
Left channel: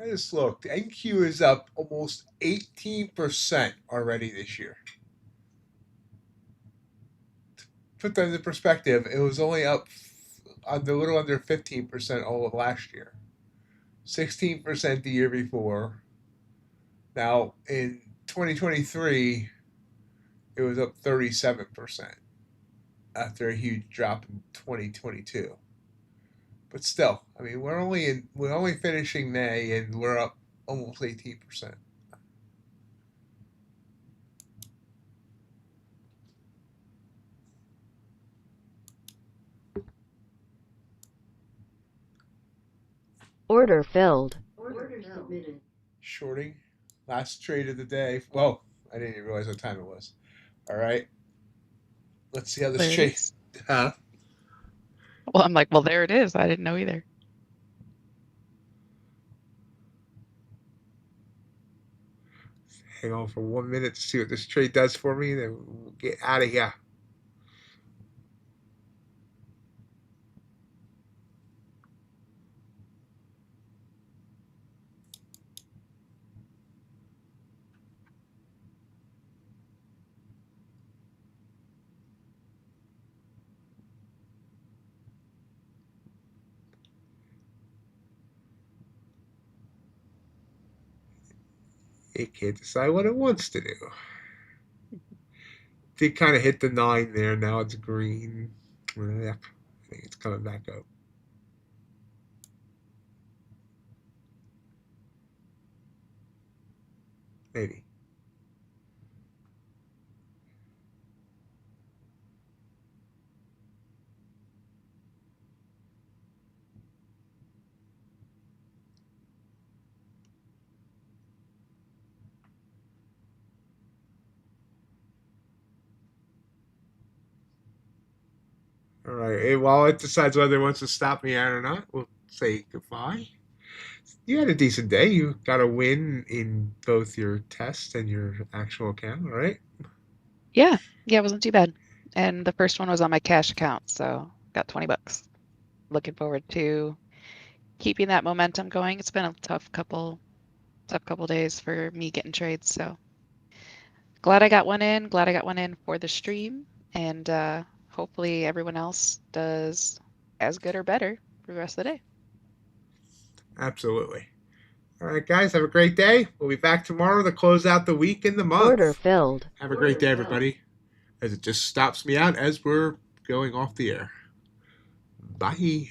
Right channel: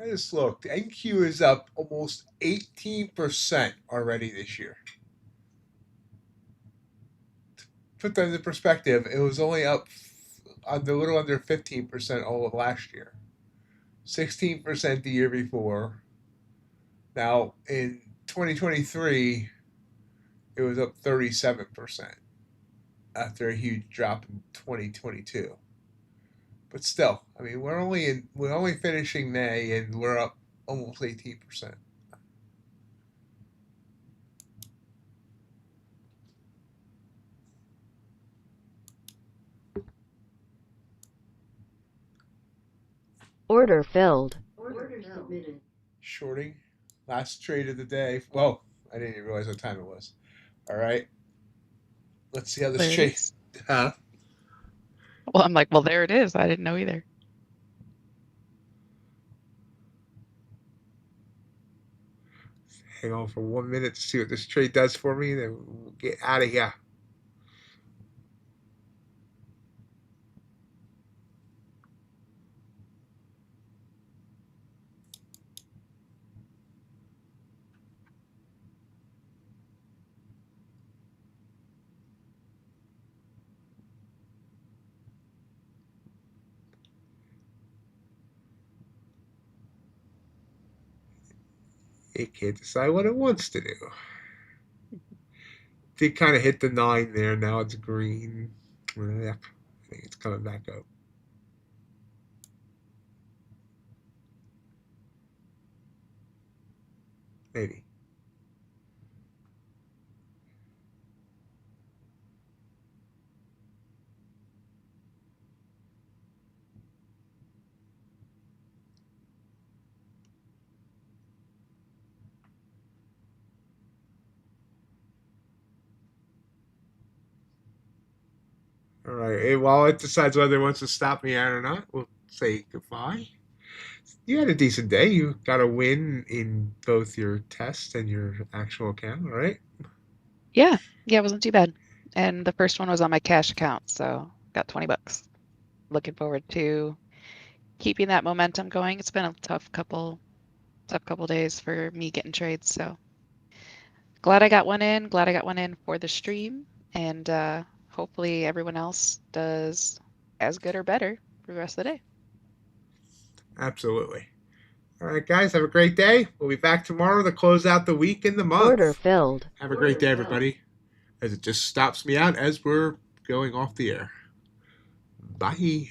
I just looked. NQ is up almost 18% already this year. Put that into perspective, it was only up a little under 15% all of last year. 16% the year before. Now in 2023, it was up 37% after a huge drop in 2022. But still, I mean, we're only finishing May and we're up almost 18%. Order filled. Order submitted. Shorting, last trade of the day. Well, I didn't even realize what time it was. All right, let's see how this There it trade. is. Huh? Well, I'm like, well, there it is. I didn't know either. Hang on for 1 minute to see what this trade does for me, then we'll get out of here. It can't decide what it wants to do. Did kind of hit the 9 there. Now it's green. Yep. I think it's coming back up. Maybe. All right. While it decides whether it wants to stop me out or not, we'll say goodbye. You had a decent day. You got a win in both your test and your actual account, all right? Yeah, it wasn't too bad. And the first one was on my cash account, so got 20 bucks. Looking forward to keeping that momentum going. It's been a tough couple days for me getting trades, so glad I got one in. Glad I got one in for the stream, and hopefully everyone else does as good or better for the rest of the day. Absolutely. All right, guys, have a great day. We'll be back tomorrow to close out the week and the month. Order filled. Have a great day, everybody. As it just stops me out as we're going off the air. Bye.